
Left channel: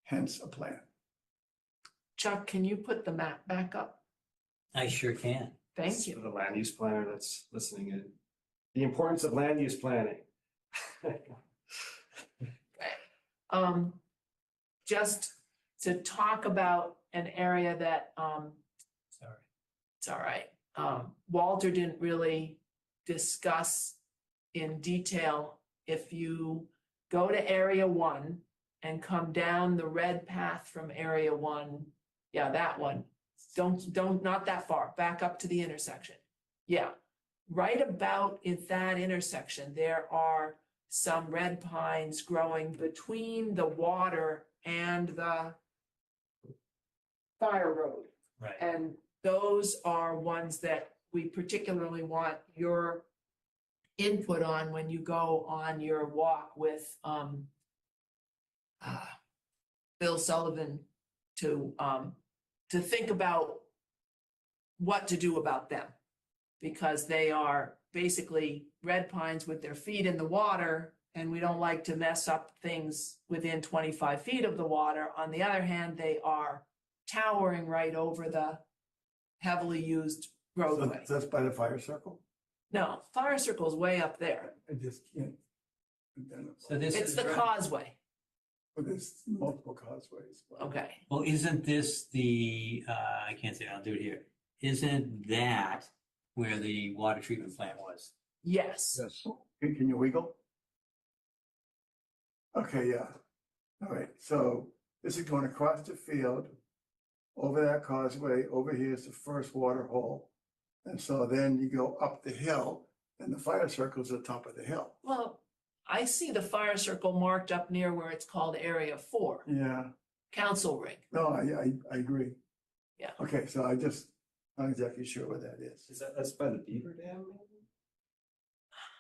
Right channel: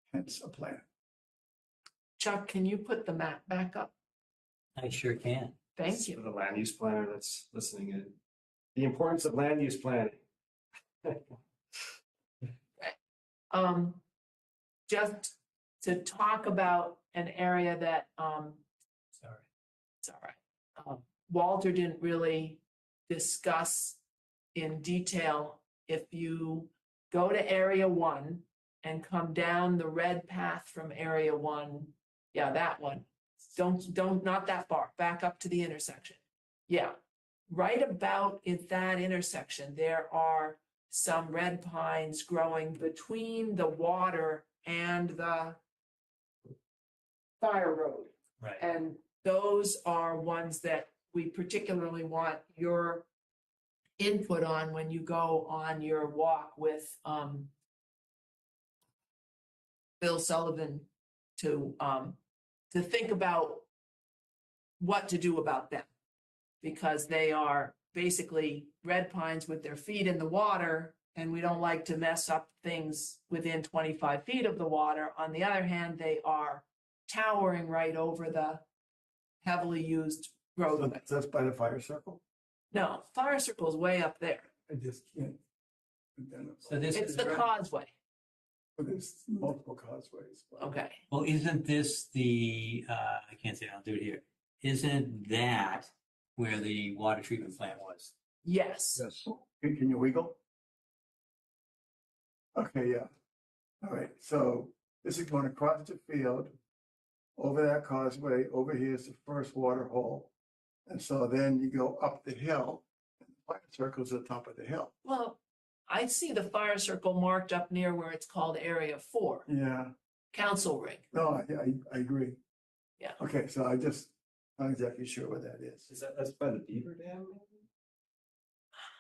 Hence a plan. Chuck, can you put the map back up? I sure can. Thank you. For the land use planner that's listening in. The importance of land use planning. Just to talk about an area that It's all right. Walter didn't really discuss in detail. If you go to area 1 and come down the red path from area 1, yeah, that one. Don't, not that far, back up to the intersection. Yeah, right about at that intersection, there are some red pines growing between the water and the fire road. Right. And those are ones that we particularly want your input on when you go on your walk with Bill Sullivan to think about what to do about them, because they are basically red pines with their feet in the water, and we don't like to mess up things within 25 feet of the water. On the other hand, they are towering right over the heavily used roadway. So that's by the fire circle? No, fire circle's way up there. I just can't. So this It's is the right- causeway. But there's multiple causeways. Okay. Well, isn't this the, I can't say, I'll do it here. Isn't that where the water treatment plant was? Yes. Yes. Can you wiggle? Okay, yeah. All right, so this is going across the field, over that causeway, over here is the first water hole. And so then you go up the hill, and the fire circle's at the top of the hill. Well, I see the fire circle marked up near where it's called Area 4, Yeah, Council Ring. no, I agree. Yeah. Okay, so I just, not exactly sure what that is. That's by the Beaver Dam? Maybe?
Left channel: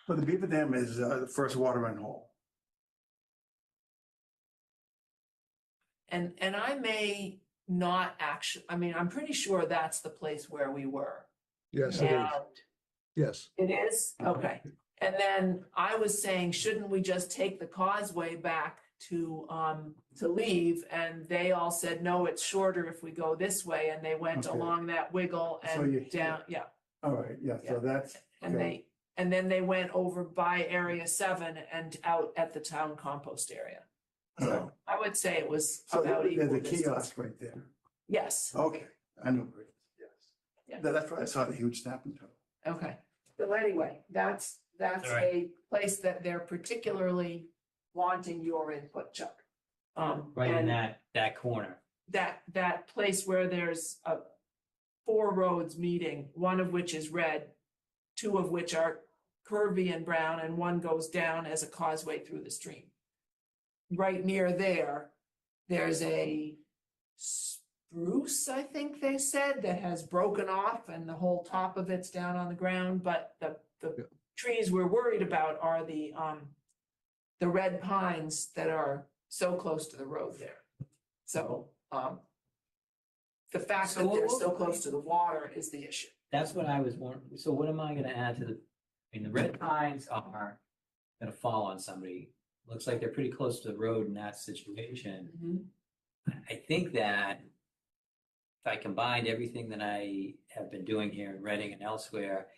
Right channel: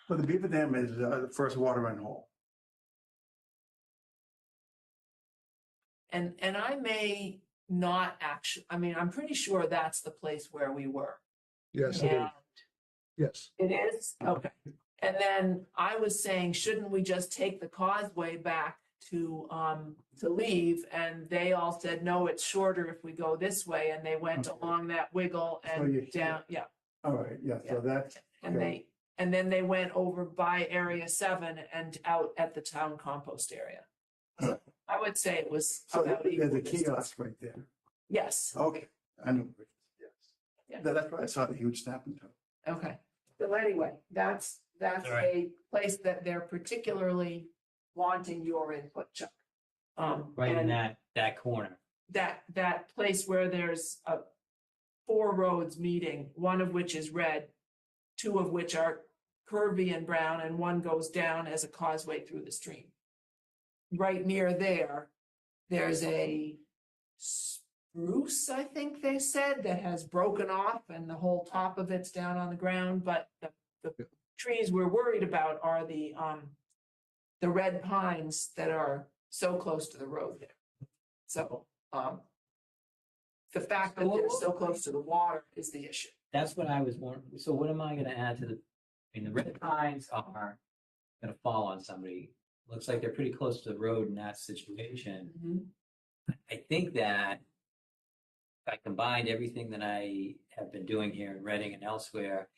But the Beaver Dam is the first water run hole. And I may not actually, I mean, I'm pretty sure that's the place where we were. Yes, it is. And Yes. it is? Okay. And then I was saying, shouldn't we just take the causeway back to leave? And they all said, no, it's shorter if we go this way. And they went Okay. along that wiggle So and you- down, yeah. All right, yeah, so that's, And okay. then they went over by Area 7 and out at the town compost area. So I would say it was so about there's equal a distance. kiosk right there. Yes, Okay, I know where it is, yes. Yeah. That's why I saw the huge snapping turtle. okay. So anyway, that's All right. a place that they're particularly wanting your input, Chuck. Right in and that corner. that place where there's 4 roads meeting, one of which is red, 2 of which are curvy and brown, and one goes down as a causeway through the stream. Right near there, there's a spruce, I think they said, that has broken off and the whole top of it's down on the ground, but the trees we're worried about are the red pines that are so close to the road there. So, the fact So that they're what- so close to the water is the issue. That's what I was wondering. So what am I gonna add to the, I mean, the red pines are gonna fall on somebody. Looks like they're pretty close to the road in that situation. I think that if I combined everything that I have been doing here in Reading and elsewhere,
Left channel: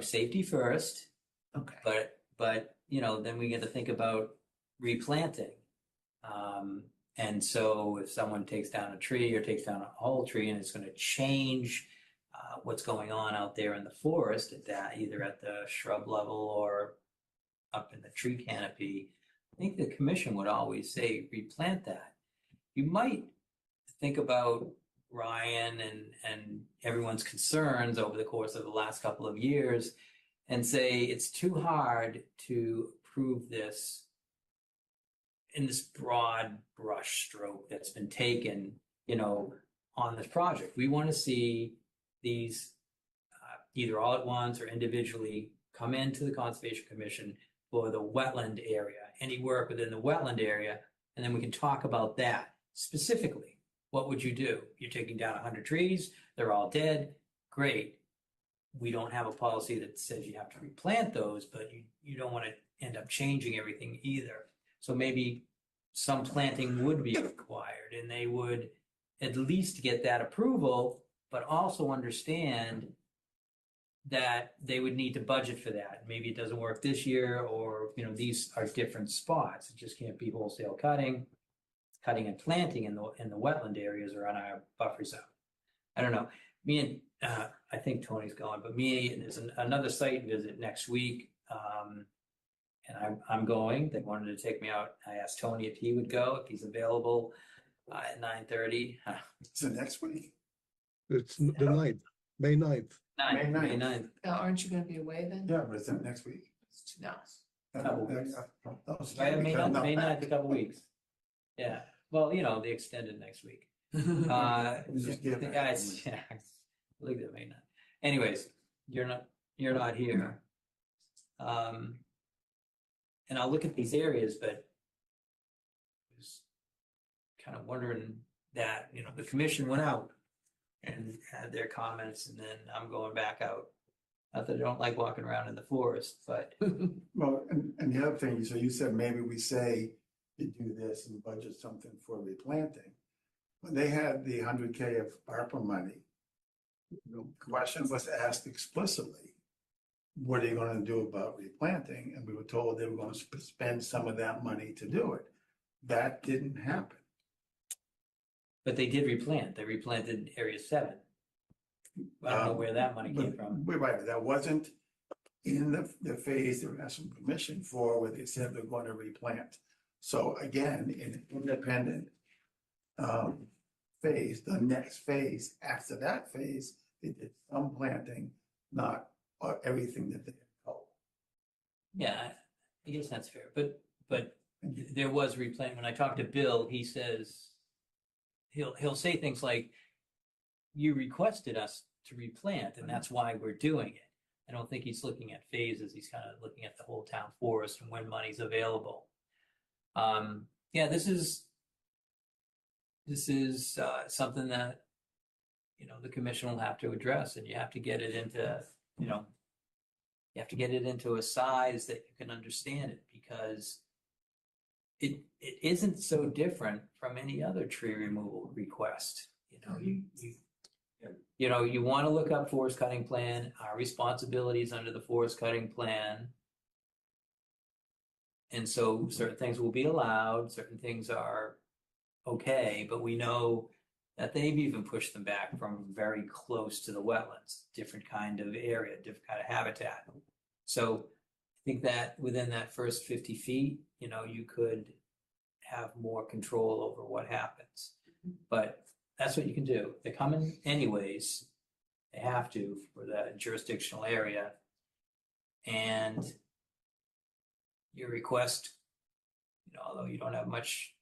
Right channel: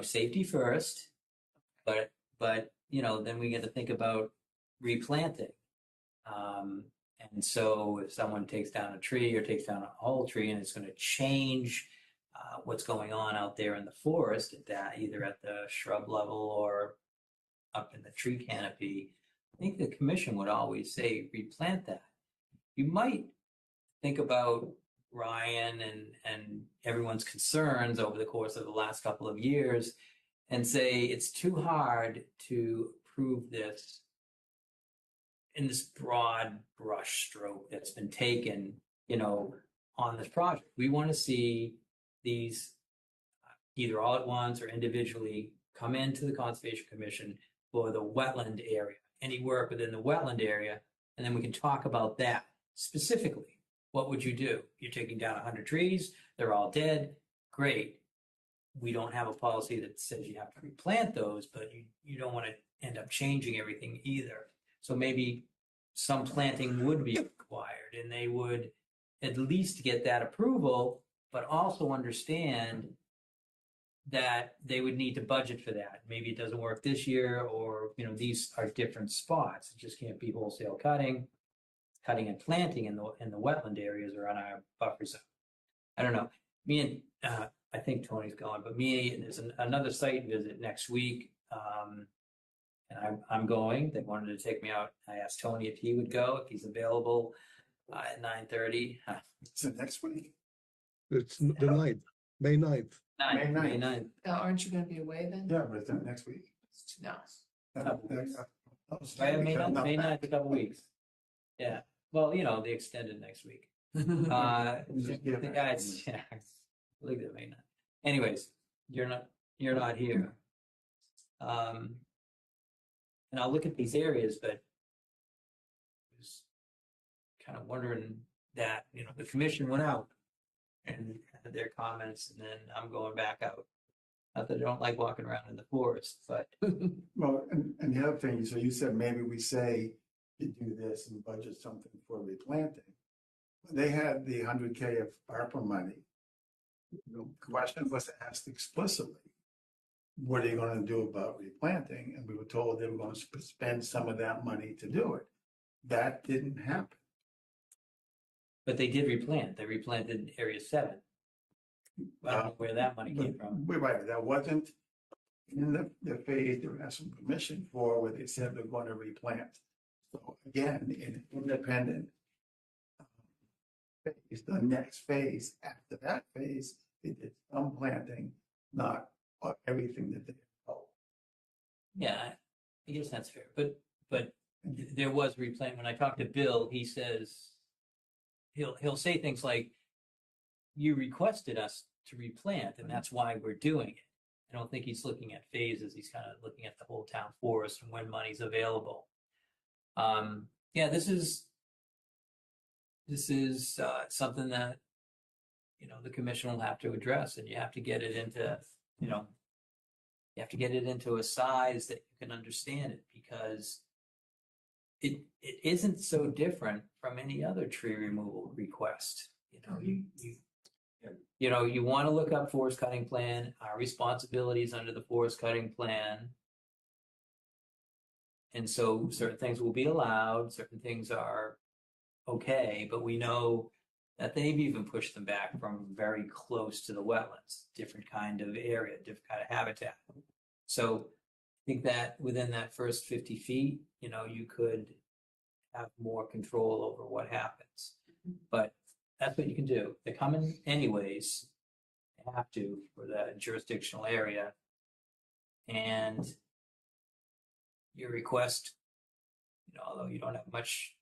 safety first, Okay. but, then we get to think about replanting. And so if someone takes down a tree or takes down a whole tree and it's going to change what's going on out there in the forest either at the shrub level or up in the tree canopy, I think the commission would always say replant that. You might think about Ryan and everyone's concerns over the course of the last couple of years and say it's too hard to prove this in this broad brush stroke that's been taken, on this project. We want to see these either all at once or individually come into the Conservation Commission for the wetland area, any work within the wetland area, and then we can talk about that specifically. What would you do? You're taking down 100 trees, they're all dead, great. We don't have a policy that says you have to replant those, but you don't want to end up changing everything either. So maybe some planting would be required and they would at least get that approval, but also understand that they would need to budget for that. Maybe it doesn't work this year or, these are different spots. It just can't be wholesale cutting and planting in the wetland areas or on our buffer zone. I don't know. Me and I think Tony's going, but me, there's another site visit next week. And I'm going. They wanted to take me out. I asked Tony if he would go, if he's available at 9:30. Is it next week? It's the 9th, May 9th. May 9th. 9th. Aren't you gonna be away then? Yeah, but is it next week? No. Couple weeks. Those- I have May 9th, a couple weeks. Yeah. Well, they extended next week. Just give it. Yeah, look at May 9th. Anyways, you're not here. And I'll look at these areas, but I was kind of wondering that, the commission went out and had their comments, and then I'm going back out. Not that I don't like walking around in the forest, but Well, and the other thing, so you said maybe we say you do this and budget something for replanting. When they had the 100K of ARPA money, the question was asked explicitly, what are you going to do about replanting? And we were told they were going to spend some of that money to do it. That didn't happen. but they did replant. They replanted Area 7. I don't know where that money came from. We're right, that wasn't in the phase they were asking permission for, where they said they're going to replant. So again, in independent phase, the next phase, after that phase, they did some planting, not everything that they had told. Yeah, I guess that's fair. But there was replant. When I talked to Bill, he says he'll say things like, "You requested us to replant, and that's why we're doing it." I don't think he's looking at phases. He's kind of looking at the whole town forest and when money's available. Yeah, this is something that the commission will have to address, and you have to get it into you have to get it into a size that you can understand it, because it isn't so different from any other tree removal request. You want to look up forest cutting plan, our responsibilities under the forest cutting plan. And so certain things will be allowed, certain things are okay, but we know that they've even pushed them back from very close to the wetlands, different kind of area, different kind of habitat. So I think that within that first 50 feet, you could have more control over what happens. But that's what you can do. They're coming anyways. They have to for the jurisdictional area. And your request, although you don't have much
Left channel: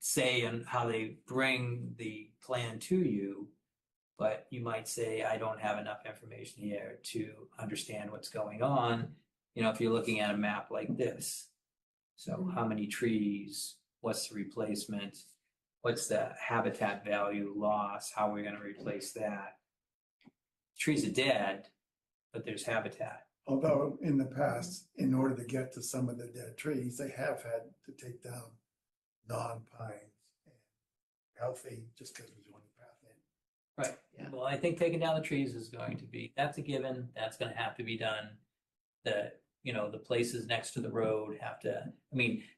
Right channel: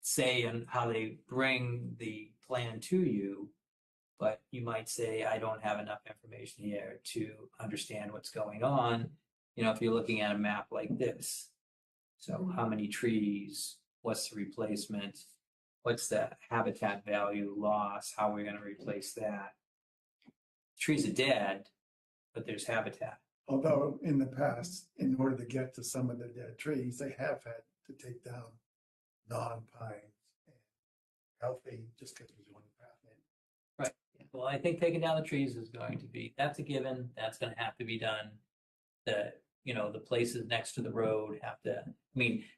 say in how they bring the plan to you, but you might say, I don't have enough information here to understand what's going on. If you're looking at a map like this. So how many trees, what's the replacement? What's the habitat value loss? How are we going to replace that? Trees are dead, but there's habitat. Although in the past, in order to get to some of the dead trees, they have had to take down non-pines and healthy, just because we're doing the path in. Right. Yeah. Well, I think taking down the trees is going to be, that's a given. That's going to have to be done. The places next to the road have to,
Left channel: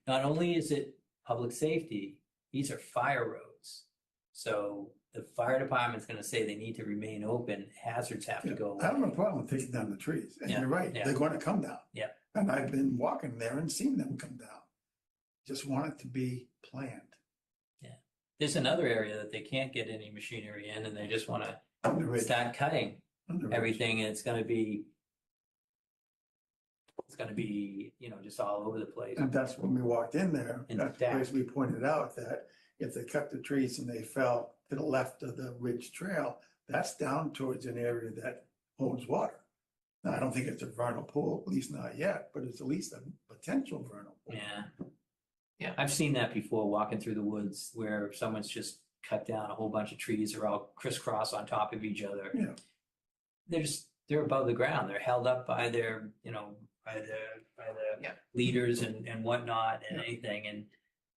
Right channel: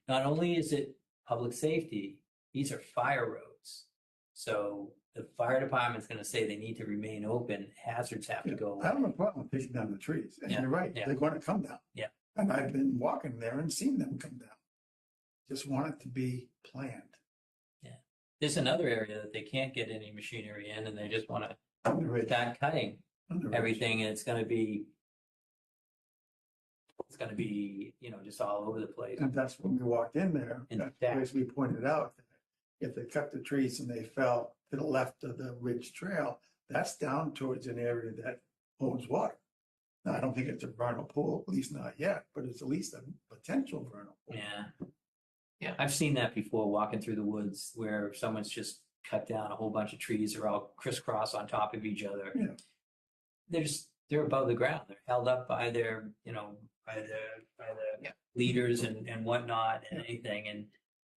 not only is it public safety, these are fire roads. So the fire department's going to say they need to remain open. Hazards have to go away. I don't have a problem taking down the trees. And you're right, Yeah. they're going to come down. Yeah. And I've been walking there and seen them come down. Just want it to be planned. Yeah. There's another area that they can't get any machinery in, and they just want On the to ridge. start cutting On the ridge. everything, and it's going to be, just all over the place. And that's when we walked in there, In that's fact. because we pointed out that if they cut the trees and they fell to the left of the ridge trail, that's down towards an area that holds water. Now, I don't think it's a vernal pool, at least not yet, but it's at least a potential vernal pool. Yeah, I've seen that before, walking through the woods where someone's just cut down a whole bunch of trees. They're all crisscross on top of each other. Yeah. They're above the ground. They're held up by their, by the leaders and whatnot and anything.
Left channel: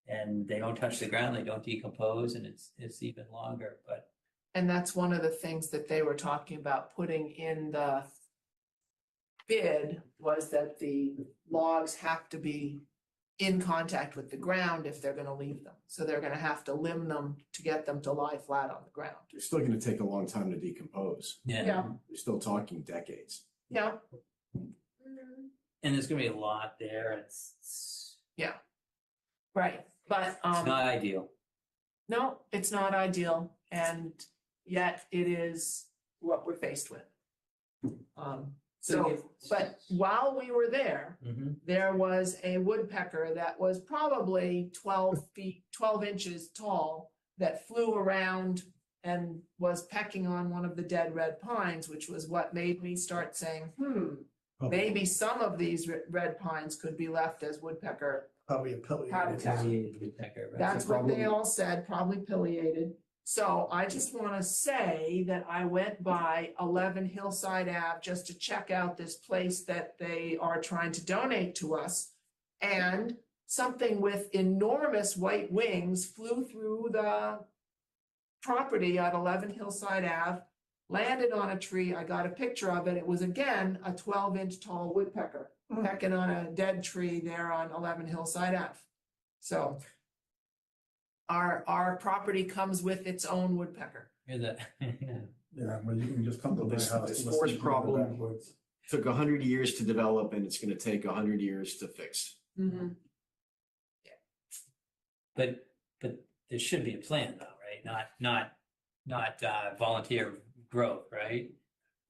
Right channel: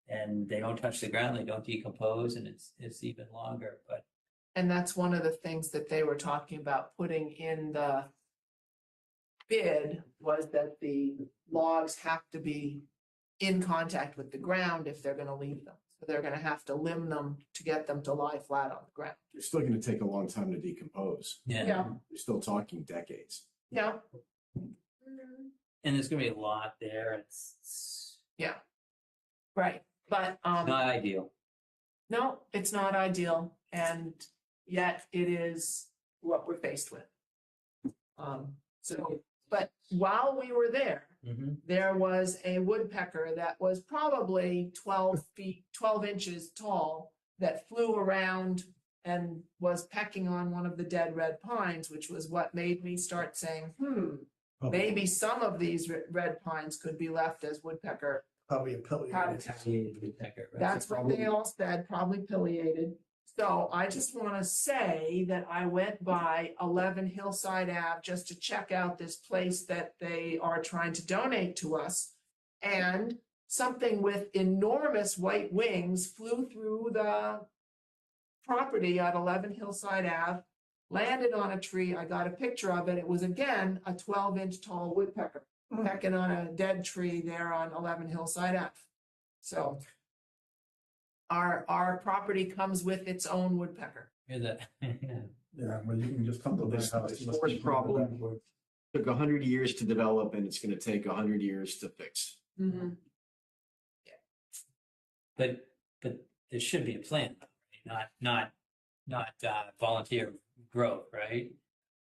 And they don't touch the ground. They don't decompose, and it's even longer. But And that's one of the things that they were talking about putting in the bid, was that the logs have to be in contact with the ground if they're gonna leave them. So they're gonna have to limb them to get them to lie flat on the ground. They're still gonna take a long time to decompose. Yeah. Yeah, You're still talking decades. yeah, And there's gonna be a lot there. It's yeah. Right, but, not ideal. no, it's not ideal, and yet it is what we're faced with. So, but while we were there, Mhm. there was a woodpecker that was probably 12 inches tall that flew around and was pecking on one of the dead red pines, which was what made me start saying, maybe some of these red pines could be left as woodpecker Probably a pileated. habitat. Woodpecker, right? That's what they all said, probably pileated. So I just want to say that I went by 11 Hillside Ave just to check out this place that they are trying to donate to us. And something with enormous white wings flew through the property on 11 Hillside Ave, landed on a tree. I got a picture of it. It was again a 12-inch tall woodpecker pecking on a dead tree there on 11 Hillside Ave. So our property comes with its own woodpecker. Hear that? Yeah, but you can just come to my This house. this and forest listen to the problem backwards. took 100 years to develop, and it's gonna take 100 years to fix. Mm-hmm. But there should be a plan though, right? Not volunteer growth, right?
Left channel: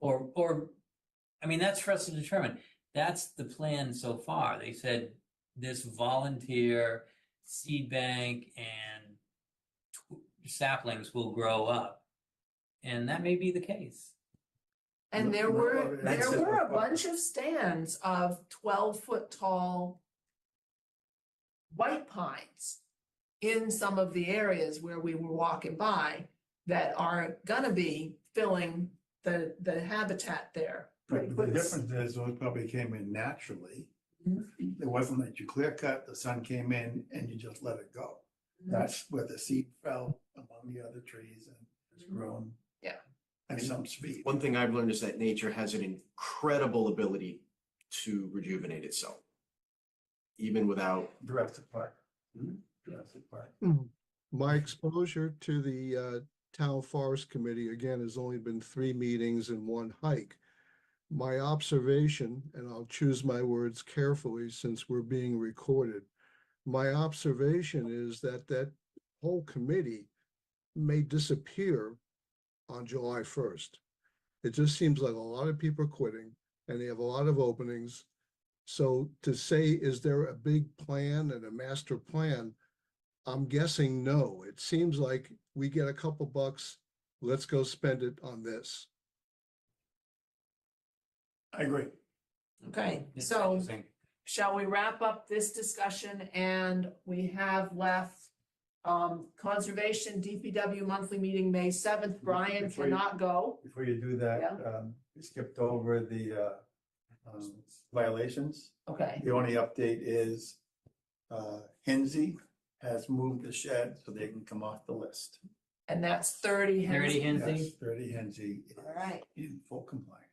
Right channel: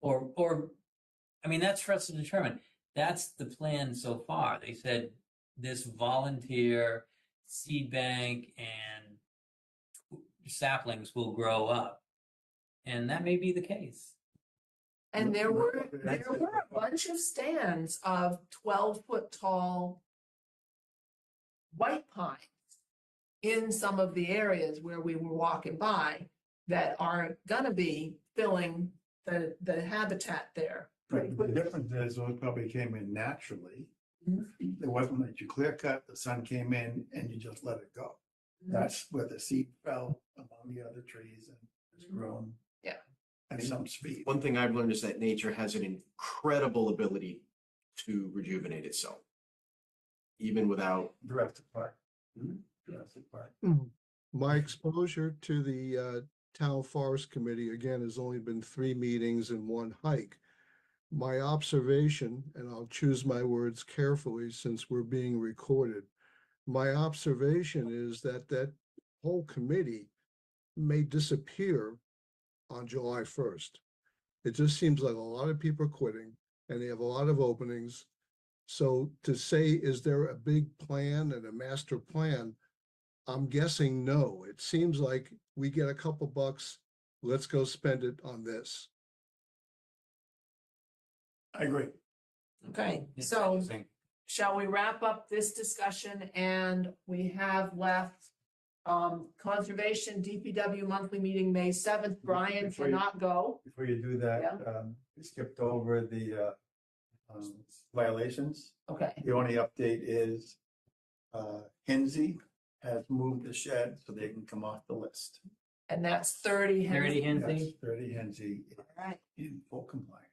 Or, I mean, that's for us to determine. That's the plan so far. They said this volunteer seed bank and saplings will grow up. And that may be the case. And there were That's a bunch of stands of 12-foot tall white pines in some of the areas where we were walking by that are gonna be filling the habitat there. But the difference is those probably came in naturally. It wasn't that you clear cut, the sun came in and you just let it go. That's where the seed fell among the other trees and has grown. Yeah. At some speed. One thing I've learned is that nature has an incredible ability to rejuvenate itself, even without. Jurassic Park. Jurassic Park. My exposure to the Town Forest Committee, again, has only been 3 meetings and 1 hike. My observation, and I'll choose my words carefully since we're being recorded, my observation is that that whole committee may disappear on July 1st. It just seems like a lot of people are quitting and they have a lot of openings. So to say, is there a big plan and a master plan? I'm guessing no. It seems like we get a couple bucks, let's go spend it on this. I agree. Okay, so shall we wrap up this discussion? And we have left Conservation DPW monthly meeting, May 7th. Brian Before you- cannot go. Before you do that, we skipped over the violations. Okay, The only update is Hinsey has moved the shed so they can come off the list. and that's 30 30 Hensley. Hensley? Yes, 30 Hinsey is All right. in full compliance.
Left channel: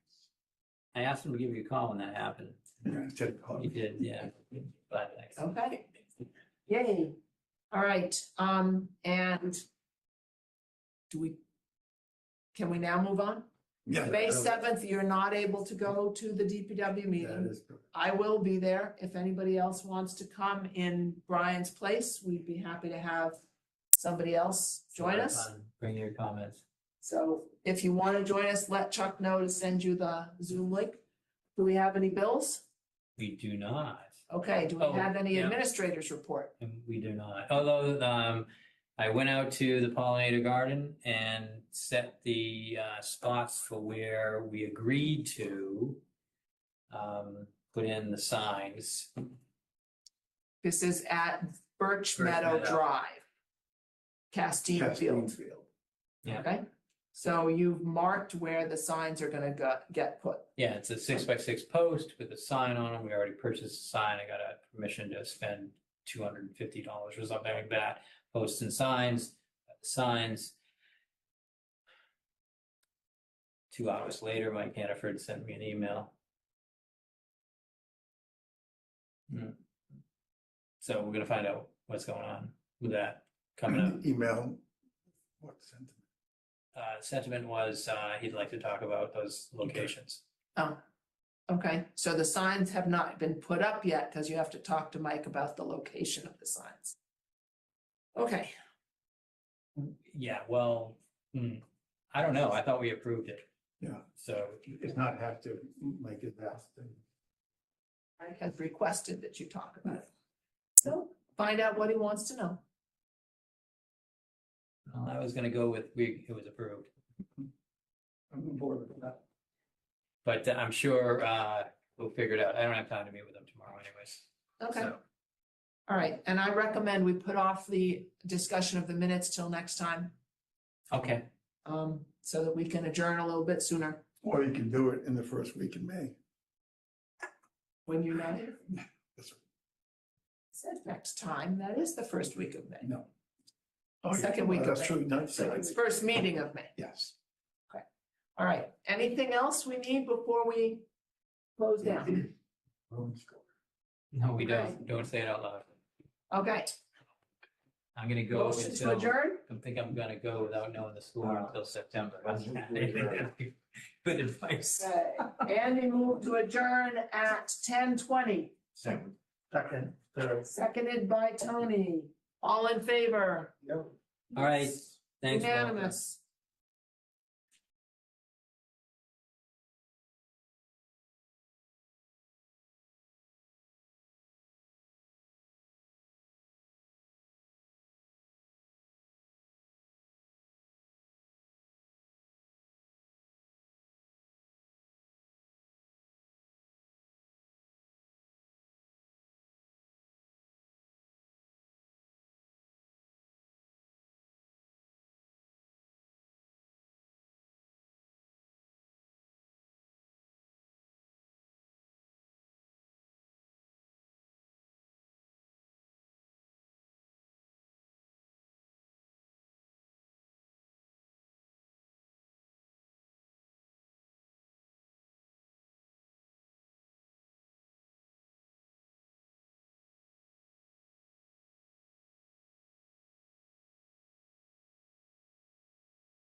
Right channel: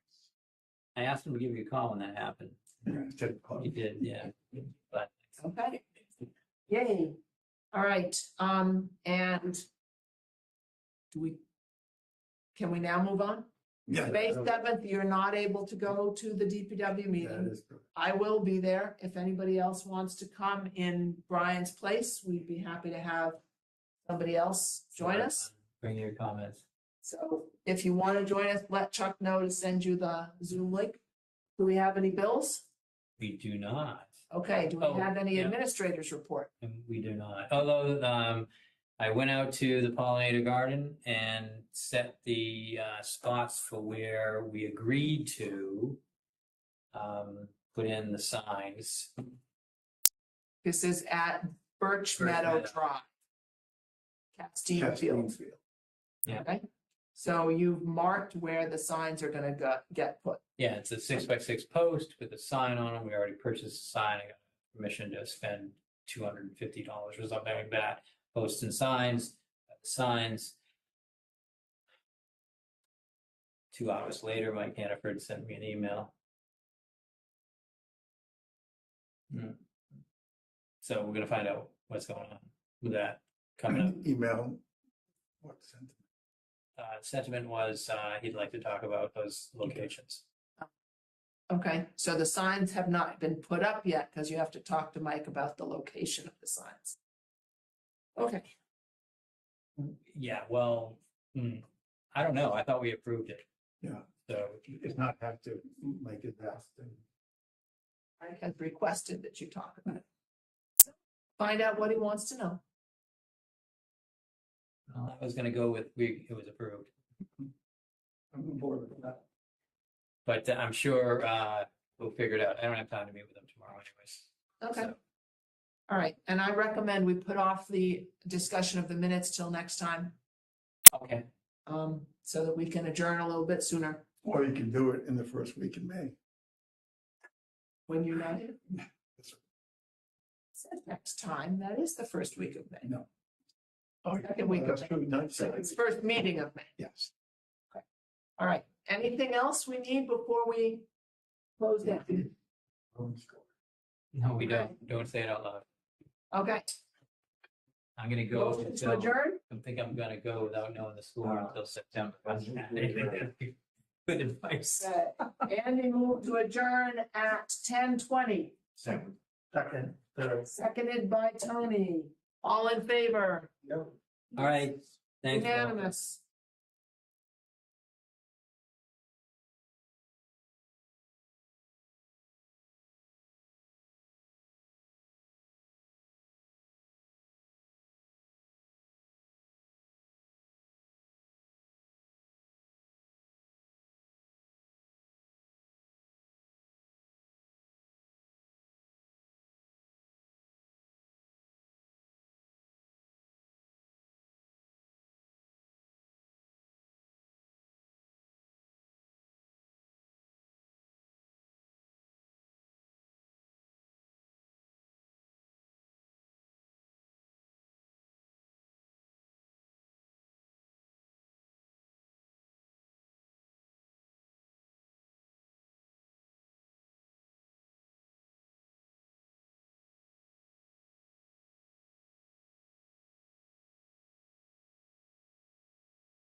I asked him to give you a call when that happened. Yeah, I said, oh, He did, yeah. But Okay. Yay. All right, and can we now move on? Yeah. May 7th, you're not able to go to the DPW That meeting. is good. I will be there. If anybody else wants to come in Brian's place, we'd be happy to have somebody else join us. Bring your comments. So if you want to join us, let Chuck know to send you the Zoom link. Do we have any bills? We do not. Okay, do we Oh, have any yeah. administrators report? And we do not. Although I went out to the pollinator garden and set the spots for where we agreed to put in the signs. This is at Birch Birch Meadow Meadow. Drive, Castine Field. Yeah. Okay, so you've marked where the signs are gonna get put. Yeah, it's a 6x6 post with a sign on it. We already purchased a sign. I got a permission to spend $250 or something like that. Posts and signs, signs. 2 hours later, Mike Hannaford sent me an email. So we're gonna find out what's going on with that coming up. Email. What sentiment? Sentiment was, he'd like to talk about those locations. Oh, okay, so the signs have not been put up yet, because you have to talk to Mike about the location of the signs. Okay, Yeah, well, I don't know. I thought we approved it. Yeah. So, Does not have to, like it has to. Mike has requested that you talk about it. So find out what he wants to know. well, I was gonna go with, it was approved. I'm on board with that. But I'm sure, we'll figure it out. I don't have time to meet with them tomorrow anyways. Okay. So, All right, and I recommend we put off the discussion of the minutes till next time, okay, so that we can adjourn a little bit sooner. Or you can do it in the first week in May. When you're not here. That's- Said next time, that is the first week of May. No. Oh, yeah. Second week of That's May. true. Not So second it's week. first meeting of May. Yes. All right, anything else we need before we close down? no, we don't say it out loud. Okay, I'm gonna go motion to until, adjourn? I think I'm gonna go without knowing the score until September. Good advice. Okay, Andy moved to adjourn at 10:20. Second. Seconded by Tony. All in favor? All right, thanks. Bob. Unanimous.